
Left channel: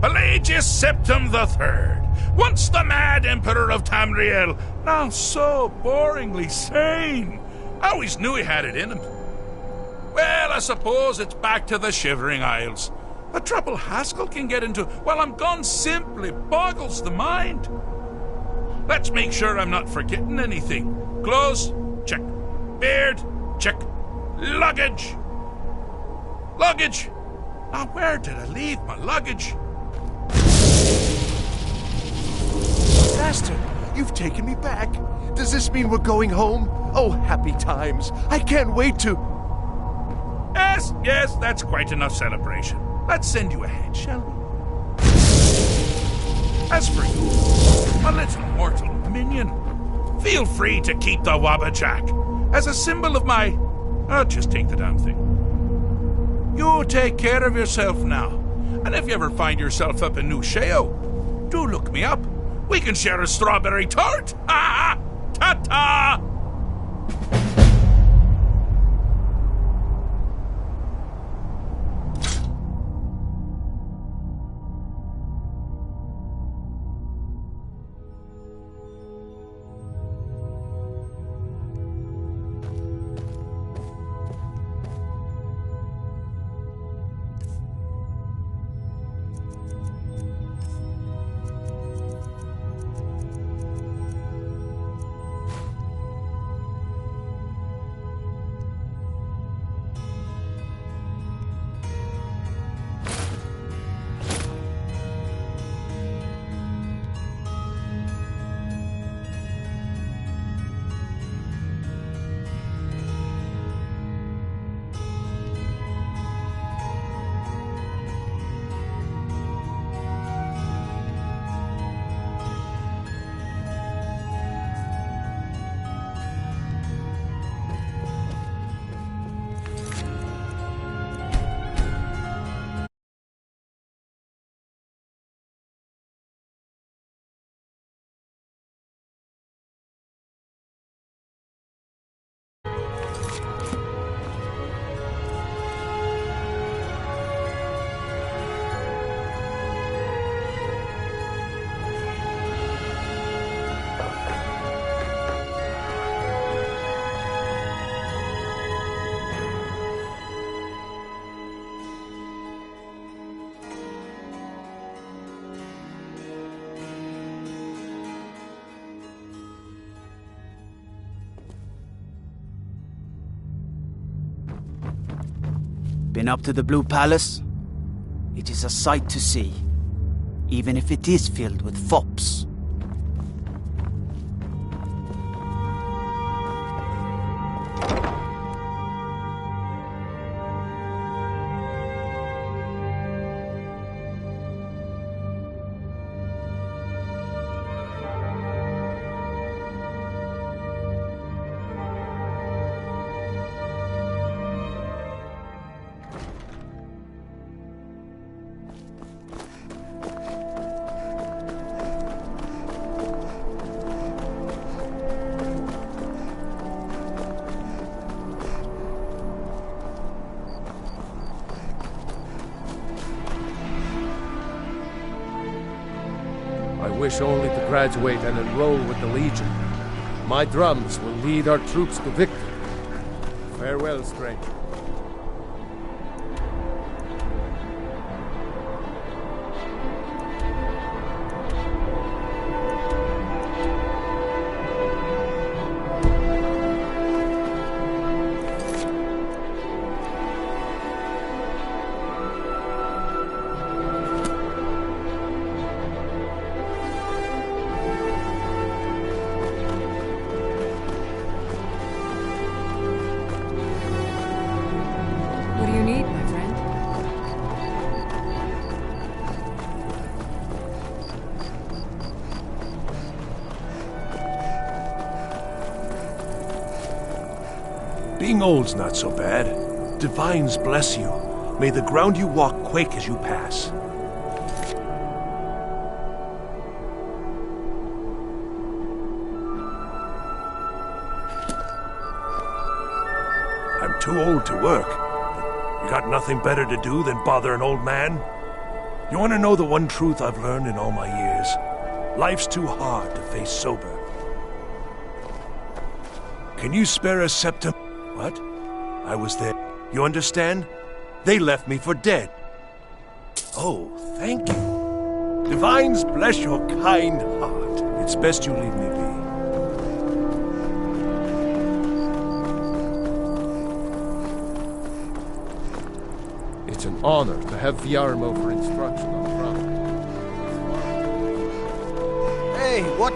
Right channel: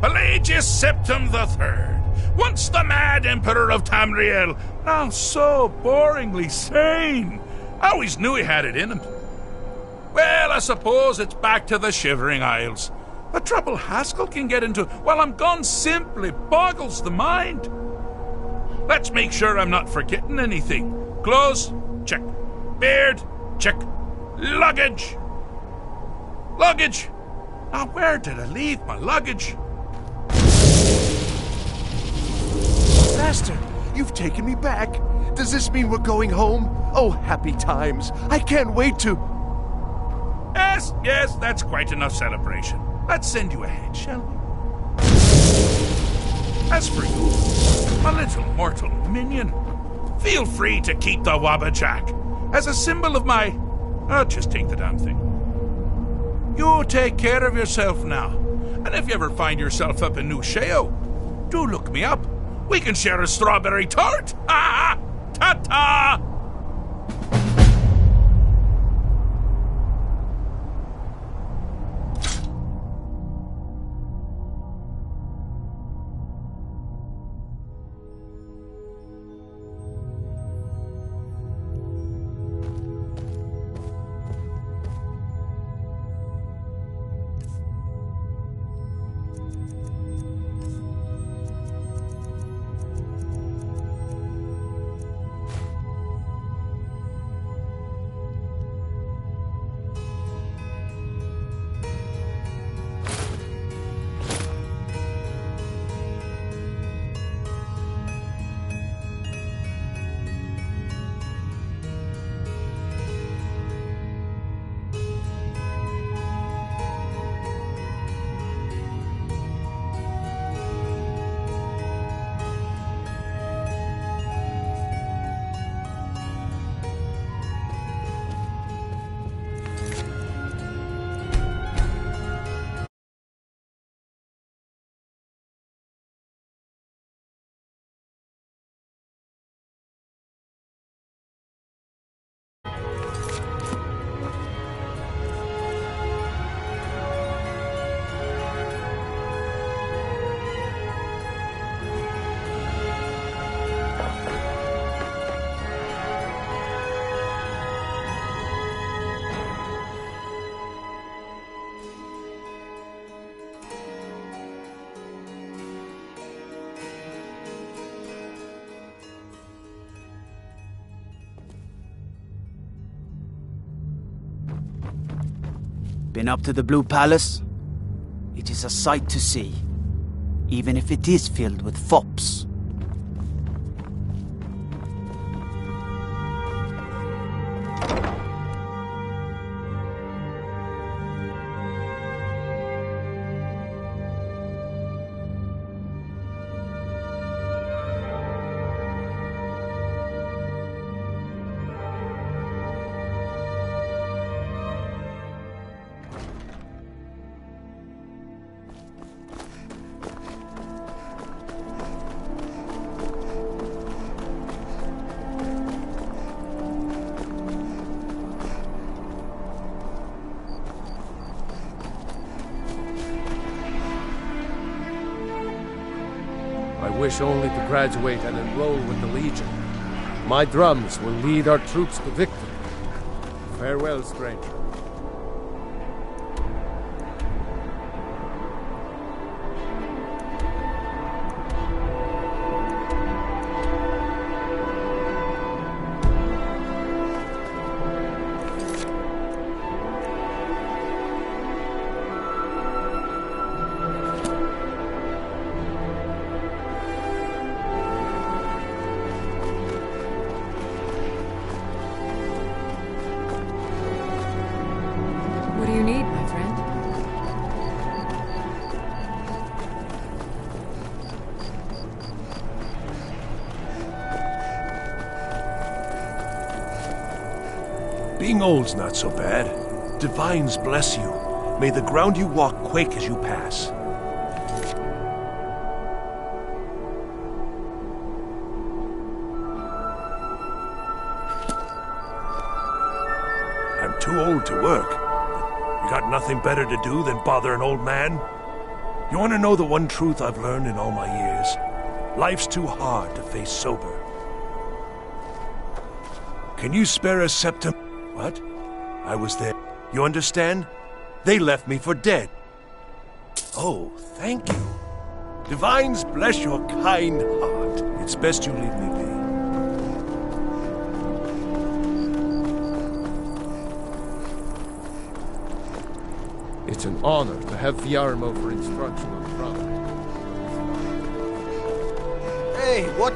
Pelagius Septim III, once the mad emperor of Tamriel, now so boringly sane. I always knew he had it in him. Well, I suppose it's back to the Shivering Isles. The trouble Haskell can get into while I'm gone simply boggles the mind. Let's make sure I'm not forgetting anything. Clothes, check. Beard, check. Luggage. Luggage. Now, where did I leave my luggage? Master, you've taken me back. Does this mean we're going home? Oh, happy times. I can't wait to... Yes, that's quite enough celebration. Let's send you ahead, shall we? As for you, my little mortal minion, feel free to keep the Wabajack as a symbol of my... just take the damn thing. You take care of yourself now. And if you ever find yourself up in New Sheo, do look me up. We can share a strawberry tart. Ha! Ta-ta! Been up to the Blue Palace? It is a sight to see, even if it is filled with fops. I wish only to graduate and enroll with the Legion. My drums will lead our troops to victory. Farewell, stranger. What do you need, my friend? Being old's not so bad. Divines bless you. May the ground you walk quake as you pass. I'm too old to work. You got nothing better to do than bother an old man? You want to know the one truth I've learned in all my years? Life's too hard to face sober. Can you spare a septum? What? I was there. You understand? They left me for dead. Oh, thank you. Divines bless your kind heart. It's best you leave me be. It's an honor to have Viarmo for instruction on drum. Hey, what?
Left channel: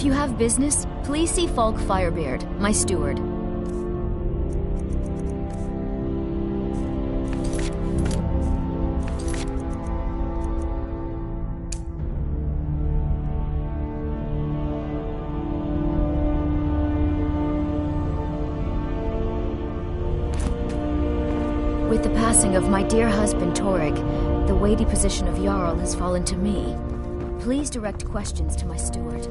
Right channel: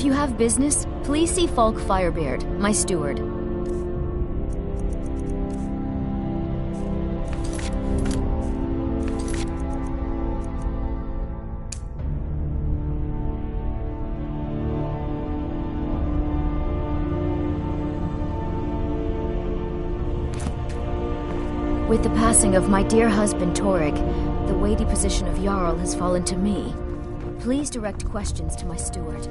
If you have business, please see Falk Firebeard, my steward. With the passing of my dear husband Torrig, the weighty position of Jarl has fallen to me. Please direct questions to my steward.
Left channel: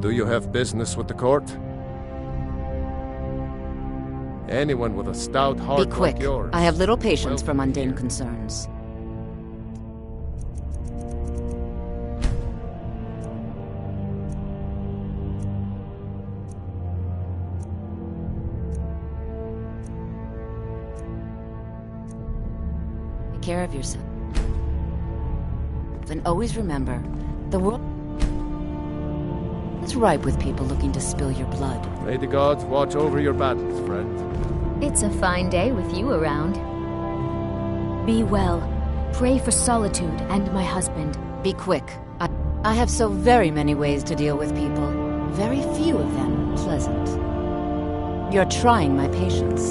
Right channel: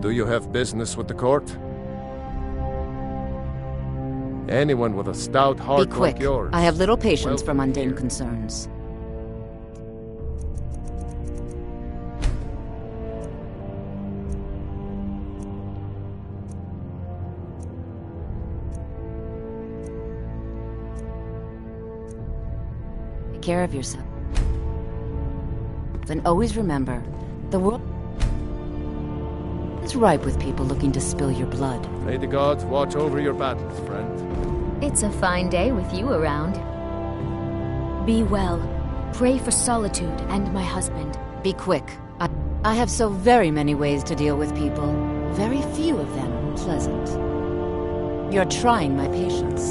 Do you have business with the court? Anyone with a stout heart Be quick. like yours. I have little patience for mundane concerns. Take care of yourself. And always remember, the world is ripe with people looking to spill your blood. May the gods watch over your battles, friend. It's a fine day with you around. Be well. Pray for Solitude and my husband. Be quick. I have so very many ways to deal with people. Very few of them pleasant. You're trying my patience.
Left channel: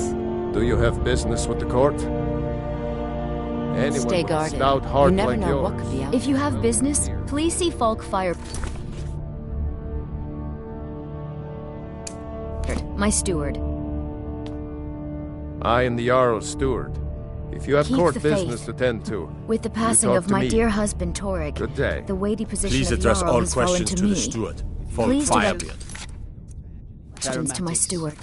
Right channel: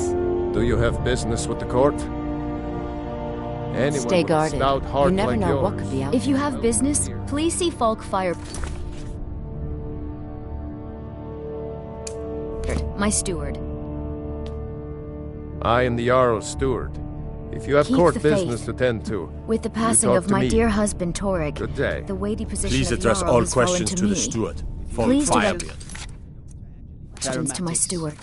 Do you have business with the court? Anyone Stay with guarded. A stout heart You never like know yours. what could be out If you there. have business, please see Falk Fire... my steward. I am the Jarl's steward. If you have Keep court the business faith. to tend to, With the you passing talk of to my me. dear husband Torrig, Good day. the weighty position Please of address Jarl all has fallen questions to me. the steward. Falk Please direct Firebeard. questions to my steward.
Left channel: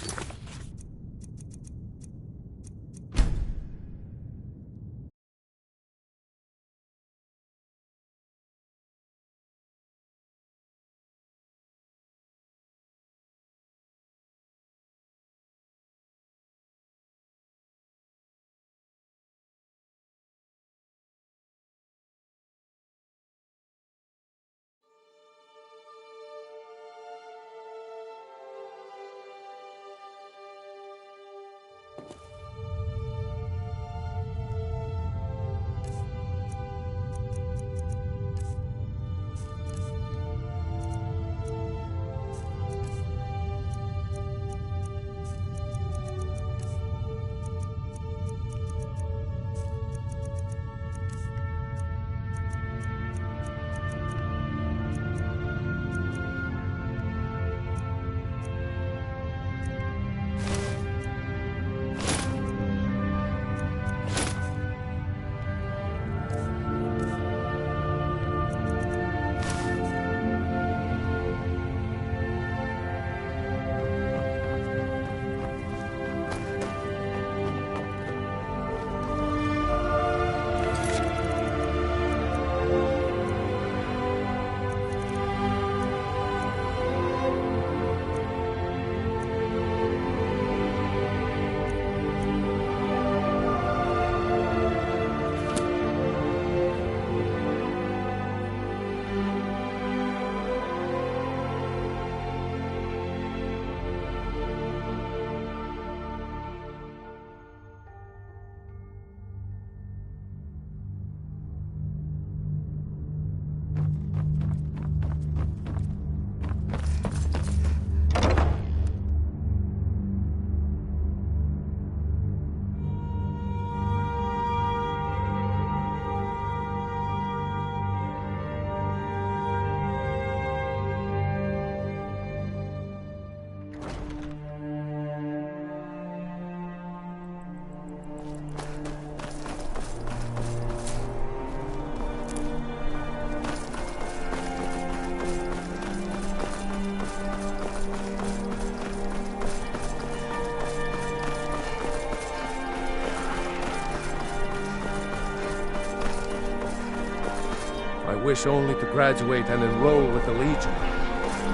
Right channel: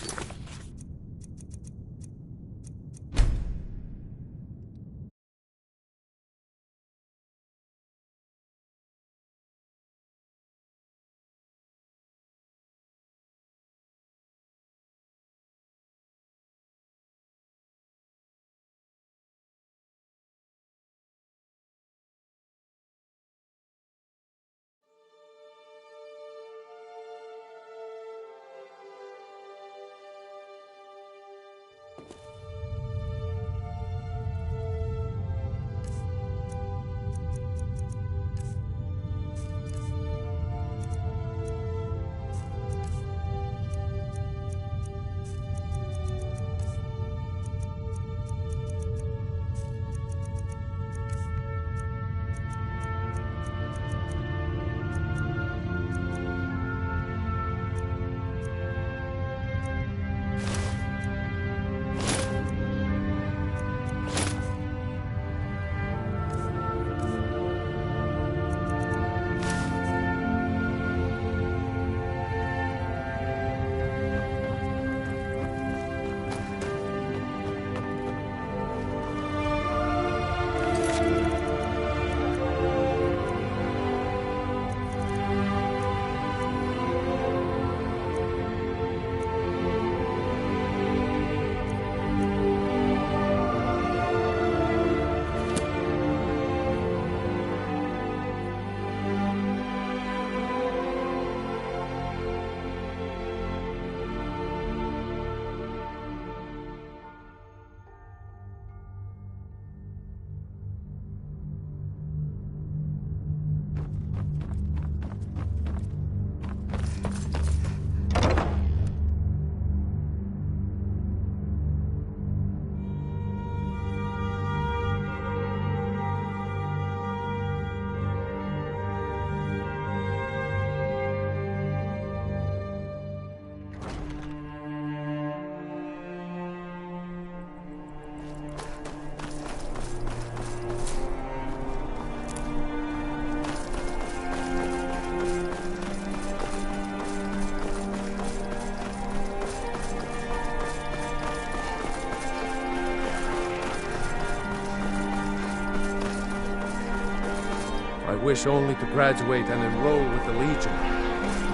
I wish only to graduate and enroll with the Legion.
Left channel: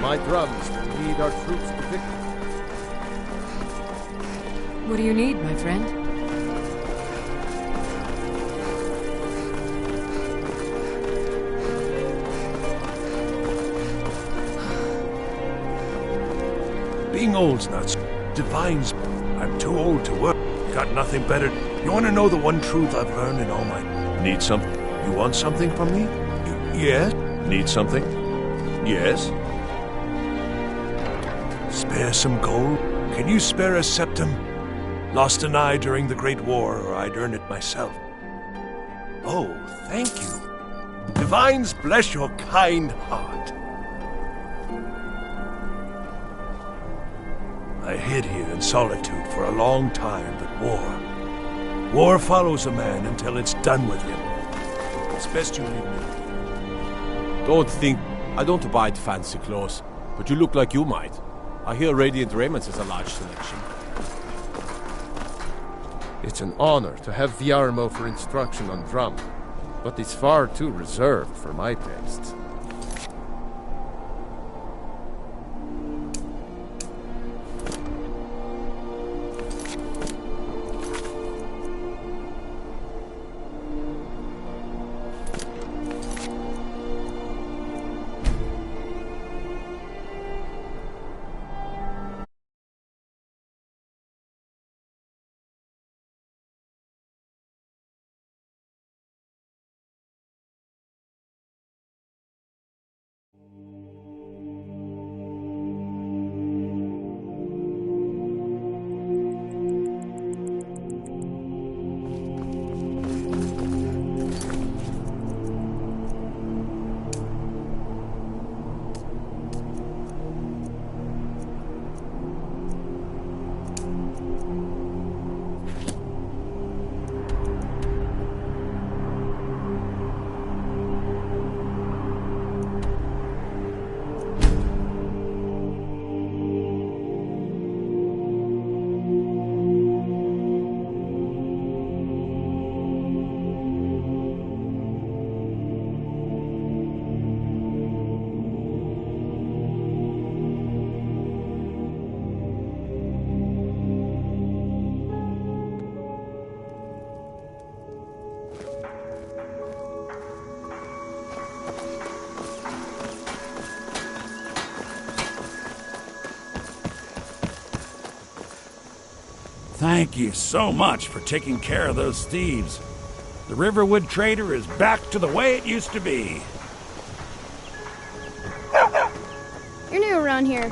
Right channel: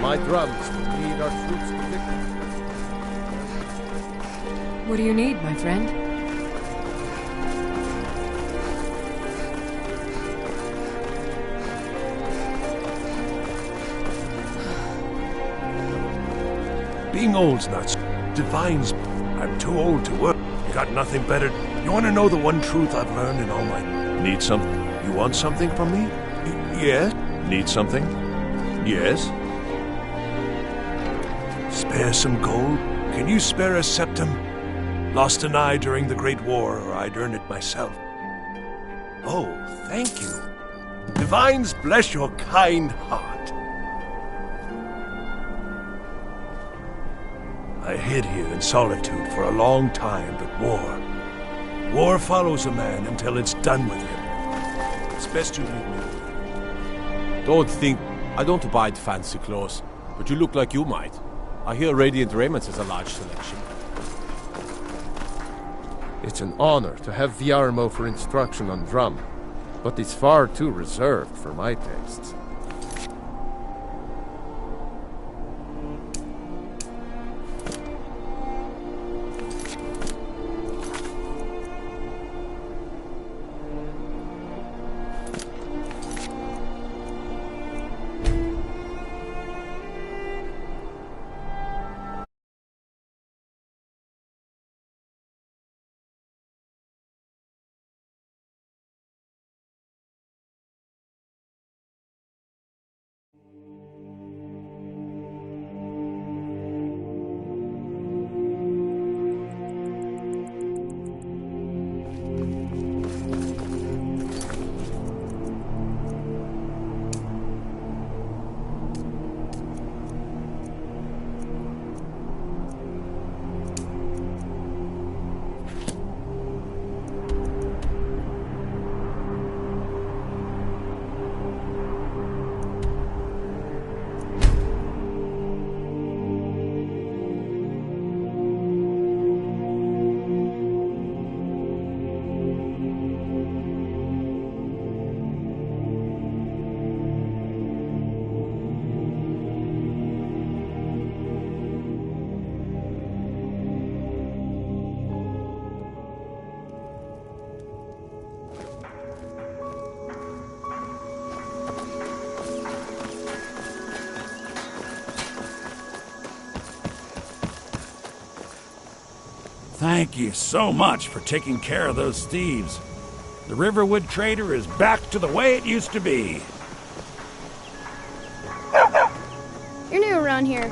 My drums will lead our troops to victory. What do you need, my friend? Being old's not divines. I'm too old to work. Got nothing better. You want to know the one truth I've learned in all my... Need something? You want something from me? Yes? Need something? Yes? Spare some gold? Can you spare a septum? Lost an eye during the Great War, or I'd earn it myself. Oh, thank you. Divines bless your kind heart. I hid here in solitude for a long time, but war follows a man until it's done with him. It's best you leave me. Don't think... I don't abide fancy clothes, but you look like you might. I hear Radiant Raiments has a large selection. It's an honor to have Viarmo for instruction on drum, but it's far too reserved for my tastes. Thank you so much for taking care of those thieves. The Riverwood Trader is back to the way it used to be. You're new around here.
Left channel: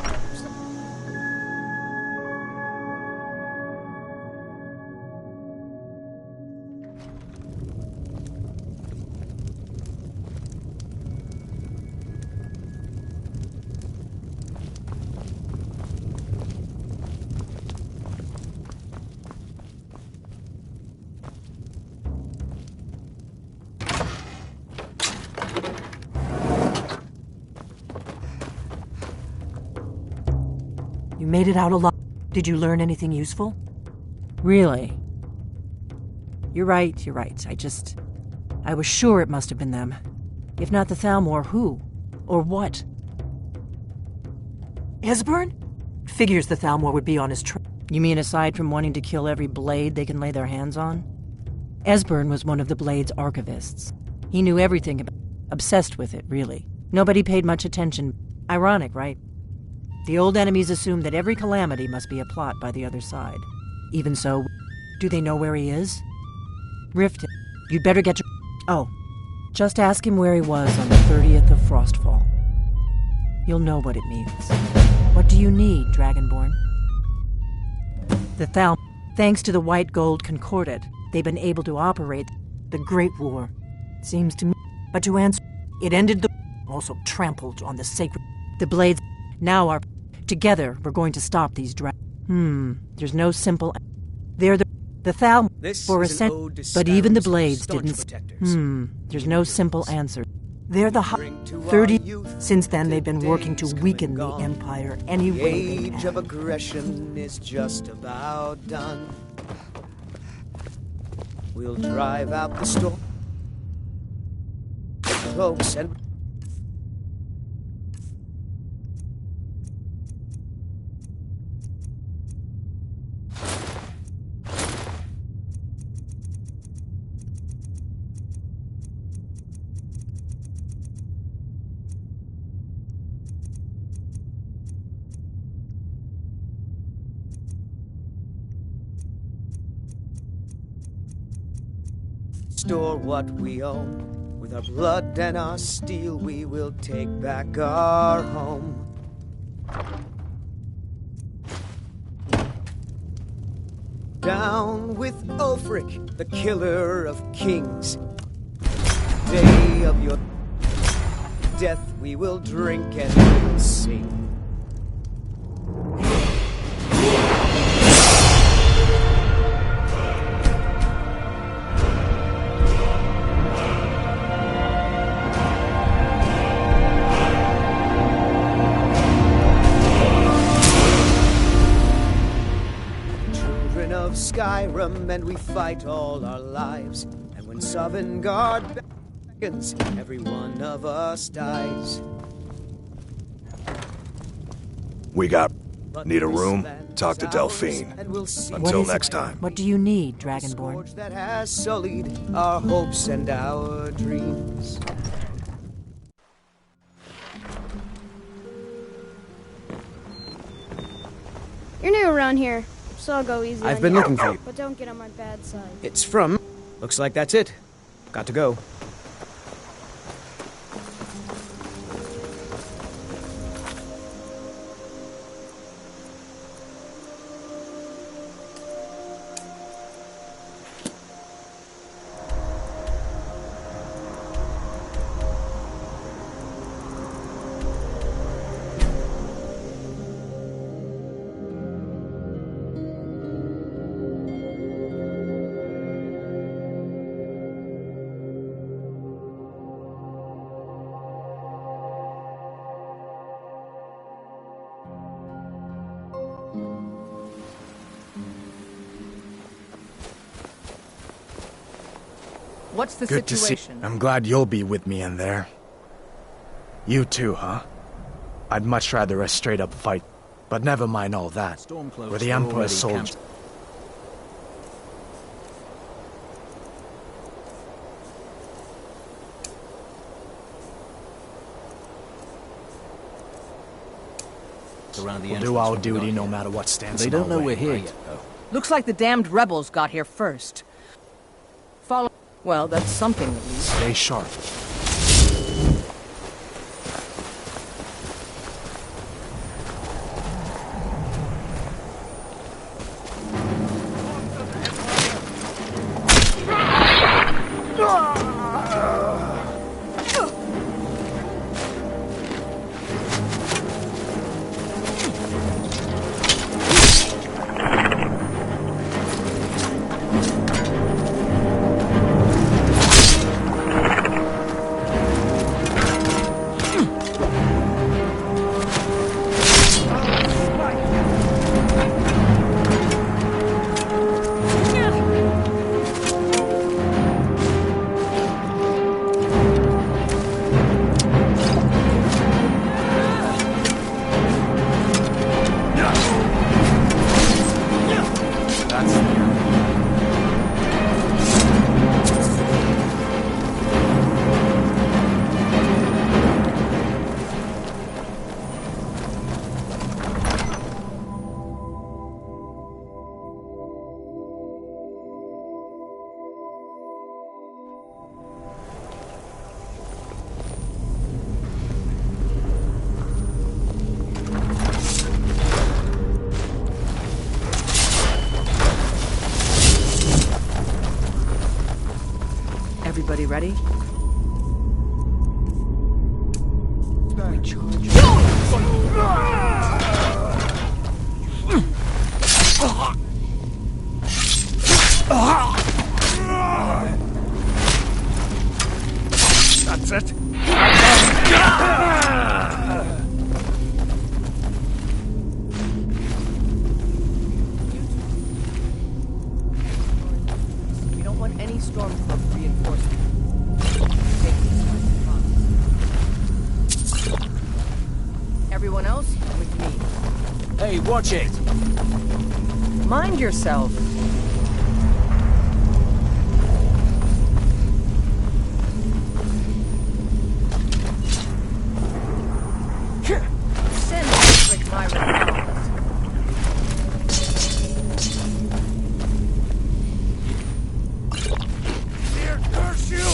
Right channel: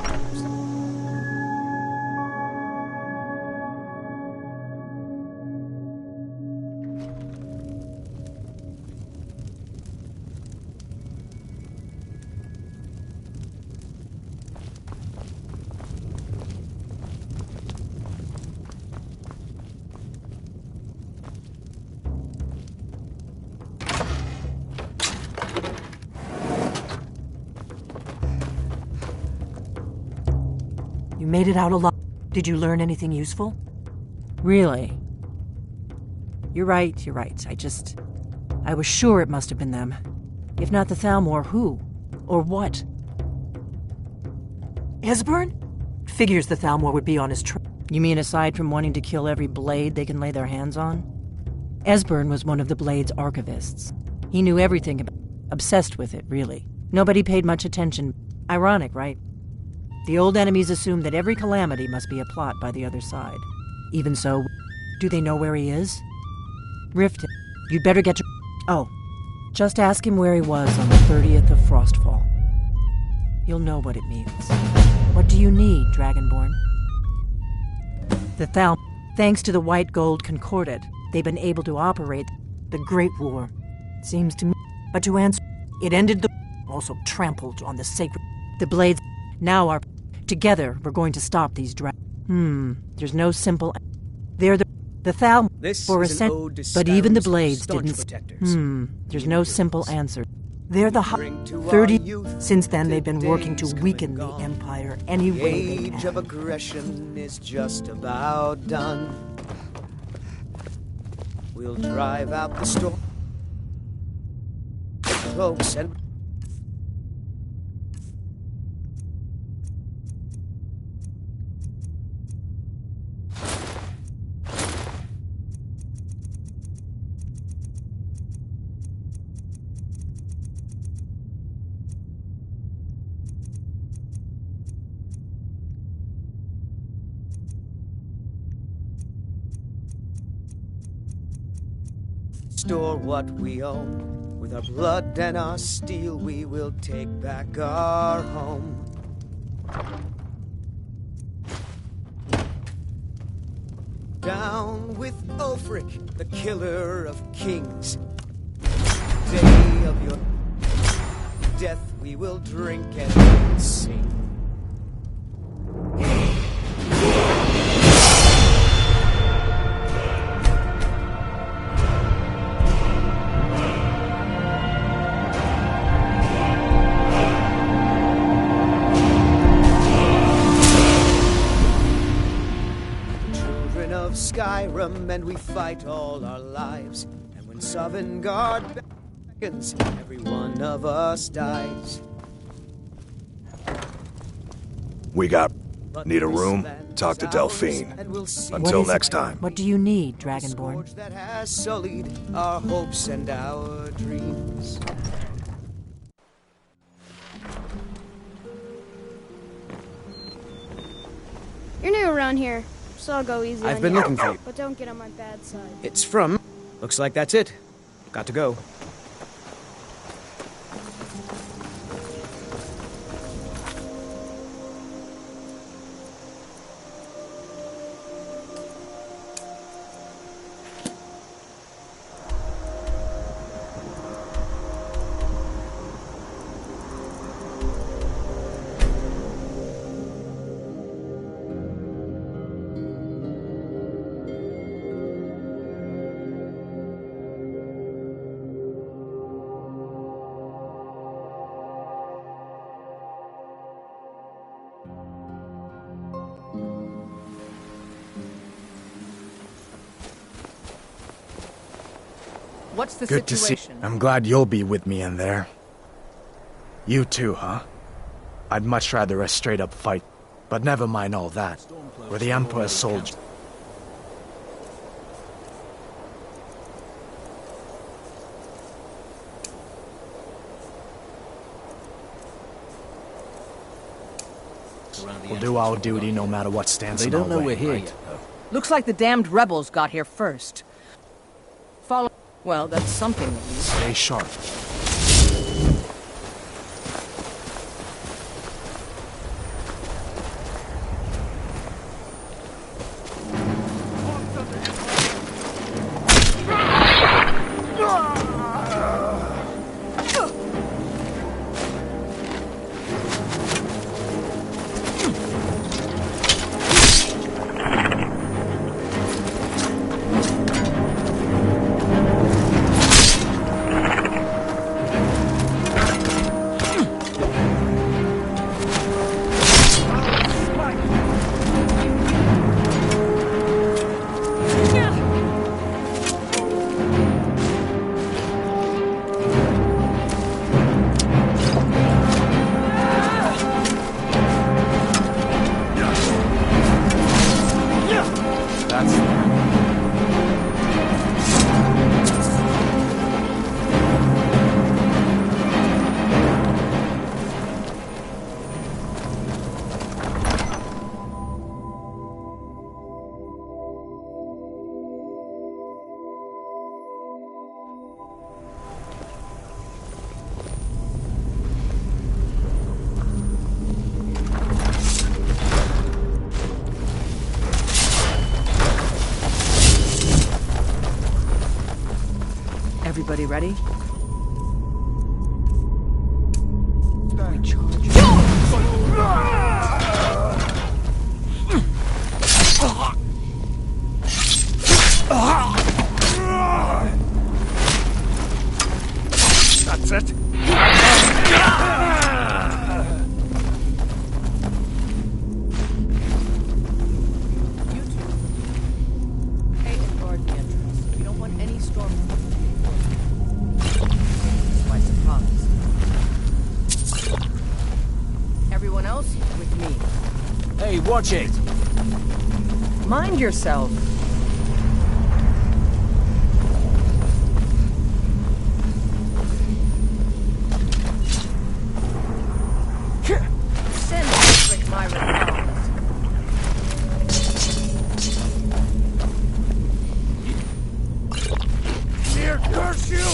You made it out alive. Did you learn anything useful? Really? You're right. I was sure it must have been them. If not the Thalmor, who? Or what? Esbern? Figures the Thalmor would be on his trail. You mean aside from wanting to kill every blade they can lay their hands on? Esbern was one of the Blade's archivists. He knew everything about... Obsessed with it, really. Nobody paid much attention. Ironic, right? The old enemies assumed that every calamity must be a plot by the other side. Even so, do they know where he is? Rift him. You'd better get to... Oh, just ask him where he was on the 30th of Frostfall. You'll know what it means. What do you need, Dragonborn? The Thal... Thanks to the White Gold Concordat, they've been able to operate the Great War. Seems to me... But to answer... It ended the... Also trampled on the sacred... The Blades... Now are... Together, we're going to stop these There's no simple... They're the Thal... For a but even the Blades didn't... There's no simple answer. They're the 30... Since then, they've been working to weaken the Empire any way they can. Age of aggression is just about done. We'll drive out the storm. Folks and... Store what we own With our blood and our steel, we will take back our home. Down with Ulfric, the killer of kings. Day of your death, we will drink and we'll sing. Of Skyrim, and we fight all our lives. And when Sovngarde beckons, every one of us dies. Need a room? Talk to Delphine. Until next time. What do you need, Dragonborn? That has sullied our hopes and our dreams. You're new around here, so I'll go easy. I've been looking for you. But don't get on my bad side. It's from... Looks like that's it. Got to go. What's the Good situation? to see. I'm glad you'll be with me in there. You too, huh? I'd much rather a straight-up fight, but never mind all that. We're the Emperor's soldiers. We'll do our duty no matter what stands in our way. They don't know we're here right? yet, though. Looks like the damned rebels got here first. Follow... Well, that's something at least. Stay sharp. Everybody ready? We charge. That's it. We don't want any stormcloak reinforcements. Take this by surprise. Everyone else, with me. Hey, watch it! Mind yourself. Send Ulfric my regards. Here, curse you!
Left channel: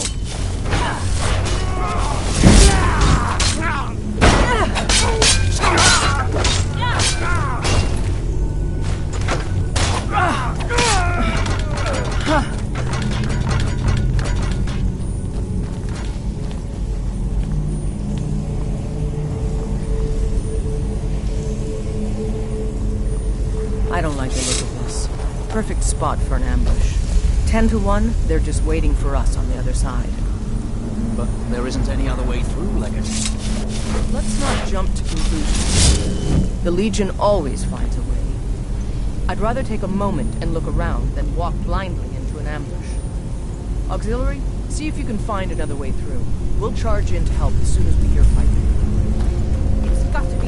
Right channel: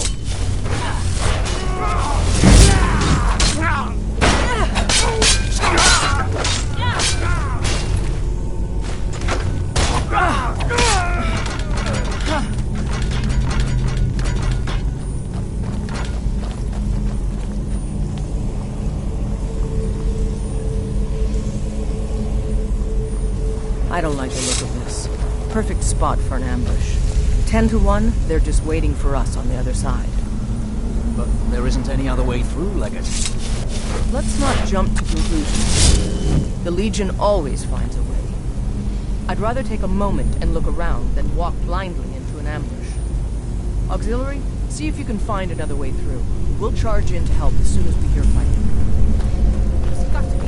I don't like the look of this. Perfect spot for an ambush. 10 to 1, they're just waiting for us on the other side. But there isn't any other way through, Leggett. Let's not jump to conclusions. The Legion always finds a way. I'd rather take a moment and look around than walk blindly into an ambush. Auxiliary, see if you can find another way through. We'll charge in to help as soon as we hear fighting. It's got to be...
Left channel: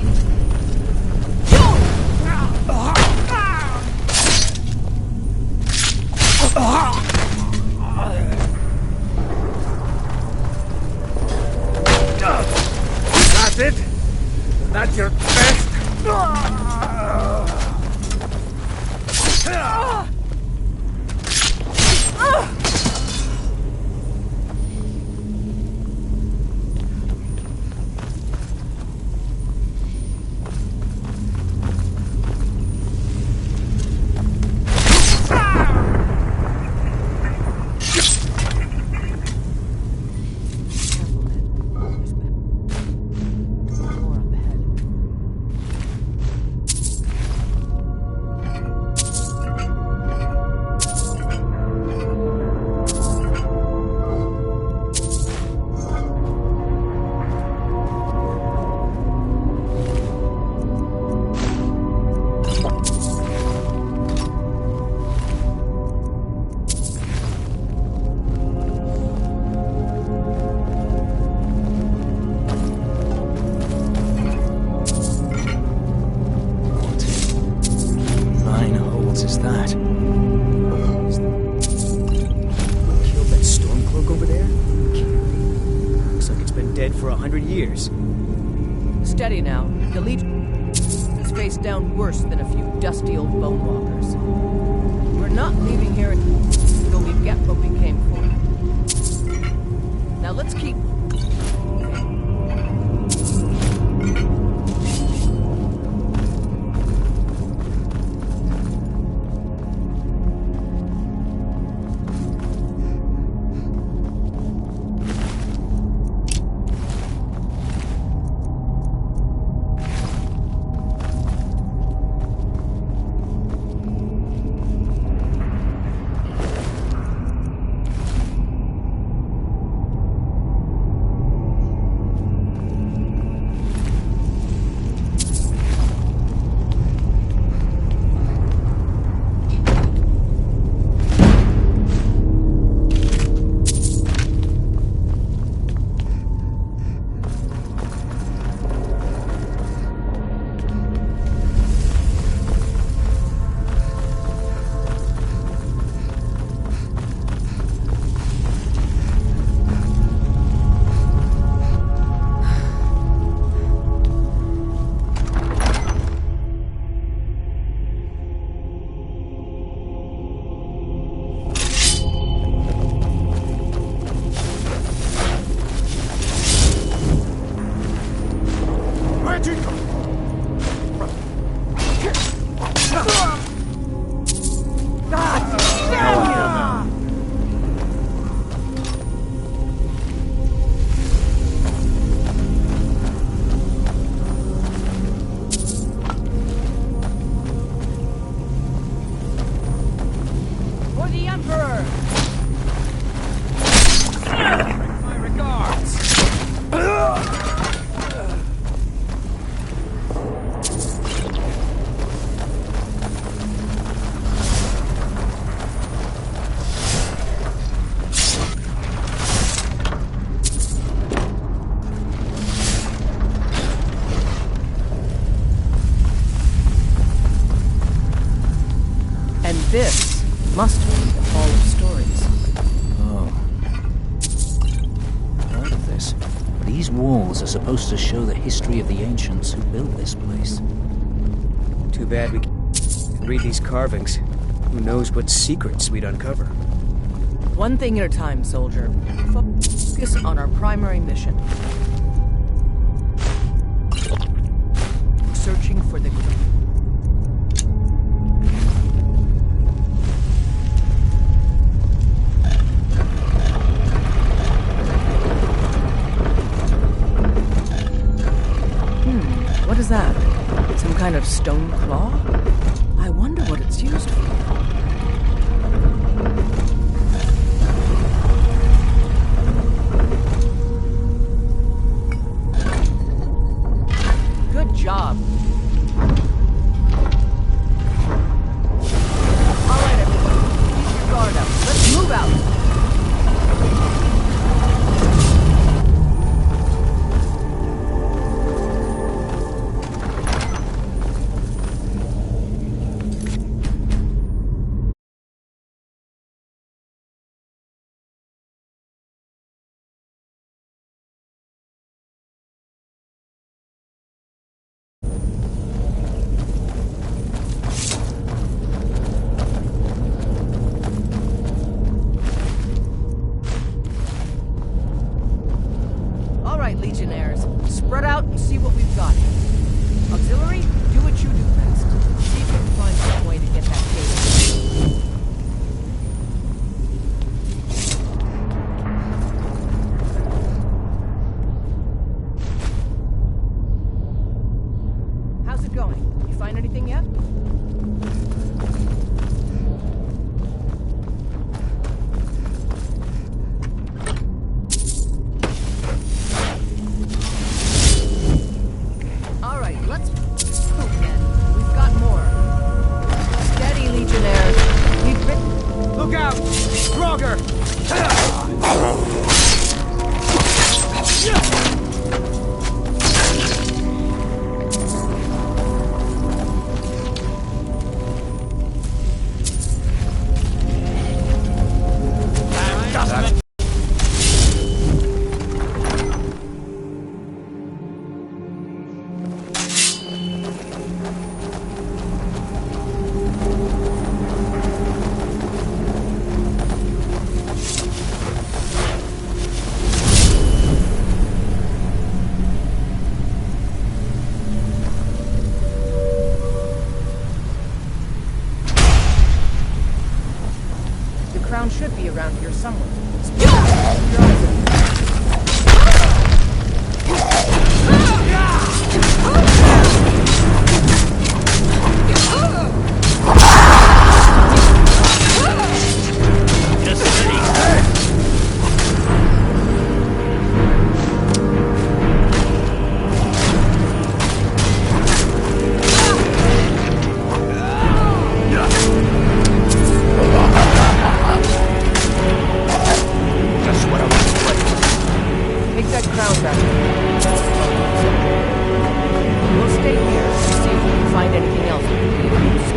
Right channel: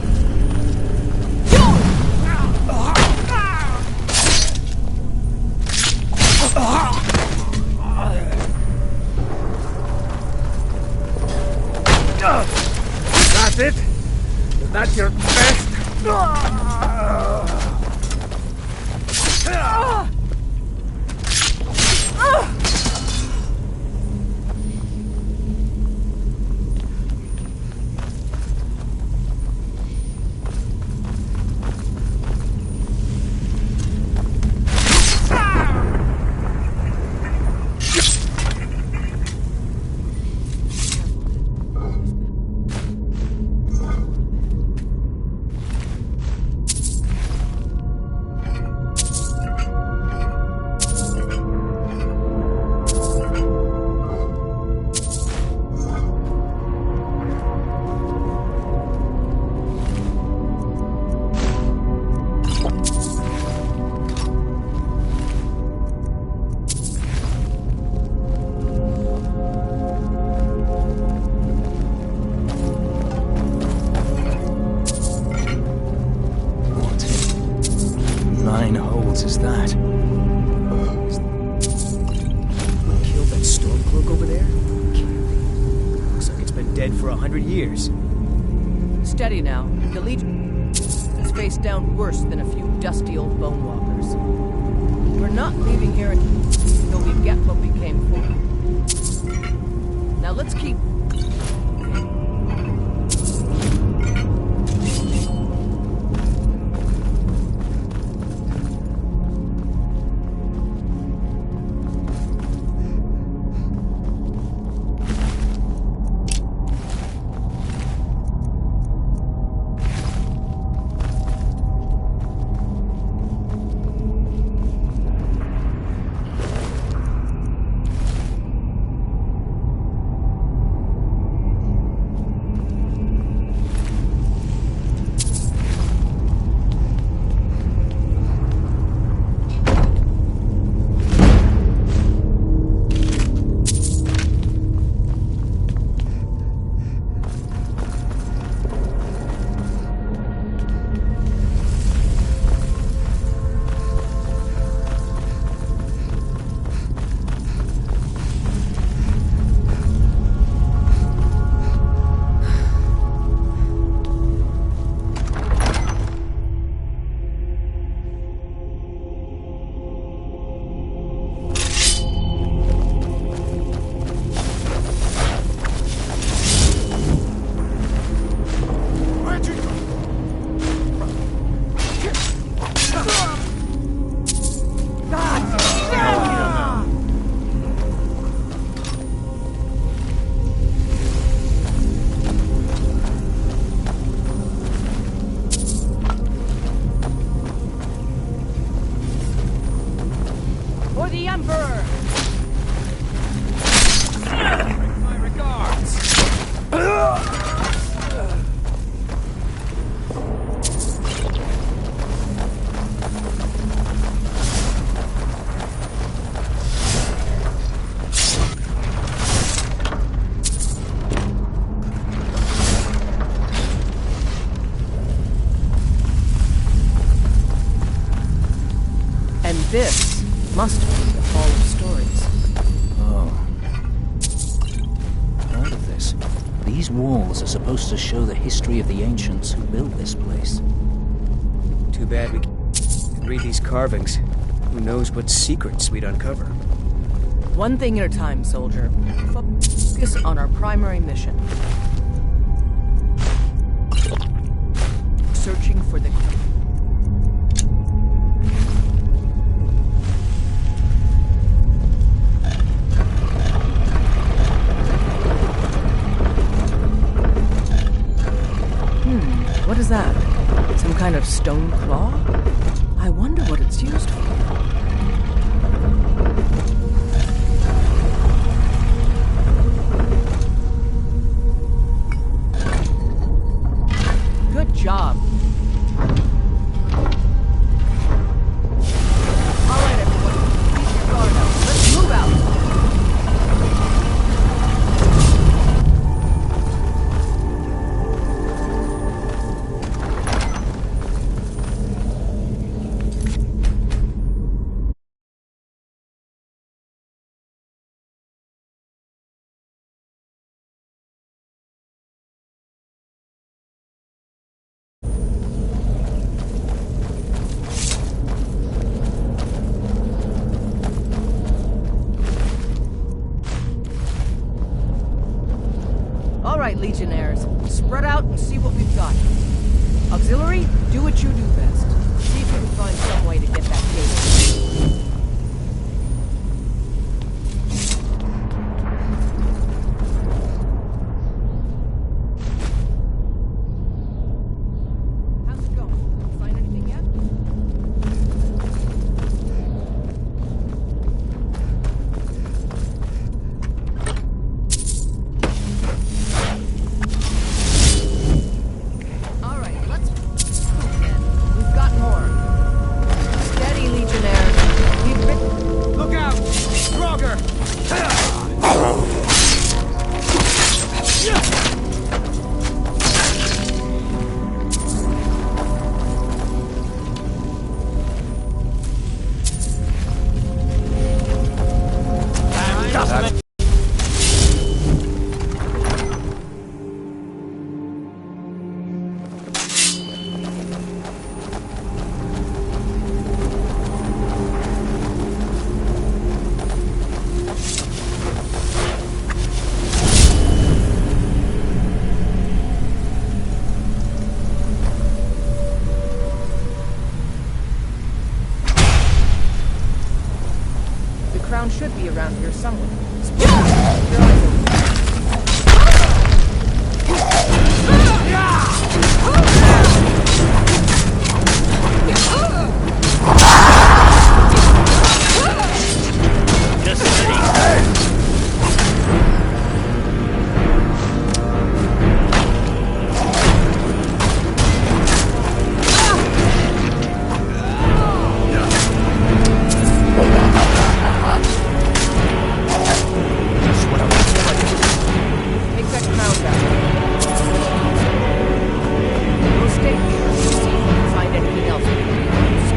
That's it? Is that your best? Is that? Who killed that Stormcloak over there? Looks like it's been dead for 100 years. Steady now. The Legion is face down worse than a few dusty old bone walkers. We're not leaving here until we get what we came for. Now let's keep... For the Emperor! My regards! And this must be the Hall of Stories. Oh. Heard of this. These walls are supposed to show the history of the ancients who built this place. Too bad we can't read these carvings. Who knows what secrets we'd uncover. One thing at a time, soldier. Focus on our primary mission. Searching for the... What is that? Some kind of stone claw? I I wonder what it's used for. Good job. All right, everyone. Keep your guard up. Let's move out. All right, Legionnaires, spread out and see what we've got. Auxiliary, do what you do best. See if you can find some way to get that gate. How's it going? You find anything yet? The crown should be around here somewhere. Keep your eyes open. Just steady. We'll stay here and see if we can find anything else that could be of use.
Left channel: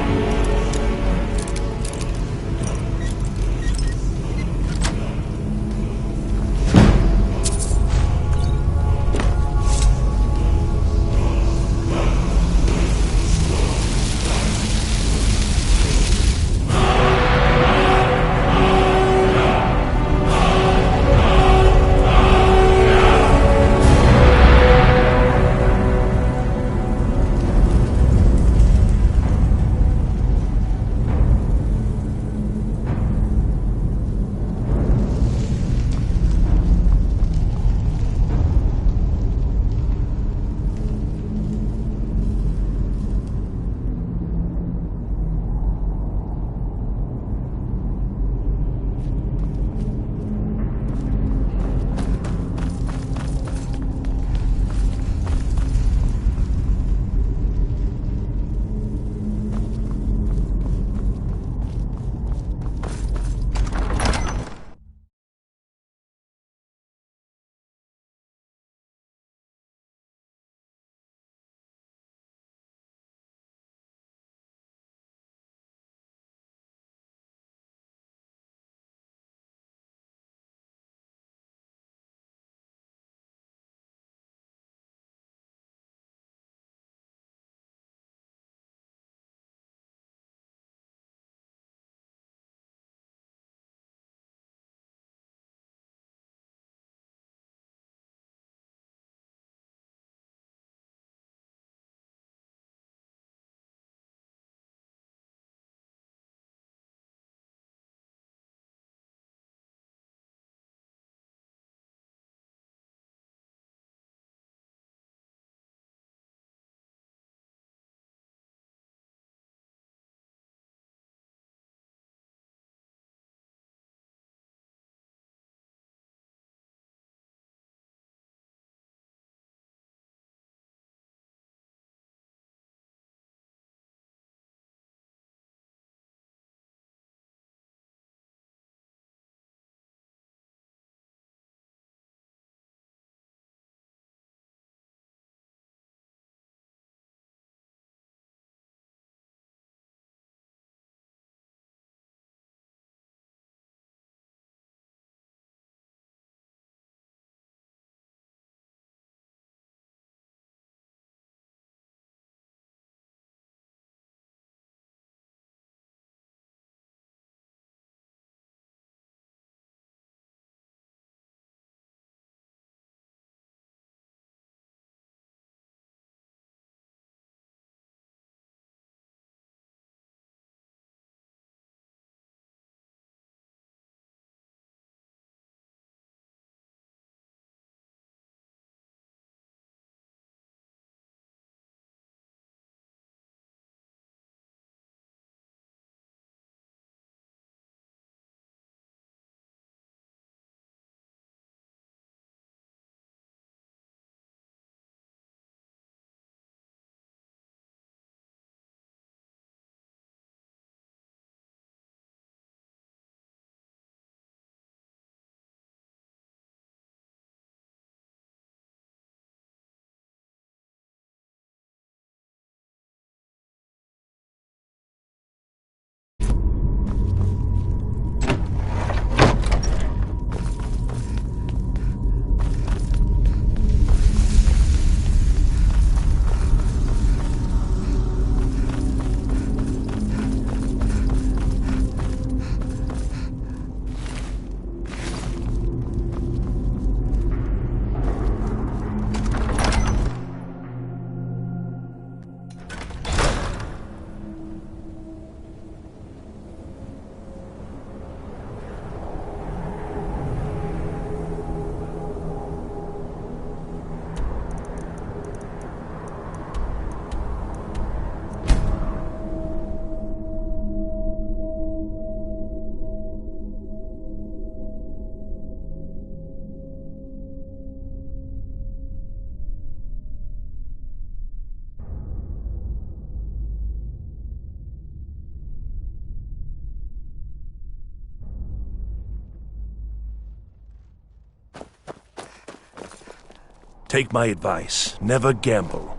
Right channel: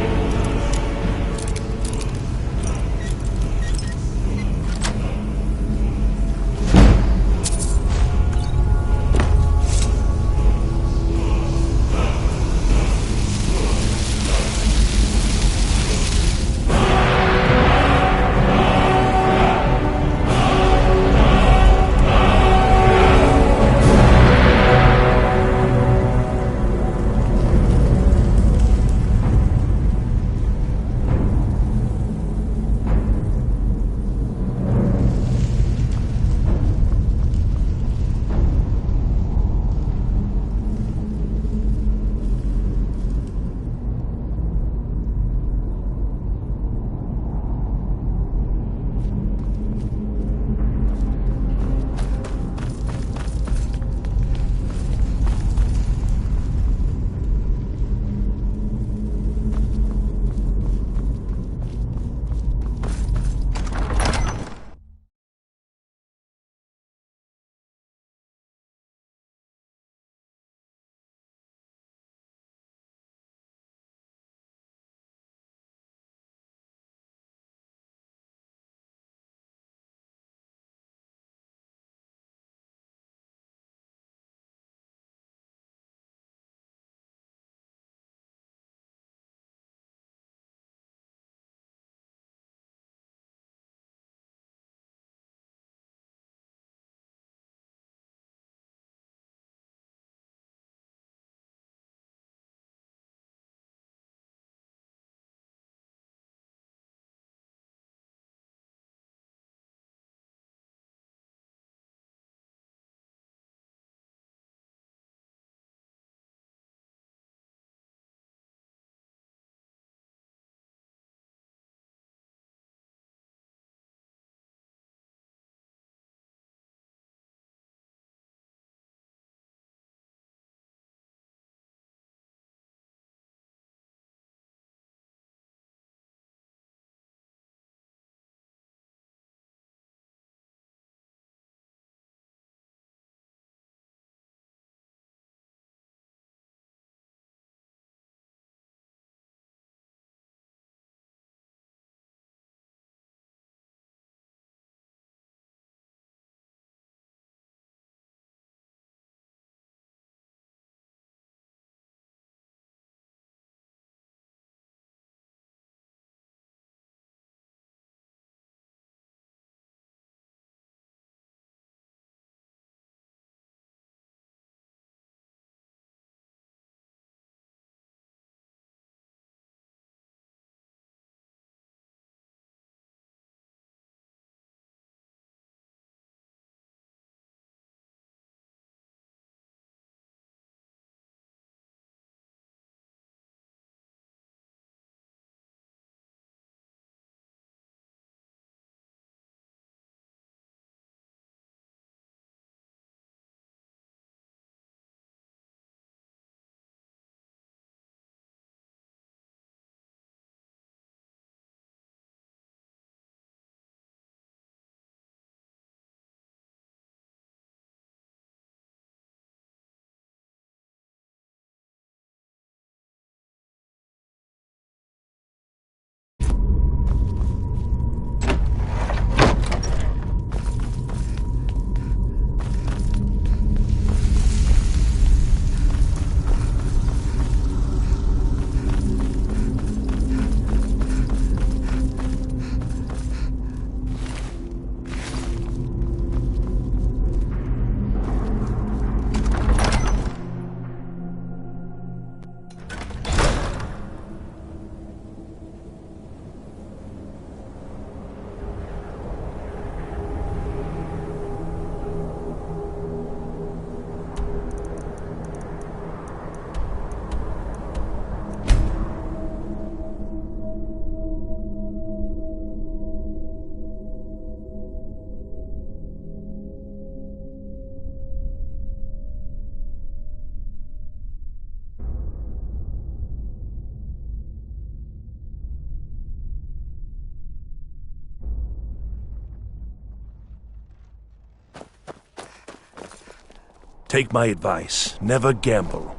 Take my advice. Never gamble.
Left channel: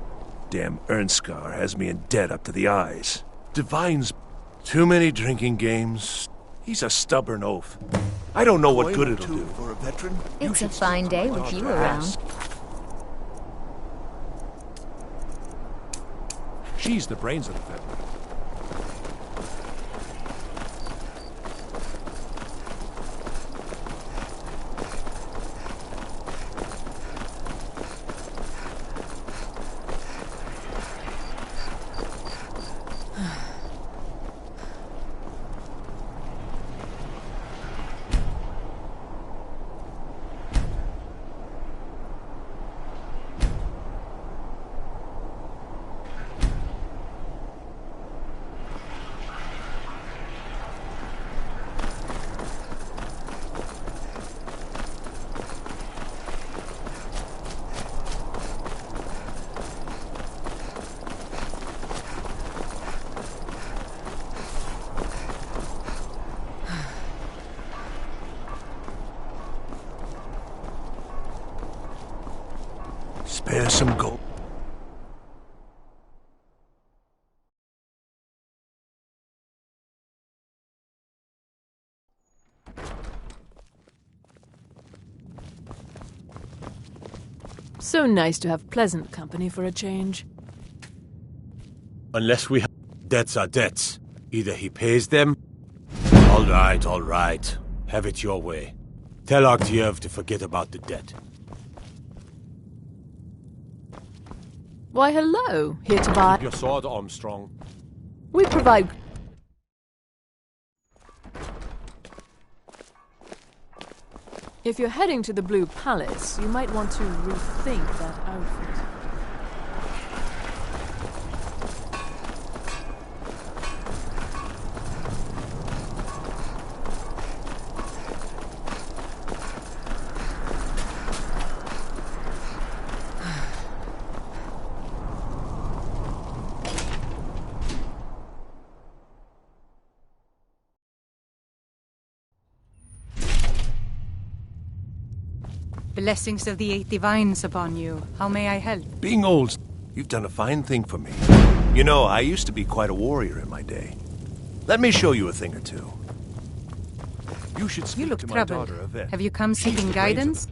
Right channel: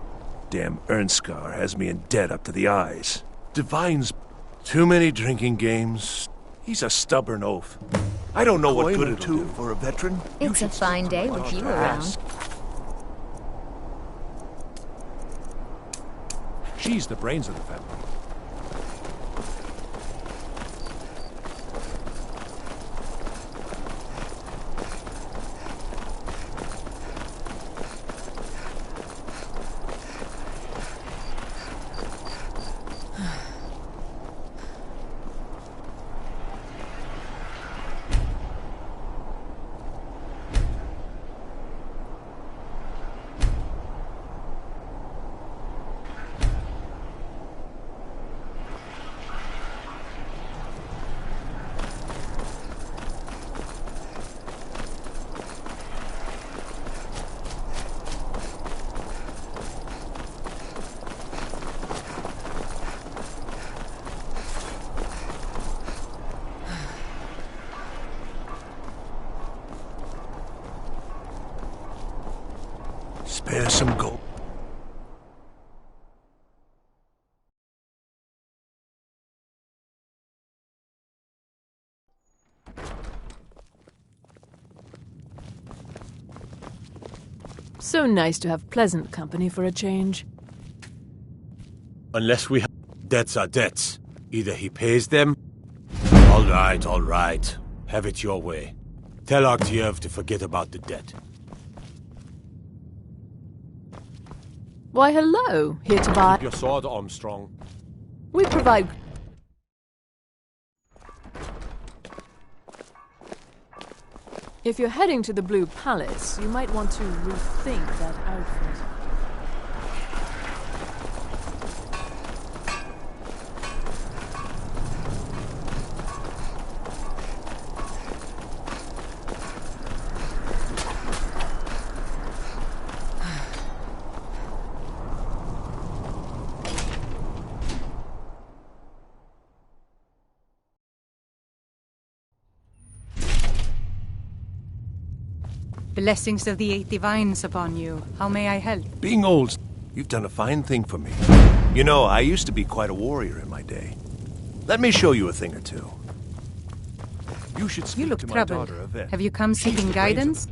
Damn Ernskar has me in debt up to the eyes. Divine's too many drinking games. He's a stubborn oaf. I don't know what good it'll do. For a veteran? It's a fine day with you around. She's the brains of the family. Spare some gold. So nice to have pleasant company for a change. Unless we have... Debts are debts. Either he pays them... All right. Have it your way. Tell Arktiev to forget about the debt. Why, hello. Here to buy... Your sword, Armstrong. We provide... If you're heading to the Blue Palace, you might want to rethink that outfit. Blessings of the Eight Divines upon you. How may I help? Being old, you've done a fine thing for me. You know, I used to be quite a warrior in my day. Let me show you a thing or two. You should speak You look to my troubled. daughter, Yvette. Have you come seeking guidance?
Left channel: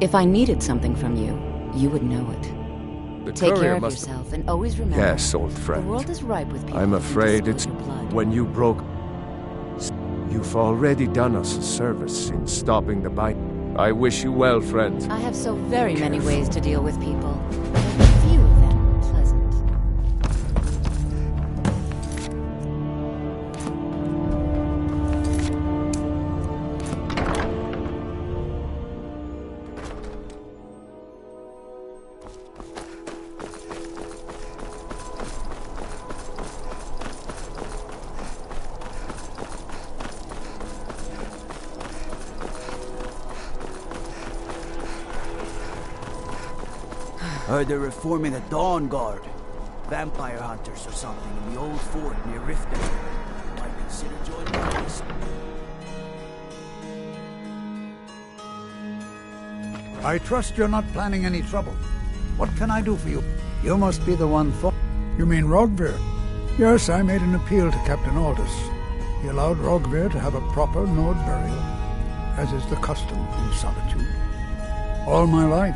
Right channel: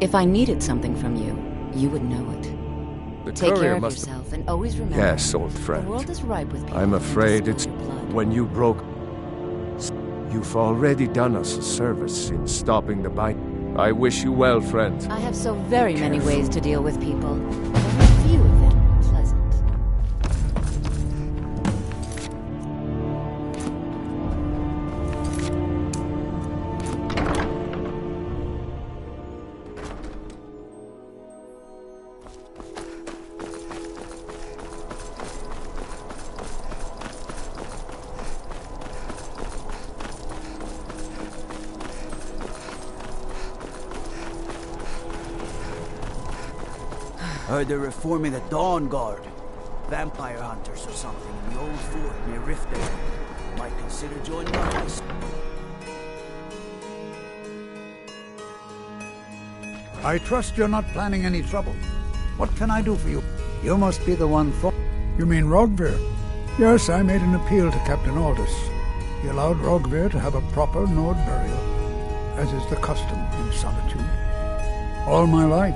If I needed something from you, you would know it. The Take courier care of must yourself and always remember. Yes, old friend. The world is ripe with people I'm who can afraid spill it's your blood. when you broke. You've already done us a service in stopping the bite. I wish you well, friend. I have so very many ways to deal with people. Very few of them pleasant. Heard they're reforming the Dawn Guard. Vampire hunters or something in the old fort near Riftdale. Might consider joining us. I trust you're not planning any trouble. What can I do for you? You must be the one for... You mean Rogvir? Yes, I made an appeal to Captain Aldous. He allowed Rogvir to have a proper Nord burial, as is the custom in Solitude. All my life,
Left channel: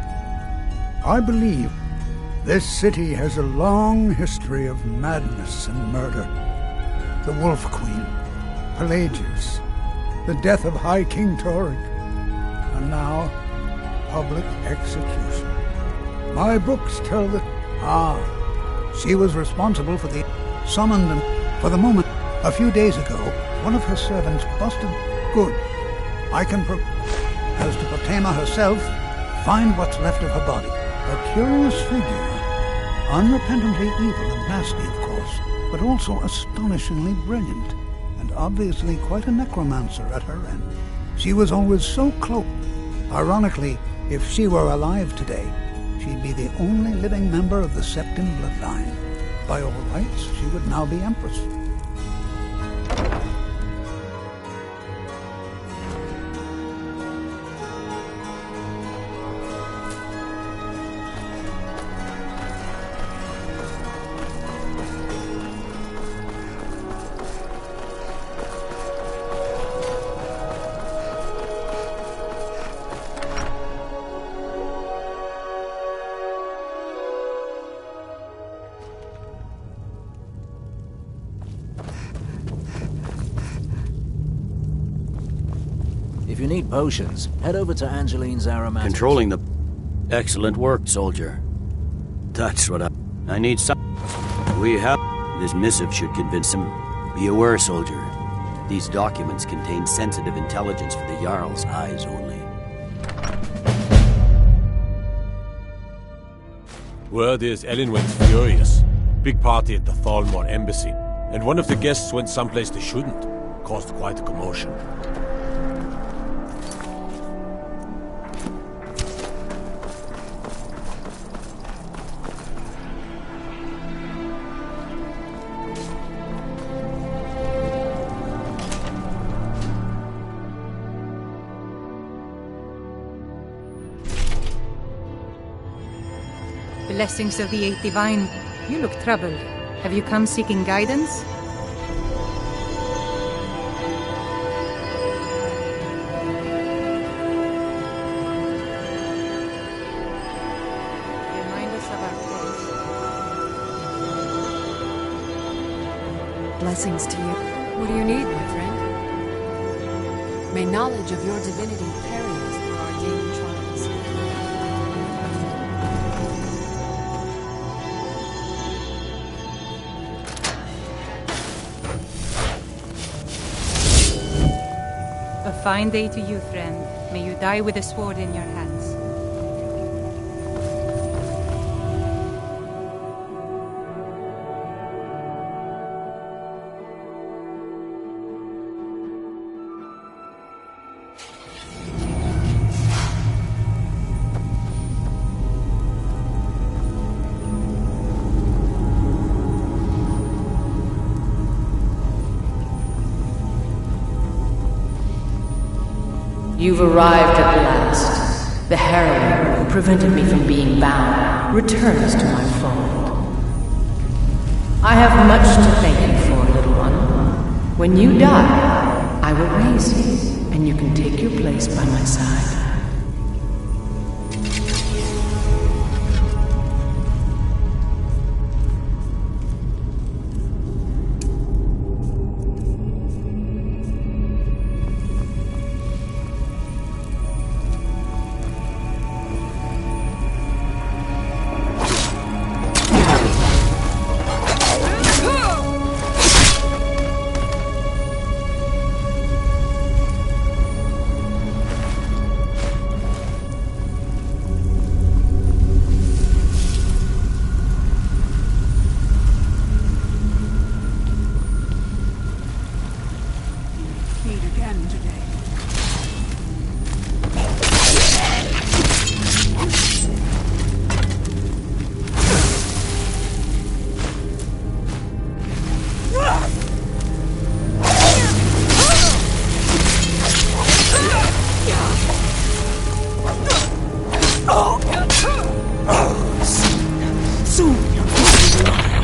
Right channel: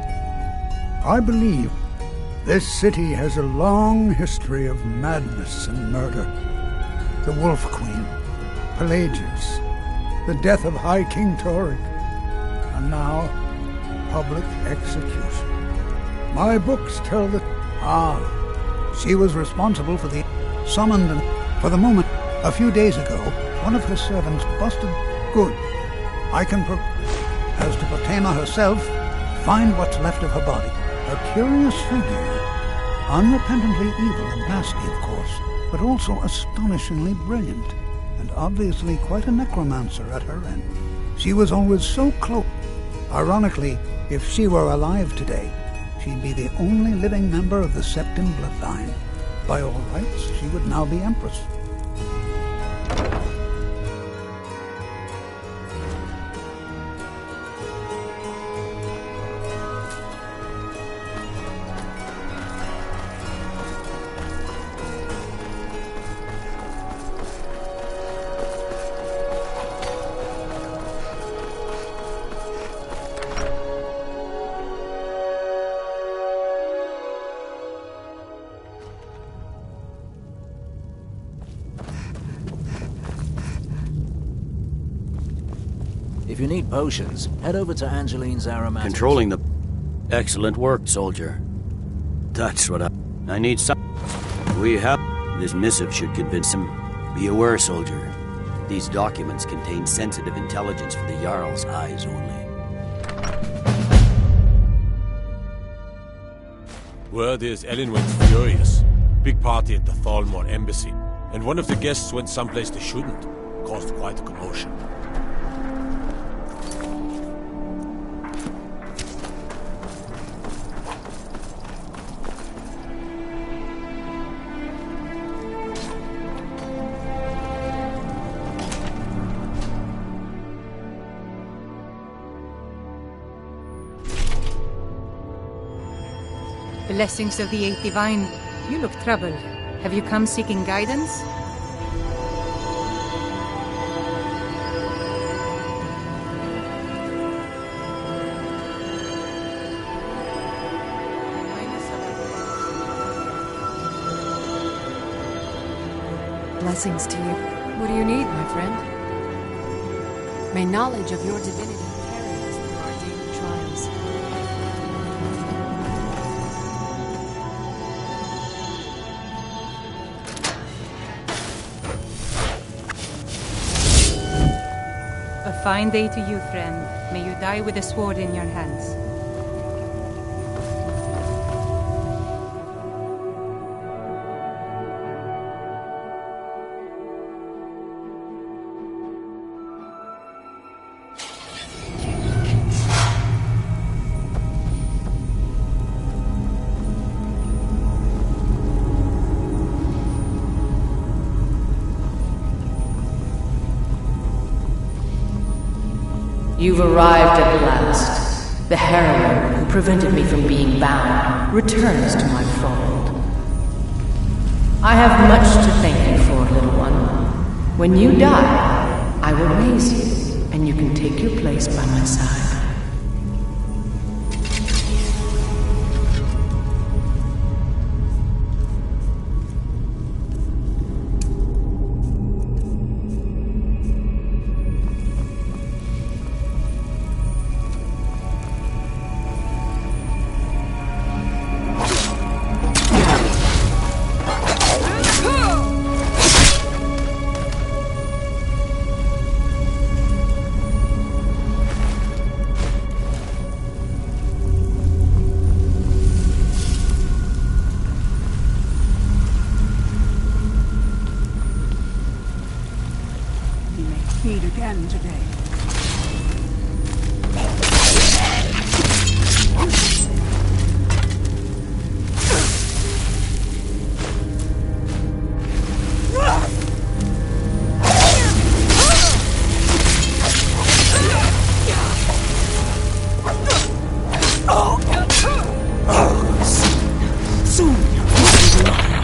I believe this city has a long history of madness and murder. The Wolf Queen, Pelagius, the death of High King Torygg, and now public execution. My books tell that... she was responsible for the... summoned and... For the moment, a few days ago, one of her servants busted... Good. I can As to Potema herself, find what's left of her body. A curious figure. Unrepentantly evil and nasty, of course, but also astonishingly brilliant, and obviously quite a necromancer at her end. She was always so close. Ironically, if she were alive today, she'd be the only living member of the Septim bloodline. By all rights, she would now be Empress. If you need potions, head over to Angeline's Aromatics. Controlling the... Excellent work, soldier. That's what I need some... We have... This missive should convince him. Be aware, soldier. These documents contain sensitive intelligence for the Jarl's eyes only. Word is Elinwen's furious. Big party at the Thalmor embassy. And one of the guests went someplace they shouldn't. Caused quite a commotion. Blessings of the Eight Divine. You look troubled. Have you come seeking guidance? Remind us of our place. Blessings to you. What do you need, my friend? May knowledge of your divinity carry us through our daily trials. A fine day to you, friend. May you die with a sword in your hands. You've arrived at last. The heroine who prevented me from being bound returns to my fold. I have much to thank you for, little one. When you die, I will raise you, and you can take your place by my side. Meet again today. Soon you'll be mine.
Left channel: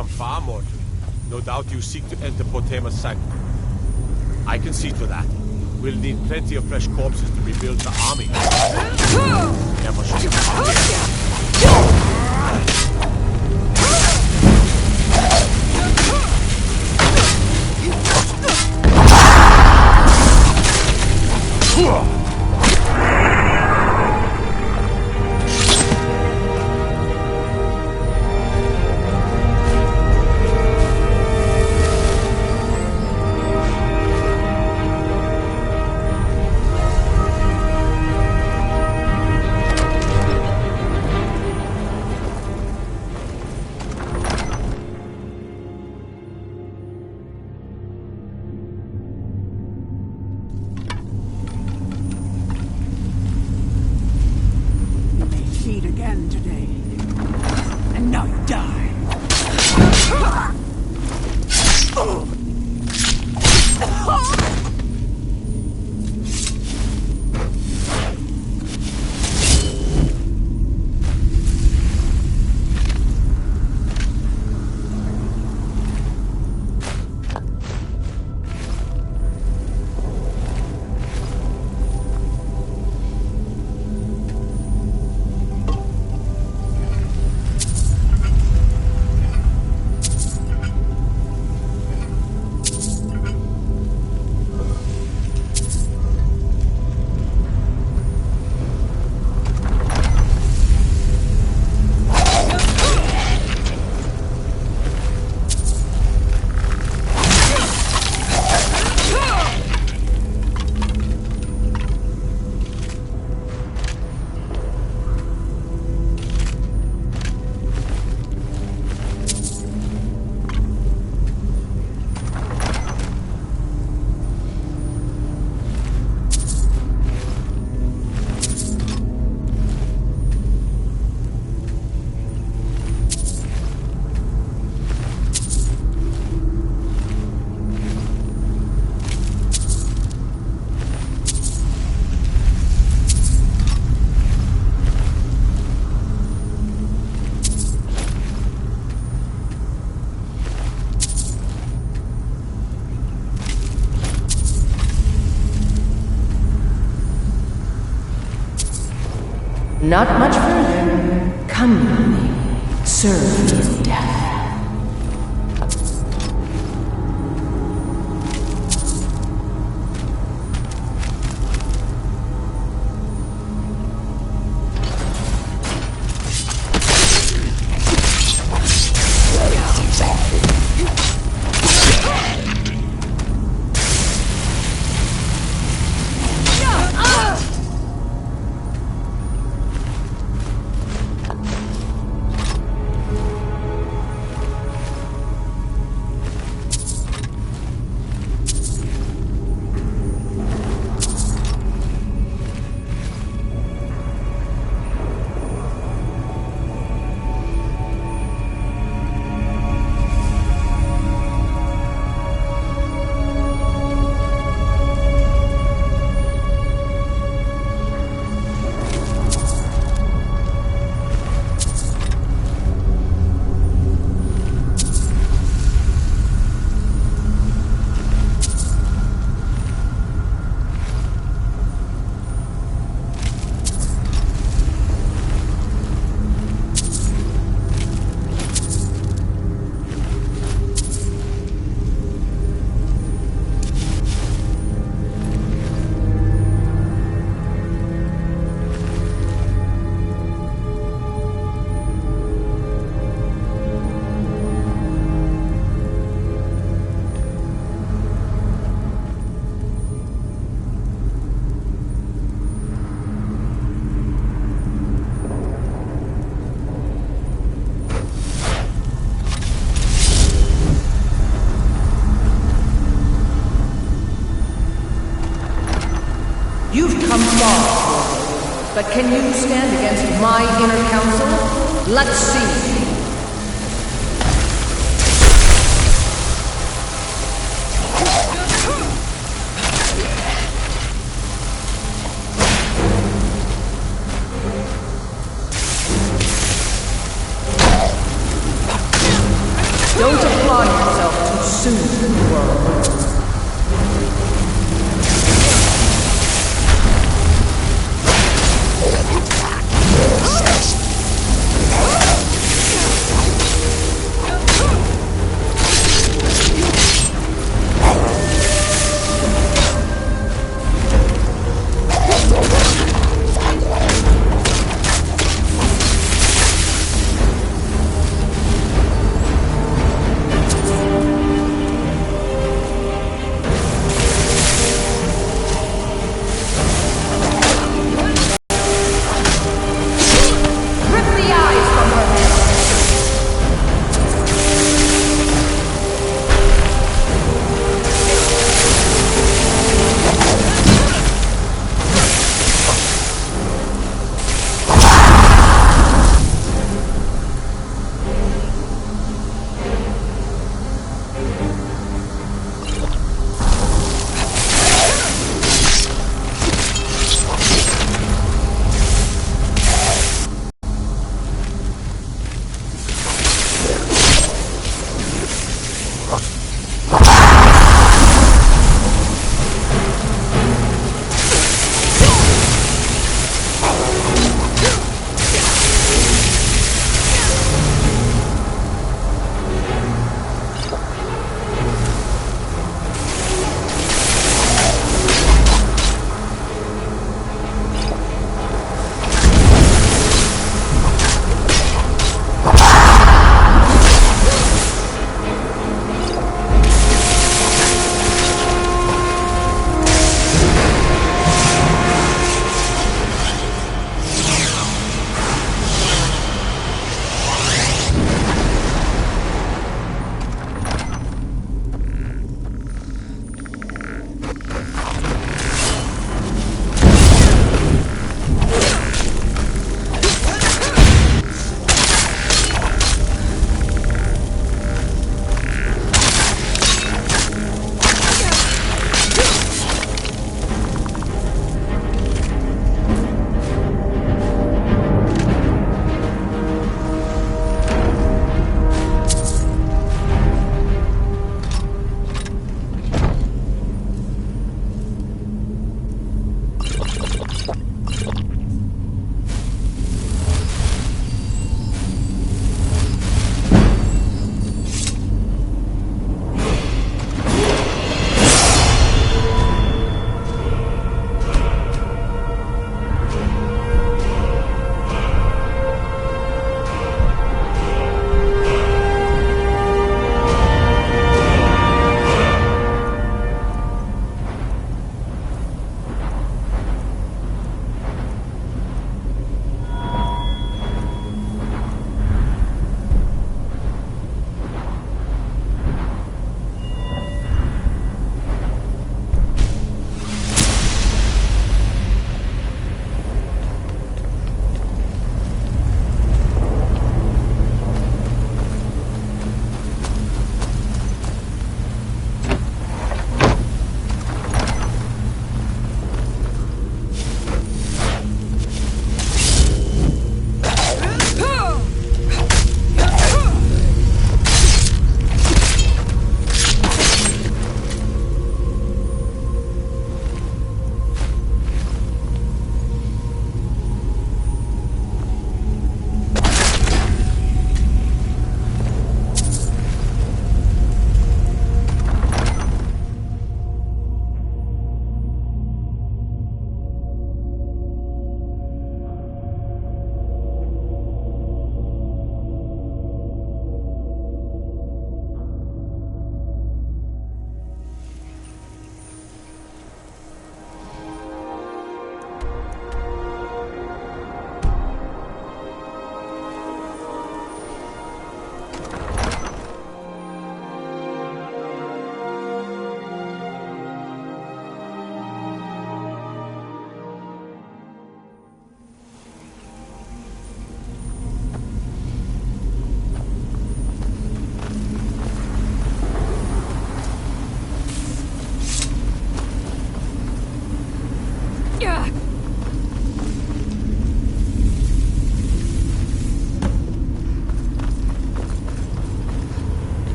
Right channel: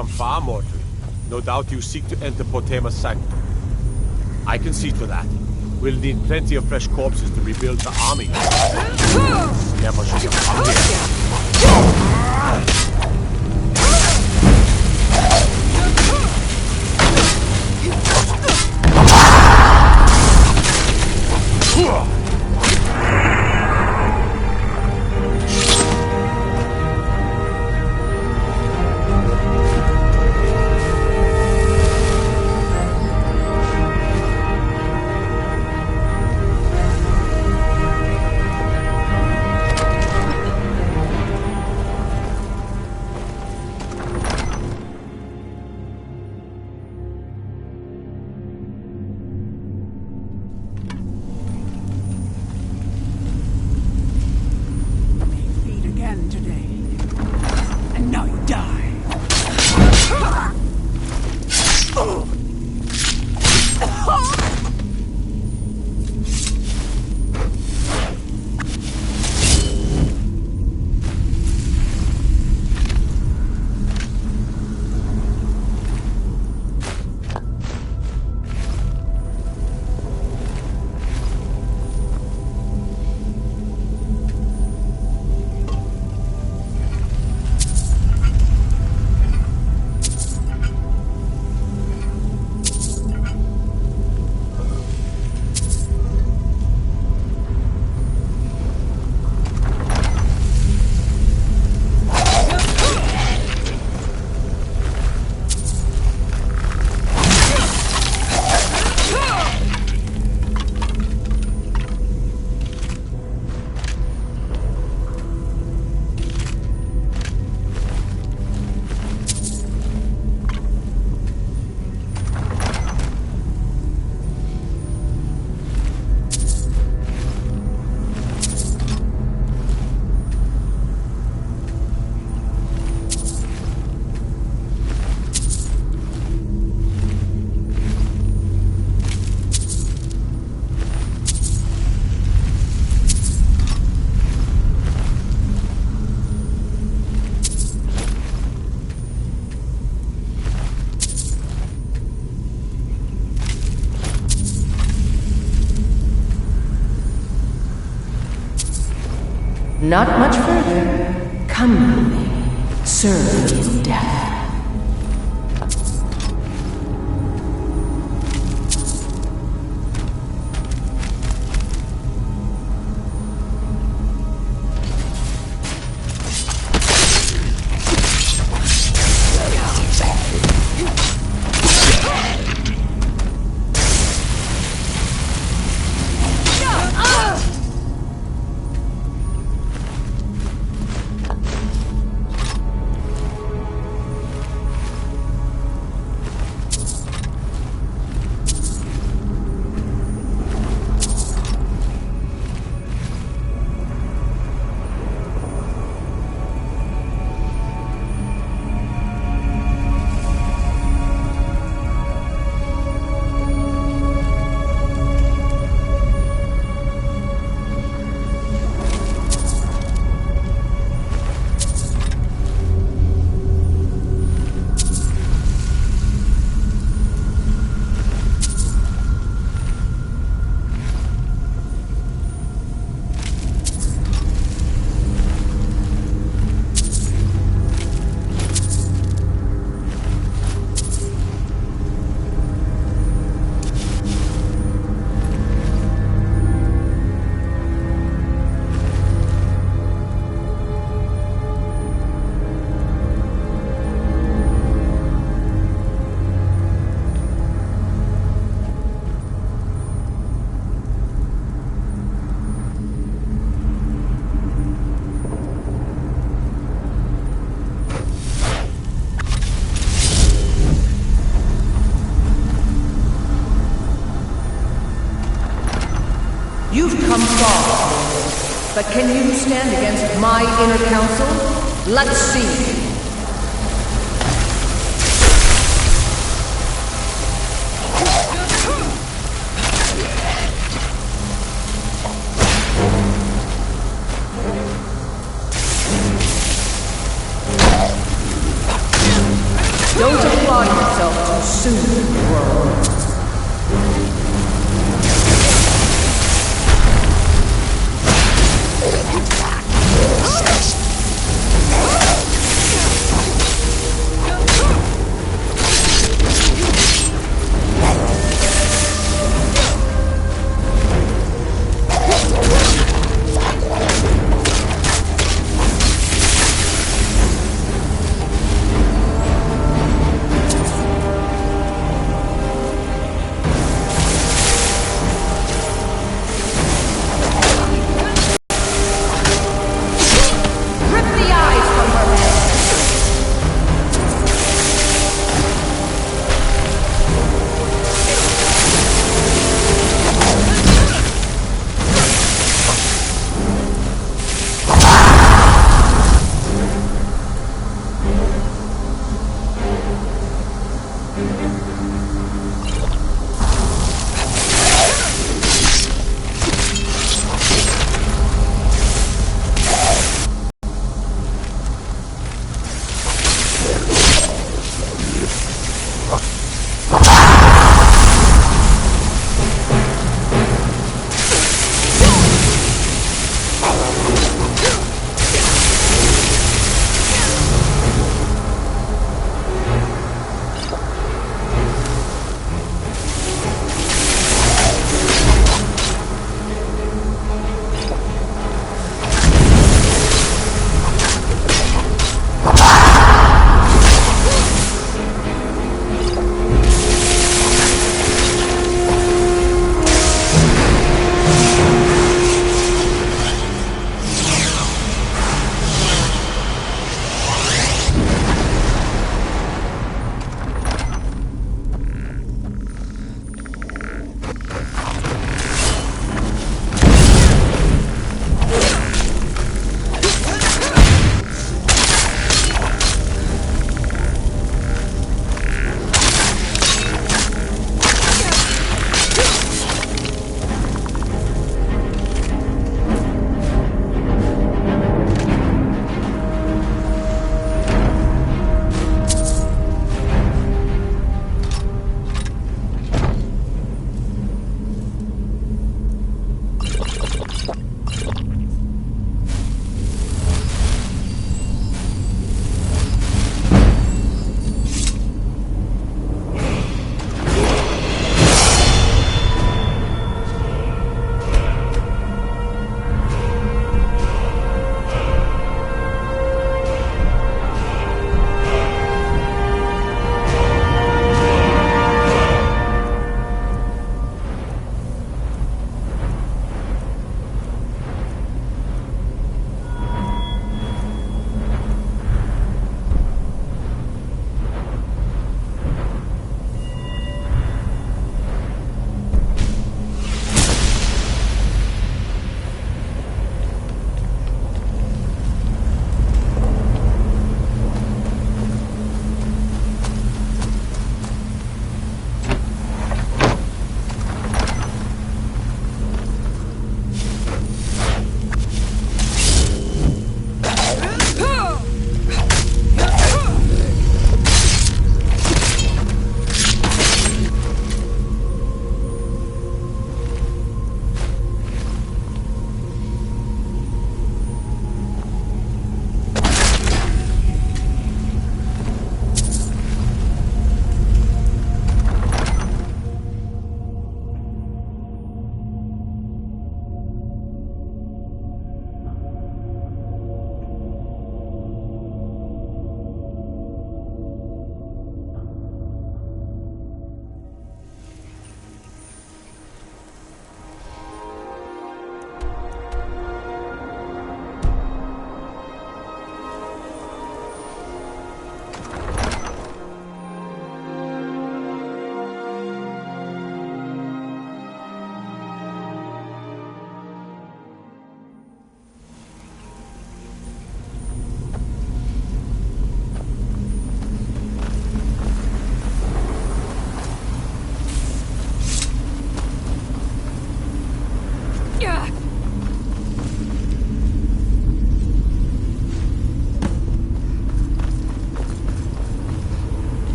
come far, mortal. No doubt you seek to enter Potema's sanctum. I can see to that. We'll need plenty of fresh corpses to rebuild the army. Never should have come here. Again today. And now you die. Not much further. Come, youngling. Serve me in death. You've come far, mortal, but can you stand against my inner council? Let's see. on yourself too soon, worm.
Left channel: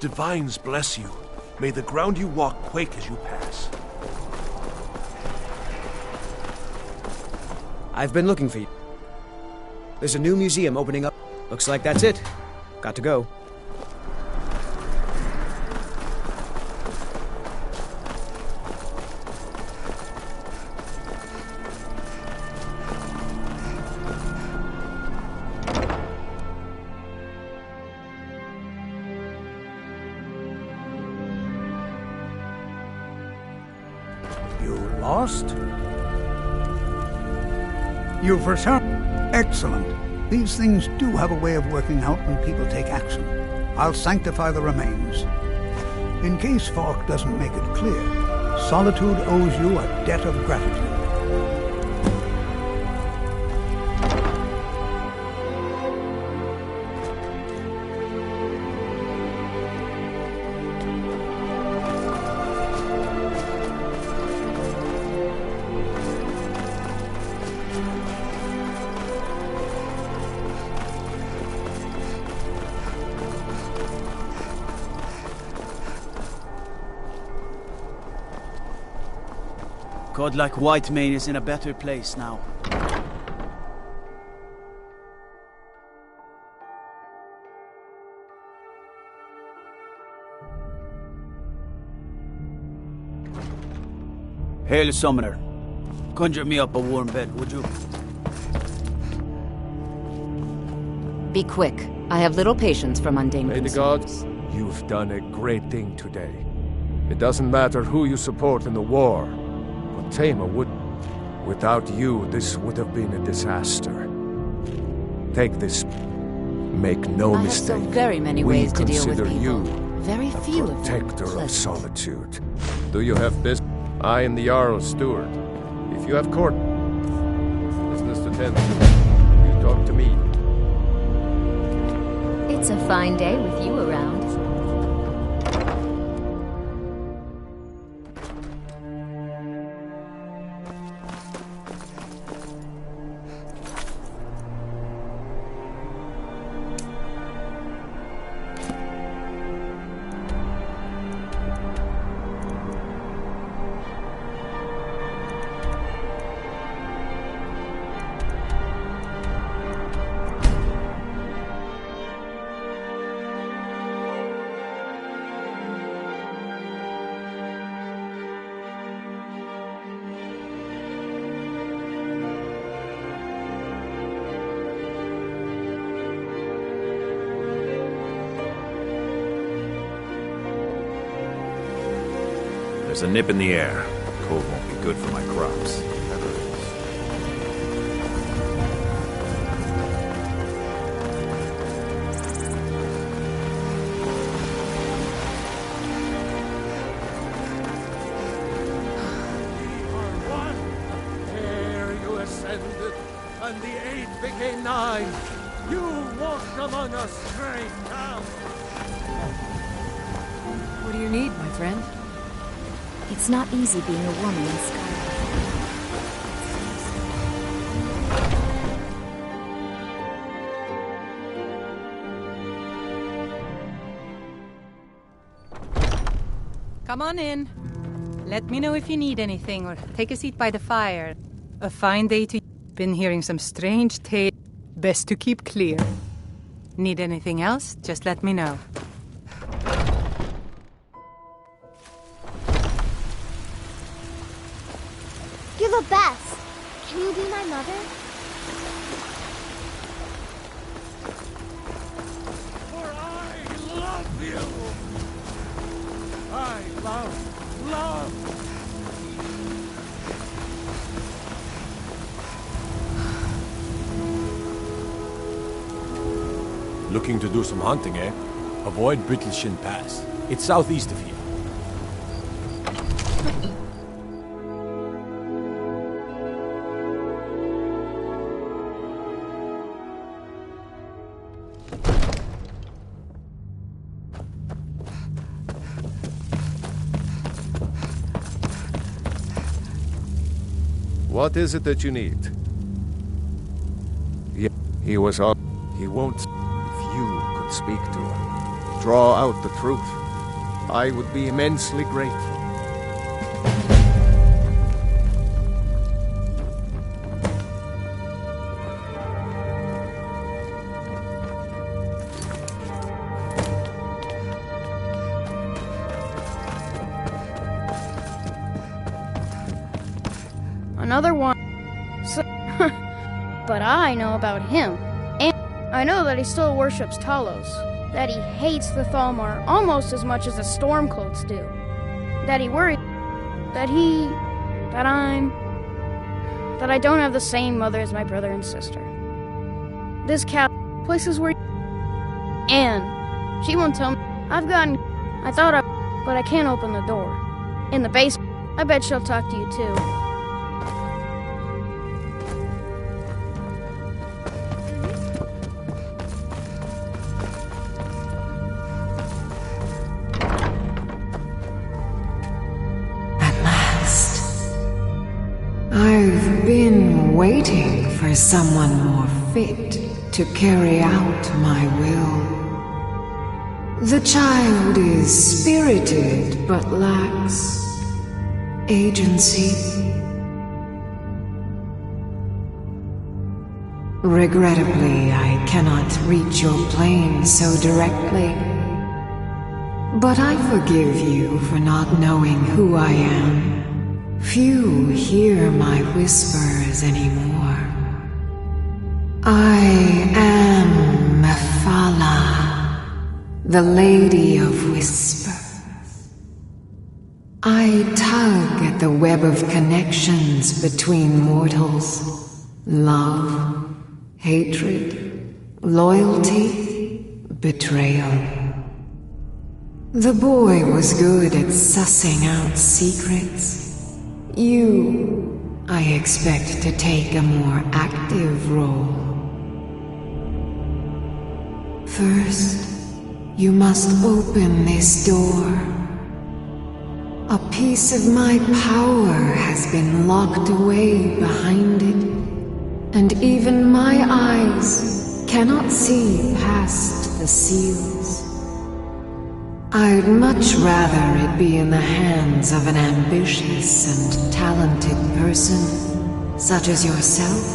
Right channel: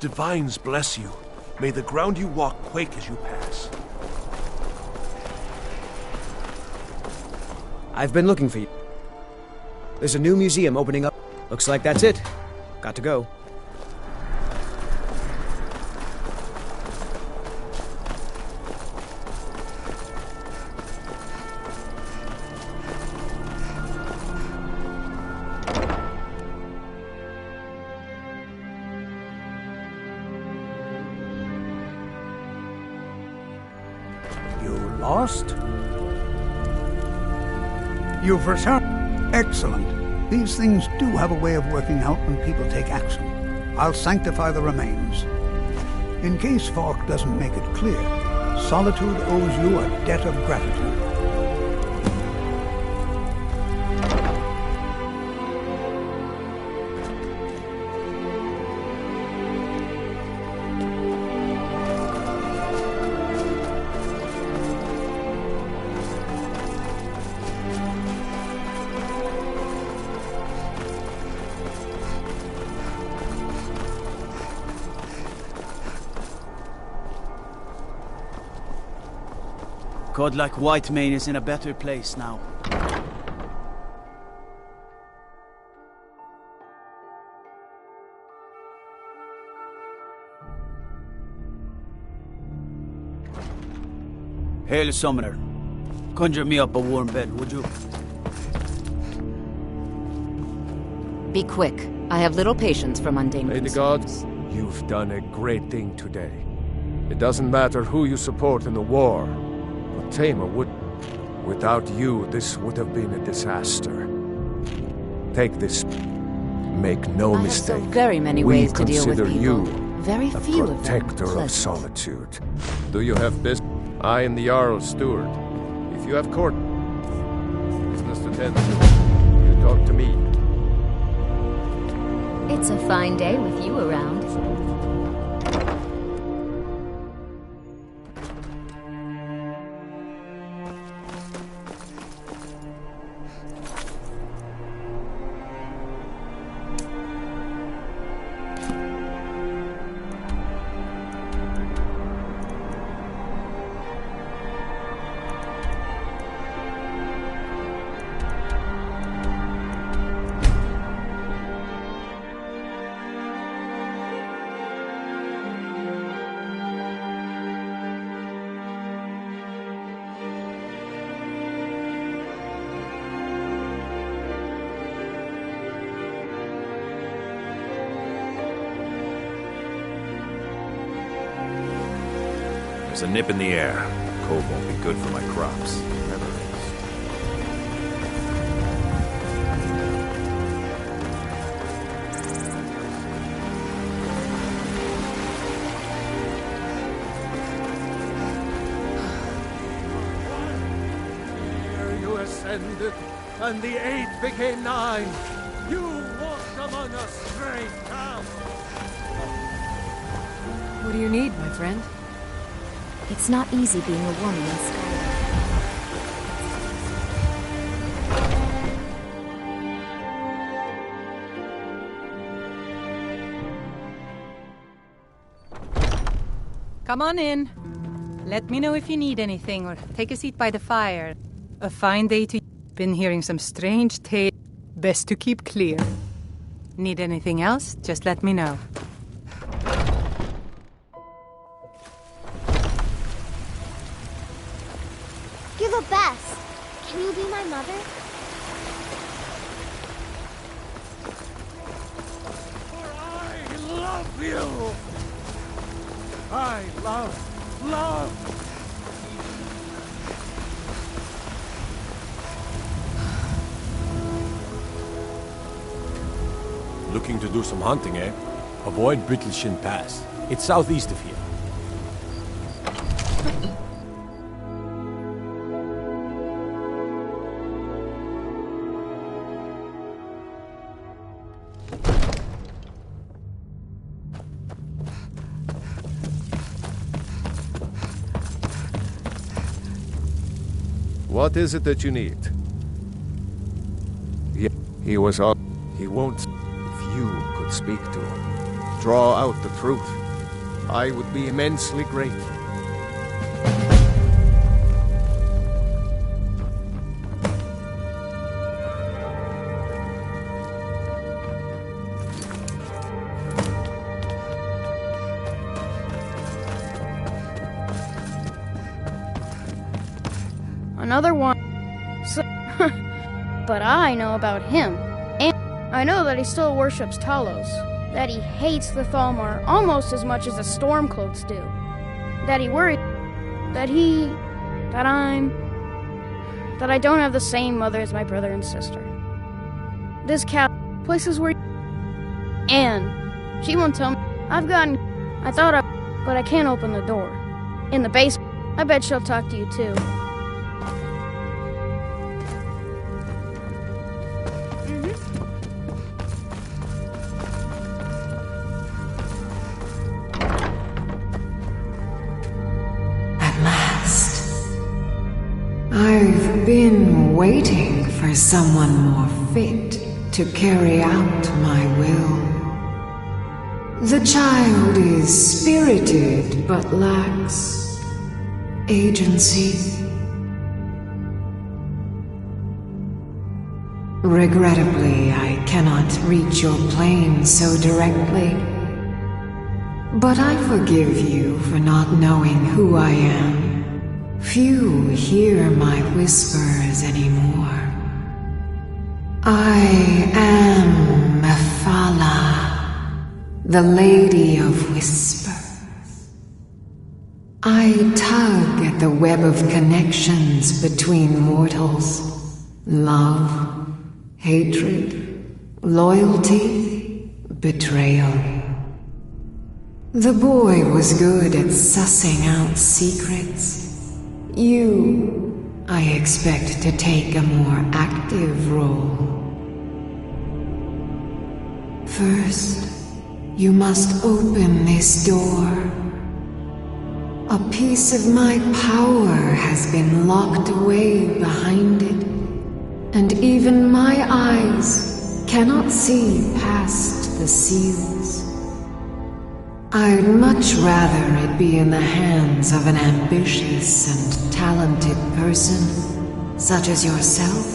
Divines bless you. May the ground you walk quake as you pass. I've been looking for you. There's a new museum opening up. Looks like that's it. Got to go. You lost? You've returned. Excellent. These things do have a way of working out when people take action. I'll sanctify the remains. In case Falk doesn't make it clear, Solitude owes you a debt of gratitude. Godlike Whitemane is in a better place now. Hail, Summoner. Conjure me up a warm bed, would you? Be quick. I have little patience for mundane May the concerns. gods, you've done a great thing today. It doesn't matter who you support in the war, but Tamar would... Without you, this would have been a disaster. Take this. Make no I mistake. have so very many ways to deal with consider people. you Very a few of them protector of pleasant. solitude. Do you have business? I am the Jarl's steward. If you have court business to tend to, you talk to me. It's a fine day with you around. There's a nip in the air. Cold won't be good for my crops. Never is. There you ascended, and the 8 became 9. You walked among us straight down. What do you need, my friend? It's not easy being a woman in Skyrim. Come on in. Let me know if you need anything, or take a seat by the fire. A fine day to... Been hearing some strange tales. Best to keep clear. Need anything else? Just let me know. You're the best. Can you be my mother? For I love you. I love. Looking to do some hunting, eh? Avoid Brittleshin Pass. It's southeast of here. What is it that you need? He was on. He won't. you could speak to him, draw out the truth, I would be immensely grateful. Another one. So, but I know about him. And I know that he still worships Talos. That he hates the Thalmor almost as much as the Stormcloaks do. That he worries that I don't have the same mother as my brother and sister. This places where Anne, she won't tell me. But I can't open the door. In the basement, I bet she'll talk to you too. I've been waiting for someone more fit to carry out my will. The child is spirited but lacks agency. Regrettably, I cannot reach your plane so directly. But I forgive you for not knowing who I am. Few hear my whispers anymore. I am Mephala, the Lady of Whispers. I tug at the web of connections between mortals. Love, hatred, loyalty, betrayal. The boy was good at sussing out secrets. You, I expect to take a more active role. First, you must open this door. A piece of my power has been locked away behind it, and even my eyes cannot see past the seals. I'd much rather it be in the hands of an ambitious and talented person, such as yourself.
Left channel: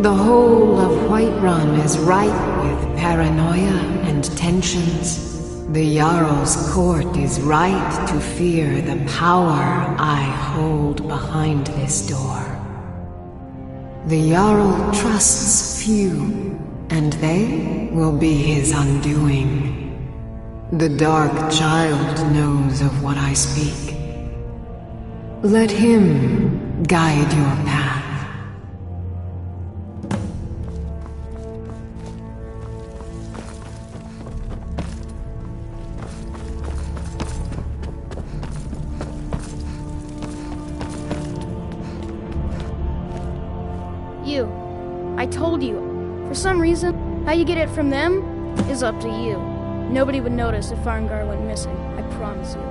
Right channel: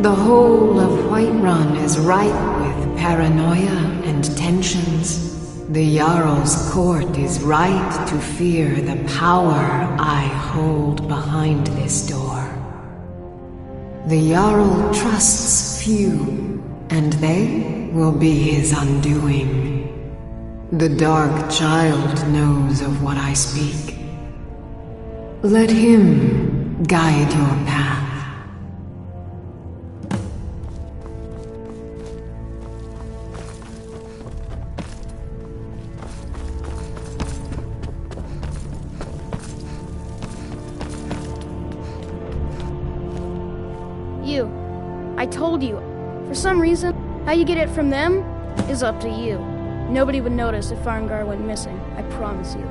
The whole of Whiterun is ripe with paranoia and tensions. The Jarl's court is right to fear the power I hold behind this door. The Jarl trusts few, and they will be his undoing. The Dark Child knows of what I speak. Let him guide your path. I told you. For some reason, how you get it from them is up to you. Nobody would notice if Farngar went missing, I promise you.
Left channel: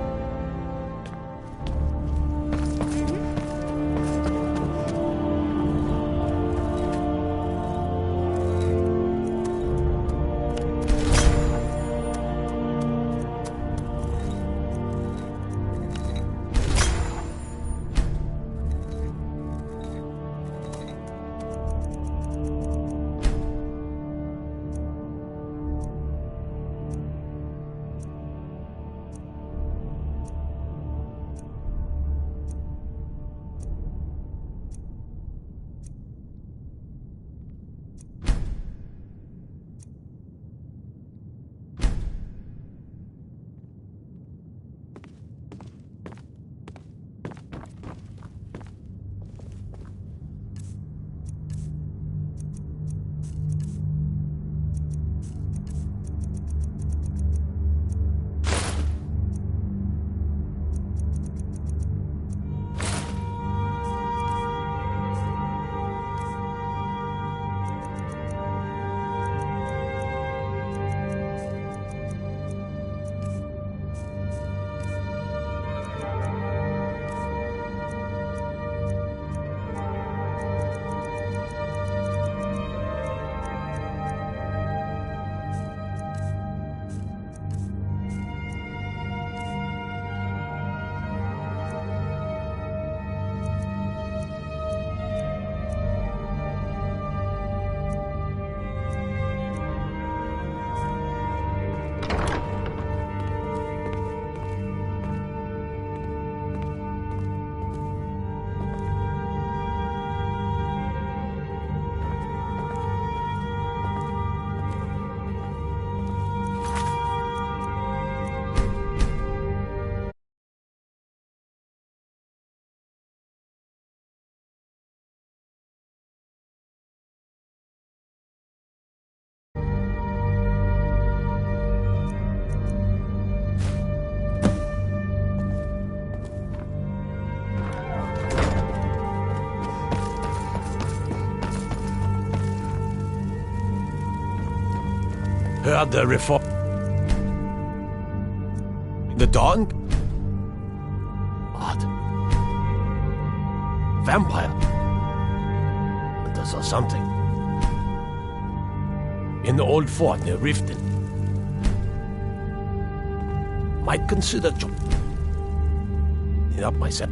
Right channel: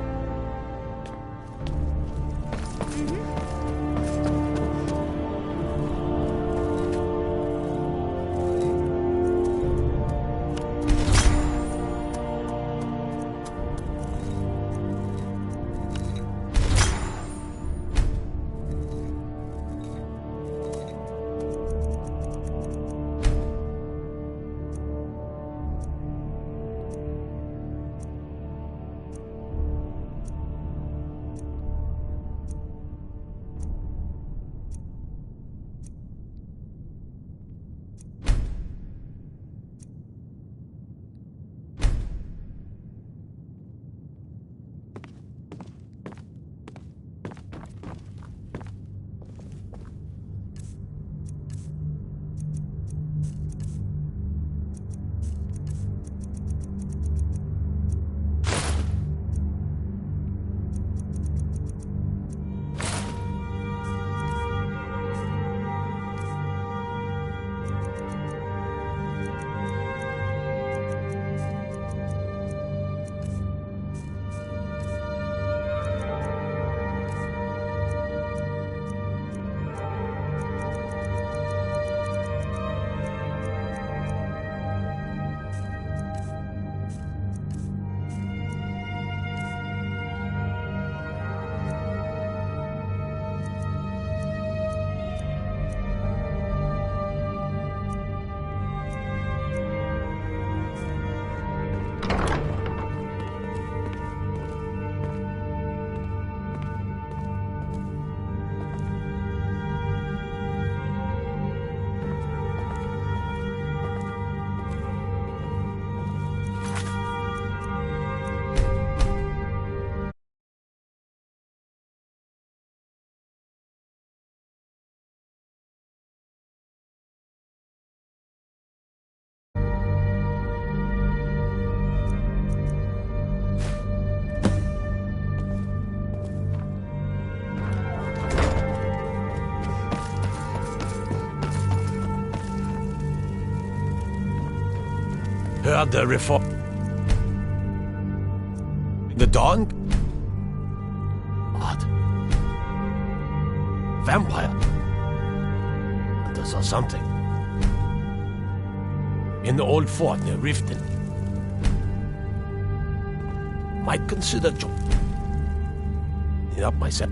Heard the reform. The dawn? Odd. Vampire. Hunters or something. In the old fort near Riften. Might consider it up myself.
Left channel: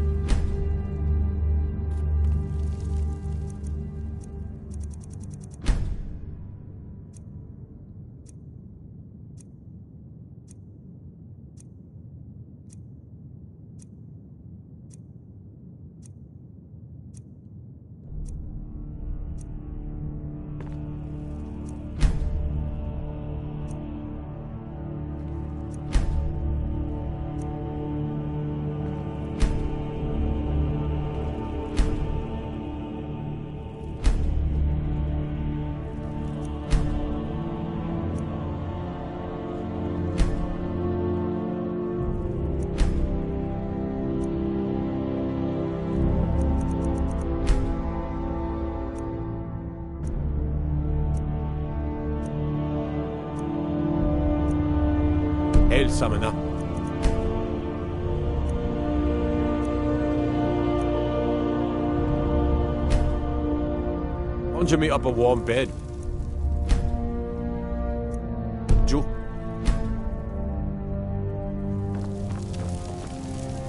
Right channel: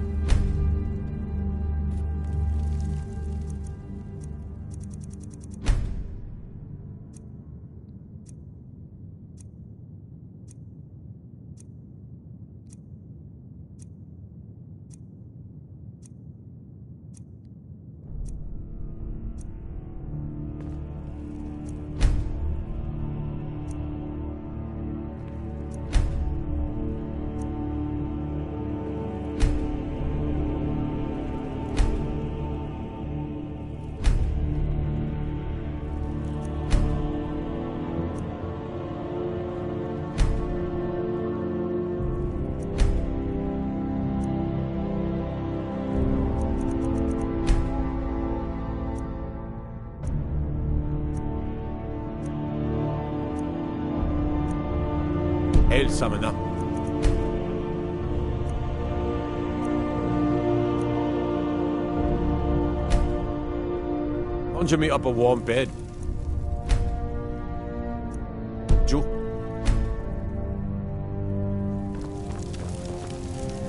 Hail, summoner. Conjure me up a warm bed. Joe.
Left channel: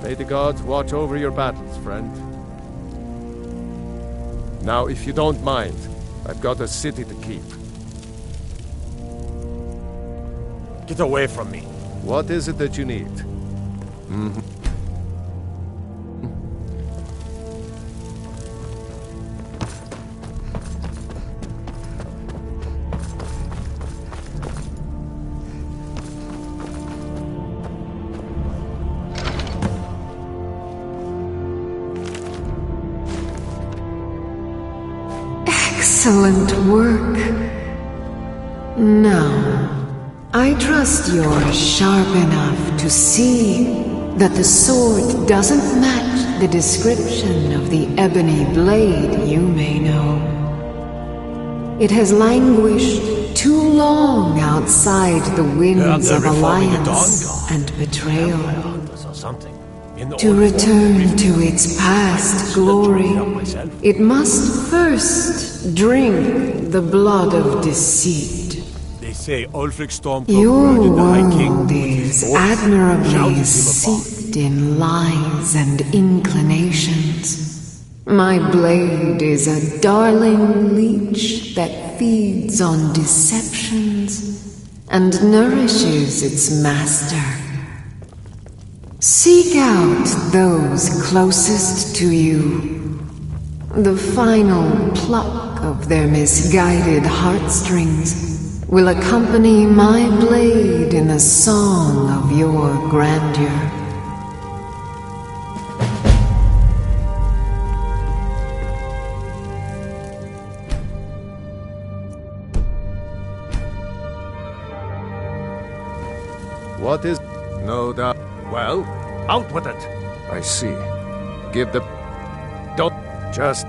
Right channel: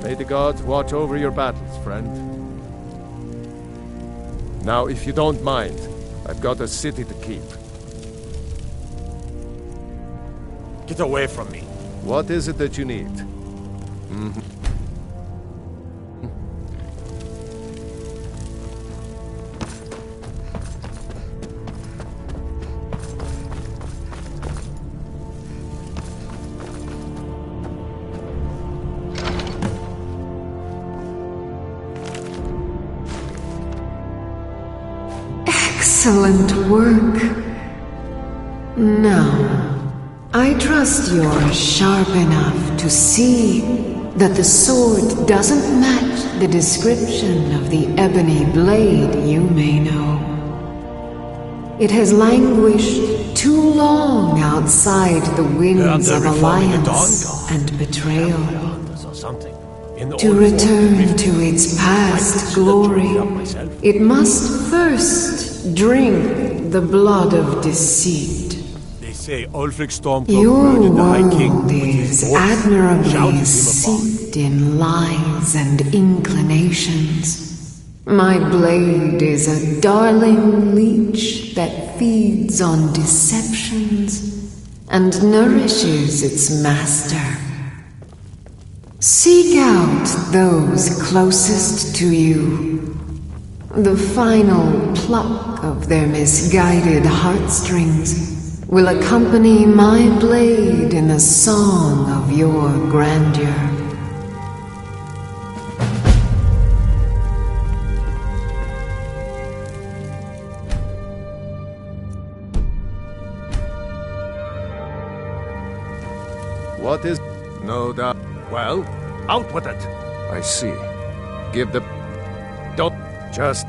May the gods watch over your battles, friend. Now, if you don't mind, I've got a city to keep. Get away from me. What is it that you need? Excellent work. Now, I trust you're sharp enough to see that the sword doesn't match the description of the ebony blade you may know. It has languished too long outside the winds of alliance and betrayal. To return to its past glory, it must first drink the blood of deceit. They say Ulfric Stormcloak Your murdered the High King world with his is voice, admirably shouted him upon. steeped in lies and inclinations. My blade is a darling leech that feeds on deceptions and nourishes its master. Seek out those closest to you. The final pluck of their misguided heartstrings will accompany my blade in a song of your grandeur. What is... No doubt. Well, out with it. I see. Give the... Don't... Just...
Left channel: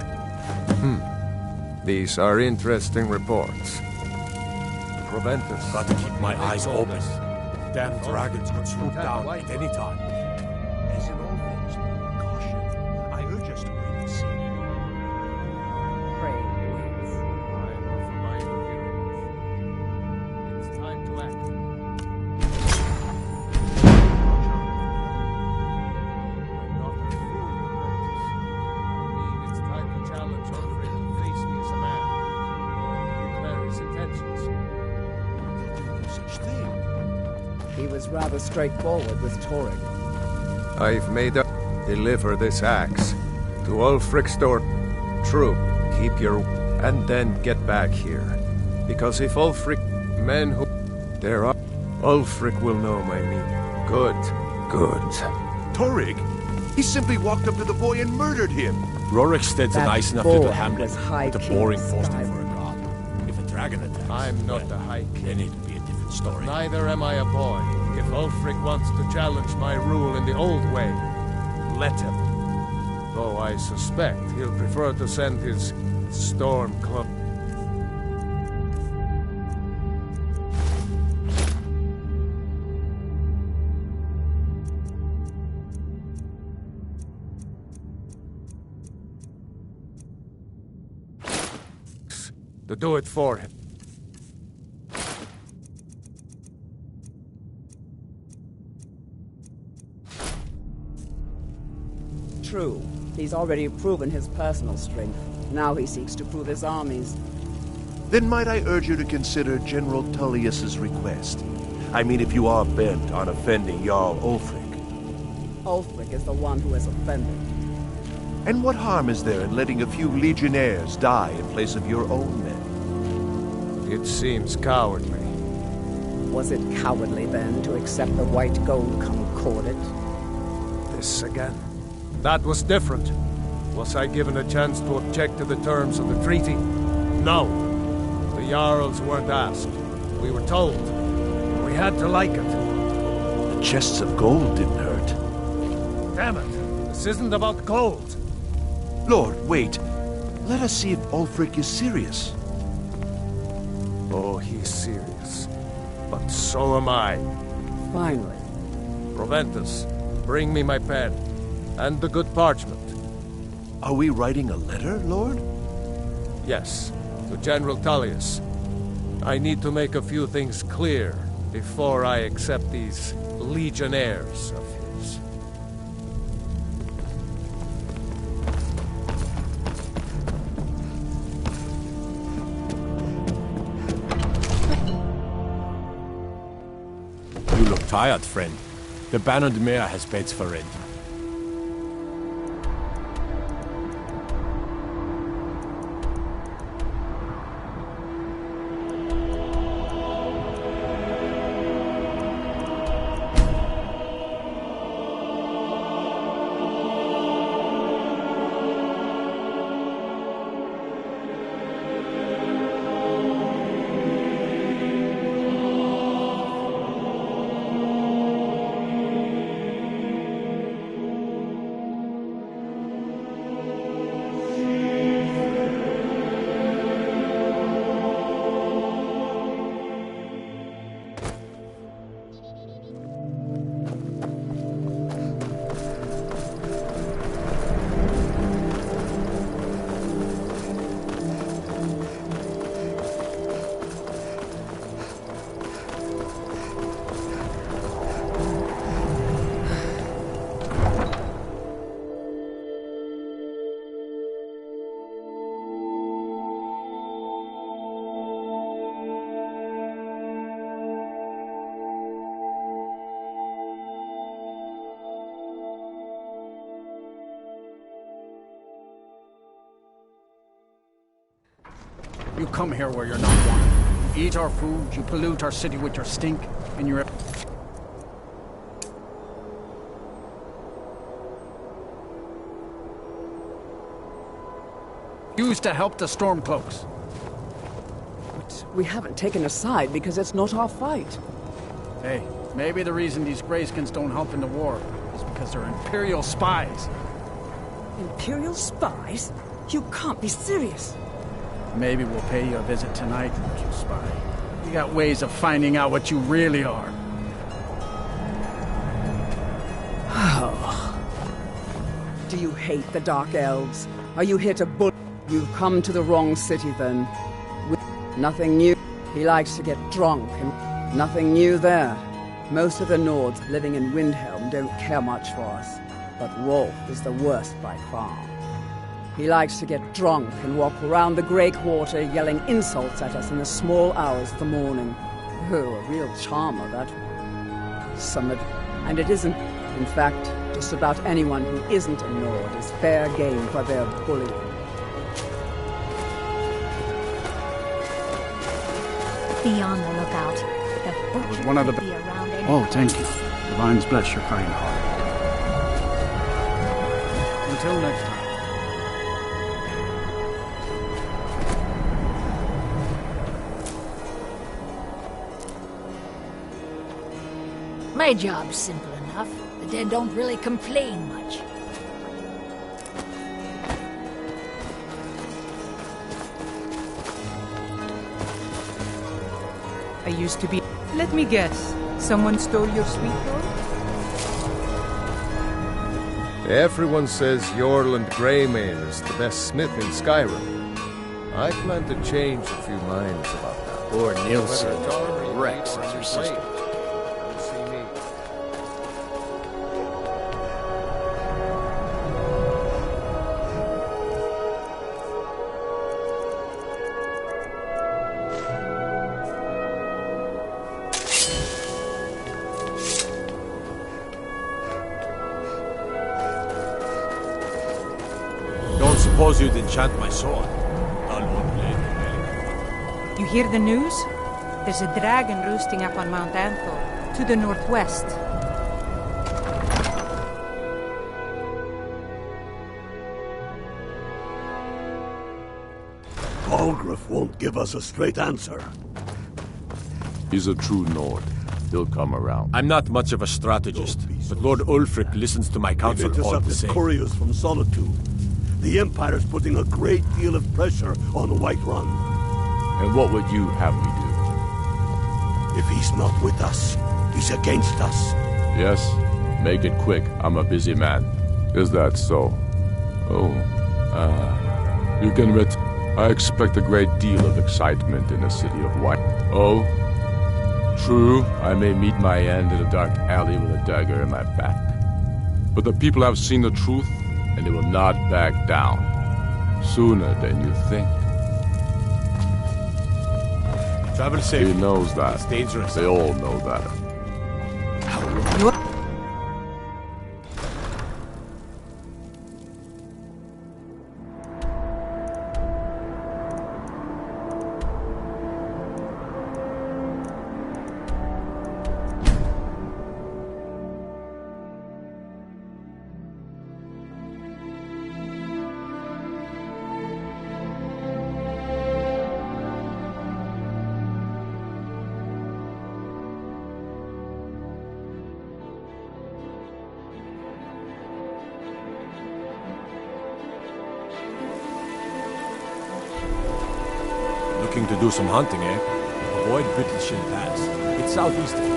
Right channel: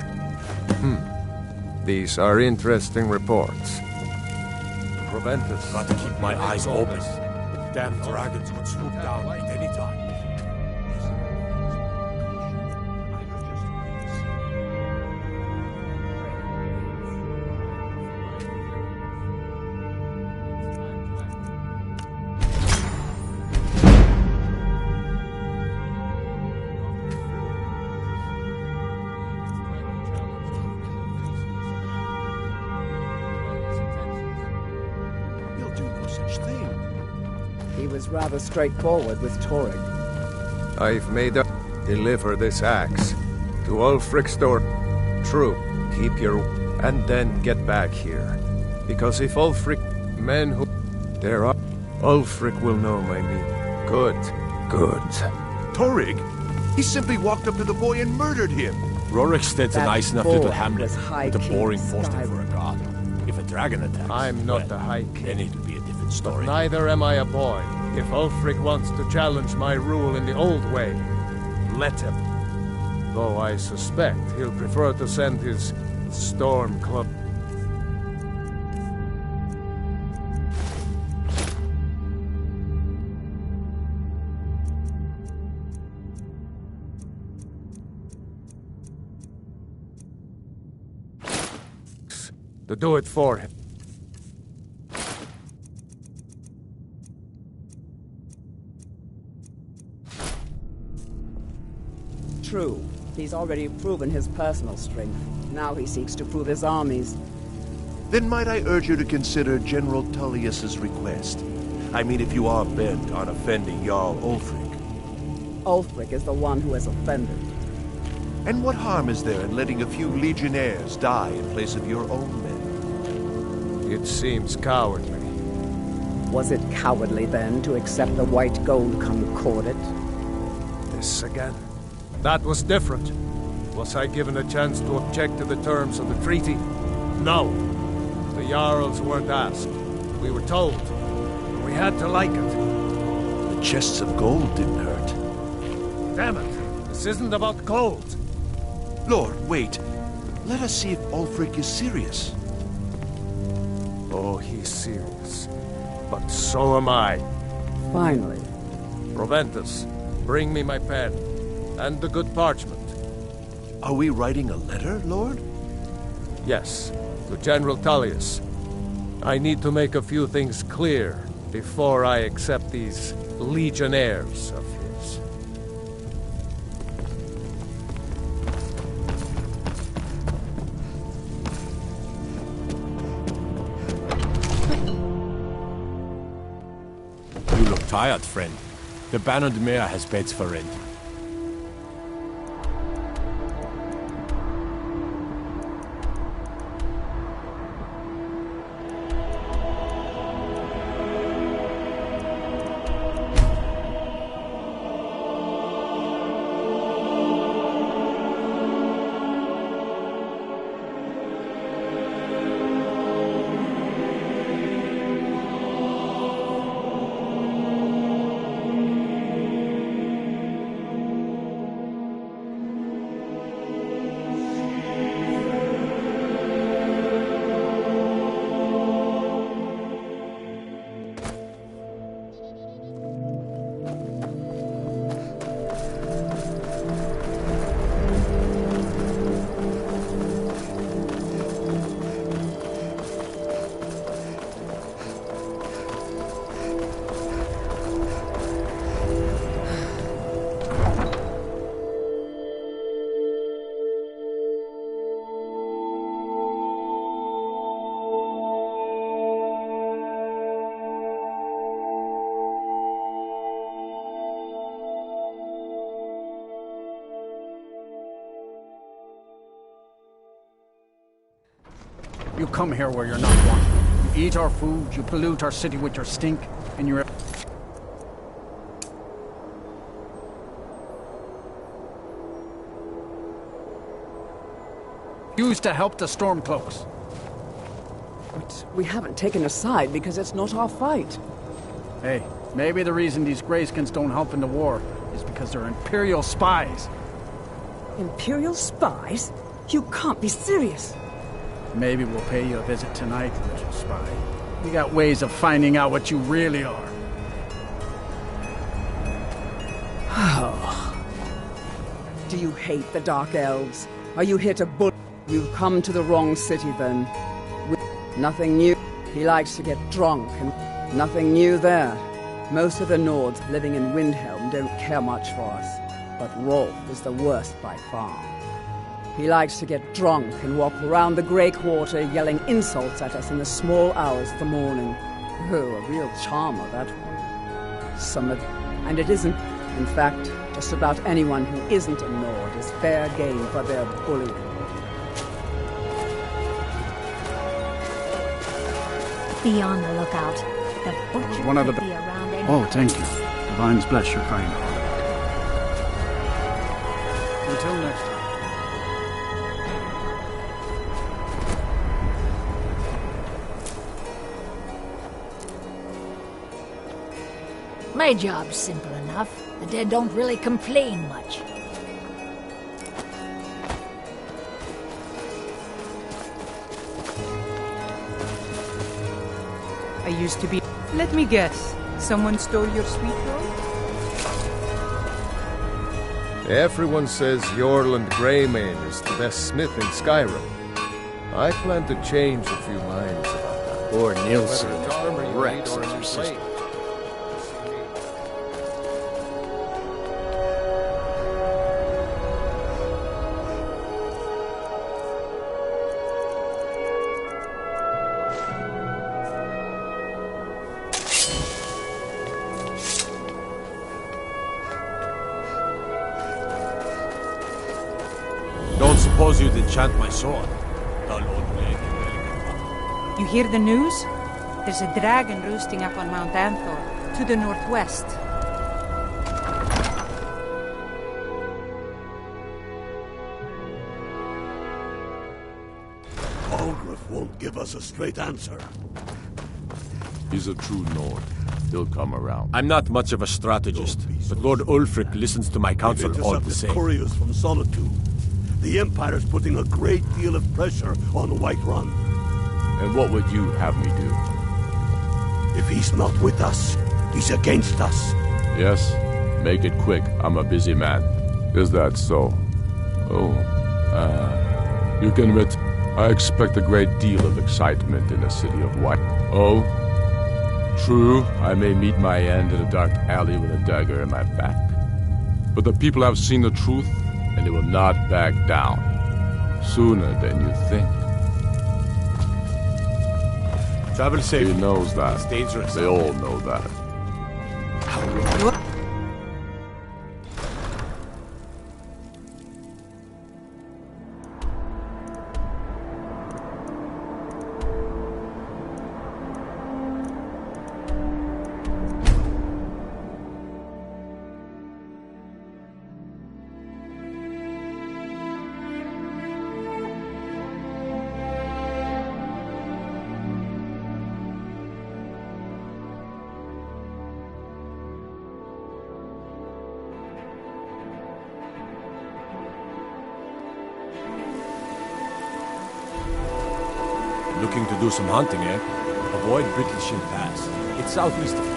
These are interesting reports. Prevent us. Got to keep my eyes open. Damn dragons could swoop down at any time. As in all things, caution. I urge us to wait and see. Pray, waits. I'm of the mind of Europe. It's time to act. I'm not a fool, Prentice. It's time to challenge Ulfric and face me as a man. Declare his intentions. He'll do no such thing. He was rather straightforward with Torrig. I've made a... Deliver this axe to Ulfric's door. True, keep your... And then get back here. Because if Ulfric... Men who... There are... Ulfric will know my meaning. Good. Good. Torrig? He simply walked up to the boy and murdered him. Rorikstead's a That nice enough boy little hamlet was High with a King boring of posting Skyrim. for a god. If a dragon attacks... I'm not the High King. Then it'll be a different story. Neither am I a boy. If Ulfric wants to challenge my rule in the old way, let him. Though I suspect he'll prefer to send his Stormcloak. to do it for him. True. He's already proven his personal strength. Now he seeks to prove his armies. Then might I urge you to consider General Tullius's request? I mean, if you are bent on offending Jarl Ulfric. Ulfric is the one who has offended. And what harm is there in letting a few legionnaires die in place of your own men? It seems cowardly. Was it cowardly, then, to accept the white gold concordate? This again. That was different. Was I given a chance to object to the terms of the treaty? No. The Jarls weren't asked. We were told. And we had to like it. The chests of gold didn't hurt. Damn it! This isn't about gold! Lord, wait. Let us see if Ulfric is serious. Oh, he's serious. But so am I. Finally. Proventus, bring me my pen. And the good parchment. Are we writing a letter, Lord? Yes, to General Tullius. I need to make a few things clear before I accept these legionnaires of his. You look tired, friend. The Bannered Mare has beds for rent. You come here where you're not wanted. You eat our food, you pollute our city with your stink, and you're... used to help the Stormcloaks. But we haven't taken a side because it's not our fight. Hey, maybe the reason these Greyskins don't help in the war is because they're Imperial spies. Imperial spies? You can't be serious. Maybe we'll pay you a visit tonight, little spy. We got ways of finding out what you really are. Do you hate the Dark Elves? Are you here to bull? You've come to the wrong city, then. Nothing new. He likes to get drunk, and nothing new there. Most of the Nords living in Windhelm don't care much for us, but Rolf is the worst by far. He likes to get drunk and walk around the Grey Quarter yelling insults at us in the small hours of the morning. Oh, a real charmer, that one. And it isn't. In fact, just about anyone who isn't a Nord is fair game for their bullying. Be on the lookout. The butcher was one of the could be around any Oh, thank you. Divines bless your kind heart. Until next time. My job's simple enough. The dead don't really complain much. I used to be... Let me guess. Someone stole your sweet roll? Everyone says Jorland Greymane is the best smith in Skyrim. I plan to change a few minds about that. Lord Nielsen, Whether it's armor you Rex need or is a your new sister. blade, you'll see me. Don't suppose you'd enchant my sword? Dull old blade. You hear the news? There's a dragon roosting up on Mount Anthor, to the northwest. Algrif won't give us a straight answer. He's a true Nord. He'll come around. I'm not much of a strategist, but Lord Ulfric listens to my counsel We've all the intercepted same. couriers from Solitude. The Empire's putting a great deal of pressure on Whiterun. And what would you have me do? If he's not with us, he's against us. Yes? Make it quick. I'm a busy man. Is that so? Oh. You can bet. I expect a great deal of excitement in the city of White. Oh? True, I may meet my end in a dark alley with a dagger in my back. But the people have seen the truth, and they will not back down. Sooner than you think. Travel safe. He knows that. It's dangerous. They all know that. Looking to do some hunting, eh? Avoid Brittleshin Pass. It's southeast of here.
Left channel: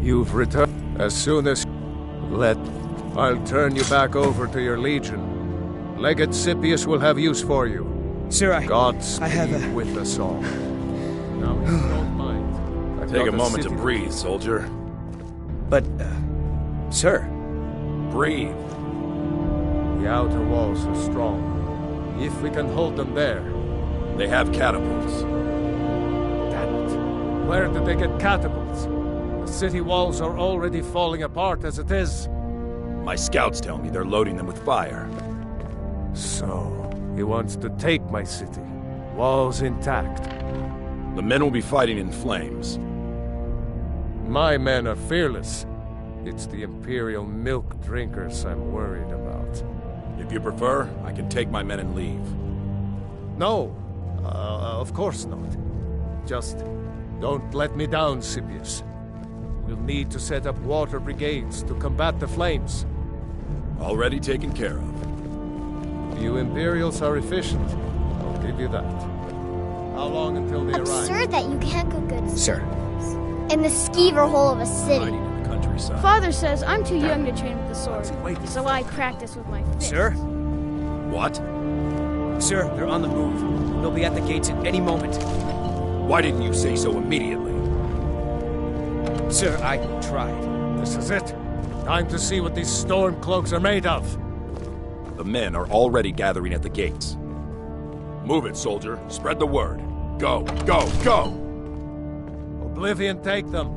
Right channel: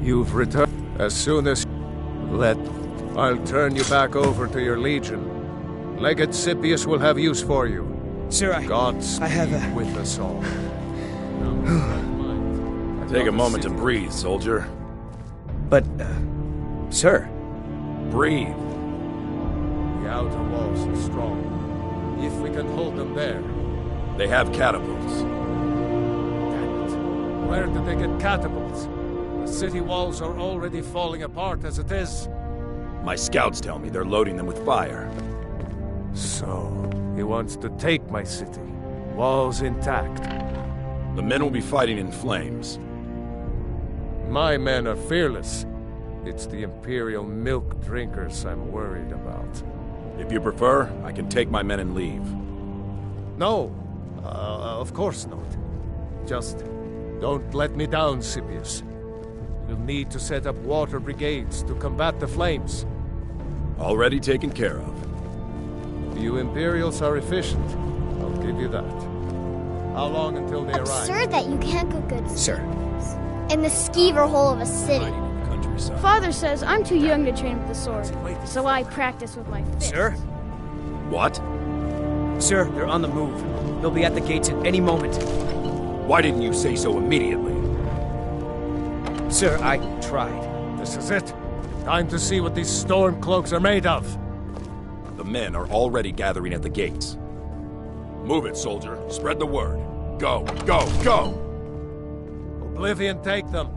You've returned. As soon as... I'll turn you back over to your legion. Legate Scipius will have use for you. Sir, Godspeed I have with us all. Now, don't mind. I've Take got a the moment to city- breathe, soldier. But, sir. Breathe. The outer walls are strong. If we can hold them there. They have catapults. Damn it. Where did they get catapults? The city walls are already falling apart as it is. My scouts tell me they're loading them with fire. So, he wants to take my city. Walls intact. The men will be fighting in flames. My men are fearless. It's the Imperial milk drinkers I'm worried about. If you prefer, I can take my men and leave. No, of course not. Just don't let me down, Scipius. We'll need to set up water brigades to combat the flames. Already taken care of. You Imperials are efficient. I'll give you that. How long until they arrive? Absurd that you can't cook good Sir. in the skeever hole of a city. Fighting in the countryside. Father says I'm too young to train with the sword, so I practice with my fists. Sir? What? Sir, they're on the move. They'll be at the gates at any moment. Why didn't you say so immediately? Sir, I tried. This is it. Time to see what these storm cloaks are made of. The men are already gathering at the gates. Move it, soldier. Spread the word. Go, go, go! Oblivion take them.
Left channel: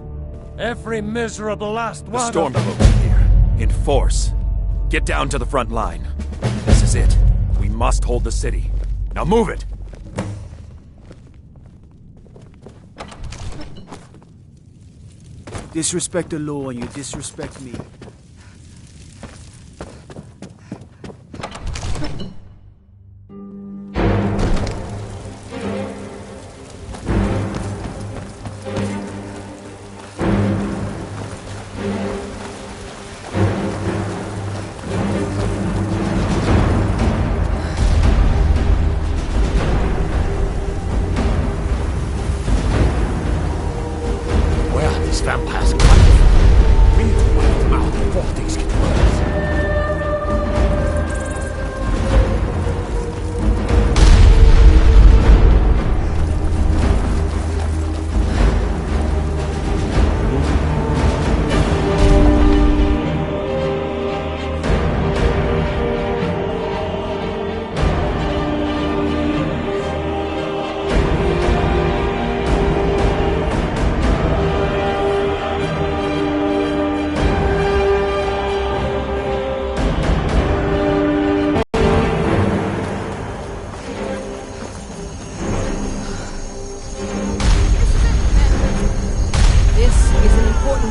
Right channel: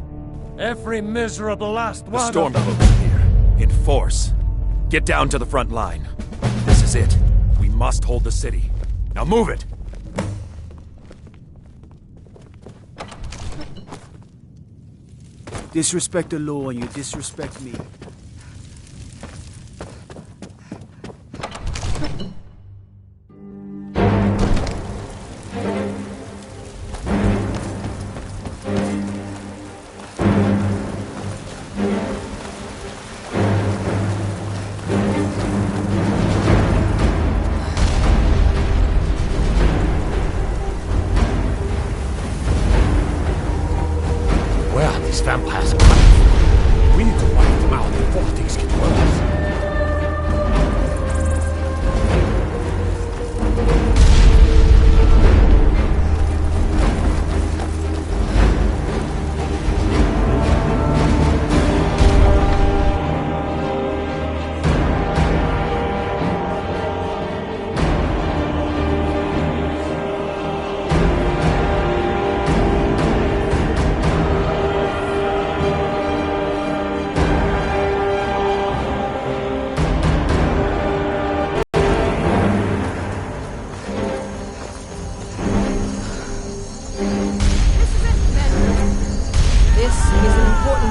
Every miserable last The one storm of them. cloaks are here. In force. Get down to the front line. This is it. We must hold the city. Now move it! Disrespect the law and you disrespect me. We need to wipe them out before things get worse.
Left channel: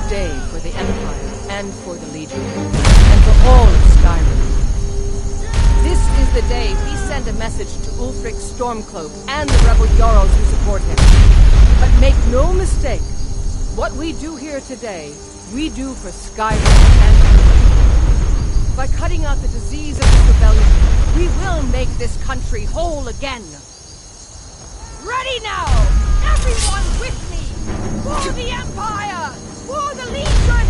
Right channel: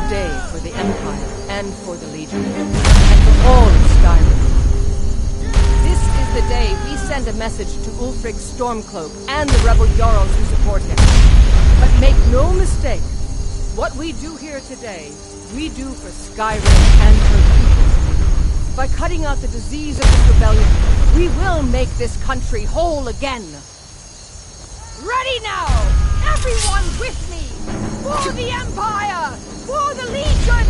Day for the Empire, and for the Legion, and for all of Skyrim. This is the day we send a message to Ulfric Stormcloak and the rebel Jarls who support him. But make no mistake, what we do here today, we do for Skyrim and her people. By cutting out the disease of this rebellion, we will make this country whole again. Ready now! Everyone with me! For the Empire! For the Legion!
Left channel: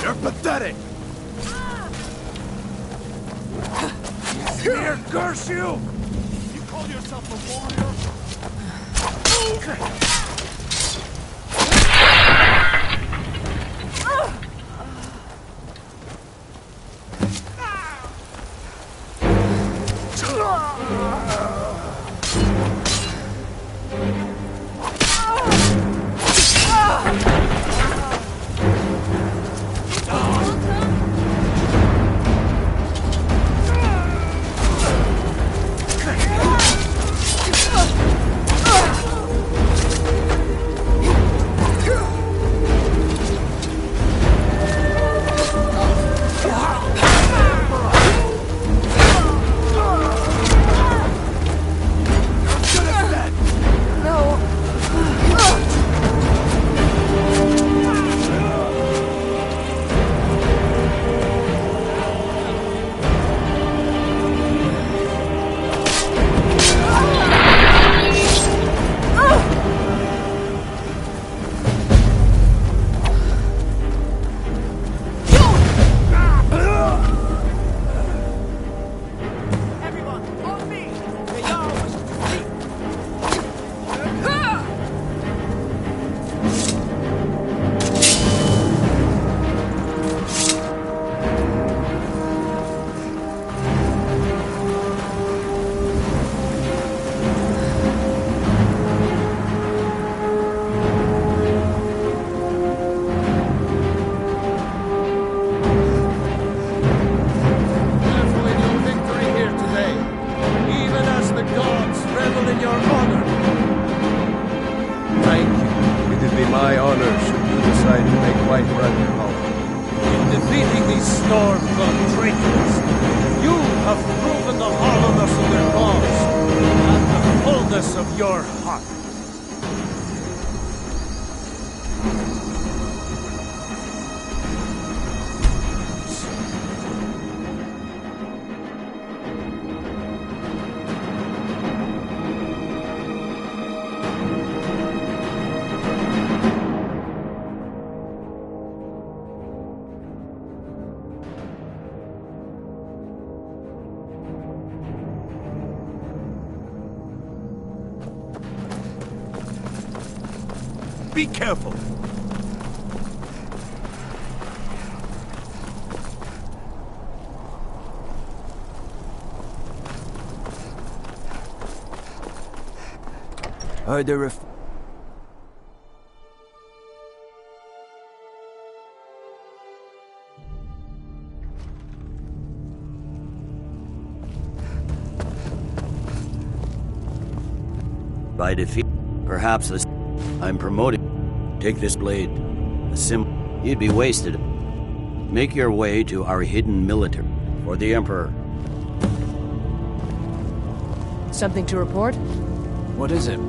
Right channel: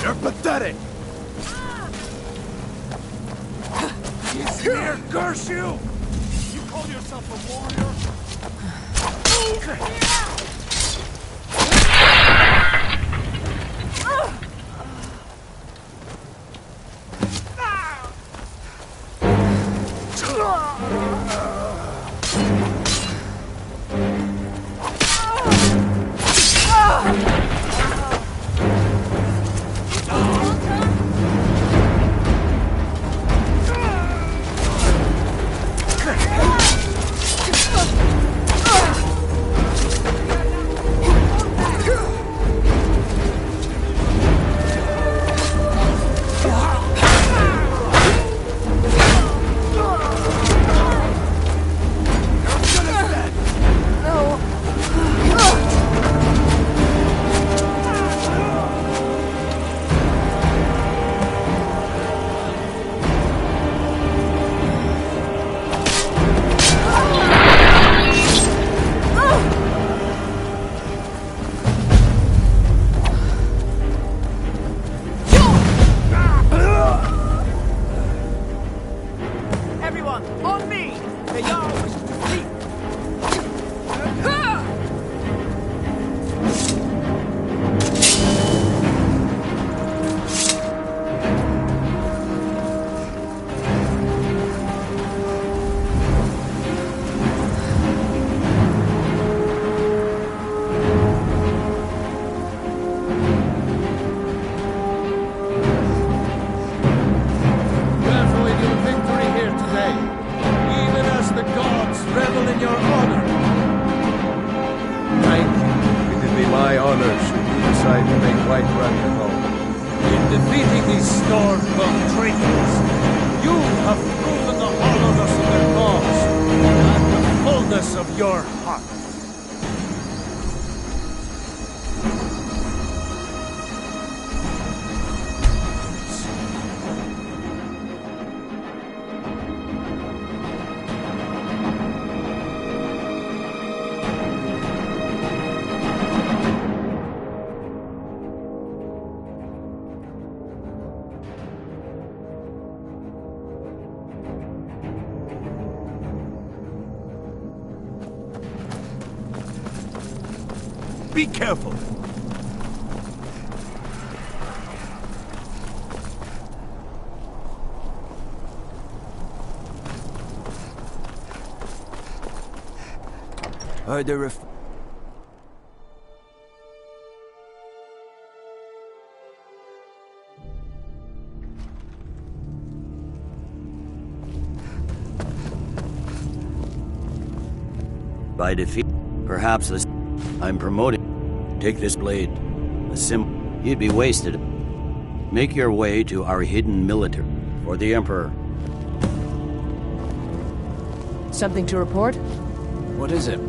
You're pathetic! Here, curse you! You call yourself a warrior? Be careful! Are there By defeat, perhaps this. I'm promoting. Take this blade. A symbol. You'd be wasted. Make your way to our hidden military. For the Emperor. Something to report? What is it?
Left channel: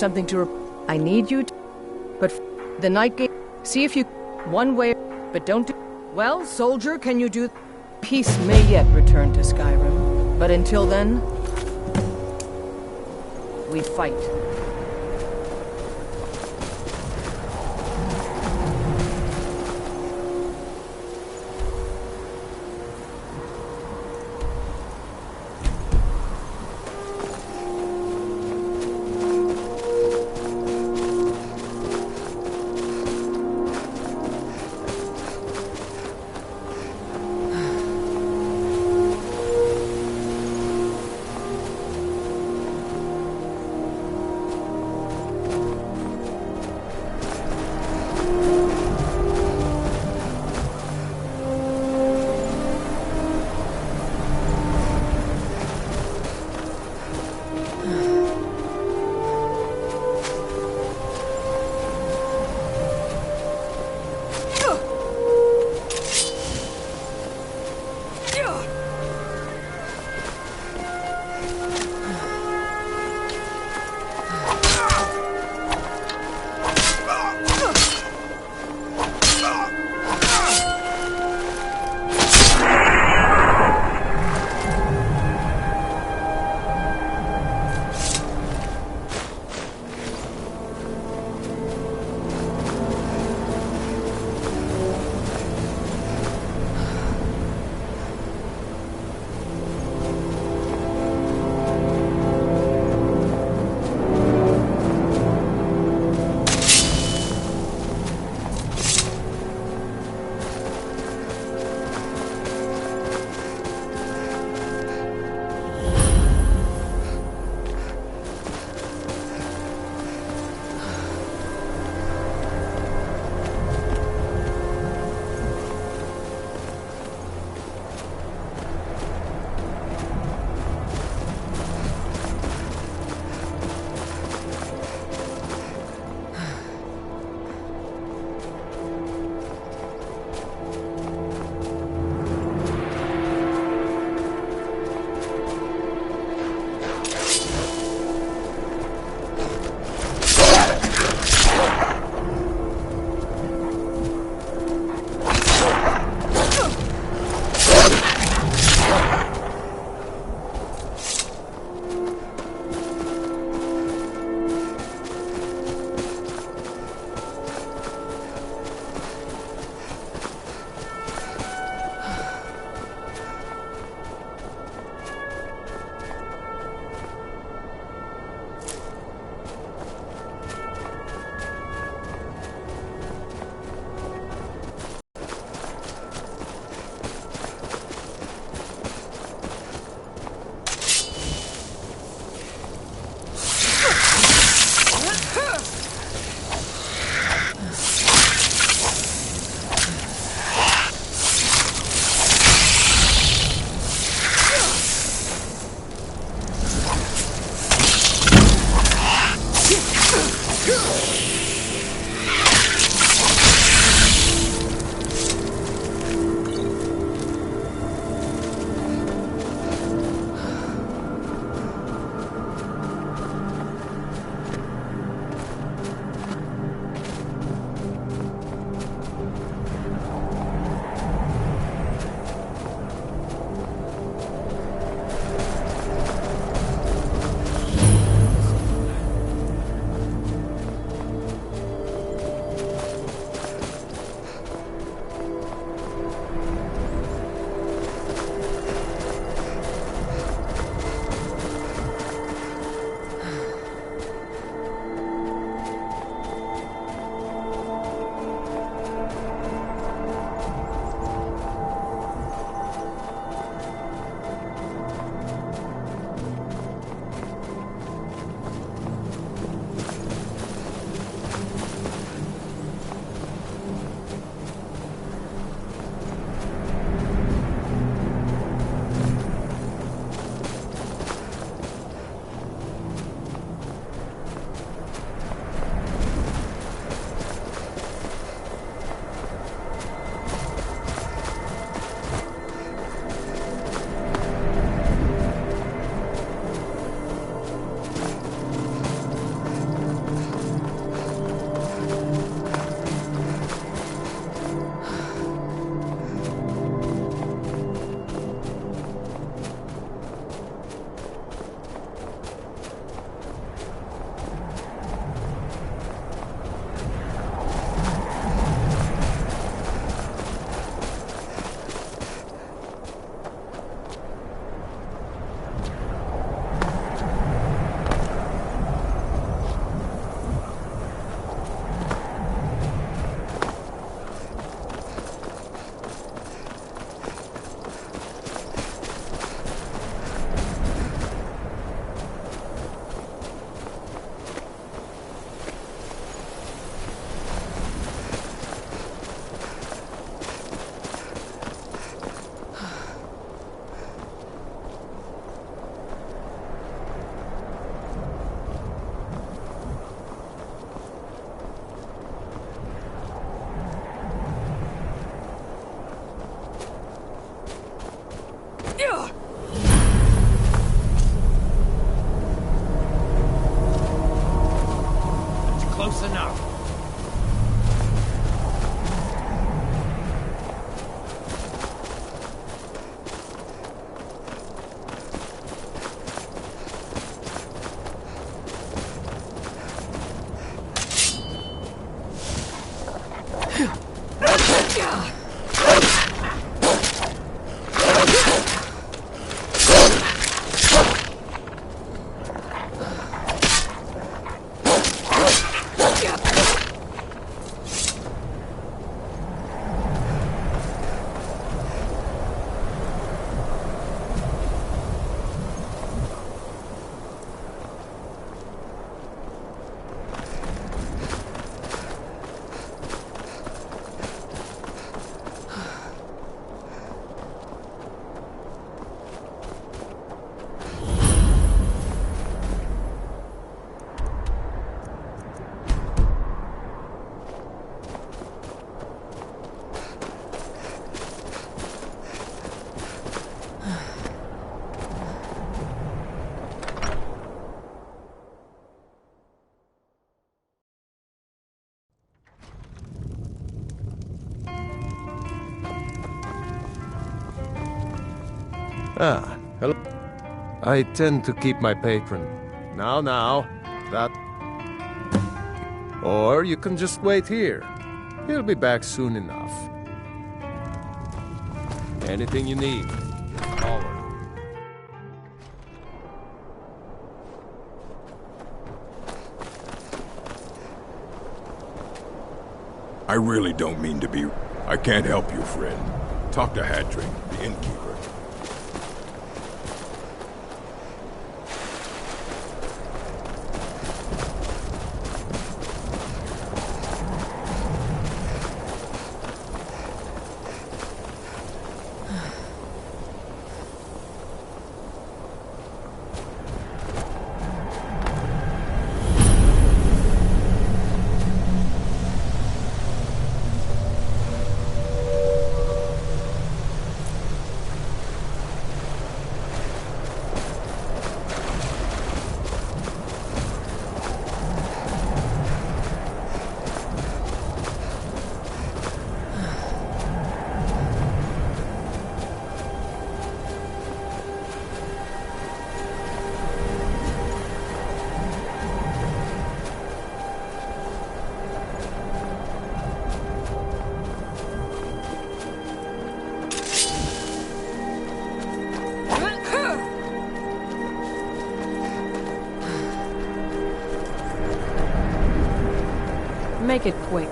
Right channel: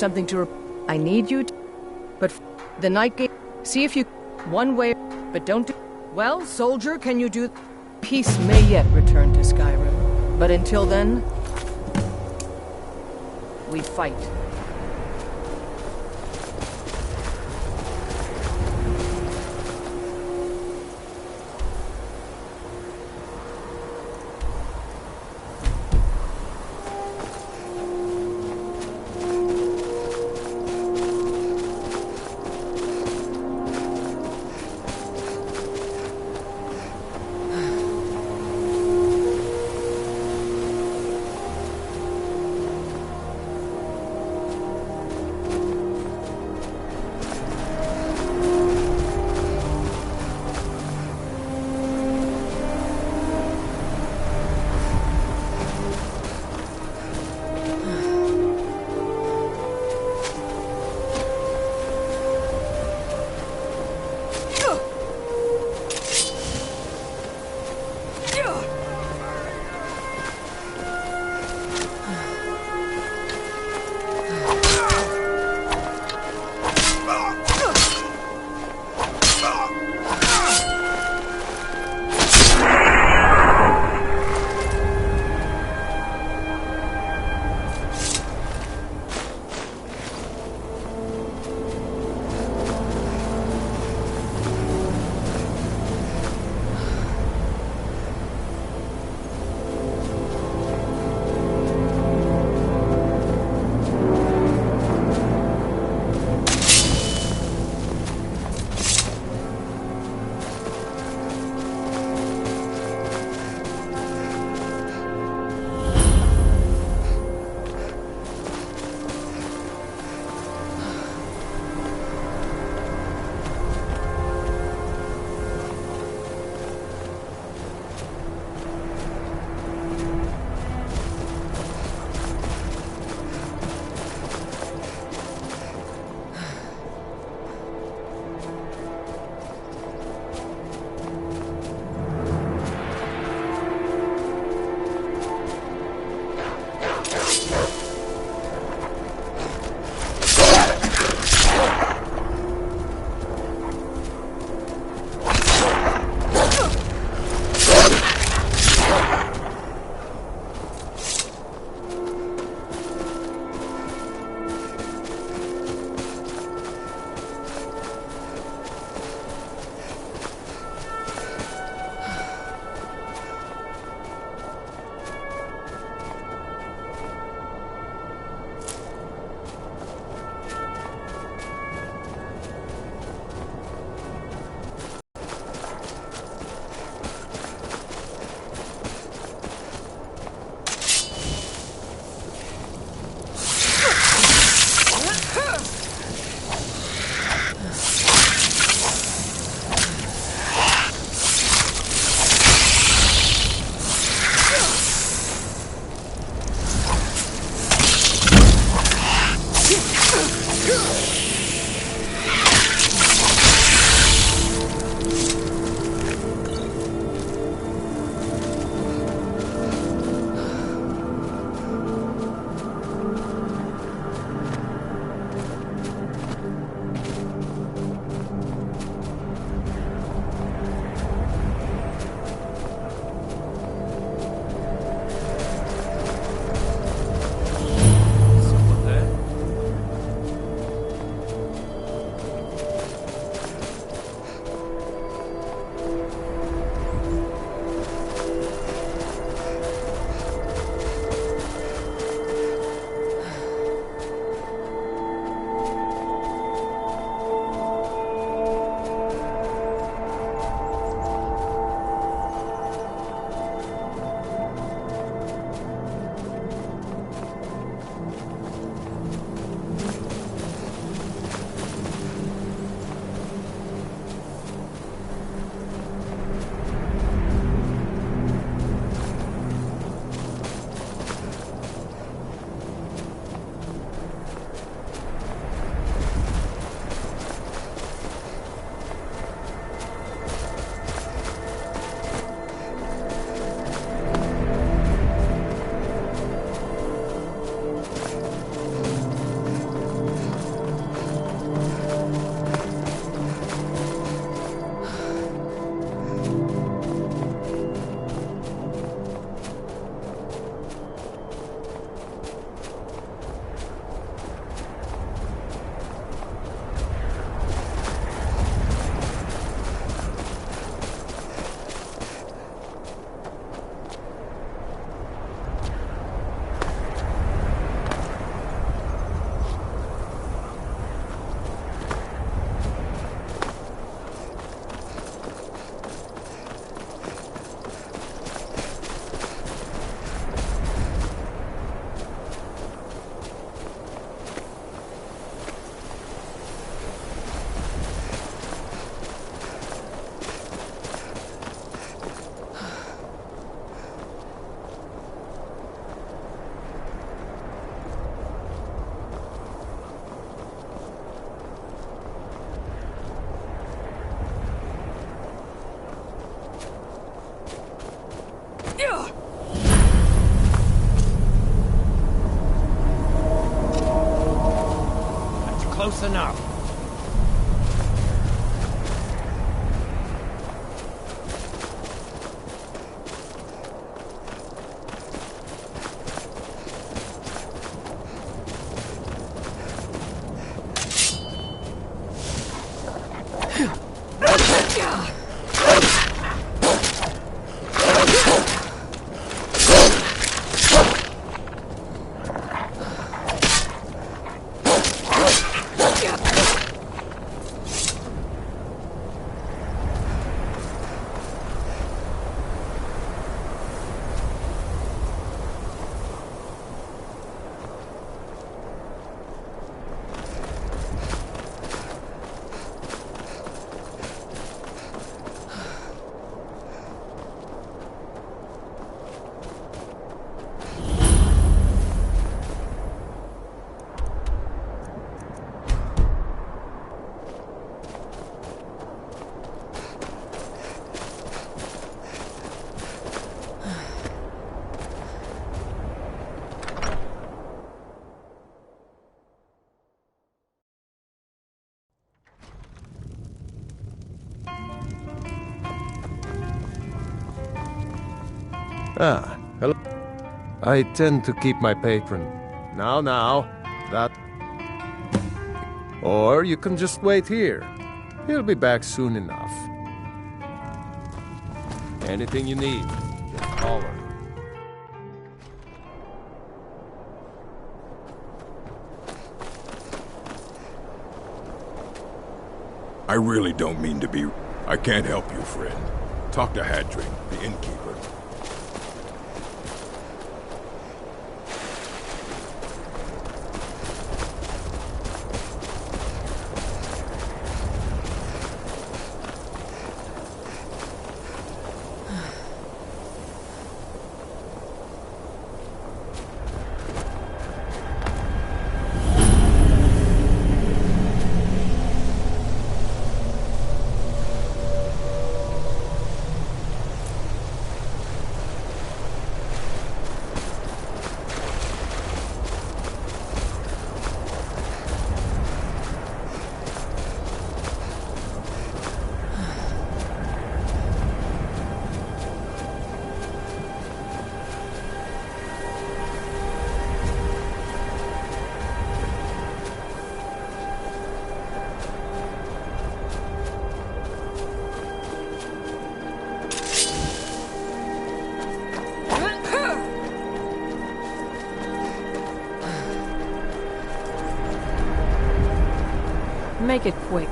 Something to I need you to... But the night gate... See if you... One way... But don't do... Well, soldier, can you do... Peace may yet return to Skyrim. But until then... We fight. That's enough. Ah, hello. I tend to keep my patron. Now, that... Or you can just wait here. He'll be back soon enough. Anything you need, just holler. I really don't mean to be... I can't help you, friend. Talk to Hadrian, the innkeeper. Make it quick.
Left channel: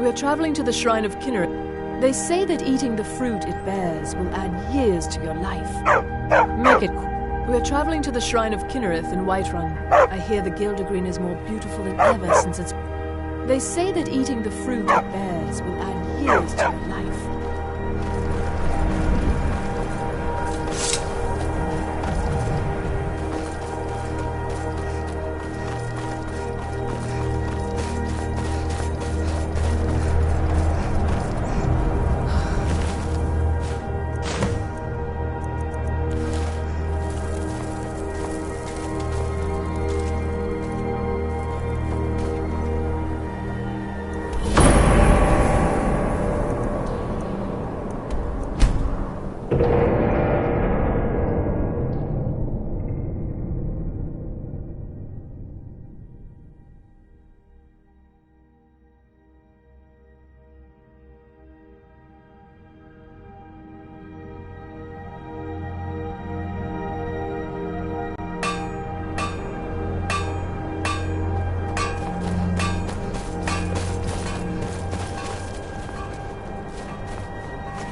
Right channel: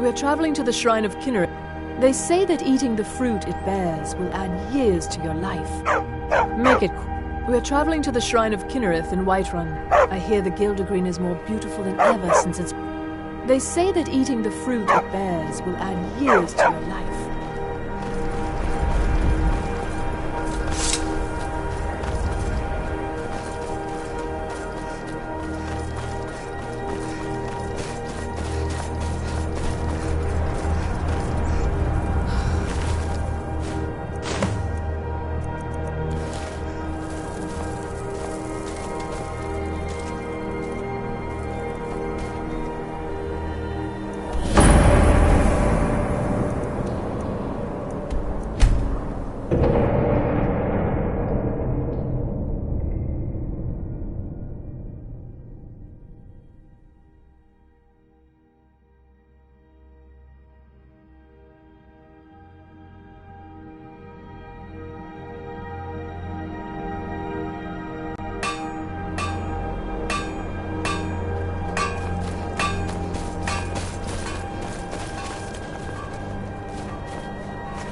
We're traveling to the Shrine of Kinnereth. They say that eating the fruit it bears will add years to your life. Make it quick. We're traveling to the Shrine of Kinnereth in Whiterun. I hear the Gildergreen is more beautiful than ever since it's... They say that eating the fruit it bears will add years to your life.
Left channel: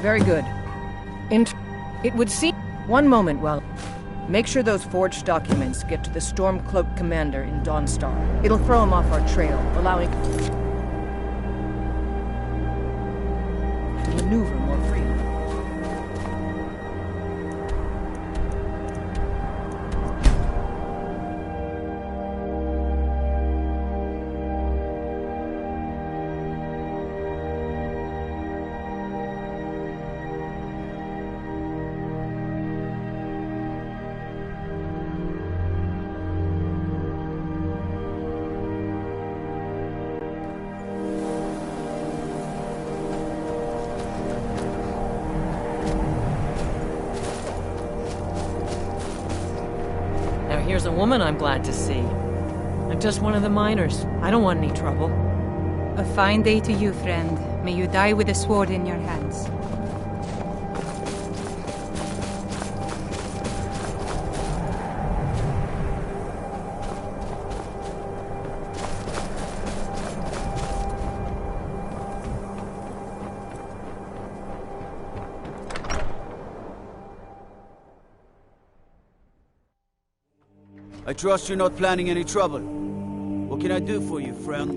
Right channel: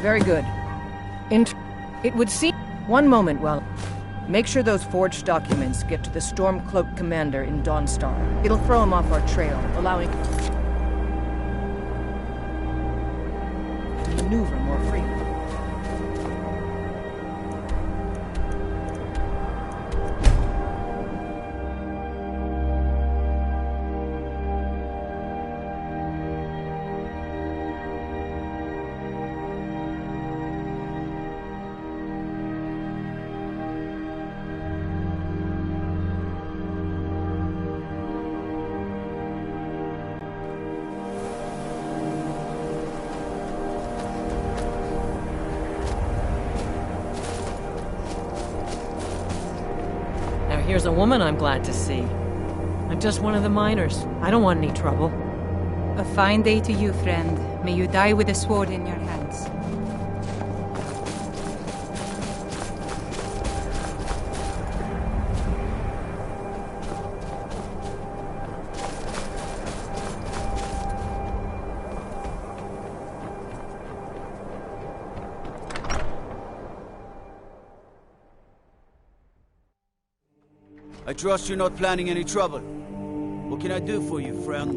Very good. It would seem... One moment, well... Make sure those forged documents get to the Stormcloak commander in Dawnstar. It'll throw him off our trail, allowing... to maneuver more freely. Here's a woman I'm glad to see. I'm just one of the miners. I don't want any trouble. A fine day to you, friend. May you die with a sword in your hands. I trust you're not planning any trouble. What can I do for you, friend?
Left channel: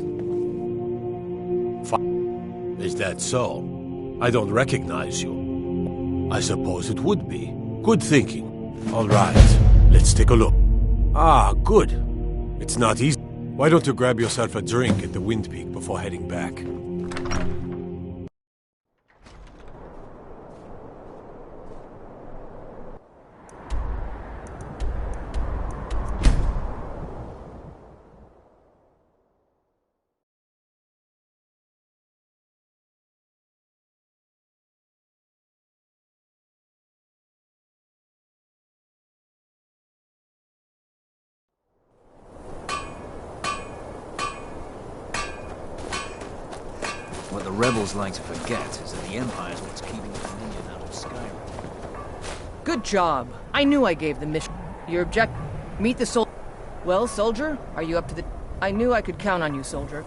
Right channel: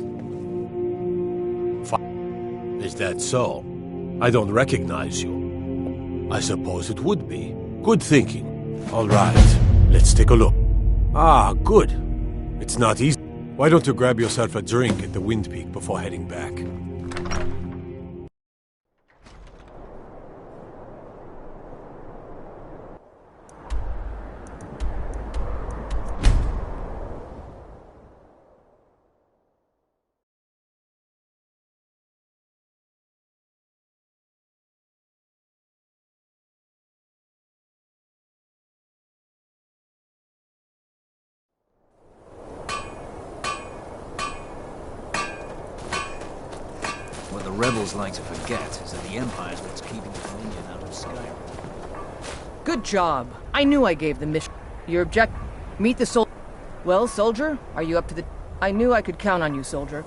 Is that so? I don't recognize you. I suppose it would be. Good thinking. All right, let's take a look. Ah, good. It's not easy. Why don't you grab yourself a drink at the Wind Peak before heading back? What the rebels like to forget is that the Empire's what's keeping the Dominion out of Skyrim. Good job. I knew I gave the mission. Your object... Meet the sol... Well, soldier, are you up to the... I knew I could count on you, soldier.